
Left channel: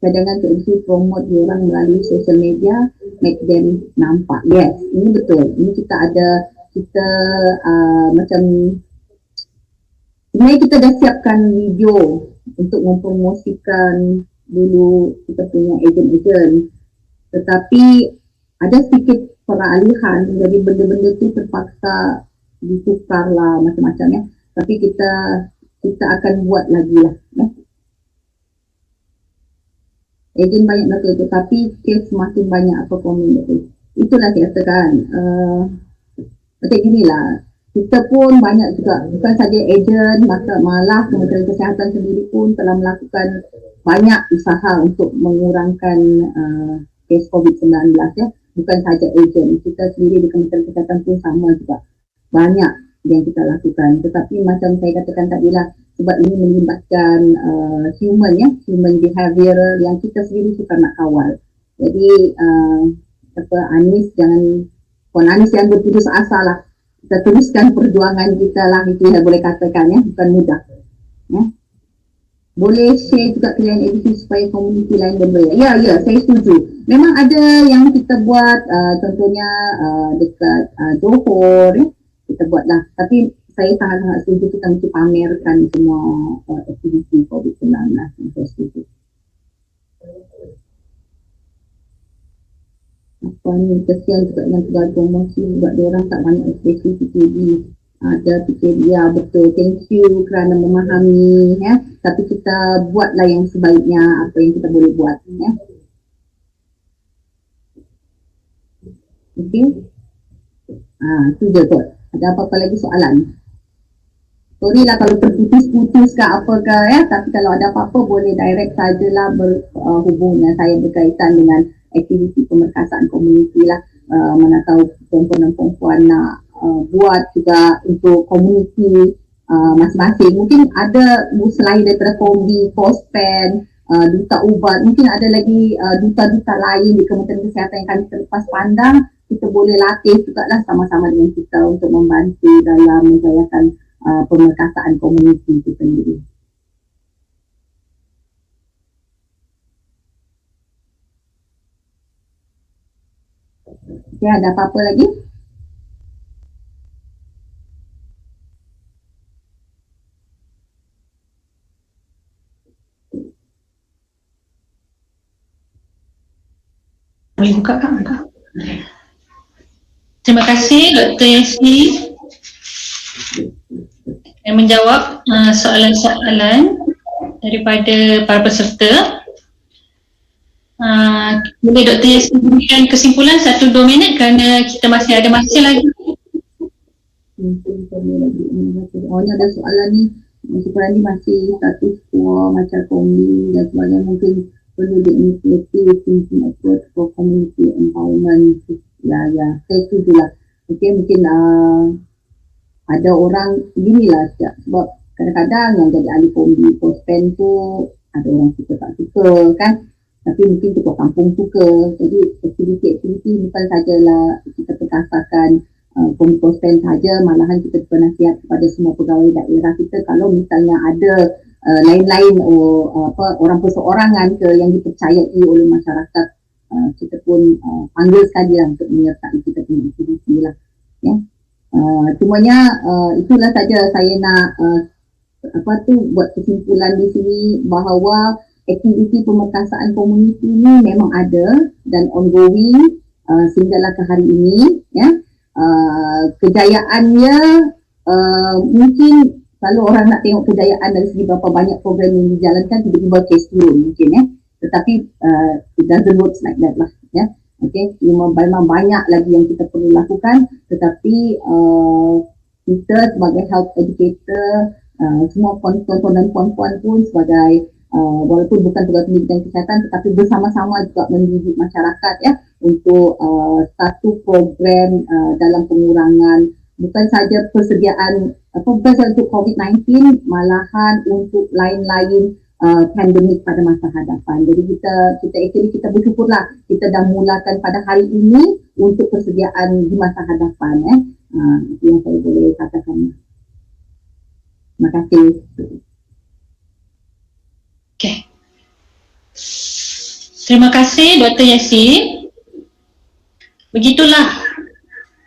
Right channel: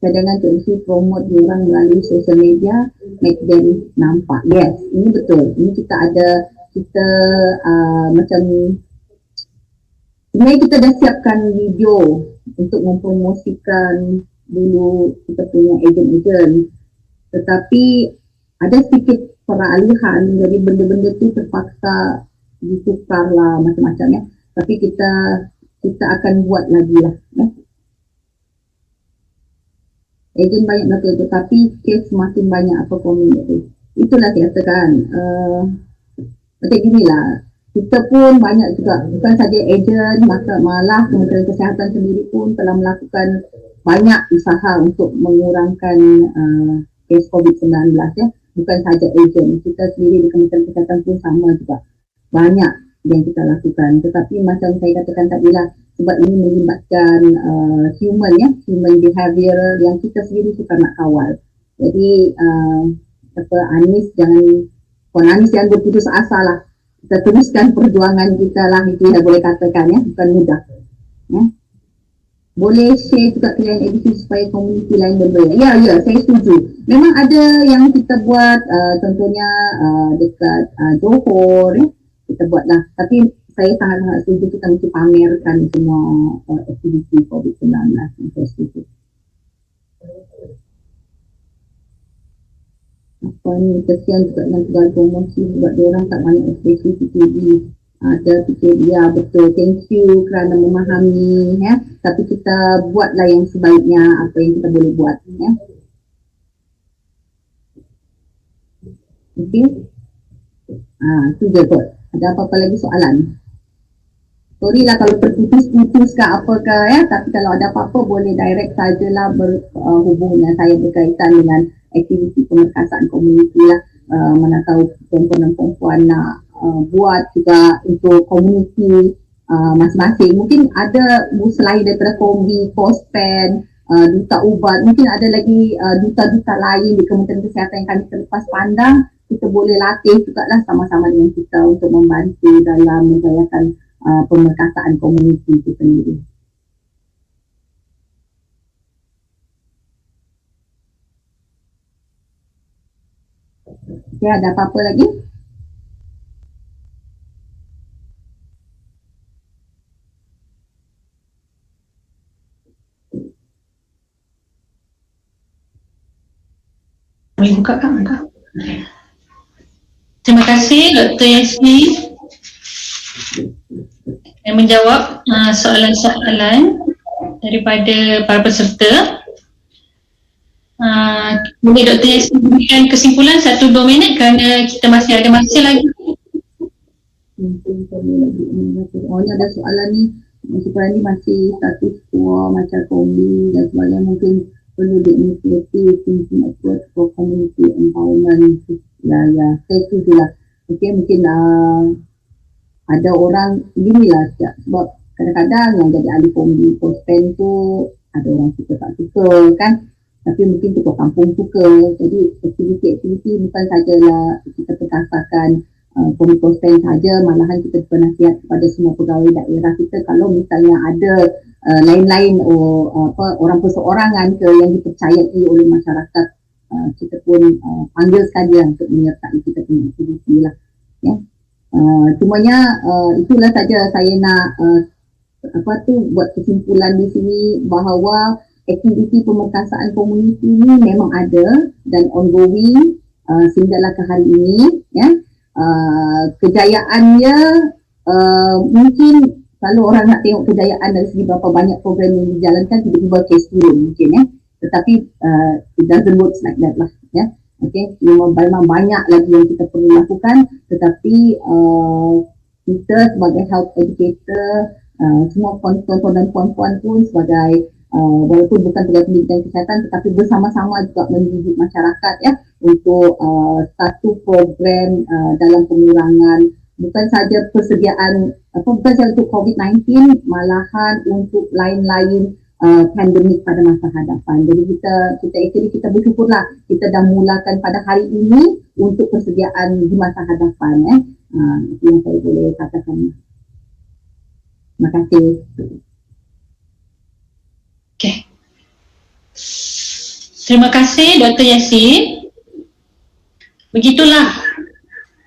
Cadangan untuk promote diorang melalui social media, make them nampak. Yes, ini betul. Ini kita ada, macam sebenarnya kita dah siapkan video untuk mempromosikan dulu kita punya agent-agent. Tetapi ada sedikit peralihan, jadi benda-benda tu terpaksa ditukar lah macam-macam ya. Tapi kita akan buat lagi lah ya. Ejen banyak betul, tetapi kes semakin banyak apa komen itu. Itulah saya katakan. Macam inilah, kita pun banyak juga, bukan saja ejen, malah Kementerian Kesihatan sendiri pun telah melakukan banyak usaha untuk mengurangkan kes COVID-19 ya. Bukan saja ejen, kita sendiri di Kementerian Kesihatan pun sama juga. Banyak yang kita lakukan. Tetapi macam saya katakan tadilah, sebab ini melibatkan human behavior yang kita sendiri suka nak kawal. Jadi Anis Anis yang berputus asa lah. Kita teruskan perjuangan kita lah, itu yang boleh katakan ya, bukan mudah. Ya. Boleh share juga klien edisi supaya komuniti lain berbeza. Ya, saya setuju. Memang ada yang kita buat, contohnya dekat Johor ya, kita buat lah. Tapi saya sangat-sangat setuju kita mesti pamerkan semua aktiviti COVID-19 yang saya setuju. Apa ni, kesian juga dengan segala promosi sebab diorang tak banyak ekspresi PKB. Ada PKB, ya betul. Thank you kerana memahami ya. Tapi kita buatlah yang sebaiknya apa yang kita boleh buat ya. Okey. Itu je kot. Ada apa-apa lagi soalan? Sorry lah kalau terputus-putus ke apa ke ya, tapi kalau ada apa-apa boleh direct sajalah berhubung dengan saya berkaitan dengan aktiviti pemerkasaan komuniti lah. Mana tahu perempuan-perempuan nak buat juga untuk komuniti masing-masing. Mungkin ada selain daripada kombi, pospen, duta ubat, mungkin ada lagi duta-duta lain di Kementerian Kesihatan yang kami terlepas pandang. Kita boleh latih juga lah sama-sama dengan kita untuk membantu dalam menjayakan pemerkasaan komuniti itu sendiri. Ya, ada apa-apa lagi? Boleh buka kan? Terima kasih Dr. Yasmin yang menjawab soalan-soalan daripada para peserta. Boleh Dr. Yasmin berikan kesimpulan 1-2 minit kerana kita masih ada masa lagi. Oh, ni ada soalan ni. Sekarang ni masih status quo macam kombi dan sebagainya, mungkin perlu di-initiative thinking approach for community empowerment. Ya, saya setuju lah. Okay, mungkin ada orang ginilah sebab kadang-kadang yang jadi ahli kombi pospen tu ada orang suka tak suka kan, tapi mungkin ketua kampung suka. Jadi aktiviti-aktiviti bukan sajalah kita perkasakan pengikut saja, malahan kita bernasihat kepada semua pegawai daerah kita kalau misalnya ada lain-lain orang perseorangan ke yang dipercayai oleh masyarakat, kita pun panggil saja untuk menyertai kita punya aktiviti lah. Ya. Cumanya itulah saja saya nak buat kesimpulan di sini bahawa aktiviti pemerkasaan komuniti ini memang ada dan ongoing sehinggalah ke hari ini. Ya. Kejayaannya mungkin kalau orang nak tengok kejayaan dari segi berapa banyak program yang dijalankan, tiba-tiba case turun mungkin ya. Tetapi it doesn't work like that lah ya. Okay, memang banyak lagi yang kita perlu lakukan, tetapi kita sebagai health educator, semua tuan-tuan dan puan-puan pun sebagai walaupun bukan pegawai pendidikan kesihatan, tetapi bersama-sama juga mendidik masyarakat ya untuk satu program dalam pengurangan bukan saja persediaan bukan saja untuk COVID-19, malahan untuk lain-lain pandemik pada masa hadapan. Jadi kita bersyukurlah kita dah mulakan pada hari ini untuk persediaan di masa hadapan. Itu yang saya boleh katakan. Terima kasih. Okay. Terima kasih Dr. Yasin. Begitulah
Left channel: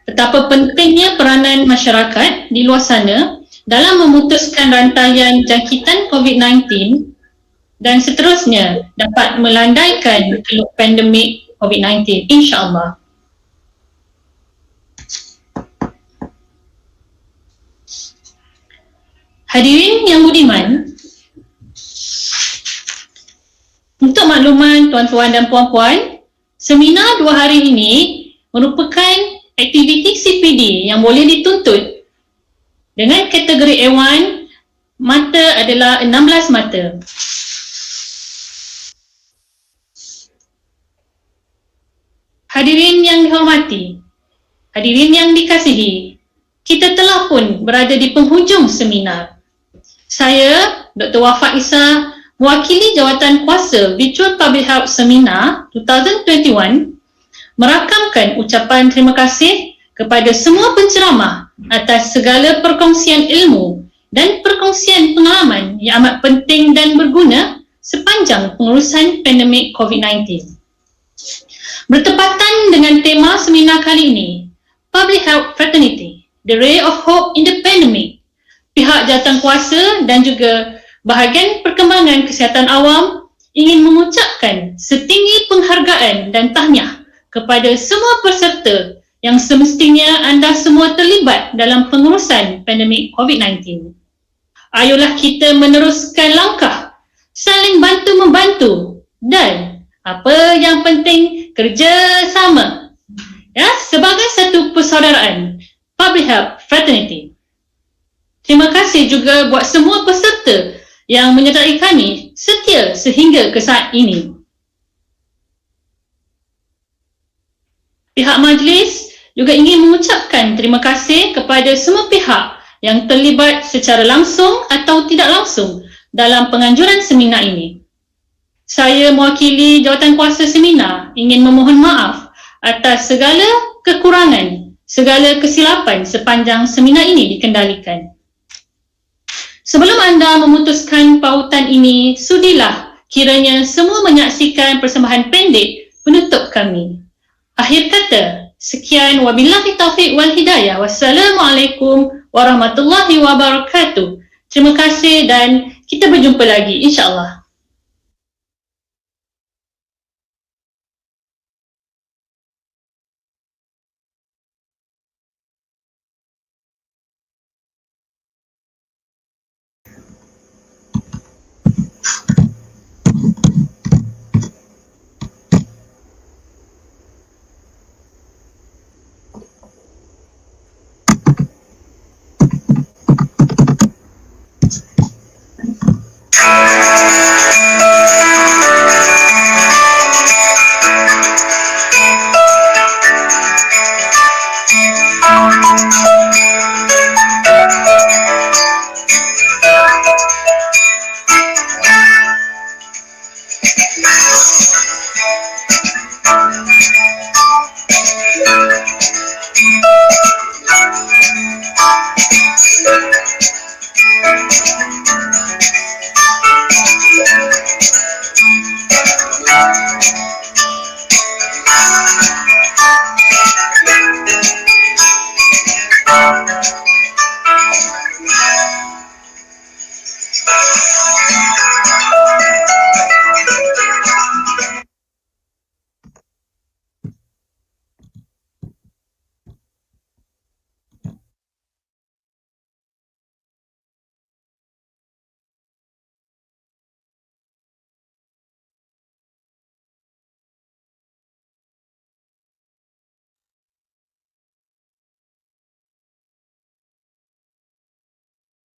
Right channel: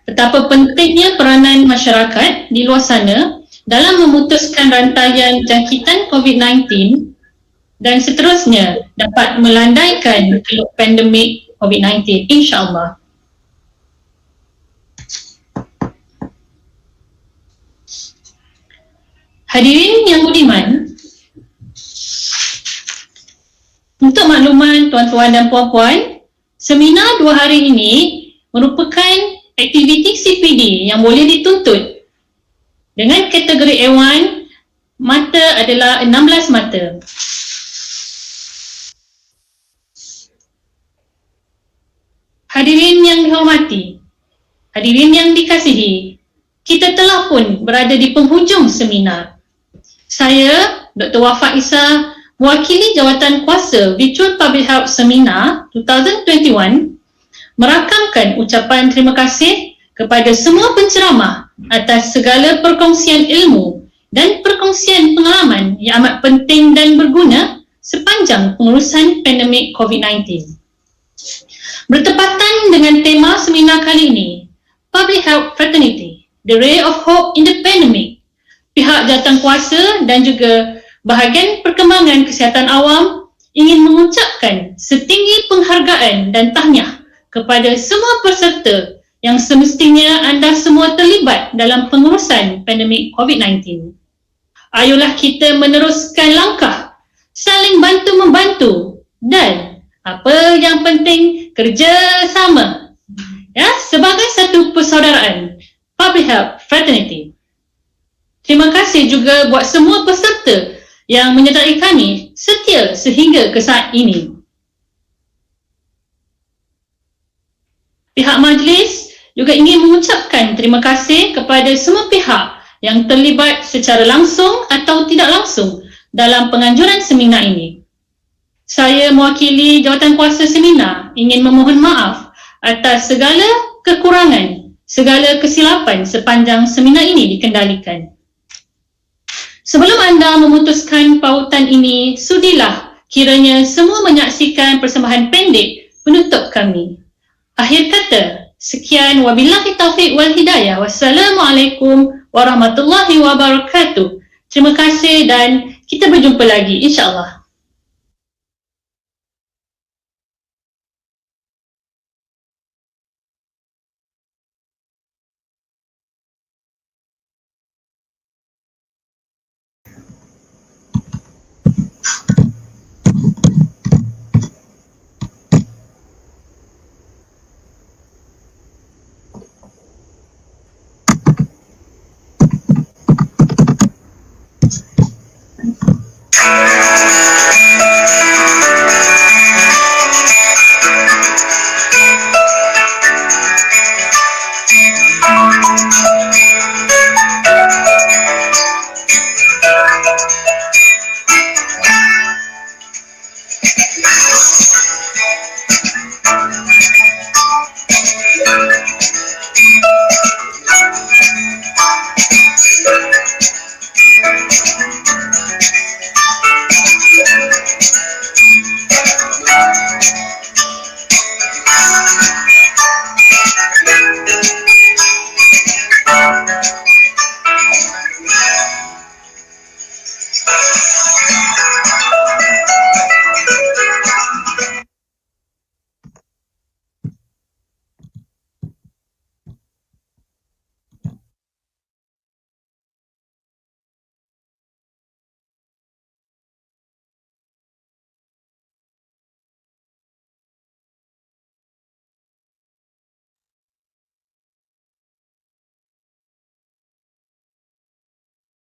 betapa pentingnya peranan masyarakat di luar sana dalam memutuskan rantaian jangkitan COVID-19 dan seterusnya dapat melandaikan keluk pandemik COVID-19 insya-Allah. Hadirin yang budiman, untuk makluman tuan-tuan dan puan-puan, seminar 2 hari ini merupakan aktiviti CPD yang boleh dituntut dengan kategori A1. Mata adalah 16 mata. Hadirin yang dihormati, hadirin yang dikasihi, kita telah pun berada di penghujung seminar. Saya, Dr. Wafa Isa, mewakili Jawatan Kuasa Virtual Public Health Seminar 2021, merakamkan ucapan terima kasih kepada semua penceramah atas segala perkongsian ilmu dan perkongsian pengalaman yang amat penting dan berguna sepanjang pengurusan pandemik COVID-19. Bertepatan dengan tema seminar kali ini, Public Health Fraternity, The Ray of Hope in the Pandemic, pihak jawatankuasa dan juga bahagian perkembangan kesihatan awam ingin mengucapkan setinggi penghargaan dan tahniah kepada semua peserta yang semestinya anda semua terlibat dalam pengurusan pandemik COVID-19. Ayolah kita meneruskan langkah, saling bantu-membantu dan apa yang penting, kerjasama ya, sebagai satu persaudaraan Public Health Fraternity. Terima kasih juga buat semua peserta yang menyertai kami setia sehingga ke saat ini. Pihak majlis juga ingin mengucapkan terima kasih kepada semua pihak yang terlibat secara langsung atau tidak langsung dalam penganjuran seminar ini. Saya mewakili Jawatankuasa Seminar ingin memohon maaf atas segala kekurangan, segala kesilapan sepanjang seminar ini dikendalikan. Sebelum anda memutuskan pautan ini, sudilah kiranya semua menyaksikan persembahan pendek penutup kami. Akhir kata, sekian wabillahi taufiq wal hidayah. Wassalamualaikum warahmatullahi wabarakatuh. Terima kasih dan kita berjumpa lagi insya-Allah.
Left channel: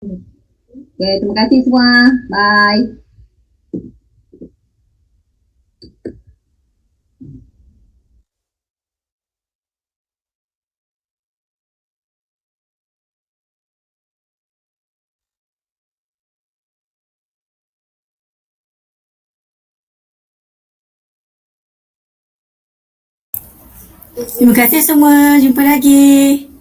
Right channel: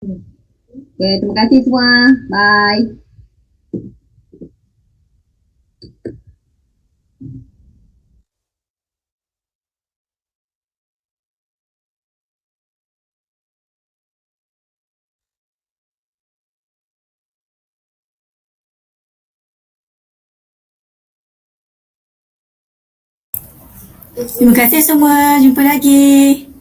Okay, terima kasih semua. Bye. Terima kasih semua. Jumpa lagi.